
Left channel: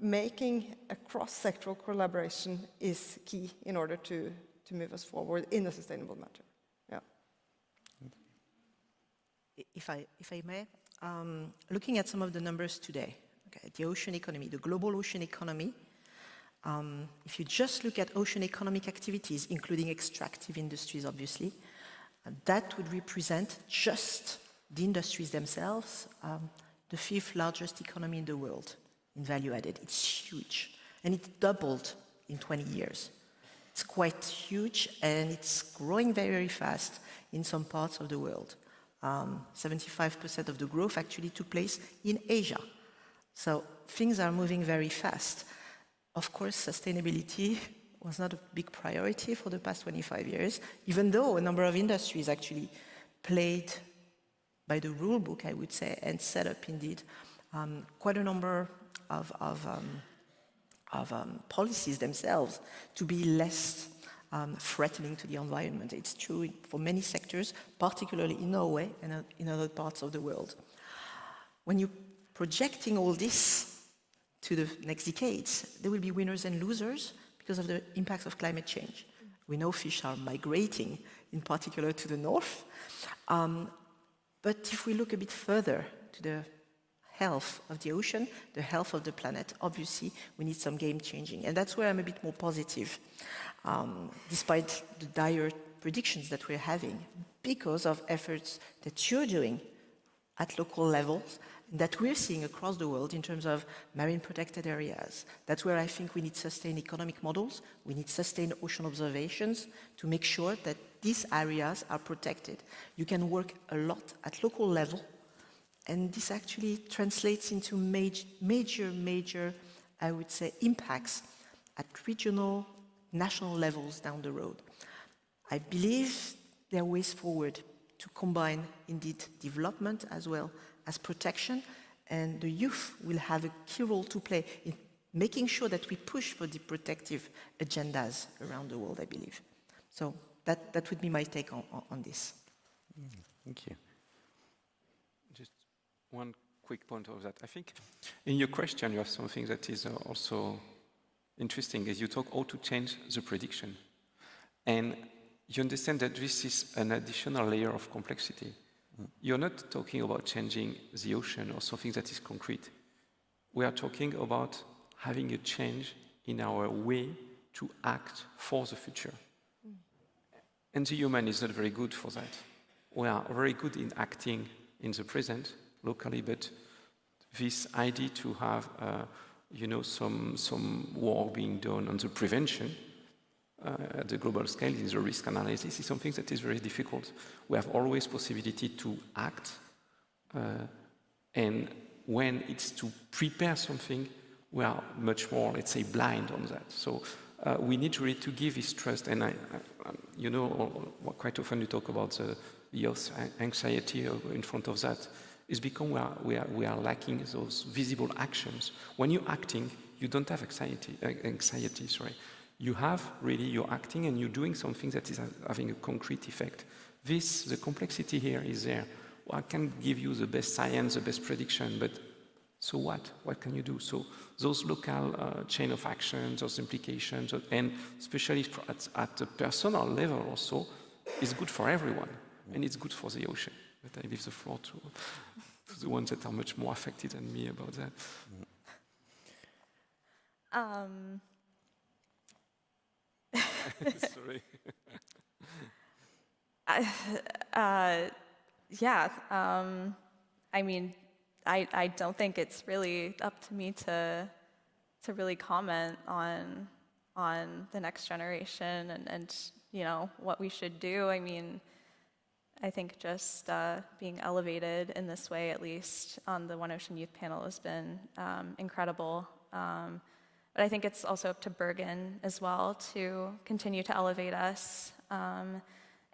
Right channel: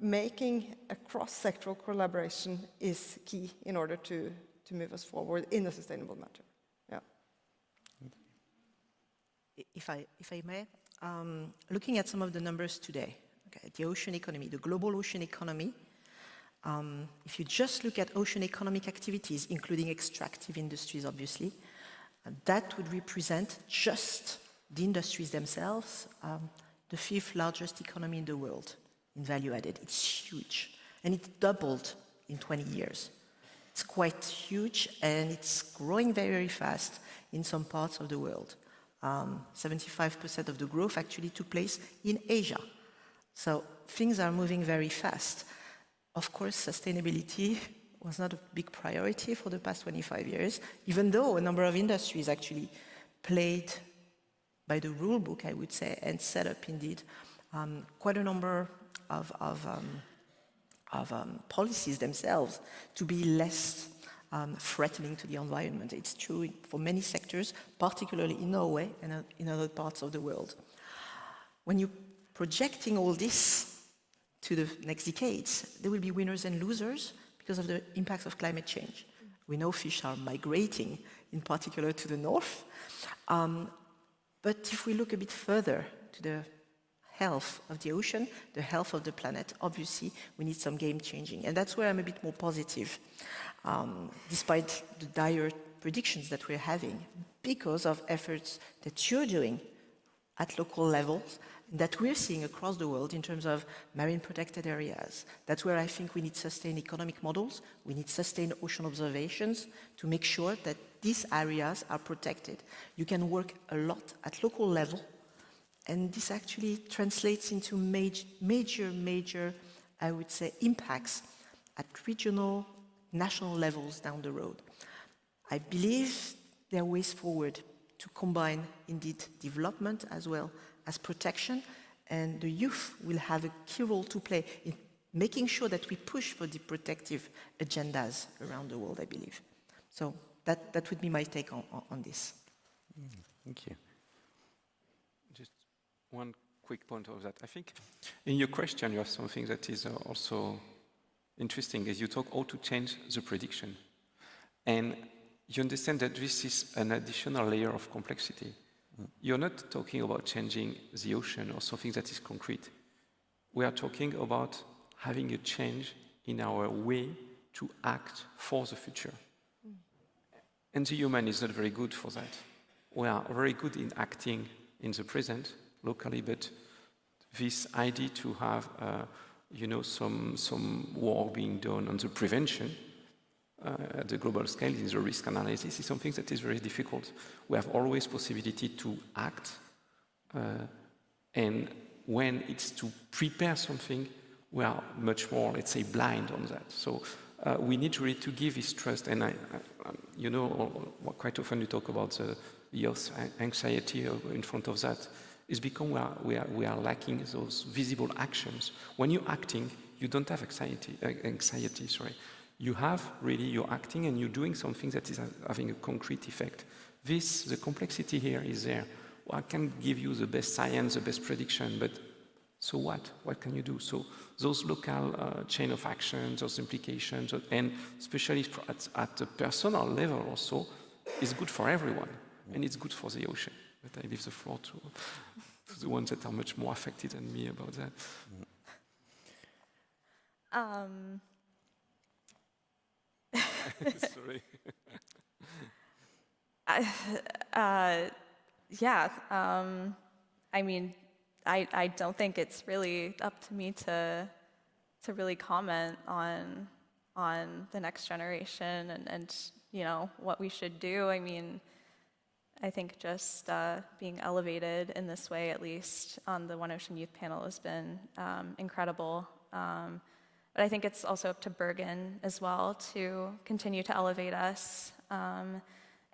making a cross-sectoral collaboration is key in order to move us forward in a sustainable manner. Yeah. If I may, looking at some of the numbers today, the ocean economy, the global ocean economy, if you just look at ocean economic activities, including extractive industries, obviously, that would represent just the industries themselves, the 5th largest economy in the world in value added. It's huge, and it doubled in 20 years. It's quite huge, and it's growing very, very fast in some parts of the world. 75% of the growth actually took place in Asia. So things are moving very fast. Of course, sustainability was not a big priority for the past 25 years, even though a number of industries actually played by the rule book, I would say, and set up indeed quite a number of policies themselves to be less threatening to the environment. It's true for many sectors, particularly in Norway and in other parts of the world. When you're projecting all this to the next decades, there will be winners and losers because of the impacts of climate change. We know fish are migrating, in particular to the north. But if we look a bit further to the health of the ocean, the health of the planet, obviously we need some game changing. And that's where I'm a bit more positive. Despite the dire predictions that we're having because of efforts that you're doing at local levels, that we're seeing across the world in terms of marine protected areas. That's where I think we need sustained economic models, we need sustained ocean observations to make sure that these areas are protected. You can work a lot at local level, and this actually translates into major, I would say, impacts at regional, national levels down the road. I believe there are ways forward to combine, indeed, development as well as protection, and the youth will have a key role to play in making sure that we push for the protective agendas around the world, I believe. So that would be my take on this. Thank you. Just one quick point of that. I think in your question you have something that is also interesting, is you talk how to change the prediction. And you understand that this is an additional layer of complexity. You're not talking about changing the ocean or something that is concrete. We are talking about having a change in our way to act for the future. And the human is not very good for that. We are very good in acting in the present, locally, but this idea to have some work being done on the prevention at the global scale, in the risk analysis, is something that is very difficult. We have always possibility to act, and when it's to prepare something, we are much more, let's say, blind on that. So we need really to give this trust, and quite often you talk about the youth anxiety in front of that. It's because we are lacking those visible actions. When you're acting, you don't have anxiety. You have really, you're acting and you're doing something that is having a concrete effect. The complexity here is there. Well, I can give you the best science, the best prediction, but so what? What can you do? So those local chain of actions, those implications, and especially at the personal level also, is good for everyone, and it's good for the ocean. But I leave the floor to the ones that are much more affected than me about that. Sorry. I mean, I don't think it's really up to me to really comment on the next generation and what we should do. I mean, I think just being elevated in this way, at least on the One Ocean Youth Panel, has been incredible. But I think it's also up to Bergen as well to continue to elevate us. And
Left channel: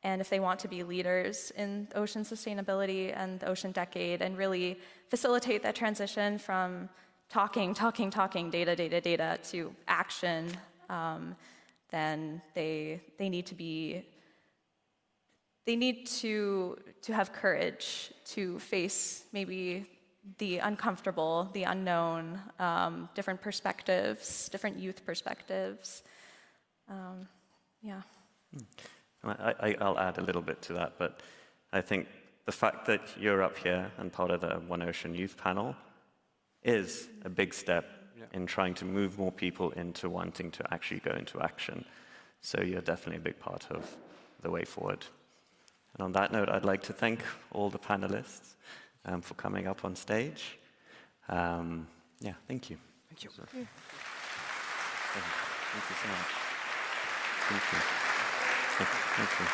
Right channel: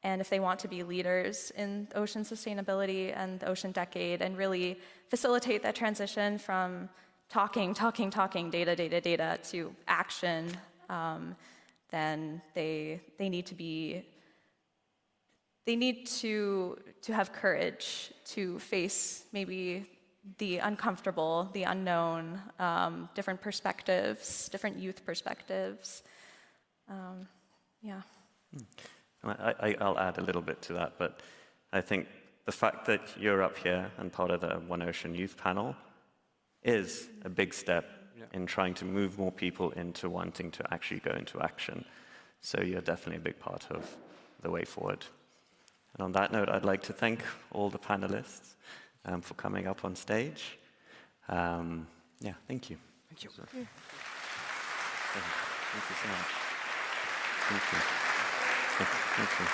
if they want to be leaders in ocean sustainability and the ocean decade and really facilitate that transition from talking, data to action, then they need to have courage to face maybe the uncomfortable, the unknown, different perspectives, different youth perspectives. I'll add a little bit to that, but I think the fact that you're up here and part of the One Ocean Youth Panel is a big step in trying to move more people into wanting to actually go into action. So you're definitely a big part of the way forward. And on that note, I'd like to thank all the panelists for coming up on stage. Thank you. Thank you. Thank you so much. Thank you. Thank you.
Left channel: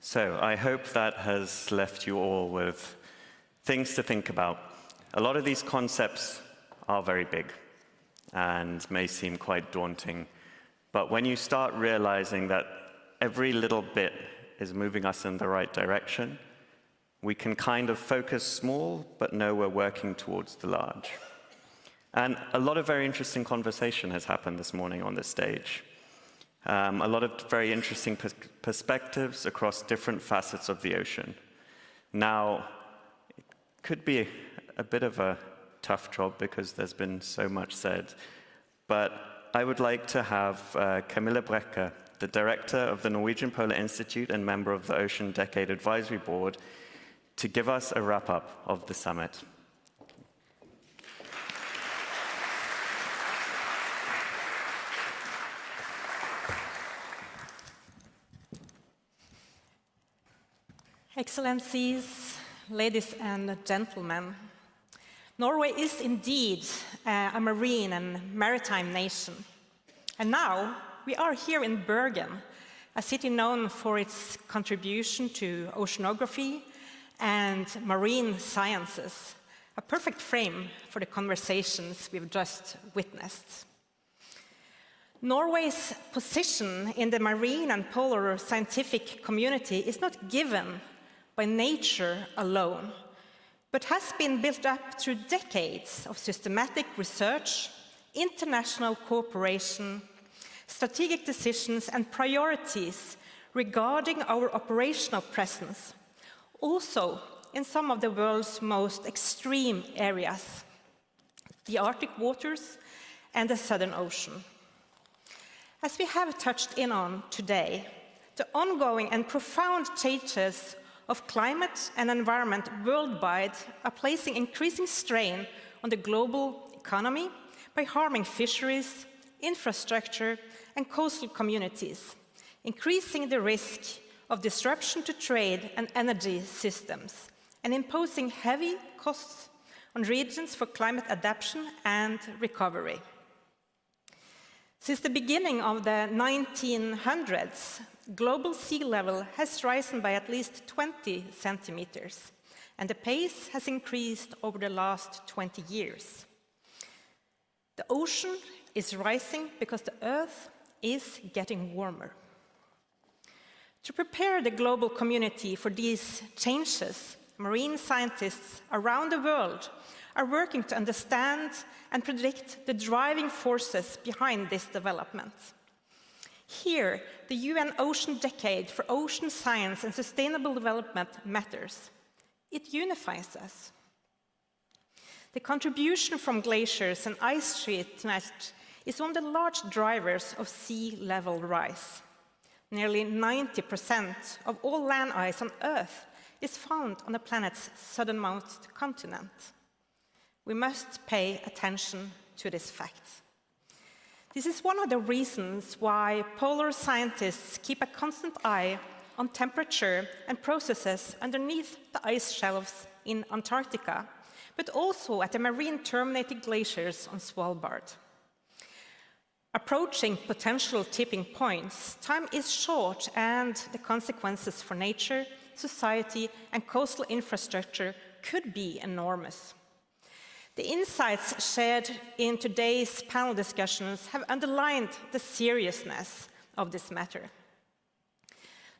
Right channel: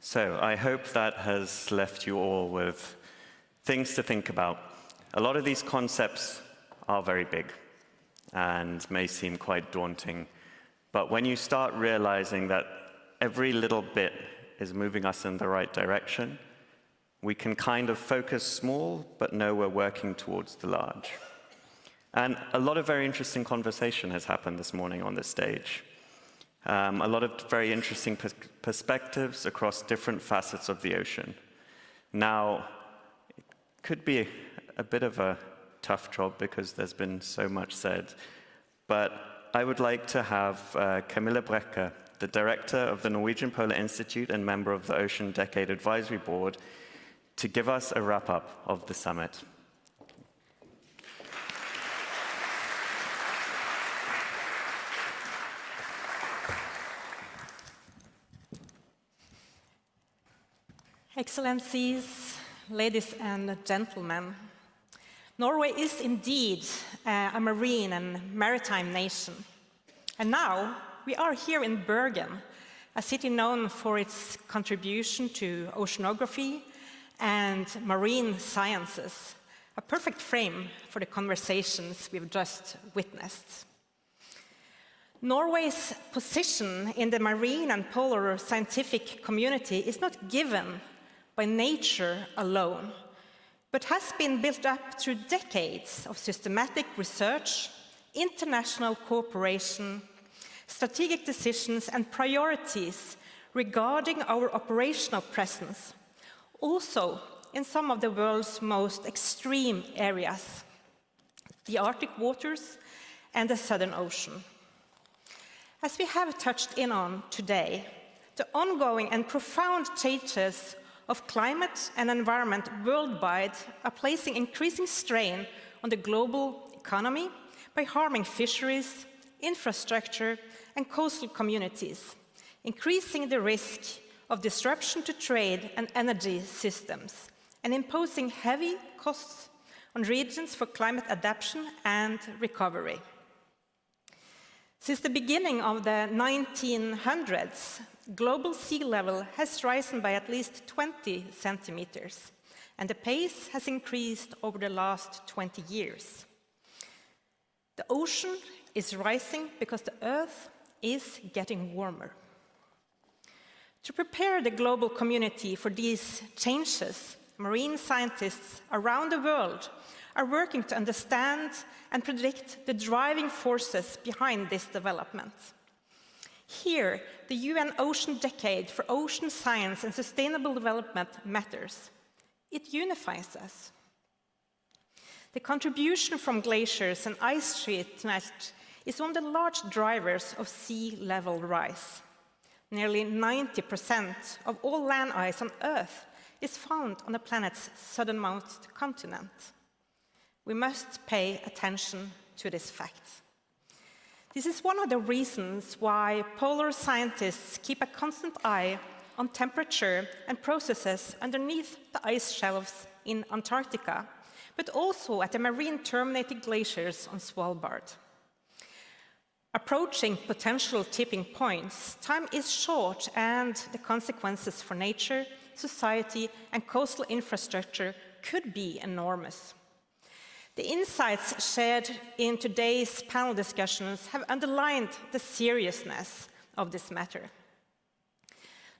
So I hope that has left you all with things to think about. A lot of these concepts are very big and may seem quite daunting, but when you start realizing that every little bit is moving us in the right direction, we can kind of focus small, but know we're working towards the large. And a lot of very interesting conversation has happened this morning on this stage. A lot of very interesting perspectives across different facets of the ocean. Now, it could be a bit of a tough job because there's been so much said, but I would like to have Camilla Brekke the director of the Norwegian Polar Institute and member of the Ocean Decade Advisory Board, to give us a wrap-up of the summit. Excellencies, ladies and gentlemen, Norway is indeed a marine and maritime nation. And now we are here in Bergen, a city known for its contribution to oceanography and marine sciences, a perfect frame for the conversations we've just witnessed. Norway's position in the marine and polar scientific community is not given by nature alone, but has been built up through decades of systematic research, international cooperation, strategic decisions and priorities regarding our operational presence, also in some of the world's most extreme areas, the Arctic waters and the Southern Ocean. As we have touched in on today, the ongoing and profound changes of climate and environment worldwide are placing increasing strain on the global economy by harming fisheries, infrastructure, and coastal communities, increasing the risk of disruption to trade and energy systems, and imposing heavy costs on regions for climate adaptation and recovery. Since the beginning of the 1900s, global sea level has risen by at least 20 centimeters, and the pace has increased over the last 20 years. The ocean is rising because the Earth is getting warmer. To prepare the global community for these changes, marine scientists around the world are working to understand and predict the driving forces behind this development. Here, the UN Ocean Decade for Ocean Science and Sustainable Development matters. It unifies us. The contribution from glaciers and ice sheet melt is one of the large drivers of sea level rise. Nearly 90% of all land ice on Earth is found on the planet's southernmost continent. We must pay attention to this fact. This is one of the reasons why polar scientists keep a constant eye on temperature and processes underneath the ice shelves in Antarctica, but also at the marine terminating glaciers on Svalbard. Approaching potential tipping points, time is short and the consequences for nature, society, and coastal infrastructure could be enormous. The insights shared in today's panel discussions have underlined the seriousness of this matter.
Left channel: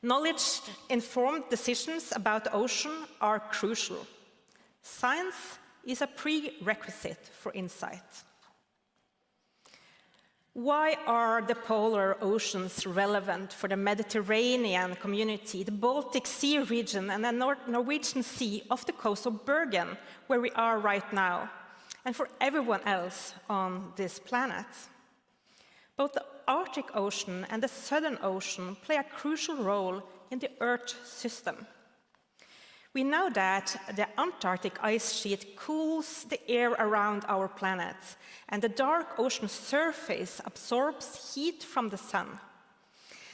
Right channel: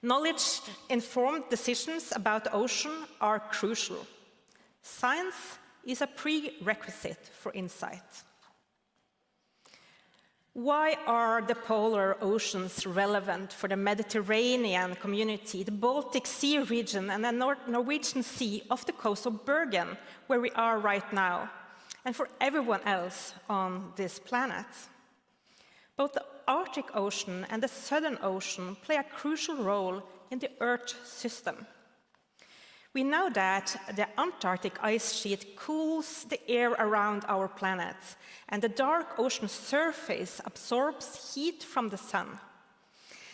Knowledge-informed decisions about the ocean are crucial. Science is a prerequisite for insight. Why are the polar oceans relevant for the Mediterranean community, the Baltic Sea region, and the Norwegian Sea off the coast of Bergen, where we are right now, and for everyone else on this planet? Both the Arctic Ocean and the Southern Ocean play a crucial role in the Earth system. We know that the Antarctic ice sheet cools the air around our planet, and the dark ocean surface absorbs heat from the sun.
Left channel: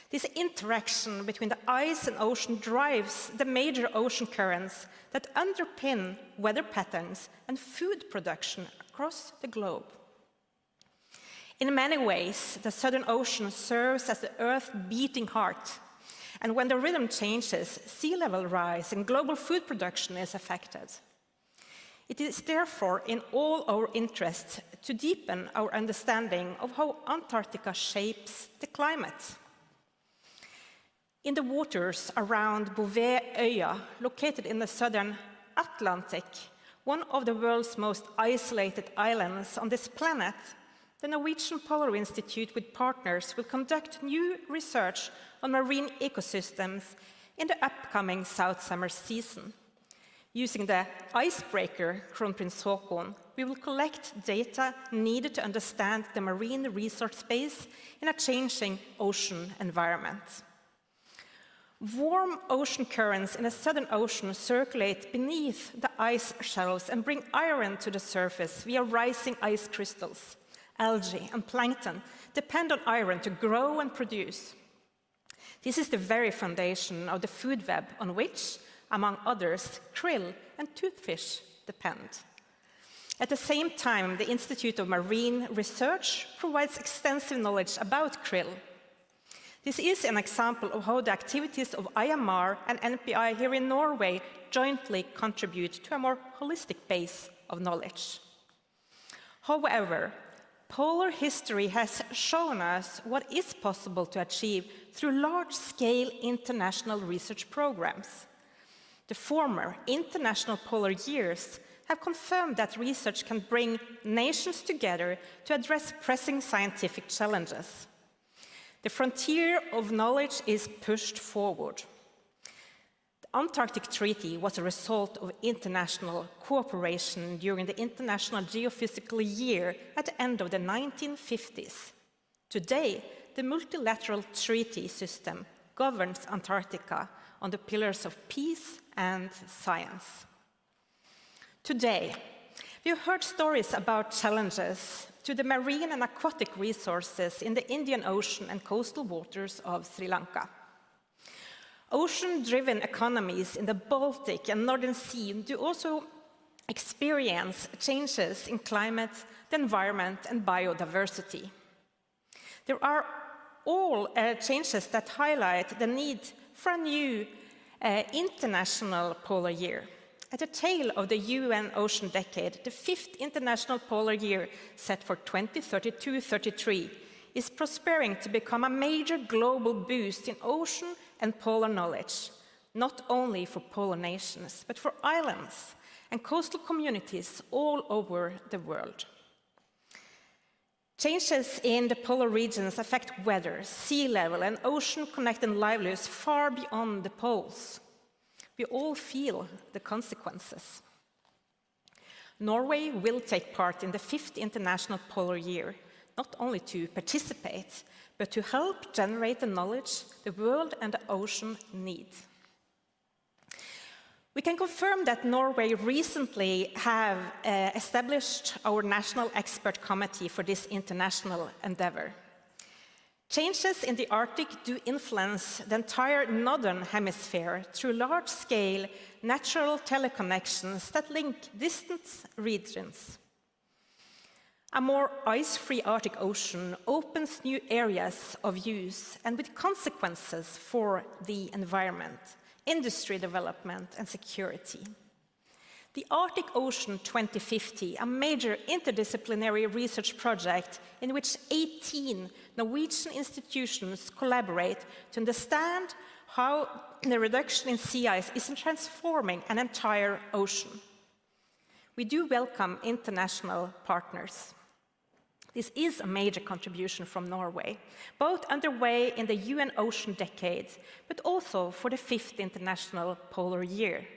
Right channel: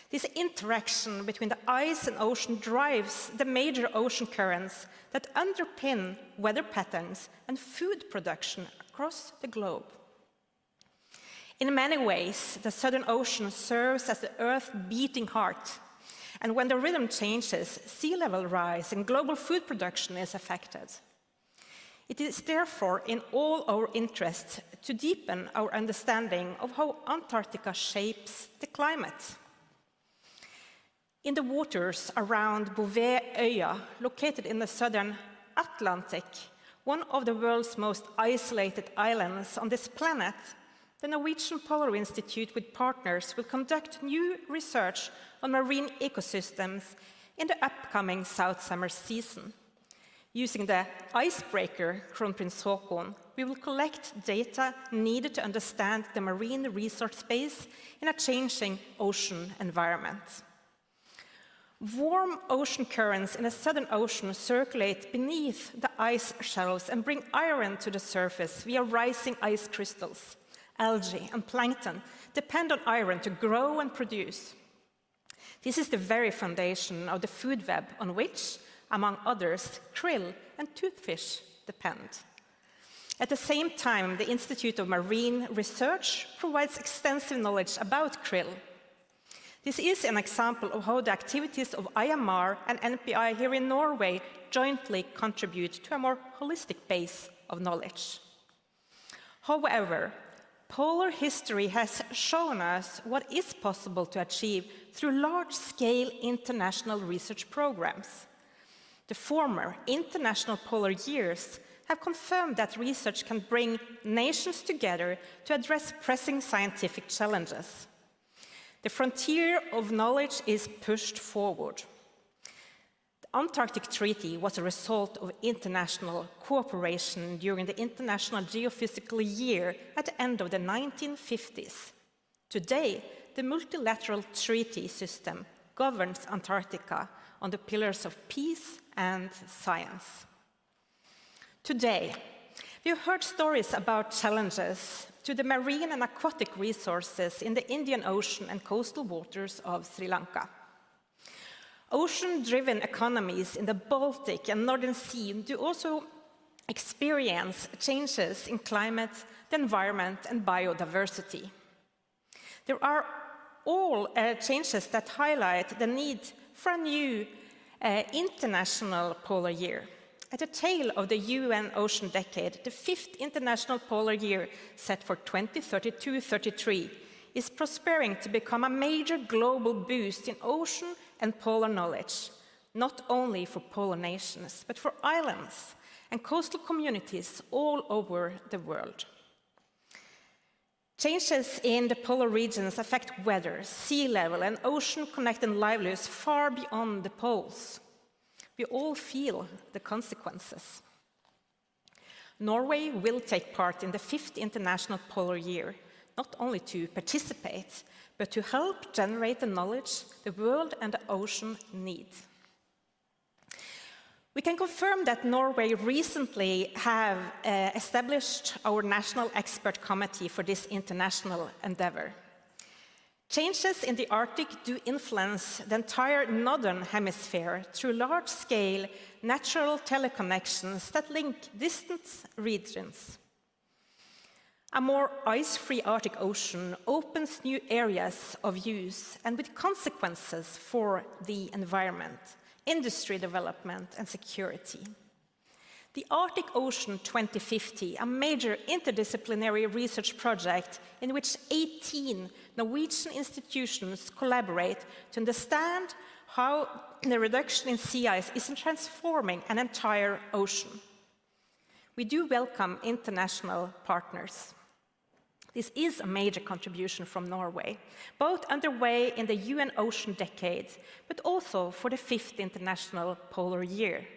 This interaction between the ice and ocean drives the major ocean currents that underpin weather patterns and food production across the globe. In many ways, the Southern Ocean serves as the Earth's beating heart, and when the rhythm changes, sea level rise and global food production is affected. It is therefore in all our interests to deepen our understanding of how Antarctica shapes the climate. In the waters around Bouvetøya, located in the southern Atlantic, one of the world's most isolated islands on this planet, the Norwegian Polar Institute with partners will conduct new research on marine ecosystems in the upcoming South Summer season, using the icebreaker Kronprins Håkon we will collect data needed to understand the marine resource space in a changing ocean environment. Warm ocean currents in the Southern Ocean circulate beneath the ice shelves and bring iron to the surface via rising ice crystals. Algae and plankton depend on iron to grow and produce. This is the very foundation of the food web on which, among others, krill and toothfish depend. At the same time, the Institute of Marine Research provides extensive knowledge about krill. This is an example of how the activities of IMR and NPI here in Norway jointly contribute to a more holistic base of knowledge. However, polar history has shown us what is possible to achieve through large-scale international research programs. The former international polar years have confirmed that research can bring nations together to address pressing scientific challenges. The frontier of knowledge is pushed forward. The Antarctic Treaty was a result of international cooperation during the International Geophysical Year at the end of the 1950s. Today, the multilateral treaty system governs Antarctica on the pillars of peace and science. Today, we have heard stories about challenges to the marine and aquatic resources in the Indian Ocean and coastal waters of Sri Lanka. Ocean-driven economies in the Baltic and Northern Sea do also experience changes in climate, the environment, and biodiversity. There are all changes that highlight the need for a new international polar year. At the tail of the UN Ocean Decade, the 5th International Polar Year, set for 2032-33, is prospering to become a major global boost in ocean and polar knowledge, not only for polar nations, but for islands and coastal communities all over the world. Changes in the polar regions affect weather, sea level, and ocean-connected livelihoods far beyond the poles. We all feel the consequences. Norway will take part in the 5th International Polar Year, not only to participate, but to help generate the knowledge the world and the ocean need. We can confirm that Norway recently have established our National Expert Committee for this international endeavor. Changes in the Arctic do influence the entire northern hemisphere through large-scale natural teleconnections that link distant regions. A more ice-free Arctic Ocean opens new areas of use and with consequences for the environment, industry development, and security. The Arctic Ocean 2050, a major interdisciplinary research project in which 18 Norwegian institutions collaborate to understand how the reduction in sea ice is transforming an entire ocean. We do welcome international partners. This is a major contribution from Norway, both underway in the UN Ocean Decade, but also for the 5th International Polar Year.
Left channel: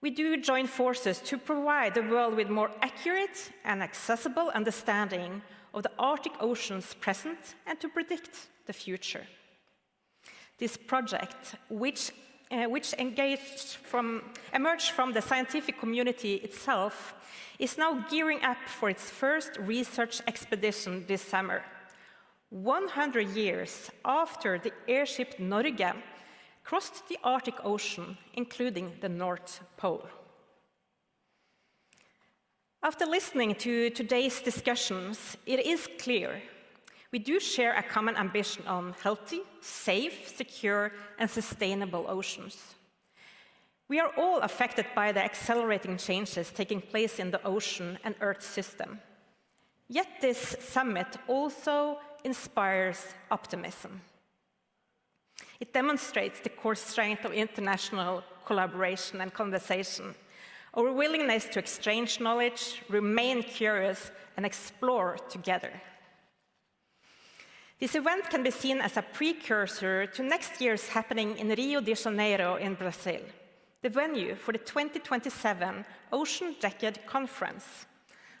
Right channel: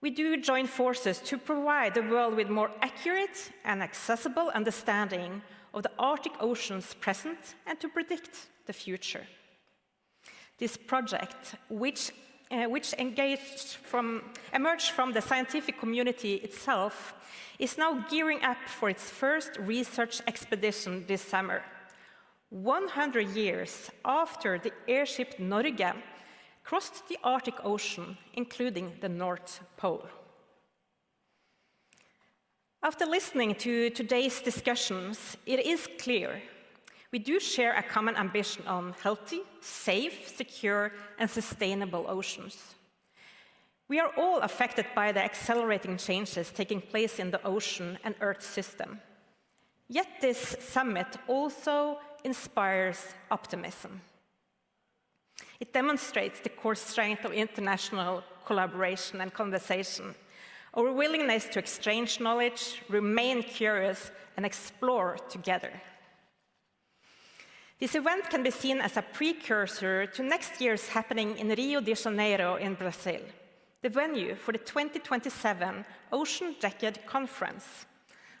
We do join forces to provide the world with more accurate and accessible understanding of the Arctic Ocean's present and to predict the future. This project, which emerged from the scientific community itself, is now gearing up for its first research expedition this summer, 100 years after the airship Norge crossed the Arctic Ocean, including the North Pole. After listening to today's discussions, it is clear we do share a common ambition on healthy, safe, secure, and sustainable oceans. We are all affected by the accelerating changes taking place in the ocean and Earth system. Yet this summit also inspires optimism. It demonstrates the core strength of international collaboration and conversation, our willingness to exchange knowledge, remain curious, and explore together. This event can be seen as a precursor to next year's happening in Rio de Janeiro in Brazil. the venue for the 2027 Ocean Decade Conference,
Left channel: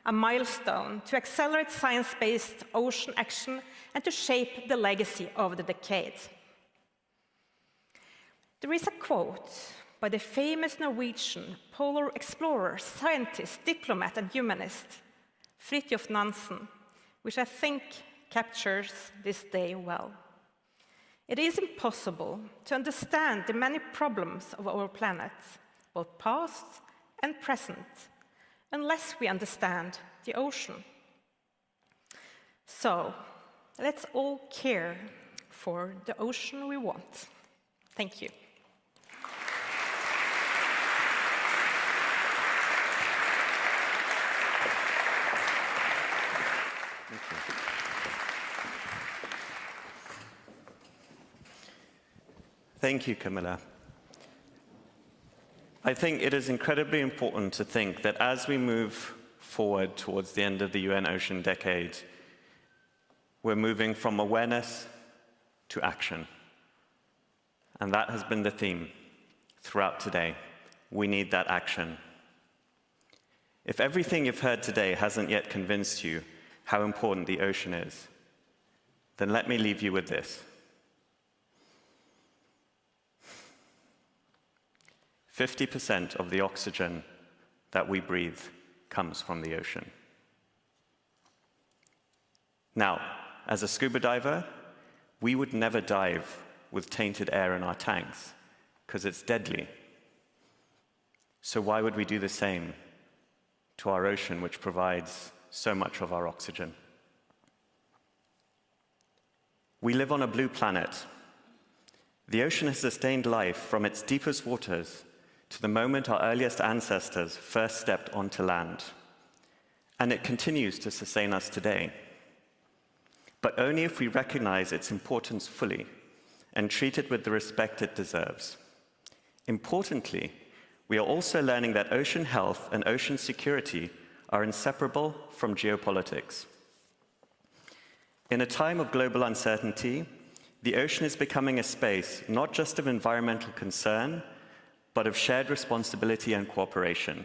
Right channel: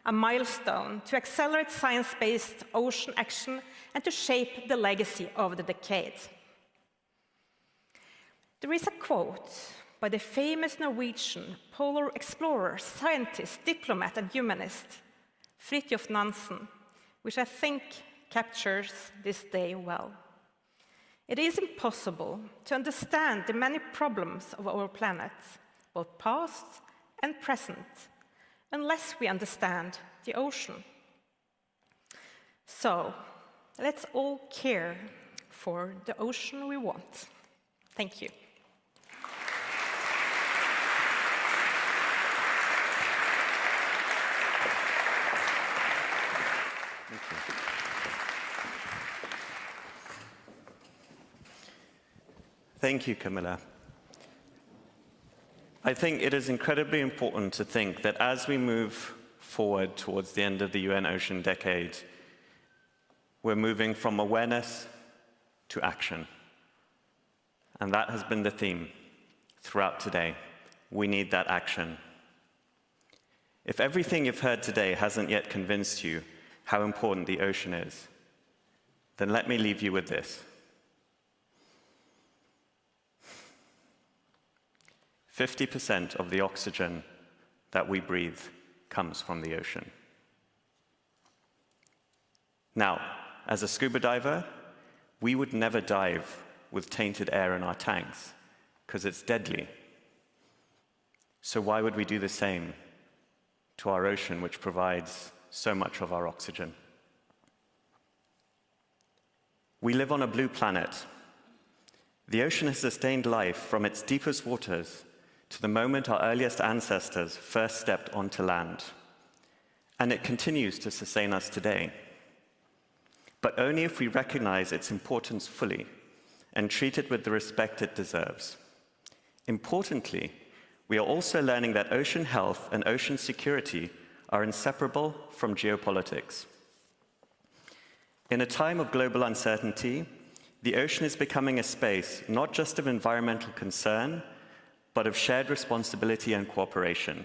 a milestone to accelerate science-based ocean action and to shape the legacy of the decade. There is a quote by the famous Norwegian polar explorer, scientist, diplomat, and humanist, Fridtjof Nansen, which I think captures this day well. It is impossible to understand the many problems of our planet, both past and present, unless we understand the ocean. So, let's all care for the ocean we want. Thank you. Thank you, Camilla. I think it is incredibly important to think that as we move forward towards the end of the UN Ocean Decade, we're moving from awareness to action. And that has been the theme throughout today. We need that action. If everything you've heard today hasn't yet convinced you how important the ocean is, then let me leave you with this. 50% of the oxygen that we breathe comes from the ocean. Now, as a scuba diver, we would never dive with tainted air in our tanks because it's deadly. So why would we do the same to our ocean, which provides so much of our oxygen? We live on a blue planet. The ocean has sustained life from its deepest waters to the moment our earliest ancestors first stepped onto land. And it continues to sustain us today. But only if we recognize its importance fully and treat it with the respect it deserves. Importantly, we are also learning that ocean health and ocean security are inseparable from geopolitics. In a time of global uncertainty, the ocean is becoming a space not just of environmental concern, but of shared responsibility and cooperation.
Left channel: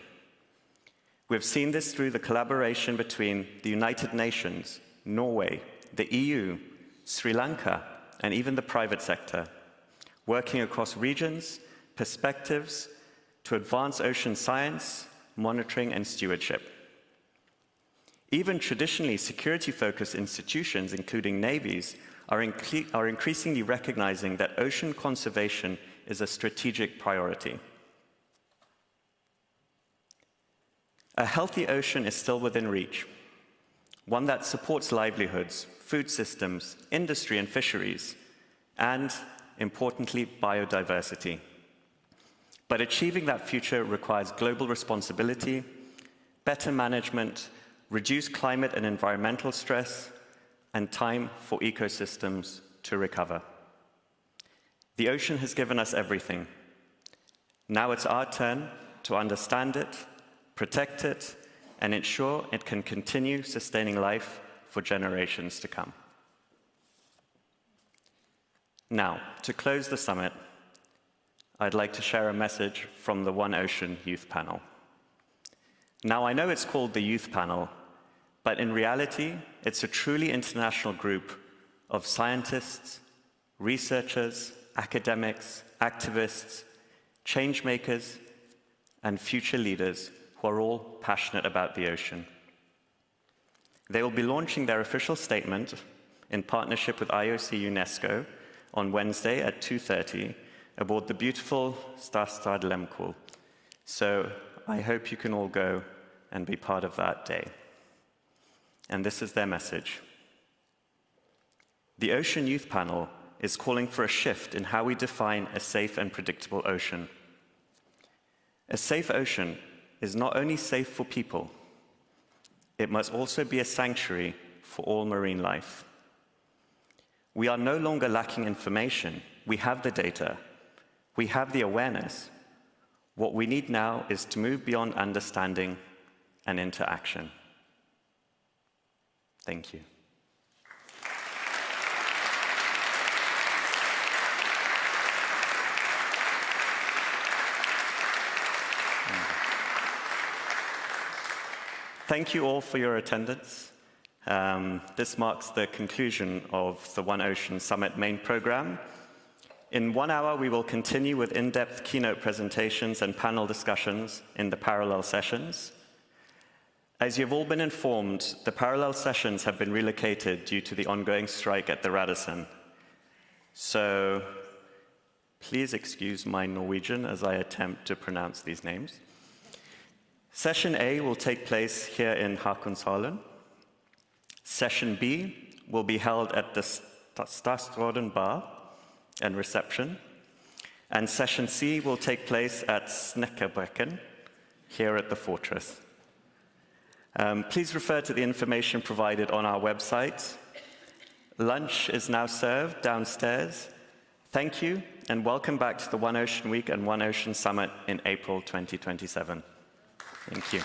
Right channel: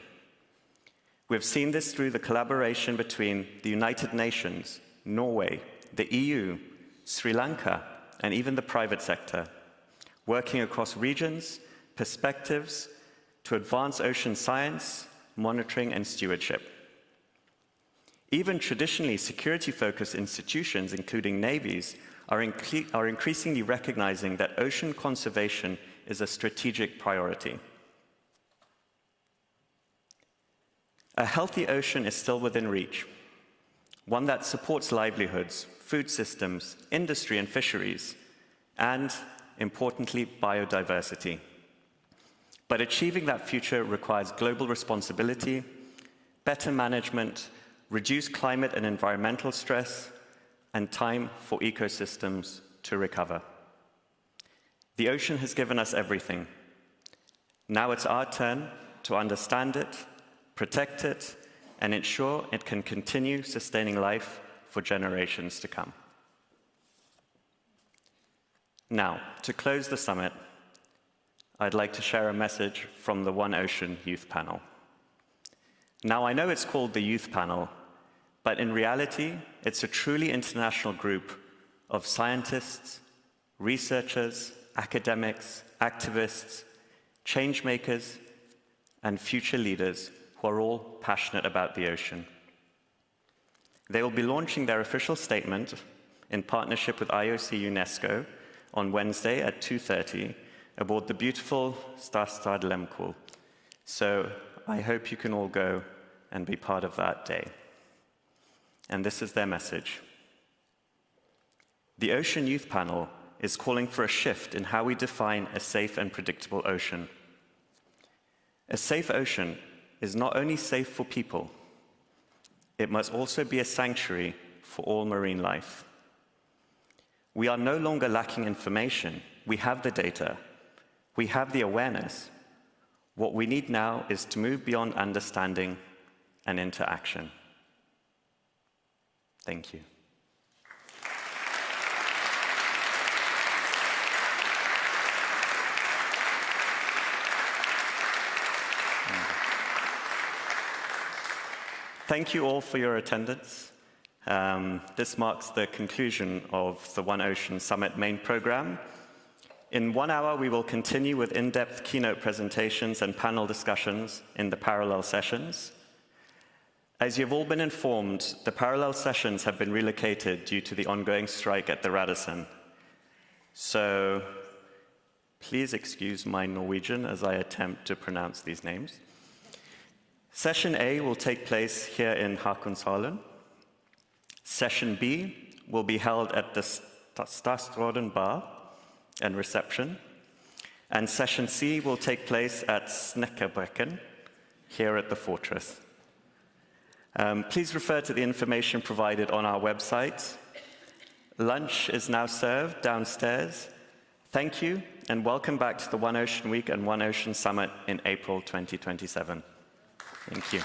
We've seen this through the collaboration between the United Nations, Norway, the EU, Sri Lanka, and even the private sector, working across regions, perspectives, to advance ocean science, monitoring, and stewardship. Even traditionally security-focused institutions, including navies, are increasingly recognizing that ocean conservation is a strategic priority. A healthy ocean is still within reach, one that supports livelihoods, food systems, industry and fisheries, and, importantly, biodiversity. But achieving that future requires global responsibility, better management, reduced climate and environmental stress, and time for ecosystems to recover. The ocean has given us everything. Now it's our turn to understand it, protect it, and ensure it can continue sustaining life for generations to come. Now, to close the summit, I'd like to share a message from the One Ocean Youth Panel. Now, I know it's called the Youth Panel, but in reality, it's a truly international group of scientists, researchers, academics, activists, change makers, and future leaders who are all passionate about the ocean. They will be launching their official statement in partnership with IOC UNESCO on Wednesday at 2:30 aboard the beautiful Stad Lemkul. So I hope you can all go and be part of that day. And this is their message. The Ocean Youth Panel is calling for a shift in how we define a safe and predictable ocean. A safe ocean is not only safe for people, it must also be a sanctuary for all marine life. We are no longer lacking information. We have the data. We have the awareness. What we need now is to move beyond understanding and into action. Thank you. Thank you all for your attendance. This marks the conclusion of the One Ocean Summit main program. In 1 hour, we will continue with in-depth keynote presentations and panel discussions in the parallel sessions. As you've all been informed, the parallel sessions have been relocated due to the ongoing strike at the Radisson. So please excuse my Norwegian as I attempt to pronounce these names. Session A will take place here in Håkonshallen. Session B will be held at the Statsråden Bar and reception. And Session C will take place at Snekkerbrekken, here at the Fortress. Please refer to the information provided on our website. Lunch is now served downstairs. Thank you, and welcome back to the One Ocean Week and One Ocean Summit in April 2027. Thank you.